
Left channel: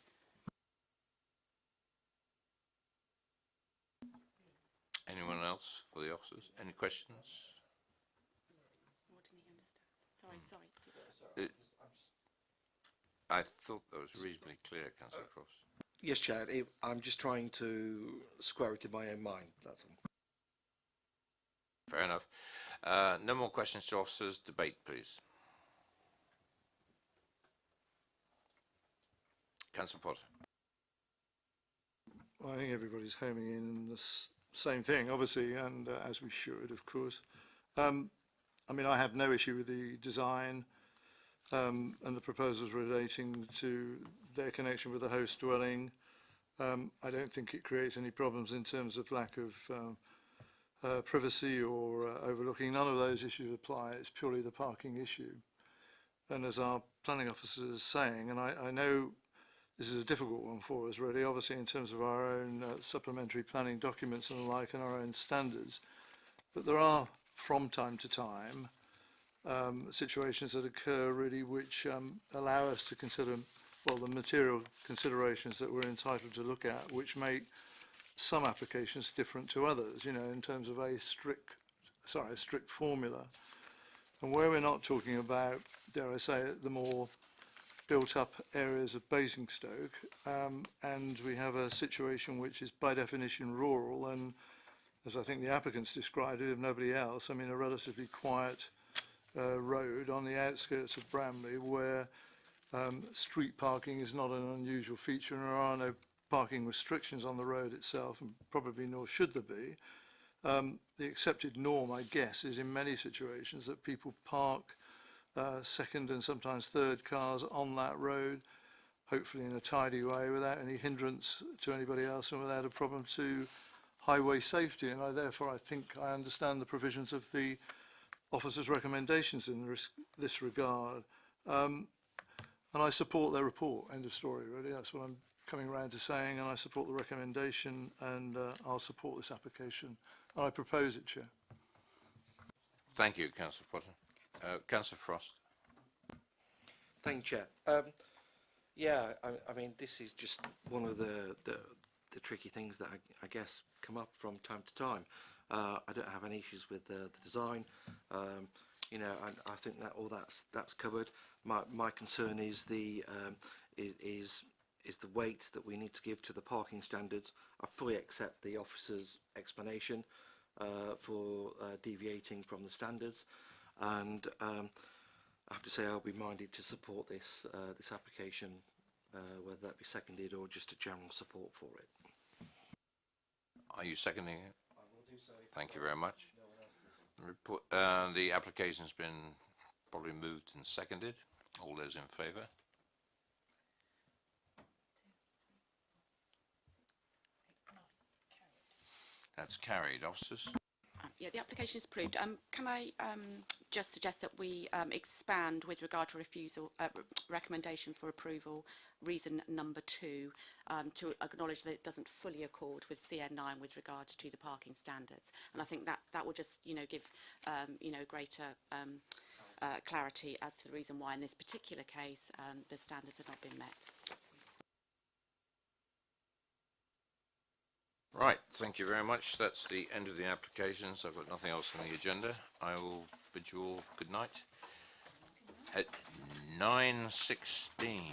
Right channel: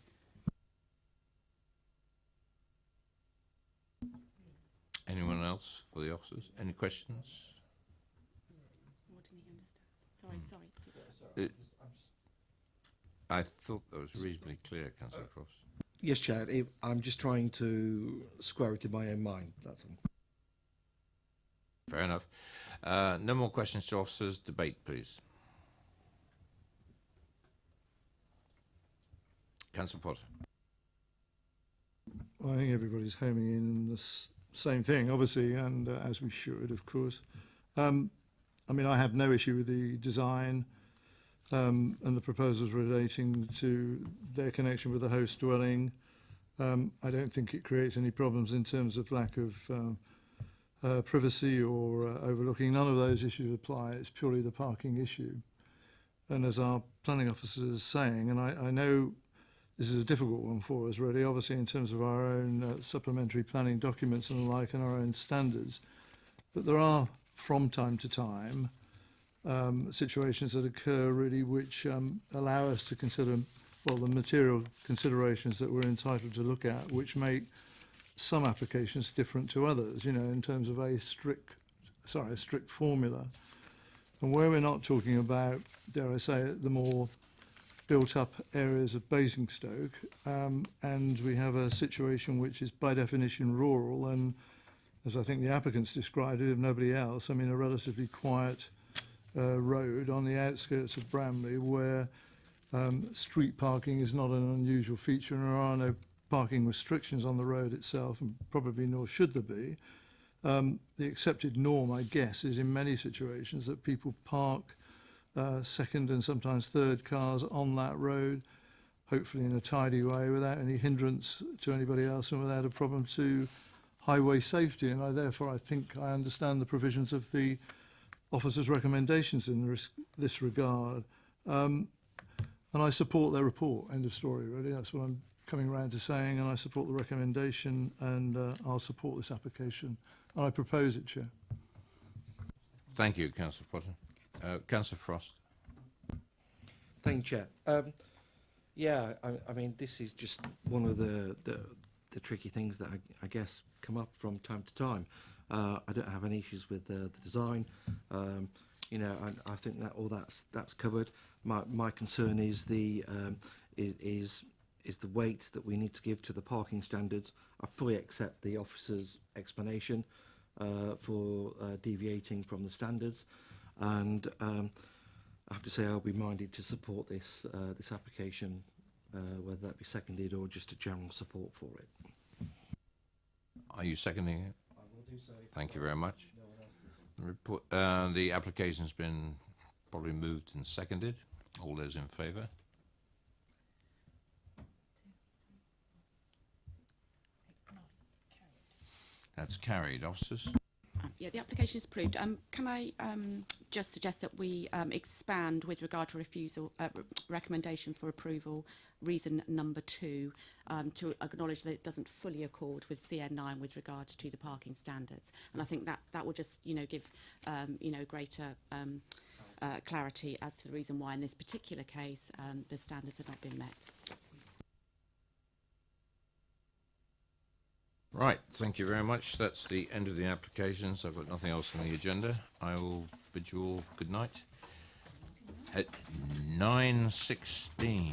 Anyone else for the officers? Any questions? What didn't he understand? Sorry. I thought that was reasonably clear, Councillor Frost. Yes, Chair. I'm just trying to square it in my own mind, that's all. Fair enough. No more questions to officers. Debate, please. Councillor Potter. I think everybody's homing in the same thing, obviously, and as we should, of course. I mean, I have no issue with the design. and the proposals relating to their connection with the host dwelling. I don't think it creates any problems in terms of lack of privacy or overlooking. None of those issues apply. It's purely the parking issue. And as our planning officer is saying, and I know this is a difficult one for us really, obviously in terms of our own supplementary planning documents and the like and our own standards, but there are from time to time situations that occur really which allow us to consider, well, the material considerations that we're entitled to look at, which make some applications different to others, you know, in terms of a strict formula. And where we're not talking about, dare I say it, the more built-up areas of Basingstoke, and we have a situation which is by definition rural, and as I think the applicants described it, if nobody else, I mean a relatively quiet road on the outskirts of Bramley where street parking is not an unusual feature and there are no parking restrictions on the road itself, and probably nor should there be. The accepted norm, I guess, is in many situations that people park second and sometimes third cars on that road, hopefully in a tidy way without any hindrance to anybody else and without a problem to highway safety. And I think I understand the provisions of the officer's recommendations in this regard. And I support their report, end of story really. That's what I'm coming round to saying, and I support the recommendation, and I'll support this application. And I propose it, Chair. Thank you, Councillor Potter. Councillor Frost. Thank you, Chair. Yeah, I mean, this is just one of the tricky things that I guess come up from time to time. I don't have any issues with the design. You know, I think that all that's covered. My concern is the weight that we need to give to the parking standards. I fully accept the officer's explanation for deviating from the standards, and I have to say I'll be minded to support this application, whether that be seconded or just a general support for it. Are you seconding it? I will do so. Thank you very much. No one else does. The application's been probably moved and seconded. All those in favour? That's carried. Officers? Yeah, the application is approved. Can I just suggest that we expand with regard to refusal, recommendation for approval, reason number 2, to acknowledge that it doesn't fully accord with CN9 with regard to the parking standards. And I think that will just, you know, give, you know, greater clarity as to the reason why in this particular case the standards have not been met. Right, thank you very much. That's the end of the applications. I've got nothing else on the agenda. I will bid you all good night. At 9:16.